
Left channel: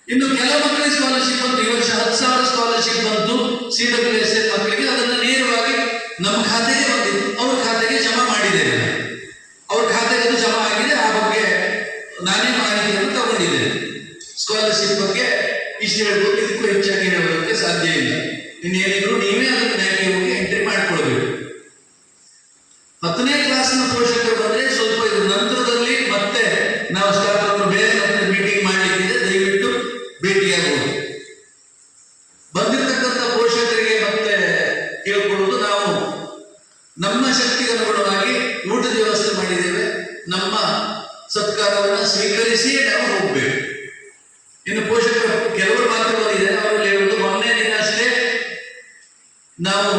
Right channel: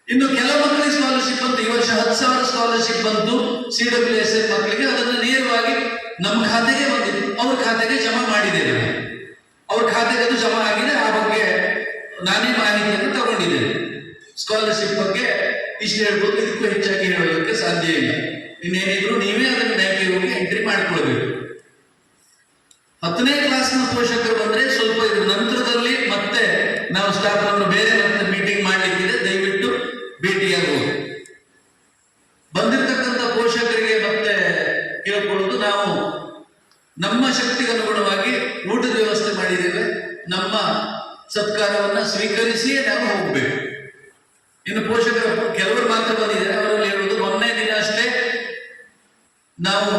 ಇನ್ನು ಕೆಲವು ಮಕ್ಕಳಿಗೆ ಸ್ಕಾಲರ್ಶಿಪ್ ಬಂತು. ಈ ವರ್ಷ 10,000 ಸ್ಕಾಲರ್ಶಿಪ್ ಬಂತು CWSF ಮಕ್ಕಳಿಗೆ. ಅದನ್ನು ನೇರವಾಗಿ ನಮ್ಮ ಖಾತೆಗೆ ಬಂದಿತ್ತು, ಅವ್ರ ಖಾತೆಗೆ ಜಮಾ ಮಾಡಿದ್ದೇವೆ. ಅವ್ರ ಖಾತೆಗೆ ಅದು ಜಮಾ ಆಗಿದೆ. ಆ ಬಗ್ಗೆ ನಾನೇ ಮಾಹಿತಿಯನ್ನು ತಗೊಂಡಿದ್ದೇನೆ. ಸ್ಕಾಲರ್ಶಿಪ್ ಬಗ್ಗೆ ಇಷ್ಟು ಹೇಳ್ಬೋದು, ಇದಕ್ಕೂ ಹೆಚ್ಚಾಗಿ ಹೇಳೋದಕ್ಕೆ ಸಾಧ್ಯ ಇಲ್ಲ. ಇನ್ನೇನಿದ್ರು ನೀವೇ ಅದನ್ನು ಬ್ಯಾಂಕಿಗೆ ಹೋಗಿ ಎಂಟ್ರಿ ಮಾಡಿಕೊಳ್ಬೇಕು. 10ನೇ ಕ್ಲಾಸ್ನ ಪೋಷಕರು ಬಂದ್ರೆ ಸ್ವಲ್ಪ ಇದ್ರ ನಂತರದಲ್ಲಿ ಮತ್ತೆ ನಾವು ಸ್ಟಾಫ್ ಅವರು ಬೇರೆ ಮತ್ತೆ ಮೀಟಿಂಗ್ ಮಾಡಲಿಕ್ಕಿದೆ, ದಯವಿಟ್ಟು ಭೇಟಿಯಾಗಬಹುದು. ಬಂದಿರತಕ್ಕಂಥ ಪೋಷಕರಿಗೆ ಮತ್ತೆ ಕೇಳ್ಕೊಳ್ಳೋದು, ನಾವು ನಮ್ಮ ಶಕ್ತಿಗೆ ಅನುಗುಣವಾಗಿ ಊಟದ ವ್ಯವಸ್ಥೆ ಮಾಡಿದ್ದೇವೆ. ನಮ್ಮ ಸತ್ಕಾರವನ್ನ ಸ್ವೀಕರಿಸಿಯೇ ನಾವು ಹೋಗ್ಬೇಕು. ಇನ್ನು ಪೋಷಕರು ಕೆಲವರು ಮಾತ್ರ ಬಂದಿದ್ದಾರೆ, ಅವರಲ್ಲಿ ಹೇಳುವುದು ಮೊನ್ನೆ ದಿನ ಅಷ್ಟೇ ನಾವು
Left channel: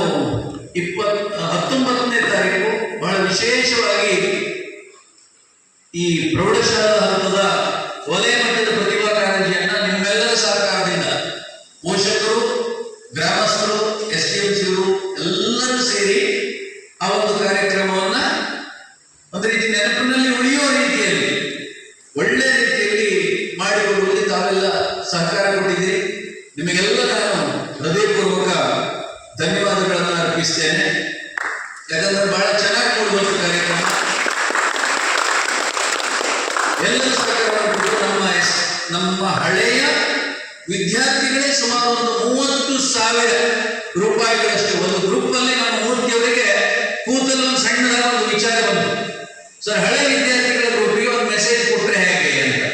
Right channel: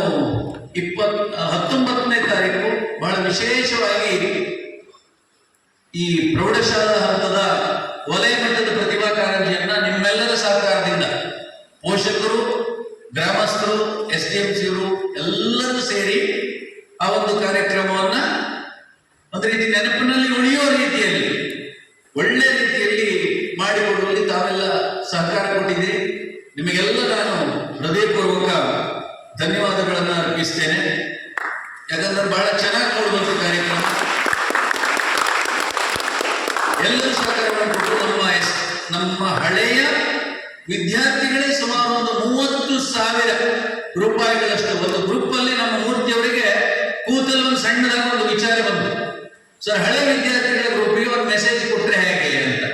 19ನೇ ತಾರೀಕು ಬಹಳ ವಿಶೇಷವಾಗಿ ಈ ಪ್ರೌಢಶಾಲಾ ಹಂತದ ವಲಯ ಮಟ್ಟದ ಪ್ರತಿಭಾ ಕಾರಂಜಿಯನ್ನ ನಿಮ್ಮೆಲ್ಲರ ಸಹಕಾರದಿಂದ ಪೋಷಕರು, ಗ್ರಾಮಸ್ಥರು, SDMCಯವರು ಎಲ್ಲರೂ ಸೇರಿ ಆ ಒಂದು ಕಾರ್ಯಕ್ರಮವನ್ನ ಒಂದು ರೀತಿ ನೆನಪಿನಲ್ಲಿ ಉಳಿಯೋ ರೀತಿಯಲ್ಲಿ ಒಳ್ಳೆ ರೀತಿಯಲ್ಲಿ ಮಾಡಿಕೊಡುವಲ್ಲಿ ತಾವೆಲ್ಲ ಸಹಕಾರ ಕೊಟ್ಟಿದ್ದೀರಿ. ನಿಮಗೆಲ್ಲ ನಾನು ಹೃದಯಪೂರ್ವಕ ಧನ್ಯವಾದಗಳನ್ನು ಅರ್ಪಿಸ್ತೇನೆ. ಯಾಕಂದ್ರೆ ಬಹಳ ಚೆನ್ನಾಗಿ ಕೊಡುವಂಥ ಕಾರ್ಯಕ್ರಮ. ಎಲ್ಲರೂ ಸಹಕಾರವನ್ನು ಕೊಟ್ಟು ನಮ್ಮ ಹಳೆಯ ವಿದ್ಯಾರ್ಥಿಗಳೇ ಸುಮಾರು ಒಂದು 30,000 ರೂಪಾಯಿಗಳಷ್ಟೇ ಒಂದು ಗ್ರೂಪ್ ಅಲ್ಲಿ ನಮ್ಮ ಮೂರ್ತಿಯವರಿಗೆ ಕೂತಲು ಒಂದು ಸಣ್ಣದಾದ ಒಂದು ವಿಚಾರ ಬಂತು. ಸರ್, ಹಳೆ ವಿದ್ಯಾರ್ಥಿಗಳ ಗ್ರೂಪಿಗೆ ಒಂದು ಮೆಸೇಜ್ ಕೊಟ್ಟರೆ ಹೇಗೆ ಅಂತ.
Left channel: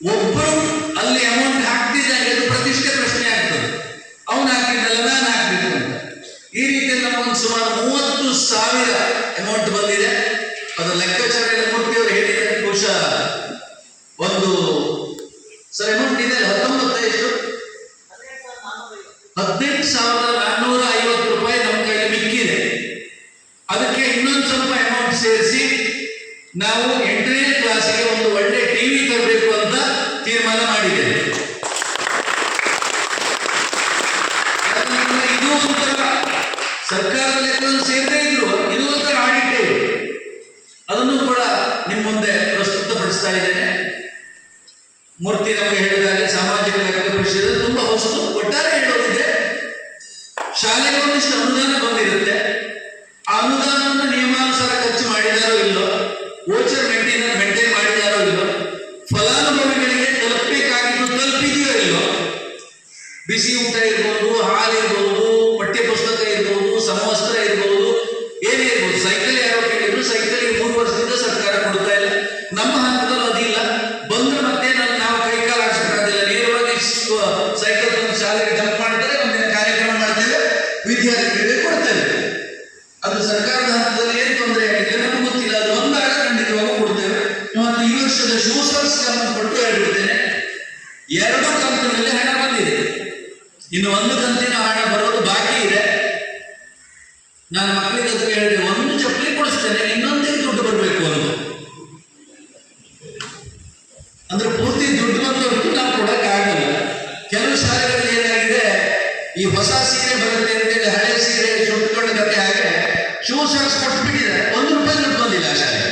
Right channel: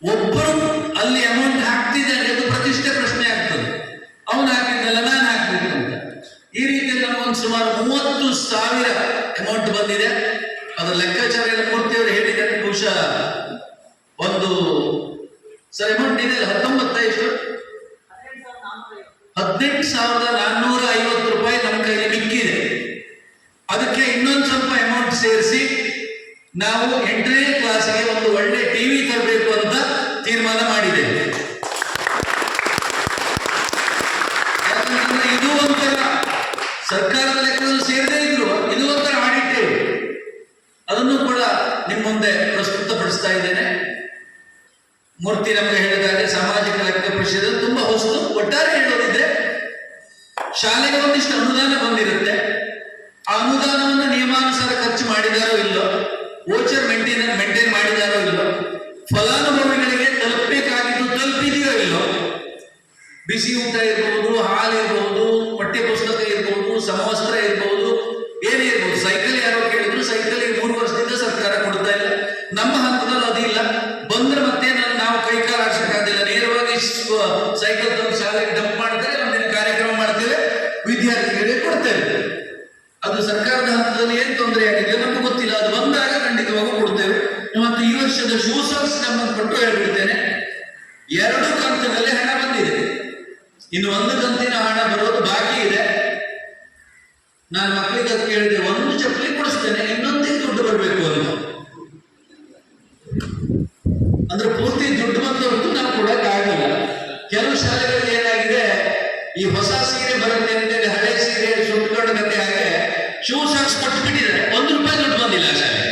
ಒಬ್ಬರು ಅಲ್ಲಿ ಅಮೌಂಟ್ ಹಾಕ್ತಿದ್ದಾರೆ, ಅದು ಪ್ರತಿಷ್ಠೆ ಪ್ರಶ್ನೆ ಆಗ್ತದೆ. ಅವನು ಹಾಕಿದ್ದಲ್ಲ, ನಾನು ಹಾಕ್ಬೇಕು ಅಂತ. ಈ ರೀತಿ ನಮಗೊಂದು ಸುಮಾರು 30,000 ಅಮೌಂಟ್ ಬಂದಿದೆ. ಅದರ ಲೆಕ್ಕಾಚಾರ ಮೂರ್ತಿಯವರು ಹೇಳಿದ್ದಾರೆ. ಬಹುಶಃ ಒಂದು ಸರ್ ಅಮೌಂಟ್ ಇದೆ 18,450 ರೂಪಾಯಿ ನಮ್ಮ ಕೈಯಲ್ಲಿ ಮಿಕ್ಕಿದೆ. ಅದಕ್ಕೆ ಇನ್ನೊಂದು ಸ್ವಲ್ಪ ಅಮೌಂಟ್ ಸೇರಿಸಿ ನಾವು 8ನೇ ಕ್ಲಾಸಿಗೆ ಒಂದು ಒಳ್ಳೆ ಟಿವಿ ತರಬೇಕು ಅಂತ ತೀರ್ಮಾನ ಮಾಡಿದ್ದೇವೆ. ಇದು ಒಂಥರ ಸರ್ಕಾರದ ಲೆಕ್ಕದಲ್ಲಿ ಸೇರದೇ ಇದ್ರು, ಇದು ಒಂಥರ ಆಡಿಟ್ ಅದನ್ನು ಕೂಡ ನಿಮ್ಮ ಮುಂದೆ ಪ್ರಸ್ತುತಪಡಿಸ್ತಾ ಇದ್ದೇನೆ. ಮೂರ್ತಿ ನಮಗೆ ಹೇಳಿದಾಗ ಸಾಮಾಜಿಕ ಲೆಕ್ಕ ಪರಿಷತ್ ತುಂಬಾ ವಸ್ತು ಒಟ್ಟಾರೆ ಹೇಳೋದಿದ್ರೆ ಶಾಲೆಗೆ ಒಂದಿಷ್ಟು ಅನುದಾನ ಬಂದಿರುತ್ತೆ. ಆ ಅನುದಾನವನ್ನು ನಿಯಮಾನುಸಾರ ಖರ್ಚು ಮಾಡಿದಾರೋ ಇಲ್ಲೋ, ವೋಚರ್ ಮೇಂಟೈನ್ ಮಾಡಿದಾರೋ ಇಲ್ಲೋ, ಫಲಾನುಭವಿಗಳಿಗೆ ತಲುಪಬೇಕಾಗಿದ್ದು ತಲುಪಿದೆಯೋ ಇಲ್ಲೋ, ಬಿಸಿ ಊಟ ಇರ್ಬೋದು, ಹಾಲು ಇರ್ಬೋದು, ಪಠ್ಯ ಪುಸ್ತಕ ಇರ್ಬೋದು, ಸಮವಸ್ತ್ರ ಇರ್ಬೋದು, ಏನೇ ಇರ್ಬೋದು. ಸೈಕಲ್ ಯಾರೋ ಕೇಳಿದ್ರು, ಸೈಕಲ್ಗೆ 3 ವರ್ಷದಿಂದ ಸರ್ಕಾರ ಕೊಡ್ತಾ ಇಲ್ಲ. ನಮ್ಮ ಹಂತದಲ್ಲಿ ಅದಿಲ್ಲ. ಬಂದ್ರೆ ಮತ್ತೆ ನಾವು ಕೈಕಾಲು ಆಡಿಸೋಕ್ಕಾಗಲಿಲ್ಲ, ನೇರವಾಗಿ ಸೈಕಲ್ ತಂದು ಶಾಲೆಗೆ ಡಂಪ್ ಮಾಡ್ತಾರೆ, ಒಂದಿನ ಕಾರ್ಯಕ್ರಮ ಮಾಡ್ತೇವೆ, ವಿದ್ಯಾರ್ಥಿಗಳಿಗೆ ಕೊಡ್ತೇವೆ. ಅದು ಸರ್ಕಾರದ ಹಂತದಲ್ಲಿ ಏನು ತೊಂದರೆ ಆಗಿದೆ ನಮ್ಗೆ ಗೊತ್ತಿಲ್ಲ. ಅದು ಬಂದಾಗ ಖಂಡಿತವಾಗೂ ಕೊಡ್ತೇವೆ. ಮತ್ತು ಈ ವರ್ಷದ ಶೂ ಸಾಕ್ಸ್ ಸಂಬಂಧಪಟ್ಟು ಹೇಳ್ಬಿಡ್ತೇನೆ, 2 ಕಂತಿನಲ್ಲಿ ಹಣ ಬಂದಿದೆ. ಇನ್ನು 1 ಕಂತಿನ ಹಣ ಬರೋದು ಬಾಕಿ ಇದೆ. ನಾನು ಮಕ್ಕಳಿಗೆ ಹೇಳಿದೆ, 1 ಚಪ್ಪಲಿ ಕೊಡಿಸ್ತೇನೆ, ಇನ್ನೊಂದಿಗೆ ದುಡ್ಡು ಬರಬೇಕು ಅಂತ. ಅಂದ್ರೆ ಪೂರ್ತಿ ದುಡ್ಡು ಬಂದವರೆಗೂ ನಾವು ಕೊಡೋಕ್ಕಾಗಲ್ಲ. ಕೆಲವು ಶಾಲೆಗಳಲ್ಲಿ ಏನಾಗಿದೆ, ಈ ಹೊಸ ಸೀರೆ ಬರುತ್ತೆ ಅಂತೇಳಿ ಹಳೆ ಸೀರೆ ಸುಟ್ಕೊಂಡ ಕತೆ ಹಾಗೆ ಶೂ ಸಾಕ್ಸ್ ಕೊಟ್ಟು ಬಿಟ್ಟಿದ್ದಾರೆ. 1 ರೂಪಾಯಿ ದುಡ್ಡು ಬಂದಿಲ್ಲ ಆ ಶಾಲೆಗೆ.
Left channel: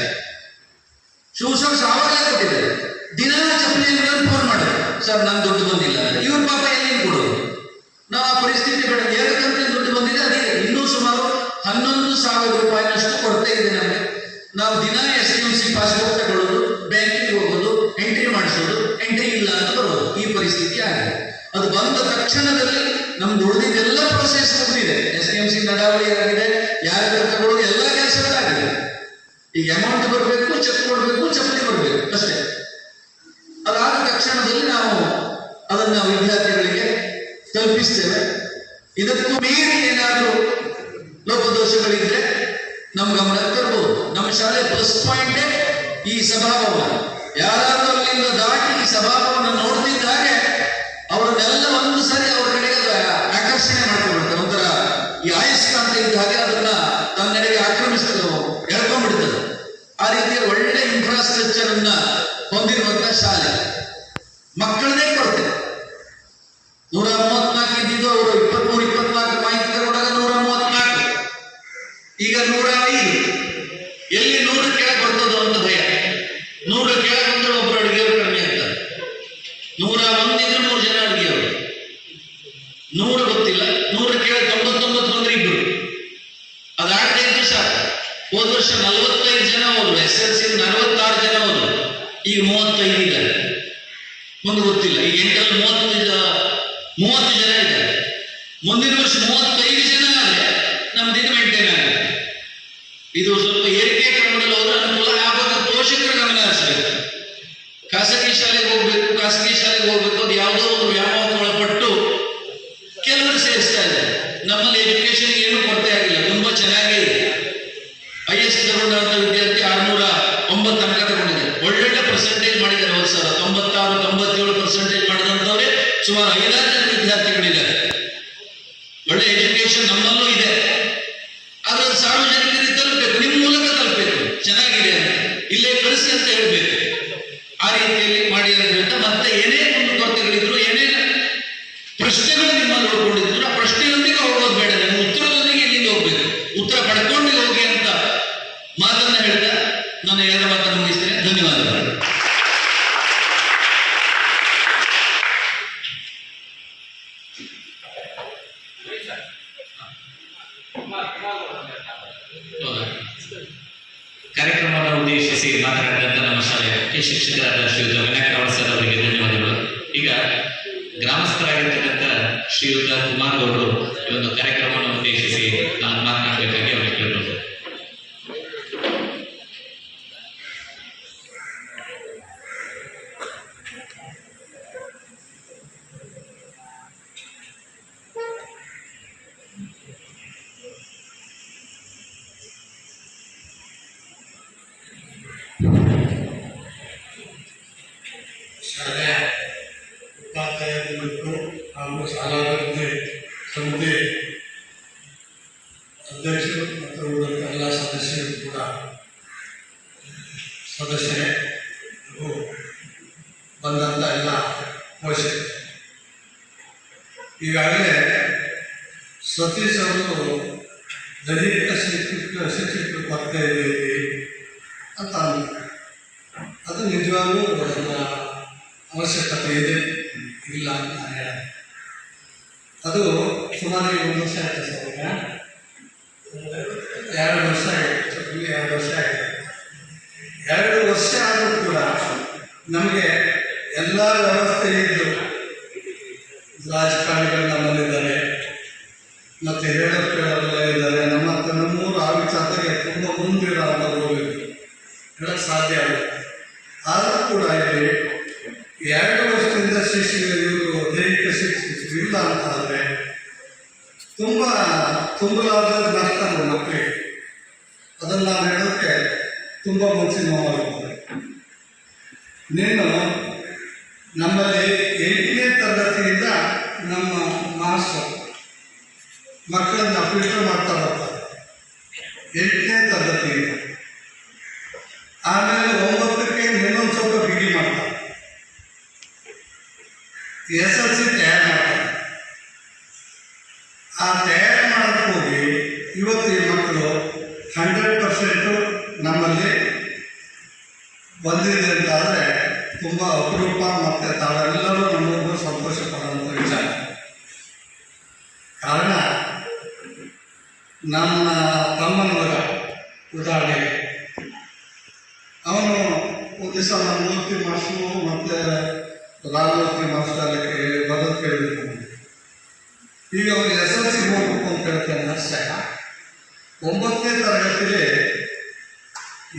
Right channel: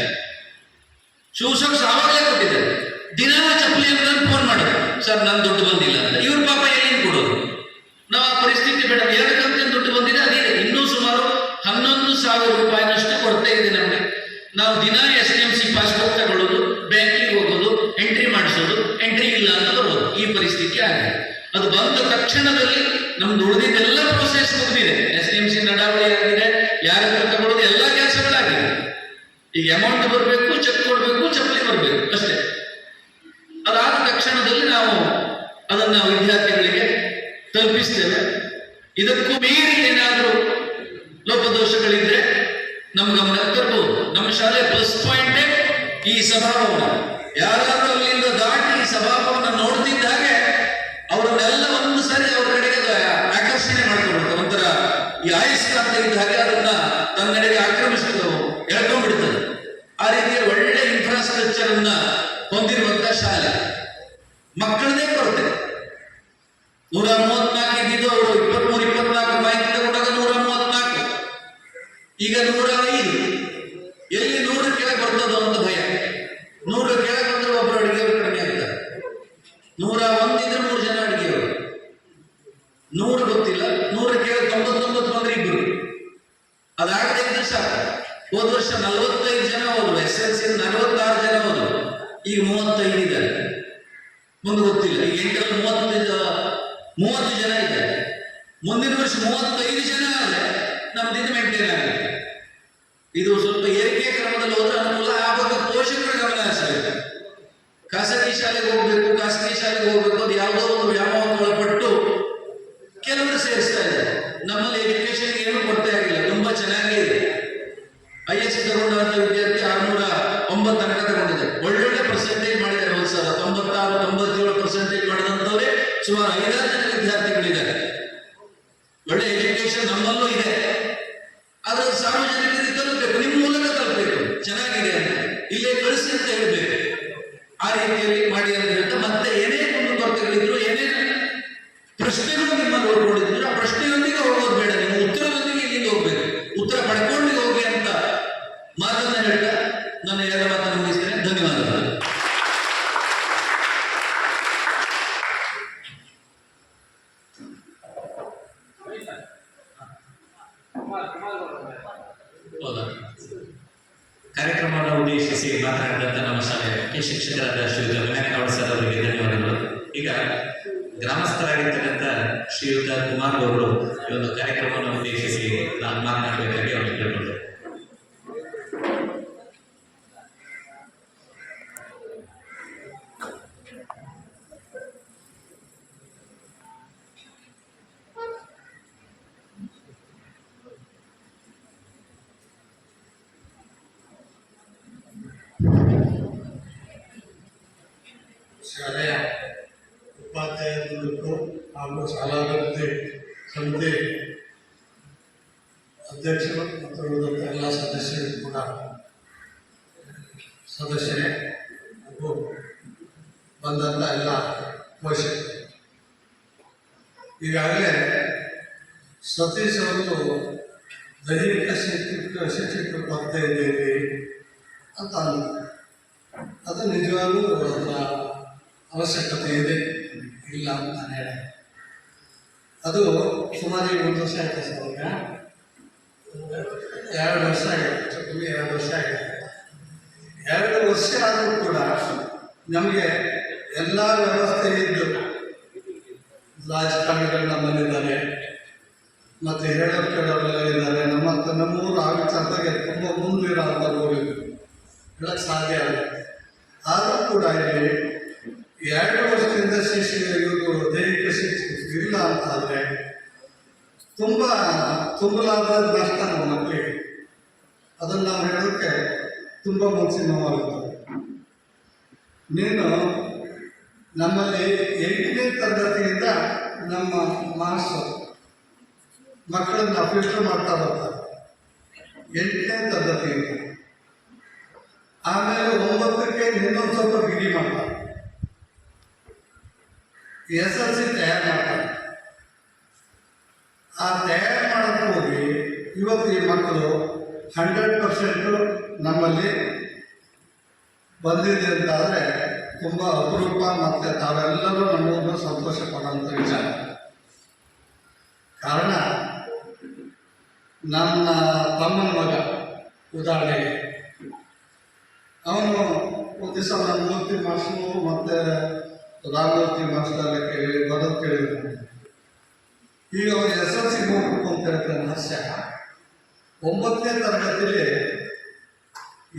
ಶೂ ಸಾಕ್ಸ್ ಆವಾಗಲೇ ಕೊಟ್ಟಿದ್ದಾರೆ. ದಿನ ಚಪ್ಪಲಿ ಅಂದ್ರೆ ಫೋನ್ ಮಾಡೋದು, ಸರ್ ನನ್ ದುಡ್ಡು ಬಂದಿಲ್ಲ ಅಂತ. ಇವ್ರ ಪಾಪ ಎಲ್ಲಿಂದ ಕೊಡೋದು? ನಾವು ಆ ಪರಿಸ್ಥಿತಿ ಬೇಡ. 2 ಕಂತಿನ ದುಡ್ಡು ಬಂದಿದೆ, ಅದಿದೆ. ಇನ್ನೂ ಸುಮಾರು 11,000 ರೂಪಾಯಿನಷ್ಟು ಕೊಡ್ತಾ ಇದೆ ನಮಗೆ. ನಾವು ದಿನ SDMC ಪಾಸ್ಬುಕ್ ತಗೊಳ್ಳೋದು, ಬ್ಯಾಂಕಿಗೆ ಹೋಗೋದು, ಎಂಟ್ರಿ ಮಾಡಿಸೋದು, ಎಂಟ್ರಿ ಇಲ್ಲ ಅಂತ ಬರೋದು, ಈ ಪರಿಸ್ಥಿತಿ ಆಗಿದೆ. ಅದು ಬಂದ ತಕ್ಷಣದಲ್ಲಿ ನಮ್ದು ಉಳಿದಿದ್ದೆಲ್ಲ ಪ್ರೋಸೆಸ್ ಮುಗಿದಿದೆ. SDMC ನಡಾವಳಿ ಆಗಿದೆ, ಯಾರ ತಗೊಳ್ಳೋದು ಎಲ್ಲ ಕೆಲಸಗಳಾಗಿದೆ. ಈಗ ಅಮೌಂಟ್ ಬರಬೇಕು, ಚೆಕ್ ಕೊಡಬೇಕು, ಚಪ್ಪಲಿ ಬರಬೇಕು ಅಷ್ಟೇ. ಅದಾದ ತಕ್ಷಣದಲ್ಲಿ ನಾವು ಅದನ್ನ ವಿದ್ಯಾರ್ಥಿಗಳಿಗೆ ತಲುಪಿಸ್ತೇವೆ. ಇದಕ್ಕೂ ಮೀರಿ ಏನಾದರೂ ಲೋಪದೋಷಗಳಿದ್ರೆ ನಮ್ಮ ಗಮನಕ್ಕೆ ತರಬಹುದು. ನಮ್ಮ ಶಾಲೆ ಪ್ಲಸ್ ಪಾಯಿಂಟೇ ಈ ಸಭಾಭವನ. ಯಾರಾದ್ರೂ ಅಲ್ಲಿಂದ ದಾಟಿ ಈ ಸಭಾಭವನ ನೋಡ್ತಿದ್ದ ಹಾಗೆ ಅವರನ್ನೆಲ್ಲ ಒಂದು ಸಾರಿ ಅವ್ರ ಕಡೆಗೆ ಆಕರ್ಷಣೆ ಮಾಡ್ಕೊಬಿಡ್ತಾರೆ. ಒಂಥರ ಈ ಆಯಸ್ಕಾಂತ ಇದ್ದ ಹಾಗೆ ಅದನ್ನ ತನ್ನೆಡೆಗೆ ಆಕ್ರಮಿಸಿದ್ರು, ಎಳ್ಕೊಂಡ್ಬಿಡ್ತದೆ. ಆ ರೀತಿಯ ಒಳ್ಳೆ ಇನ್ಫ್ರಾಸ್ಟ್ರಕ್ಚರ್ ಅನ್ನ ಹೊಂದಿರುವಂತಹ ಶಾಲೆ. ಮಕ್ಕಳನ್ನೇ ಕೊಡ್ತೇವೆ. 134 ಇದ್ದಿದ್ದು ಅವರು 23-24 ಮಾಹಿತಿ ತಗೊಂಡಾಗ 134, ಈಗ 105. ಎಲ್ಲಿ 100 ಕೆಳಗೆ ಬರ್ತದೋ ಅಂತ ಭಯ. 100 ಕೆಳಗೆ ಬಂದ್ರೆ ಒಬ್ಬರು ಅಡುಗೆಯವರು ಕಡಿಮೆ ಆಗ್ತಾರೆ. 101 ಇದ್ರೆ 3 ಜನ ಅಡುಗೆಯವರು. 100 ಗೊತ್ತಿಲ್ಲ, 100 ಕೆಳಗೆ 99 ಬಂದ್ರೆ 2. ಅದಾಗದೇ ಇದ್ದು ಸಾಕು. ಹೋದ ವರ್ಷ 45 ಜನ ಹೋದ್ರು, SLC 46 ಜನ ಹೋದ್ರು, ಈಗ 35 ಇದ್ದಾರೆ. ಮುಂದೆ ಗೊತ್ತಿಲ್ಲ, ಈಗ 8ರಲ್ಲಿ 30 ಜನ ಇದ್ದಾರೆ. ಮುಂದಿನ ವರ್ಷ 35 ಜನ ಆದರೆ ನಮ್ದಿದ್ದು ಮೇಂಟೈನ್ ಆಗುತ್ತೆ. ಇದು ಸ್ವಲ್ಪ ಏರಿಕೆ ಕ್ರಮದಲ್ಲಿ ಹೋದ್ರೆ ಅನುಕೂಲ. ಆ ಬಗ್ಗೆ ಪೋಷಕರ ಗಮನ ಹರಿಸಬೇಕು. ಖಾಸಗಿ ಶಾಲೆಗೆ ಹೋಗ್ಬೇಕು, ಅದು ಯಾವುದೋ ಒಂದು ವ್ಯಾಮೋಹಕ್ಕೆ ಒಳಪಟ್ಟು ಕೆಲವರು ಸೇರಿಸ್ತಾ ಇದ್ದಾರೆ. ನಮ್ಮಲ್ಲಿ ಎಜುಕೇಶನ್ಗೆ ಏನು ಕೊರತೆ ಆಗಿಲ್ಲ, ತುಂಬಾ ಚೆನ್ನಾಗೇ ಇದೆ. IS ತಗೊಂಡಂತ ವಿದ್ಯಾರ್ಥಿ 609 ಅಂಕ ತಗೊಂಡಿದೆ. ಒಳ್ಳೊಳ್ಳೆ ಪರ್ಸೆಂಟೇಜ್ ಮಾಡಿದ್ದಾರೆ. ಹೋದ ಸಲ 96-97% ಮಾಡಿದಂಥವ್ರೆ ಸುಮಾರು 5-6 ಜನ ವಿದ್ಯಾರ್ಥಿಗಳಿದ್ದಾರೆ. ಒಳ್ಳೆ ಎಜುಕೇಶನ್ ನಮ್ಮಲ್ಲೂ ಇದೆ. ಆದ್ರೆ ಸಾರ್ವಜನಿಕರಿಗೆ ತಲುಪಬೇಕು, ನಿಮ್ಮ ಮೂಲಕ ತಲುಪಬೇಕು, ಚೆನ್ನಾಗಿದೆ ಅಂತ ಇಲ್ಲೇ ಕಳಿಸಿ ಅಂತ ಹೇಳಬೇಕು. ಆ ರೀತಿಯಲ್ಲಿ ಮಾಡಿ ಅಂತ ಹೇಳ್ತಾ, ಮತ್ತೆ ಏನೇ ಒಂದು ಕೊರತೆಗಳಿದ್ರು, ಏನೇ ಪ್ರಶ್ನೆಗಳು ನಿಮ್ಮಲ್ಲಿ ಉಳ್ಕೊಂಡಿದ್ರು, ಆ ಪ್ರಶ್ನೆಯೊಂದಿಗೆ ಹೋಗೋದು ಬೇಡ, ನಿಮ್ಮ ಉತ್ತರದೊಂದಿಗೆ ಇಲ್ಲಿಂದ ಹೋಗ್ಬೇಕು. ಉತ್ತರ ಪಡ್ಕೊಂಡು ಹೋಗಿ ಅಂತ ಮಾತನ್ನ ಹೇಳ್ತಾ ನಾನು 2 ಮಾತನ್ನು ಮುಗಿಸ್ತೇನೆ. ಧನ್ಯವಾದಗಳು. ಕಾರ್ಯಕ್ರಮವನ್ನು ಉದ್ದೇಶಿಸಿ ಮಾತನಾಡಿದಂತ ನಮ್ಮ ಶಾಲೆಯ ಮುಖ್ಯ ಶಿಕ್ಷಕರಾದ ಶ್ರೀಯುತ ವಿನಾಯಕ ಸರ್ ಅವರಿಗೆ ಧನ್ಯವಾದಗಳು. ಈಗ ಗ್ರಾಮಸ್ಥರಾಗಿರ್ತಕ್ಕಂಥ ಶ್ರೀಯುತ ಕುಮಾರ್ ಅವರು ಈ ಒಂದು ಕಾರ್ಯಕ್ರಮವನ್ನು ಉದ್ದೇಶಿಸಿ ನಾನು ಮಾತನಾಡಬೇಕಾಗಿ ಅವರಿಗೆ ಕೇಳಿದ್ರು. ಶಾಲೆಯ ಉಪಾಧ್ಯಾಯರು ಹಾಗೂ ಶಾಲಾಭಿವೃದ್ಧಿ ಸಮಿತಿ ಅಧ್ಯಕ್ಷರು ಮತ್ತು ಉಳಿದಂಥ ಎಲ್ಲ ಸದಸ್ಯರು ಕೂಡ ಸದಸ್ಯರೇ ಹಾಗೂ ಬಂದಂಥ ಎಲ್ಲ ಪೋಷಕರು. ಈಗಾಗಲೇ ಸತೀಶ್ ಅವರು ದೈಹಿಕ ಶಿಕ್ಷಕ ಕೊರತೆ ಇದೆ ಅಂತ ಅಂದ್ರು. ಅದು ನಿಜವಾಗ್ಲೂ ಅದರ ಅವಶ್ಯಕತೆ ಇದೆ, ಇಲ್ಲ ಅಂತ ನಾನು ಹೇಳ. ಅದು ಸುಮಾರು 1 ವರ್ಷ ಆಯಿತು ಸರ್. ಈಗ 2 ವರ್ಷ ಆಯಿತು, 2 ವರ್ಷ ಆಯಿತು. 2 ವರ್ಷ ಆದರೂ ಕೂಡ ನಮಗೆ ಎಲ್ಲ ವ್ಯವಸ್ಥೆ ಇದ್ದು, ರಾಜಕಾರಣಿಗಳು ನಮ್ಮಲ್ಲಿದ್ದಾರೆ, ಮತ್ತು ಹೇಳೋರೆಲ್ಲ ಇದ್ದಾರೆ. ನಮ್ಮೂರು ಆ ವಿಚಾರದಾಗೆ ತುಂಬ ಮುಂದಿರೋಂಥವ್ರು ಹೇಳಕ್ಕೆ ಸಾಧ್ಯ ಇಲ್ಲ. ಆದರೂ ಕೂಡ ಇಲ್ಲಿ 2 ವರ್ಷದಿಂದ ಇವರು ದೈಹಿಕ ಶಿಕ್ಷಕರು ಇಲ್ಲ ಅಂತ ಆದರೆ ತುಂಬಲಾದ ನಷ್ಟ ನಮ್ಮ ಮಕ್ಕಳಿಗೆ. ಅದನ್ನು ನಾವು ಹೇಳೋಕ್ಕೆ ತುಂಬ ಮನಸ್ಸಿನ ನೋವಾಗುತ್ತದೆ. ನೀನು ನಮ್ಮಲ್ಲಿ 8ನೇ ತರಗತಿಯಿಂದ ನಮ್ಮ ಮಾಸ್ಟರ್ ಮಕ್ಕಳನ್ನ ಫಿಲ್ಟರ್ ಮಾಡ್ತಾ ಬರ್ತಾರೆ, 8ನೇ ತರಗತಿಯಿಂದ. ಆಮೇಲೆ 9ಕ್ಕೆ ಇನ್ನೊಂದು ಸ್ವಲ್ಪ ಬಿಗಿ ಮಾಡ್ತಾರೆ, SLC ತಯಾರು ಮಾಡ್ತಾರೆ. ಆ ತಯಾರು ಮಾಡೋಕ್ಕೆ ಹೋಗಿ ಇವತ್ತು ಈ ಮಕ್ಕಳು 100% ನಮ್ಮಲ್ಲಿ ಬಂದಿದೆ ಅಂತಾದರೆ ತುಂಬ ಅಪರೂಪ. ಮತ್ತು ತಾವೆಲ್ಲರೂ ನಮಗೂ ಸಂತೋಷ ಪಡುವಂಥ ವಿಚಾರ. ಕಾರಣ ನಮ್ಮ ತಮ್ಮನ ಮಗ ಉದಾಹರಣೆಗೆ ಅವನು ಒಂದು ದಿವಸ ನಮ್ಮ ಮೂರ್ತಿ ಮಾಸ್ಟರು ಮತ್ತು ರಾಮಮೂರ್ತಿ ಮಾಸ್ಟರಕ್ಕೆ ಬರೋದು ಕೇಳಿದ್ರು. ಈಗ ಅವನು SLC ಹೋಗ್ಬೇಕು ಅಂತ ಹೇಳ್ತಾನೆ ಅಷ್ಟೇ. 9ನೇ ತರಗತಿಯಲ್ಲಿ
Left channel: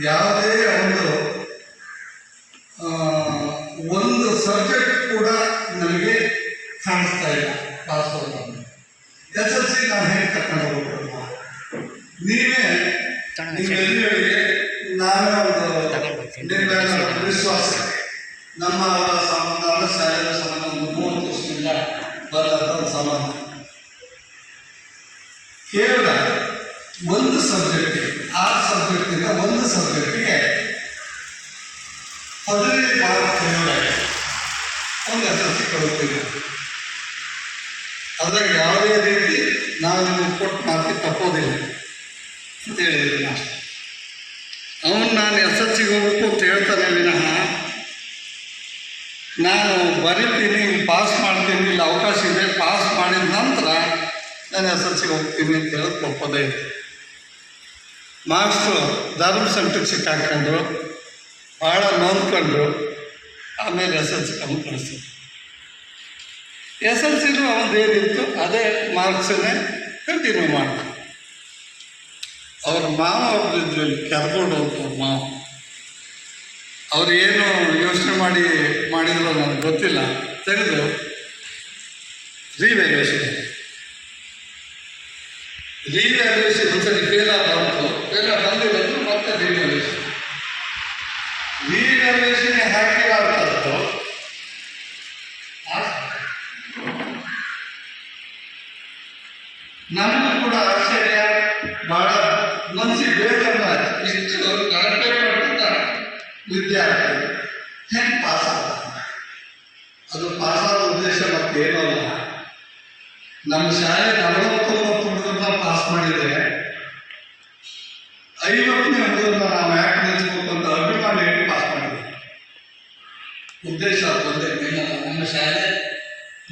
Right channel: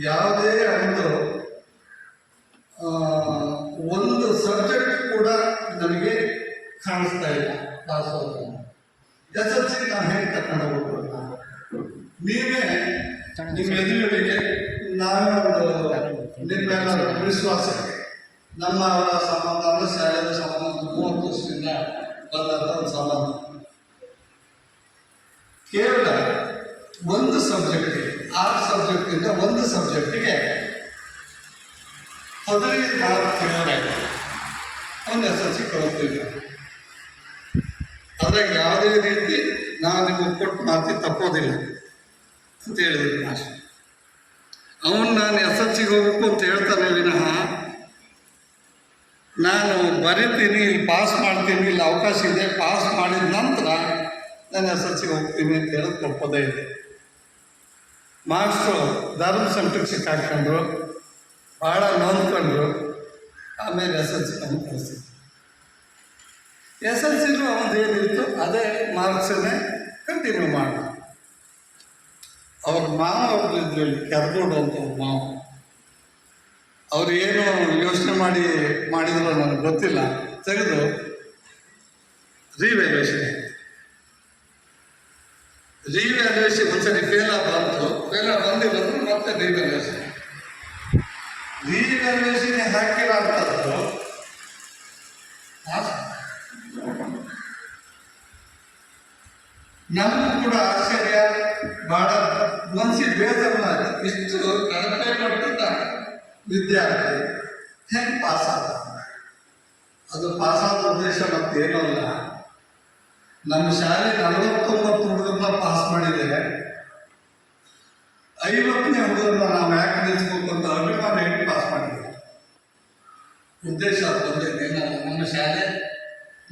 ಯಾವುದೇ ಒಂದು ಸಬ್ಜೆಕ್ಟ್ ಕೂಡ ನನಗೆ ಕಾಣಿಸ್ತಾ ಇಲ್ಲ ಪಾಸ್ ಹೋಗ್ತಾನೆ. SLC ನಾನು ಹೇಗೆ ತಗೊಂಡು ಹೋಗ್ಬೋದು? ನೀವೆಲ್ಲರಿಗೆ ನಾವೇ ಒಂದು ವಿಶ್ವಾಸ, ನಮ್ಮ ಸಂಬಂಧ ಶಾಲೆಯ ಸಂಬಂಧ 30 ವರ್ಷದಿಂದ ಬಂದಂಥ ಒಂದು ಸಂಬಂಧ. ಕೇವಲ ಒಂದು ಸಬ್ಜೆಕ್ಟಿಗೆ 6 ಸಬ್ಜೆಕ್ಟಿಂದ ಒಂದು ಸಬ್ಜೆಕ್ಟಿಗೆ 15 ಮಾರ್ಕ್ ಕೇಳೋದಾಗಿದೆ. ಒಂದು SLC ಕೊಡುತ್ತಿಲ್ಲ. ಅದಾಗ ಯಾವುದೇ ರೀತಿ ನಾವು ನಿಮಗೆ ಕೊಟ್ಟು ಮಾತಿ ತಪ್ಪೋದಿಲ್ಲ ಅಂತ ಹೇಳಿದ್ದೀನಿ ನಾನು. ಅವನು ನಾನು SLCಗೆ ಹೋಗ್ಬೇಕು ಅಂತ ಹೇಳ್ತಾನೆ ವಿನಃ ನಾನು ಬರೀತೀನಿ, ಇಲ್ಲಿ ಪಾಸ್ ಮಾಡ್ತೀನಿ, ಇಲ್ಲಿ ಅವಕಾಶ ಇದೆ, ಪಾಸ್ ಮಾಡಿದ ನಂತರ ನಾನು SLCಗೆ ಹೋಗ್ತೀನಿ ಅಂತ ಹೇಳೋದು ತಪ್ಪೋದೇ ಇದೆ. ಮಾಸ್ಟ್ರು ಧರ್ಮ ಸಂಕಟಕ್ಕೆ ಸಿಕ್ಕಾಕೊಂಡ್ರು, ಭಾಳ ನೋಡ್ಕೊಂಡ್ರು. ಆಮೇಲೆ SLC ಕಳಿಸ್ತಿದ್ರು. SLCನೂ ಅವನದೇನಿತ್ತು ಅದೇ ಮಾರ್ಕ್ಸನ್ನೇ ಕಂಟಿನ್ಯೂ ಮಾಡ್ತಾರೆ. ಅವ್ರ ಮಾವ ಅವ್ರದ್ದು ಕೆರ್ಗೋಡು ಅಂತ ಅವ್ರ ಮಾವ, ಅವ್ರು ಏನು ಯೋಚನೆ ಮಾಡಿದ್ರು ನನಗೆ ಗೊತ್ತಿಲ್ಲ, ತೆಗೆದು ರಿವ್ಯಾಲ್ಯೂಯೇಷನ್ ಒಂದ್ಸರಿ ಫೇಲ್ ಬಂದಿರೋದು ಮತ್ತೆ ರಿವ್ಯಾಲ್ಯೂಯೇಷನ್ ಹಾಕಿರೋಂಥದ್ದು ನಮಗೂ ಕೂಡ ಆಶ್ಚರ್ಯ, ಭಾಳ ಮನಸ್ಸಿಗೆ ಬೇಜಾರು. ಇಷ್ಟು ಕಳಪೆ ಪಡ್ತಿದ್ದ ವಿದ್ಯಾರ್ಥಿ ಹೆಂಗೆ ಪಾಸ್ ಆಗ್ತಾನೆ? ಅದು ಪಾಸಾದ ಉದ್ದೇಶ ಮತ್ತೇನೂ ಅಲ್ಲ. ನಮ್ಮ ಶಾಲೆ 49 ಹುಡುಗರನ್ನ ಪಾಸ್ ಮಾಡಿದರೆ 50ನೇ ಹುಡುಗರನ್ನ ನಾವು ಯಾಕೆ ನಿಲ್ಲಿಸ್ಬೇಕು ಅಂತ ಅಭಿಮಾನ ಹೇಳಿ ಪಾಸ್ ಮಾಡಿದ್ವಿ. ಉದ್ದೇಶ ಒಂದೇ, ಏನಲ್ಲ,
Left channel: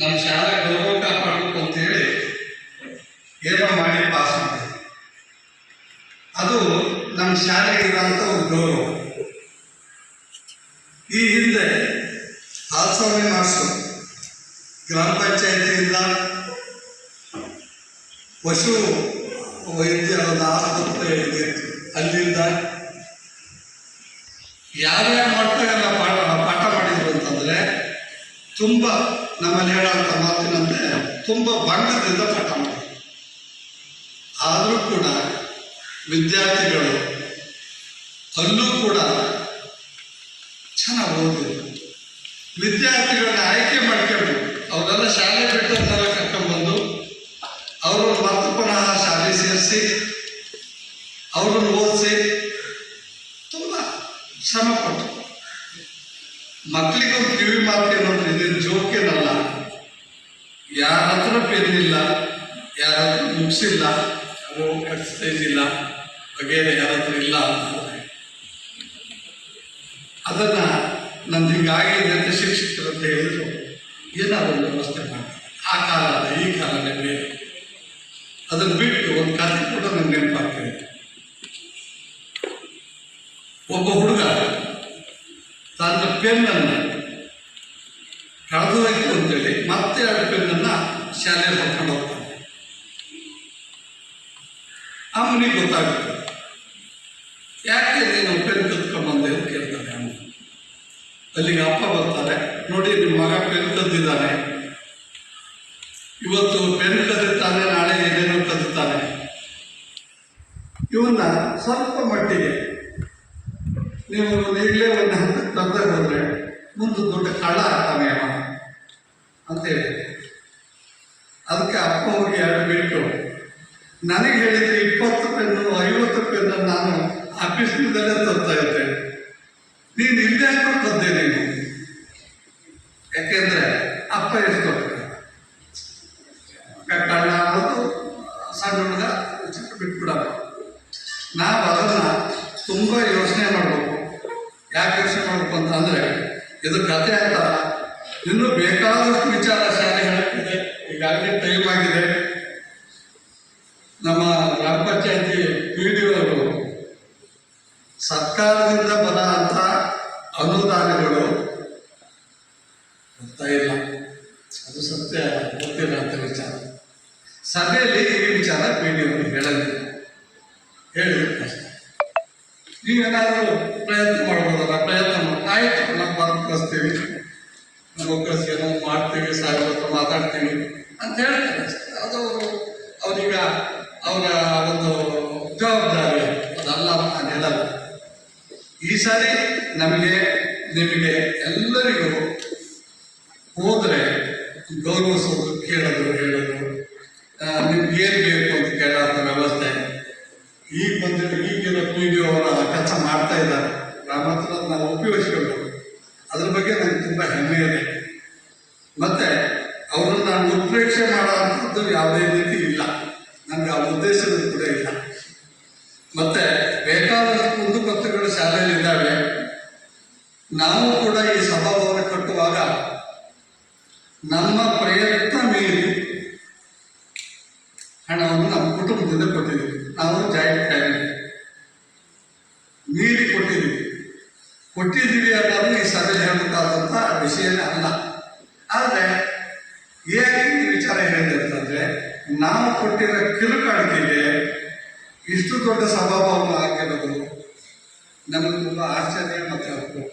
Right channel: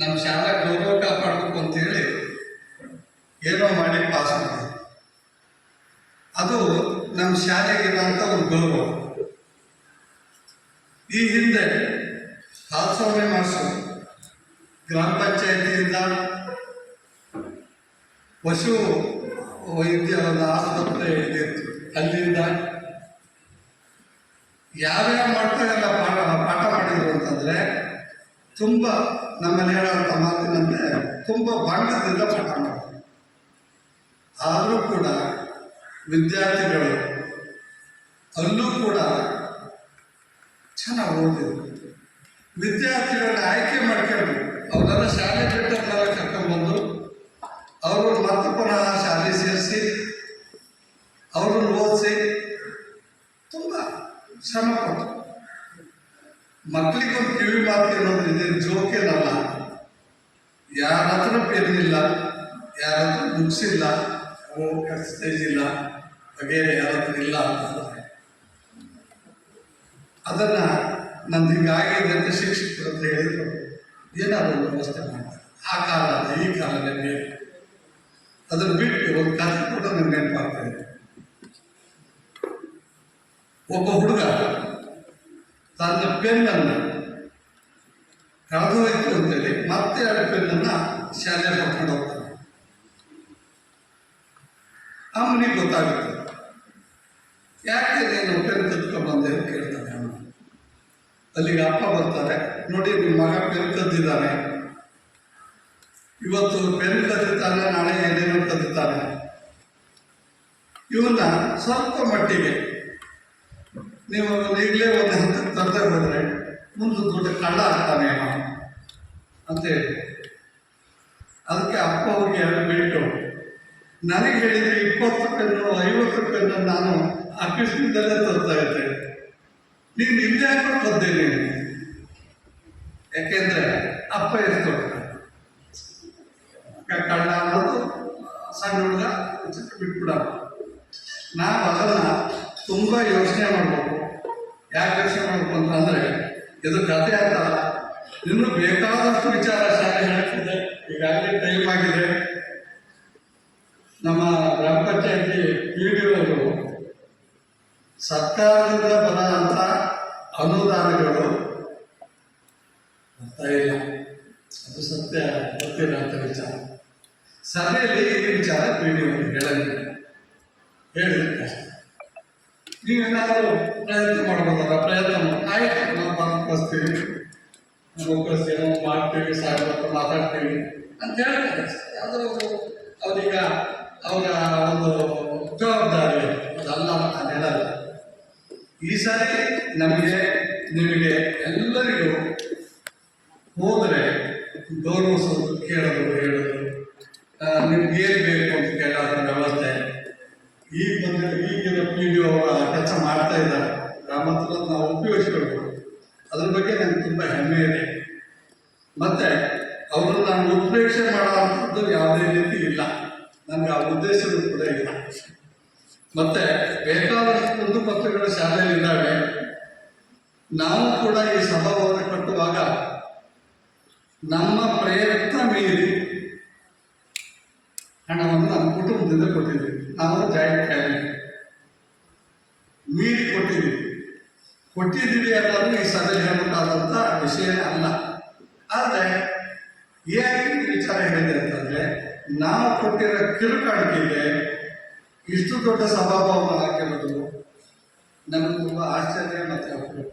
ನಮ್ಮ ಶಾಲೆ ಗೌರವ ಕಾಪಾಡಬೇಕು ಅಂತ ಹೇಳಿ ಏನೋ ಮಾಡಿ ಪಾಸ್ ಮಾಡಿದ್ವಿ. ಅದು ನಮ್ಮ ಶಾಲೆಗೆ ಇರೋಂಥ ಒಂದು ಗೌರವ. ಈ ಹಿಂದೆ ಹಾಲ್ಸ್ವಾಮಿ ಮಾಸ್ಟರ್ ಗ್ರಾಮ ಪಂಚಾಯತಿಯಿಂದ ಪಶು ವೈದ್ಯ ಒಂದು ಆಸ್ಪತ್ರೆ ಇತ್ತು, ಅಲ್ಲಿಂದ ಯಾರ್ಯಾವ ಮಟ್ಟಗೆಲ್ಲ ಪಾಠ ಮಾಡಿದ್ರು ಅಂತಂದರೆ ತುಂಬ ನಮ್ಮಲ್ಲಿ ಹೇಳೋಂಥ ಮಾತಿನಂತೆ ತುಂಬ ಭಾಗದಿಂದ ಪಾಠ ಮಾಡಿದ್ರು. ಆದರೂ ಕೂಡ ವಿದ್ಯಾರ್ಥಿಗಳು ಅಲ್ಲೂ ಕೂಡ ಚೆನ್ನಾಗಿ ಓದಿದ್ರು. ವಿದ್ಯಾರ್ಥಿಗಳನ್ನ ಆಯ್ಕೆ ಮಾಡ್ಕೊಂಡು ಅವರೆಲ್ಲ ಶಾಲೆ ಬಿಟ್ಟು ಕರ್ಕೊಂಡ್ಬಂದು ಅವರು ಮತ್ತೆ ಪುನಃ ಶಾಲೆ ಸೇರಿಸಿ ಅವರನ್ನು ಓದಿಸಿ ತುಂಬ ಶ್ರಮ ಕೊಟ್ಟರು. ಮಕ್ಕಳಿಗೊಂದು ಕಿವಿ ಮಾತು ಏನೊಂದು ಇದೇನು ಜೋಕೇನಲ್ಲ. ಯಾರ ಹತ್ರ ಪೆನ್ನಿಲ್ಲ, ಯಾರ ಹತ್ರ ಬುಕ್ಸ್ ಇಲ್ಲ, ಎಕ್ಸಸೈಸ್ ಇಲ್ಲ, ವಗೇರೆ ಯಾರ ಹತ್ರ ಇಲ್ಲ ಅಂತಂದರೆ ಅದನ್ನು ನಮ್ದು ಹಿಂಗಾಗಿದೆ ಅಂತ ಶಿಕ್ಷಕರು ಅಂತ ಹೇಳಿದ್ರು, ಏನಾದರೂ ವ್ಯವಸ್ಥೆ ಮಾಡಿ. ಆ ಕಾಲ ಅಲ್ಲ, ಈ ಕಾಲನೇ ಬೇರೆ. ಅದನ್ನು ಬಿಟ್ಟು ಒಂದು ಕಥೆ ಕೂಡ ನನಗೆ ನೆನಪಾಗ್ತದೆ. ಒಬ್ಬ ಹುಡುಗ ತನ್ನ ಪೆನ್ನನ್ನು ಕಳೆದು ಹೋಯ್ತು ಅಂತೇಳಿ ಮತ್ತೆ ಆ ಪೆನ್ನನ್ನು ಶಾಲೆಯಲ್ಲಿ ಹೊತ್ಕೊಂಡು ಹೋಗ್ತಾನೆ. ಅಮ್ಮನಿಗೆ ಗೊತ್ತಾಗುತ್ತೆ, ಯಾಕೆ ನೀನು ಪೆನ್ ಕದ್ಕೊಂಡ್ಬಂದೆ ಅಂತ ಕೇಳ್ತಾನೆ ಅಮ್ಮ. ಅಲ್ಲಿಗೆ ಅಪ್ಪ ಬರ್ತಾರೆ, ನೋಡಿ ನಿಮ್ಮ ಮಗ ಪೆನ್ ಕದ್ದಿದ್ದಾನೆ, ಇವತ್ತು ಪೆನ್ ಕದ್ದಿದ್ದಾನೆ, ನಾಳೆ ಏನೇನೋ ಕದ್ದಿದ್ದಾನೆ. ಇವನ್ನ ಸ್ವಲ್ಪ ಮಟ್ಟಿಗೆ ನೀವು ಈಗಲೇ ಒಂದು ಹಂತಕ್ಕೆ ತರದೇ ಹೋದರೆ ಮುಂದೆ ದೊಡ್ಡ ಕಳ್ಳ ಆಗ್ತಾನೆ ಅಂತೇಳಿ. ಅದಕ್ಕೆ ಅಪ್ಪ ಹೋಗಿ 2 ಬಿಟ್ಟು ನನಗೆ ಹೇಳಿದರೆ 20 ಪೆನ್ನು 50 ಪೆನ್ನು ನಾನು ಆಫೀಸ್ನಿಂದಲೇ ತರ್ತಾ ಇದ್ದೆ, ನೀನು ಇಲ್ಲೇ ಕದ್ದೆ ನೀನು. ಯಾಕೆಂದರೆ ಅಪ್ಪ ಎಷ್ಟು ಕಳ್ಳ ಅನ್ನೋದು ಸಣ್ಣ ಹುಡುಗ ಚಿಕ್ಕ ಬಿಟ್ಬಿಡೋಣ. ನಾವು ಅದನ್ನು ತುಂಬ ಯೋಚನೆ ಮಾಡಬೇಕು. ಯಾಕೆ ಯೋಚನೆ ಮಾಡಬೇಕು ಅಂತಂದರೆ ಇದು ಕಥೆ ಆಗ್ತಲ್ಲ, ಇನ್ನೂ ಬೇಕಾದಷ್ಟು ವಿಚಾರ ಶಾಲೆ ಹೇಳ್ತಿದೆ. ಈಗಾಗಲೇ ಟೈಮ್ ಆಗಿದೆ. ನಮ್ಮ ಗ್ರಾಮ ಪಂಚಾಯತಿ PDO ಸರ್ಕಾರದಿಂದ ಬರೋಂಥ ಅನುದಾನಗಳು ಬರ್ತಾ ಇಲ್ಲ, ಅದು ಸತ್ಯ, ಗೊತ್ತಿಲ್ಲ ಅಂತ ವಿಚಾರ. ಸಭೆಯಲ್ಲಿ ಈ ವಿಚಾರ PDO ಹೇಳಿದ್ರೆ ಕಷ್ಟ. ನೀವೇನಾದರೂ ಪ್ರಯತ್ನ ಮಾಡ್ಬೋದಲ್ಲ, ಪ್ರಯತ್ನ ಮಾಡಿ. ಆಯಿತು, ನಾವು ಬಂದು ಕಳಿಸ್ತೀವಿ, ನಾವು ಕಳಿಸ್ತೀವಿ, ನಾವು ಮಾಡ್ತೀವಿ, ಸಾಹೇಬ್ರ ಹತ್ರ ಮಾತಾಡ್ತೀವಿ ಅಂತ ಹೇಳ್ತಾರೆ. ಅದು ಅವರೀಗ ಅವರ ಒಂದು ಜವಾಬ್ದಾರಿ, ಅದಲ್ಲ ನಾನು ಹೇಳಲ್ಲ. ಈ ಸಾರಿ ನಮಗೆ ನಿಮಗೆ ಎಲ್ಲರಿಗೂ ಹೋದರೆ ಗೌರವಿಸೋದು, ಕೇಳೋದು, ಹೇಳೋದು, ನಿಮ್ಗೆ ಏನು ಬೇಕು ಅಂತ ಕೇಳೋಂಥ ವ್ಯವಸ್ಥೆ ಈಗಿರೋ PDO ಅವರ ಕೆಲಸ ಮಾಡ್ತಾ ಇದ್ದಾರೆ. ಗ್ರಾಮಾಂತರ ನಾವು ಉಪಯೋಗಿಸ್ಬೇಕು. ಅದ್ರ ಬಗ್ಗೆ ನನಗೆ ತುಂಬ ಹೆಮ್ಮೆ ಇದೆ. ಮತ್ತು ಅವರನ್ನು ನಾನು ಉತ್ಪ್ರೇಕ್ಷೆ ಮಾಡೋವಂಥದ್ದು ಯಾವುದೇ ರೀತಿ ಇಲ್ಲ, ನನಗೆ ಆ ಉದ್ದೇಶವೂ ಕೂಡ ಇಲ್ಲ. ಮತ್ತು ಬೇಕಾದಷ್ಟು ಕುಂದುಕೊರತೆಗಳು ಶಾಲೆಯಲ್ಲಿ ಇದ್ದಾವೆ. ನಾವು ಕೂಡ ಈ ಸಭಾಭವನ ಕಟ್ಟುವಾಗ ನಮ್ಮ ಪ್ರಯತ್ನ ಮೀರಿ ಹಣವನ್ನು ನಮ್ಮ ಕುಟುಂಬದಿಂದ ಕೊಟ್ಟಿದ್ದೀವಿ. ನಾವು ಜಾಯಿಂಟ್ ಫ್ಯಾಮಿಲಿ ಮೀರಿ ಕೊಟ್ಟಿದ್ದೀವಿ ಅನ್ನೋದು ಈ ಸಭೆಯಲ್ಲಿ ಹೇಳಬೇಕಾದಂಥ ವಿಷಯನೇ ಅಲ್ಲ. ಆದರೆ ಯಾಕೆ ಈ ವಿಚಾರ ಹೇಳಿದೆ ಅಂತಂದರೆ, ನಾವು ಕೊಟ್ಟಿರೋ ಕಿರುಕಾಣಿಕೆಗೆ ಇಷ್ಟು ದೊಡ್ಡ ಸಭಾಭವನ ಆಗಿರೋದು ನಮಗೆ ತುಂಬ ಆಶ್ಚರ್ಯ ಮತ್ತು ಅಪರೂಪ.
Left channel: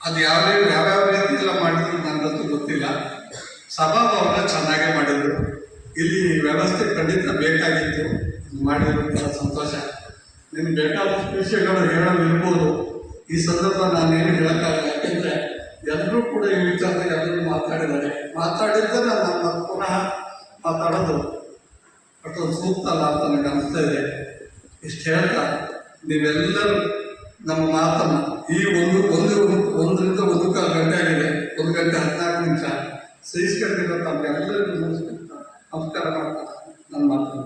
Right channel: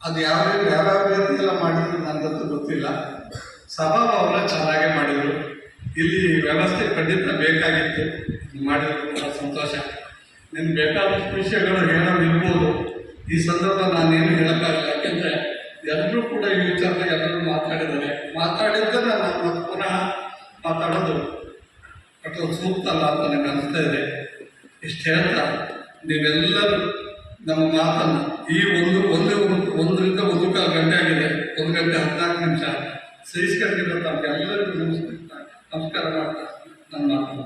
ಅದು ಯಾವ್ಯಾವ ರೀತಿಯೆಲ್ಲ ಮಾಡಿದ್ರು ನನಗಂತೂ ಗೊತ್ತಿಲ್ಲ. ಸಭಾಭವನ ಚೆನ್ನಾಗೇ ಮಾಡಿದರು. ಇಲ್ಲಿ ವ್ಯವಸ್ಥೆ ಖಂಡಿತ ಬೇಕಾಗಿತ್ತು, ಮಾಡಿದ್ರು ತುಂಬ ಸಂತೋಷ. ನಿಮ್ಗೆ ಬೇಕಾದಷ್ಟು ವಿಷಯಗಳು ಹೇಳೋದಿರ್ಬೋದು. ಈ ಸಂದರ್ಭ ನಾನೇನು ಹೇಳೋಕ್ಕಾಗಲ್ಲ, ಯಾಕೆಂದರೆ ಎಲ್ಲರೂ ಕೂಡ ಈ ವಿಚಾರದಾಗ ಎಲ್ಲರೂ ಮಾತಾಡಿದ್ದನ್ನು ನಾನು ಪುನಃ ಮಾತಾಡೋದು ಅಥವಾ ಸೂಕ್ತ ಅಲ್ಲ ಅಂತ ನನಗೆ ಅನಿಸ್ತಾ ಇದೆ. ಇಷ್ಟು ಹೇಳ್ತಾ ನೀವೆಲ್ಲರೂ ನಮ್ಮ ಮಾತನ್ನು ಈ ಒಂದರಿಂದ 1.25 ಗಂಟೆ ಆಗಿದೆ, 1 ಗಂಟೆ 14 ನಿಮಿಷ ಸಹಿಸ್ಕೊಂಡಿರೋ ತಮಗೆಲ್ಲರಿಗೂ ನಮಸ್ಕಾರ ಮಾಡ್ತಾ ನನ್ನ ಮಾತನ್ನು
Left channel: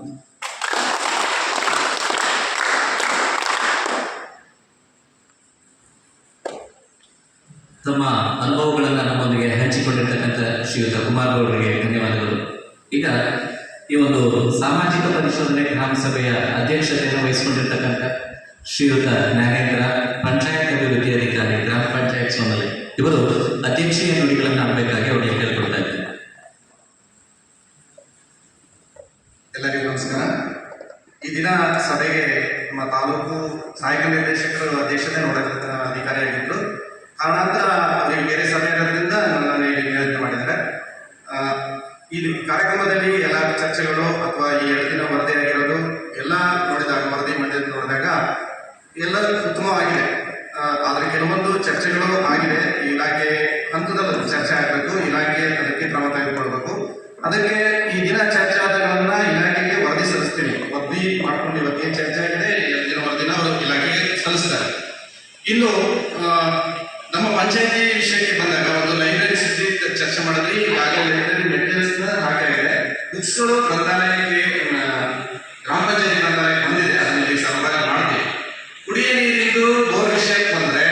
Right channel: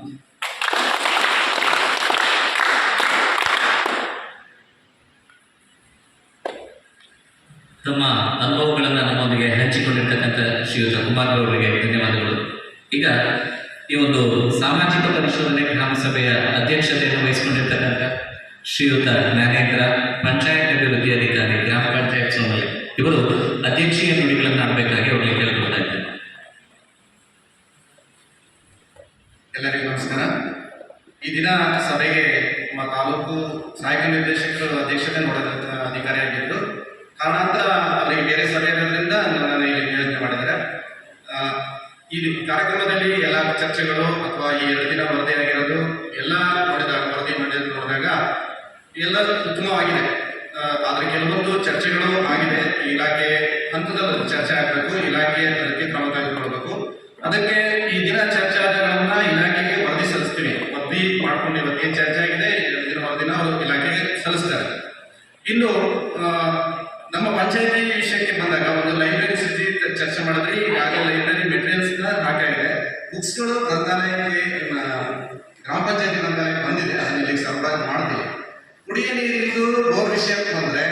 ತಮ್ಮ ಅನುಭವಗಳನ್ನು ನಮ್ಮೊಂದಿಗೆ ಹಂಚಿಕೊಂಡಿರ್ತಕ್ಕಂಥ ಶ್ರೀಯುತ ಕುಮಾರ್ ಅವರಿಗೆ ಧನ್ಯವಾದಗಳು. ಈಗ ಈ ಒಂದು ಸಾಮಾಜಿಕ ಪರಿಶೋಧನೆ ಗ್ರಾಮ ಸಭೆಯ ಅಧ್ಯಕ್ಷತೆಯನ್ನು ವಹಿಸಿಕೊಂಡಿರ್ತಕ್ಕಂಥ ಶ್ರೀಯುತ ಜ್ಞಾನೇಂದ್ರ, ಪಂಚಾಯತ್ ಅಭಿವೃದ್ಧಿ ಅಧಿಕಾರಿ, ಗ್ರಾಮ ಪಂಚಾಯತ್ ಸೋಮರಿ, ಇವರು ಅಧ್ಯಕ್ಷೀಯ ನುಡಿಗಳನ್ನು ಆಡಬೇಕಾಗಿ ಅವರಿಗೆ ಕೇಳಿಕೊಳ್ತಾ ಇದ್ದಾರೆ. ಎಲ್ಲರಿಗೂ ನಮಸ್ಕಾರ. ಈ ದಿನ ಸಭೆಗೆ ನಮ್ಮ ತಾಲೂಕು ಸಹಾಯಕ ನಿರ್ದೇಶಕರು ಅಧ್ಯಕ್ಷತೆ ನೋಡೋದ ಅಧಿಕಾರಿಯಾಗಿದ್ದರು. ಕಾರಣಾಂತರ ಅವರಿಗೆ ಬೇರೆ ಸಭೆಗಳಿಂದ ನನ್ನನ್ನು ಇಲ್ಲಿ ನಿಯೋಜನೆ ಮಾಡಿದ್ದಾರೆ. ಈ ಕಾರ್ಯಕ್ರಮದಲ್ಲಿ ಎಲ್ಲ ಚರ್ಚೆಗಳು ಅಥವಾ ಈ 2 ದಿನ ವರದಿಯಾಗಿರೋದು ಎಲ್ಲ ವರದಿ ನೋಡಿದಾಗ ಎಲ್ಲ ಉತ್ತಮವಾಗಿದೆ. ಆದರೆ ಕೆಲವೊಂದು ಚರ್ಚೆಗಳು ಆಗಿದೆ. ಇಲಾಖೆ ಹಂತದಲ್ಲಿ ಚರ್ಚೆ ಆಗಬೇಕು, ಇಲಾಖೆ ಅದಕ್ಕೆ ಕ್ರಮ ತೆಗೆದುಕೊಳ್ಬೇಕು. ಅದಕ್ಕೆ ಈ ದಿನ ಚರ್ಚೆ ಆದಗಳನ್ನು ಇಲಾಖೆಗೆ ವರದಿ ಸಲ್ಲಿಸ್ತೀನಿ. ವರದಿ ಮಾಡ್ಕೊಂಡು ಇವತ್ತೇನು ಚರ್ಚೆ ಆಗಿದೆ ಇವತ್ತಿನ ವರದಿನ ಅವರು ಇಲಾಖೆಗೆ ಸಲ್ಲಿಸ್ತಾರೆ. ಇನ್ನು ನಮ್ಮ ಪಂಚಾಯತಿ ವಿಷಯಕ್ಕೆ ಬಂದಾಗ ಒಂದು ಲೈಬ್ರರಿ ಸ್ಥಿತಿ ಚರ್ಚೆ ಮಾಡಿದ್ವಿ. ಈಗಾಗಲೇ ಲೈಬ್ರರಿ ಮೆಟೀರಿಯಲ್ಸ್ನ ಹಾಕಾಗಿದೆ. ಬುಕ್ಸ್ಗಳು ಗ್ರಂಥಾಲಯಕ್ಕೆ ಗ್ರಾಮ ಪಂಚಾಯತಿ ಗ್ರಂಥಾಲಯಕ್ಕೆ ಬಂದಿದೆ, ಅದನ್ನ ಇಲ್ಲಿ ಸರಬರಾಜು ಮಾಡ್ತೀವಿ. ಕುಡಿಯ ನೀರಿದ್ದು ಬೋರ್ ವಿಷಯಕ್ಕೆ ಬಂದರೆ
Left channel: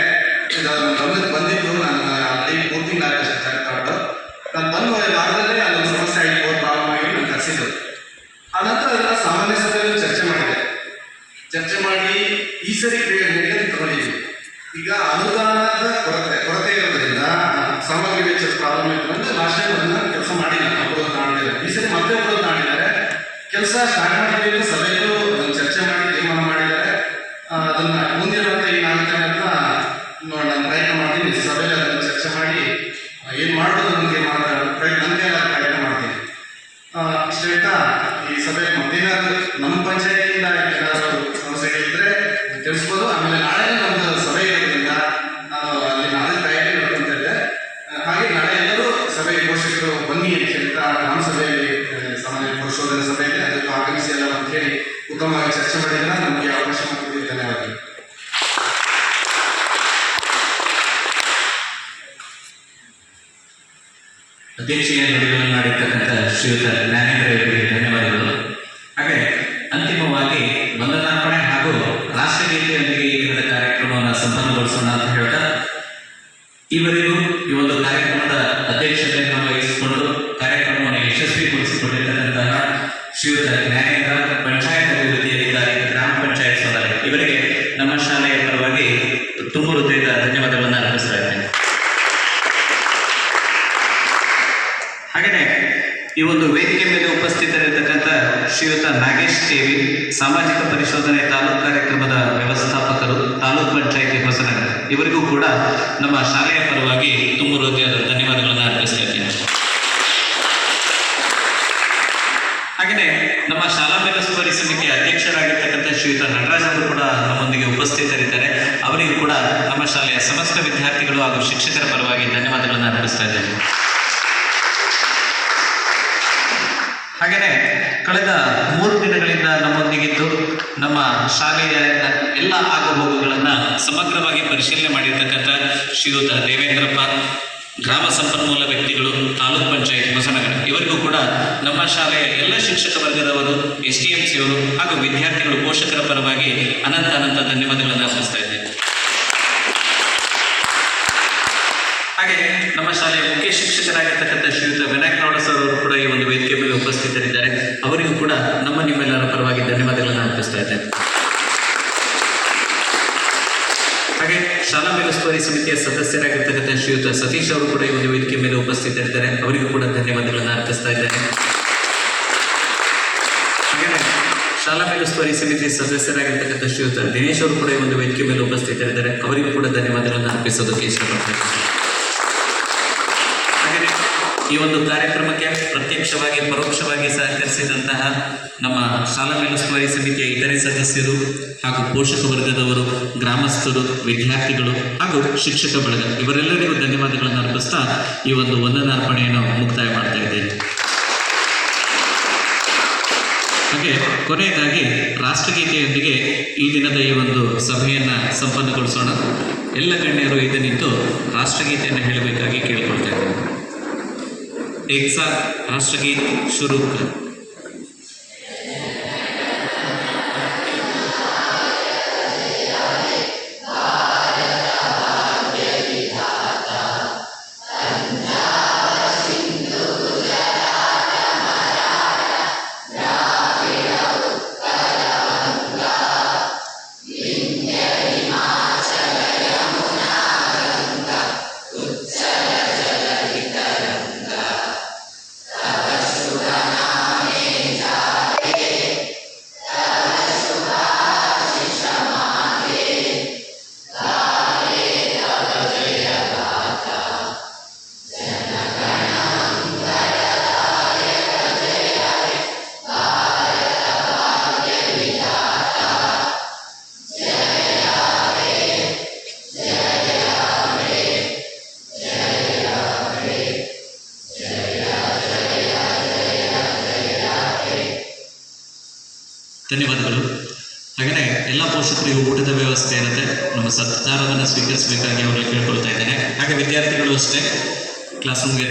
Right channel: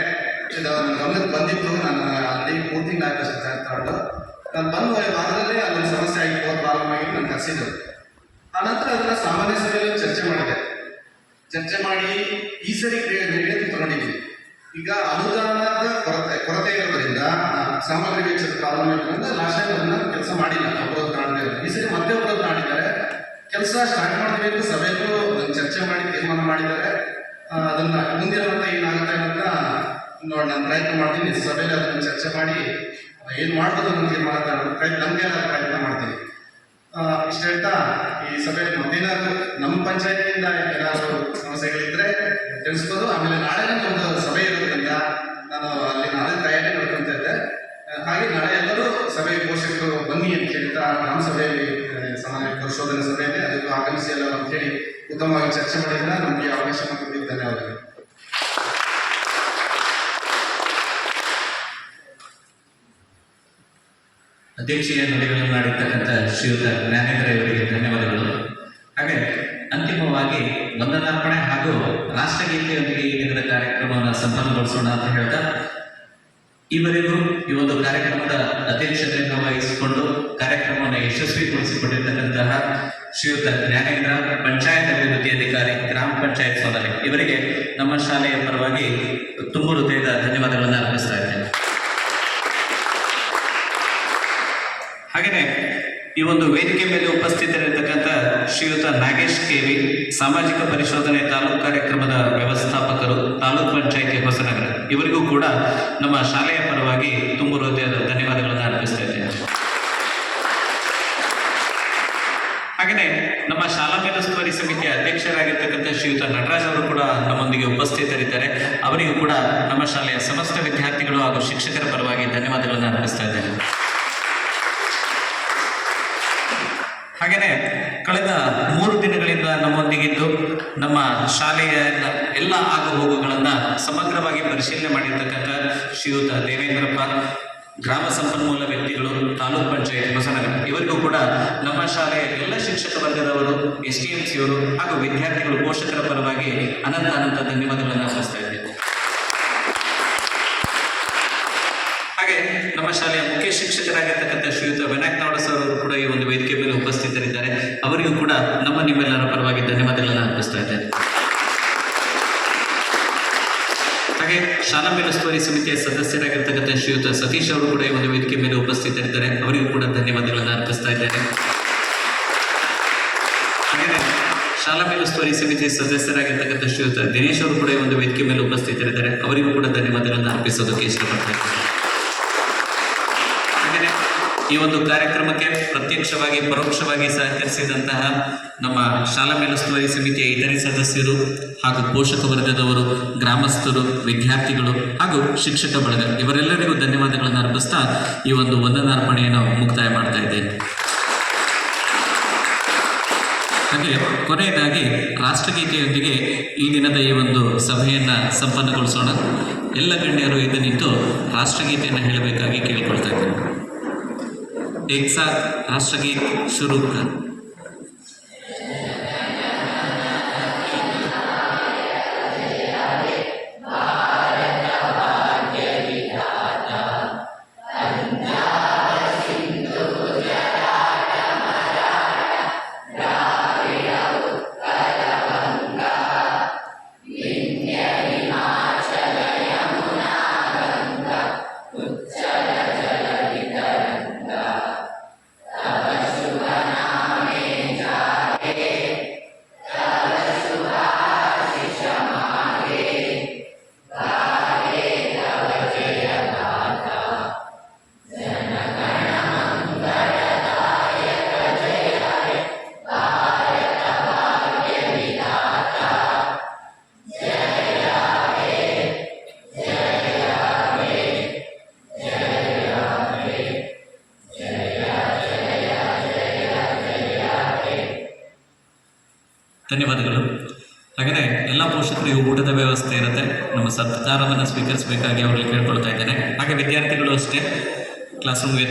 ಸಾಮಾನ್ಯ ಸಭೆಯಲ್ಲಿ ಚರ್ಚೆ ಮಾಡಿ ಈ ಸರಿ ಕ್ರಿಯೆಗಳಿಗೆ ತಗೊಂಡಿದ್ವಿ. ಈಗ ಅನುದಾನದ ಕೊರತೆ ಇರೋದ್ರಿಂದ ಸಾಮಗ್ರಿ ವೆಚ್ಚದ ಪ್ರಾಬ್ಲಮ್ ಇತ್ತು ಅಂದ್ರೆ ಲಾಸ್ಟ್ ಟೈಮ್ ಅದನ್ನ ಕೆಲಸ ಮಾಡಿಲ್ಲ, ಅಪರೋಧ ತಾಂಡಿದ್ದಾರೆ. ಈ ಸರಿ ಮತ್ತೆ ಅಪರೋಧ ತಾಂಡಿದ್ದಾರೆ. ಕೆಲಸ ಸ್ಟಾರ್ಟ್ ಮಾಡಿದ್ರೆ ಸಭೆಯಲ್ಲೂ ಅದನ್ನು ಚರ್ಚೆ ಮಾಡಿ ತೀರ್ಮಾನ ಮಾಡಿದ್ದಾರೆ. ಅದನ್ನ ಮುಂದಿನ ಮತ್ತೆ ಈ 4 ದಿನ ನಾನು ಪ್ರಯತ್ನ ಮಾಡ್ತೀನಿ. ಸಭೆಯಲ್ಲಿ ಅದನ್ನು ಚರ್ಚೆ ಮಾಡಿ ಏನು ಮಾಡೋದು ಅನ್ನೋ ತೀರ್ಮಾನ ಪ್ರಯತ್ನ ಮಾಡ್ತೀನಿ. ಇಷ್ಟು ಹೇಳ್ತಾ ಈ ಸಭೆಯಲ್ಲಿ ಮತ್ತೇನಾದ್ರು ನಮ್ಮ ಪಂಚಾಯತಿಯಿಂದ ಏನಾದರೂ ಸಮಸ್ಯೆಗಳಿದ್ರೆ ತಿಳಿಸ್ಬೋದು. ಆಮೇಲೆ ನಾಳೆ ನಮ್ಮದು ಸಭೆ ಇರೋದ್ರಿಂದ ನಾನು ಅಲ್ಲಿ ನಾಳೆ ತಯಾರಿ ಮಾಡ್ಕೊಂತ ಇದ್ದೆ. ಹಾಗೆ ನಾಳೆ ಎಲ್ಲರೂ ಸಭೆ ಪೋಷಕರು ಬನ್ನಿ ಅಂತ ಹೇಳ್ತಾ ನಮ್ಮ ಸಭೆಯಲ್ಲಿ ಸಾಮಾನ್ಯ ಪರಿಶೋಧನೆ ಸಭೆಯಲ್ಲಿ ಅದಕ್ಕೆ ಆಗಮಿಸಿ ಎಲ್ಲ ಅಂತ ಹೇಳಿ ಉತ್ತಮವಾಗಿ ಚರ್ಚೆ ಮಾಡಿದ್ರೆ ನಮಗೆ ಅವಕಾಶ ಮಾಡಿದ್ದೀವಿ. ಧನ್ಯವಾದಗಳು. ಅಧ್ಯಕ್ಷೀಯ ನುಡಿಗಳನ್ನು ಮಾಡಿರ್ತಕ್ಕಂಥ ಶ್ರೀಯುತ ಜ್ಞಾನೇಂದ್ರ ಅವರಿಗೆ ಧನ್ಯವಾದಗಳು. ಹಾಗೆ ಅಂತಿಮವಾಗಿ ವಂದನಾರ್ಪಣೆ ಹಾಗೂ ರಾಷ್ಟ್ರಗೀತೆಯೊಂದಿಗೆ ಈ ದಿನದ ಕಾರ್ಯಕ್ರಮವನ್ನು ಸಂಪನ್ನಗೊಳಿಸೋಣ ಅಂತ ಹೇಳ್ತಾ, ಈವರೆಗೂ ಈ ಒಂದು ಕಾರ್ಯಕ್ರಮದ ಅಧ್ಯಕ್ಷತೆಯನ್ನು ವಹಿಸಿಕೊಂಡು ಕಾರ್ಯಕ್ರಮವನ್ನು ಯಶಸ್ವಿಗೊಳಿಸಿಕೊಂಡಿರ್ತಕ್ಕಂತಹ ಶ್ರೀಯುತ ಜ್ಞಾನೇಂದ್ರ, ಪಂಚಾಯತ್ ಅಭಿವೃದ್ಧಿ ಅಧಿಕಾರಿ, ಗ್ರಾಮ ಪಂಚಾಯತ್ ಸದಸ್ಯ, ಇವರಿಗೆ ನಮ್ಮ ಶಾಲೆಯ ಪರವಾಗಿ ತುಂಬ ಹೃದಯದ ಧನ್ಯವಾದಗಳನ್ನು ಅರ್ಪಿಸ್ತಾ ಇದ್ದೇನೆ. ಹಾಗೆಯೇ ಈ ಒಂದು ವೇದಿಕೆ ಮೇಲೆ ಉಪಸ್ಥಿತರಿರ್ತಕ್ಕಂಥ ಶ್ರೀಯುತ ನಾಗೇಶ್ ಕೆವಿ, ಸಾಮಾಜಿಕ ಪರಿಶೋಧನೆ ತಾಲೂಕು ಕಾರ್ಯಕ್ರಮದ ವ್ಯವಸ್ಥಾಪಕರು, ತಾಲೂಕು ಪಂಚಾಯಿತಿ ಹೊಸನಗರ, ಇವರಿಗೂ ಕೂಡ ನಮ್ಮ ಶಾಲೆಯ ಪರವಾಗಿ ತುಂಬ ಹೃದಯದ ಧನ್ಯವಾದಗಳನ್ನು ಅರ್ಪಿಸ್ತಾ ಇದ್ದೇನೆ. ಹಾಗೆಯೇ ನಮ್ಮ ಶಾಲಾ ಮೇಲುಸ್ತುವಾರಿ ಸಮಿತಿಯ ಅಧ್ಯಕ್ಷರಾಗಿರ್ತಕ್ಕಂಥ ಶ್ರೀಯುತ ನಟರಾಜ್ ಅವರು ಕೂಡ ನಮ್ಮೊಂದಿಗೆ ಉಪಸ್ಥಿತರಿದ್ದಾರೆ. ಅವರಿಗೂ ಕೂಡ ನಮ್ಮ ಶಾಲೆಯ ಸಮಸ್ತ ವಿದ್ಯಾರ್ಥಿಗಳು ಹಾಗೂ ಶಿಕ್ಷಕರ ಪರವಾಗಿ ಧನ್ಯವಾದಗಳನ್ನು ಅರ್ಪಿಸ್ತಾ ಇದ್ದೇನೆ. ಹಾಗೆಯೇ ಕಳೆದ 3 ದಿನಗಳಿಂದ ನಮ್ಮೊಂದಿಗಿದ್ದು ನಮ್ಮ ಶಾಲೆಯ ಎಲ್ಲ ಆಗುಹೋಗುಗಳನ್ನು ಸಮಗ್ರವಾಗಿ ಪರಿಶೀಲನೆ ಮಾಡಿರ್ತಕ್ಕಂಥ ಶ್ರೀಯುತ ದೇವೇಂದ್ರಪ್ಪ, ಗ್ರಾಮ ಸಂಪನ್ಮೂಲ ವ್ಯಕ್ತಿಗಳು, ತಾಲೂಕು ಪಂಚಾಯತ್ ಹೊಸನಗರ, ಇವರಿಗೂ ಕೂಡ ನಮ್ಮ ಶಾಲೆಯ ಎಲ್ಲ ಶಿಕ್ಷಕ ವರ್ಗದವರು, STMCಯವರು ಹಾಗೂ ವಿದ್ಯಾರ್ಥಿಗಳು, ಪೋಷಕರ ಪರವಾಗಿ ಅನಂತ ಧನ್ಯವಾದಗಳನ್ನು ಅರ್ಪಿಸ್ತಾ ಇದ್ದೇವೆ. ಹಾಗೆ ನಮ್ಮ ಶಾಲೆಯ ಮುಖ್ಯ ಶಿಕ್ಷಕರಾಗಿರ್ತಕ್ಕಂಥ ಶ್ರೀಯುತ ವಿನಾಯಕ್ ನವಡ ಸರ್ ಅವರು ಕೂಡ ಈ ಒಂದು ವೇದಿಕೆ ಮೇಲೆ ಉಪಸ್ಥಿತರಿದ್ದಾರೆ. ಅವರಿಗೂ ಕೂಡ ನಿಮ್ಮೆಲ್ಲರ ಪರವಾಗಿ ಧನ್ಯವಾದಗಳನ್ನು ಅರ್ಪಿಸ್ತಾ ಇದ್ದೇನೆ. ಹಾಗೆ ಶಾಲಾ ಮೇಲುಸ್ತುವಾರಿ ಸಮಿತಿಯ ಸದಸ್ಯರಾಗಿರ್ತಕ್ಕಂಥ ಶ್ರೀಯುತ ಸತೀಶ್ ಅವರು ಕೂಡ ಈ ಒಂದು ವೇದಿಕೆ ಮೇಲೆ ಉಪಸ್ಥಿತರಿದ್ದಾರೆ. ಅವರಿಗೂ ಕೂಡ ಧನ್ಯವಾದಗಳನ್ನು ಅರ್ಪಿಸ್ತಾ ಇದ್ದೇನೆ. ಹಾಗೆ ಶಾಲಾ ಮೇಲುಸ್ತುವಾರಿ ಸಮಿತಿ ಸದಸ್ಯರಾಗಿರ್ತಕ್ಕಂಥ ಶ್ರೀಯುತ ದಿನೇಶ್ ಅವರು ಕೂಡ ಈ ಒಂದು ವೇದಿಕೆ ಮೇಲೆ ಉಪಸ್ಥಿತರಿದ್ದಾರೆ. ಅವರಿಗೂ ಕೂಡ ಧನ್ಯವಾದಗಳನ್ನು ಅರ್ಪಿಸೋದಕ್ಕೆ ಇಷ್ಟಪಡ್ತಾರೆ. ಈ ಒಂದು ಕಾರ್ಯಕ್ರಮಕ್ಕೆ ಪ್ರತ್ಯಕ್ಷವಾಗಿ ಪರೋಕ್ಷವಾಗಿ ಸಹಕರಿಸಿದಂತಹ ನಮ್ಮ ಶಾಲಾ ಮೇಲುಸ್ತುವಾರಿ ಸಮಿತಿಯ ಇತರೆ ಸದಸ್ಯರು ಹಾಗೂ ಪೋಷಕ ವರ್ಗದವರು, ಗ್ರಾಮಸ್ಥರು, ವಿದ್ಯಾರ್ಥಿಗಳು ಹಾಗೂ ಶಿಕ್ಷಕ ಬಳಗ, ಇವರೆಲ್ಲರಿಗೂ ಧನ್ಯವಾದಗಳನ್ನು ಅರ್ಪಿಸ್ತಾ ಈ ಒಂದು ವಂದನಾರ್ಪಣೆಯನ್ನು ಮುಕ್ತಾಯ ಮಾಡ್ತಾ ಇದ್ದೇನೆ. ಹಾಗೆ ಕೊನೆಯದಾಗಿ ರಾಷ್ಟ್ರಗೀತೆಯೊಂದಿಗೆ ಈ ದಿನದ ಈ ಒಂದು ಸಭೆಯನ್ನು ಸಂಪನ್ನಗೊಳಿಸೋಣ. ಎಲ್ಲ ಗಣ್ಯರು ಇದನ್ನಿದ್ದು ರಾಷ್ಟ್ರಗೀತೆಯನ್ನು ಹೇಳಬೇಕಾಗಿ ಕೇಳ್ಕೊಳ್ತಾ ಇದ್ದೇನೆ. एक साथ राष्ट्रगीत शुरू कर। ಧನ್ಯವಾದಗಳು. ಹಾಗೆಯೇ ಎಲ್ಲ ಪೋಷಕರಿಗೂ ಊಟದ ವ್ಯವಸ್ಥೆ ಇರುತ್ತೆ. ನಮ್ಮ ಸತ್ಕಾರವನ್ನು ಸ್ವೀಕರಿಸಬೇಕಾಗಿ ಅವರಿಗೆ ಕೇಳ್ಕೊಳ್ತಾ ಇದ್ದೇನೆ. ಹಾಗೆ ವಿದ್ಯಾರ್ಥಿಗಳು ಅಷ್ಟೇ ಕ್ಲಾಸ್ ರೂಮ್ಗೆ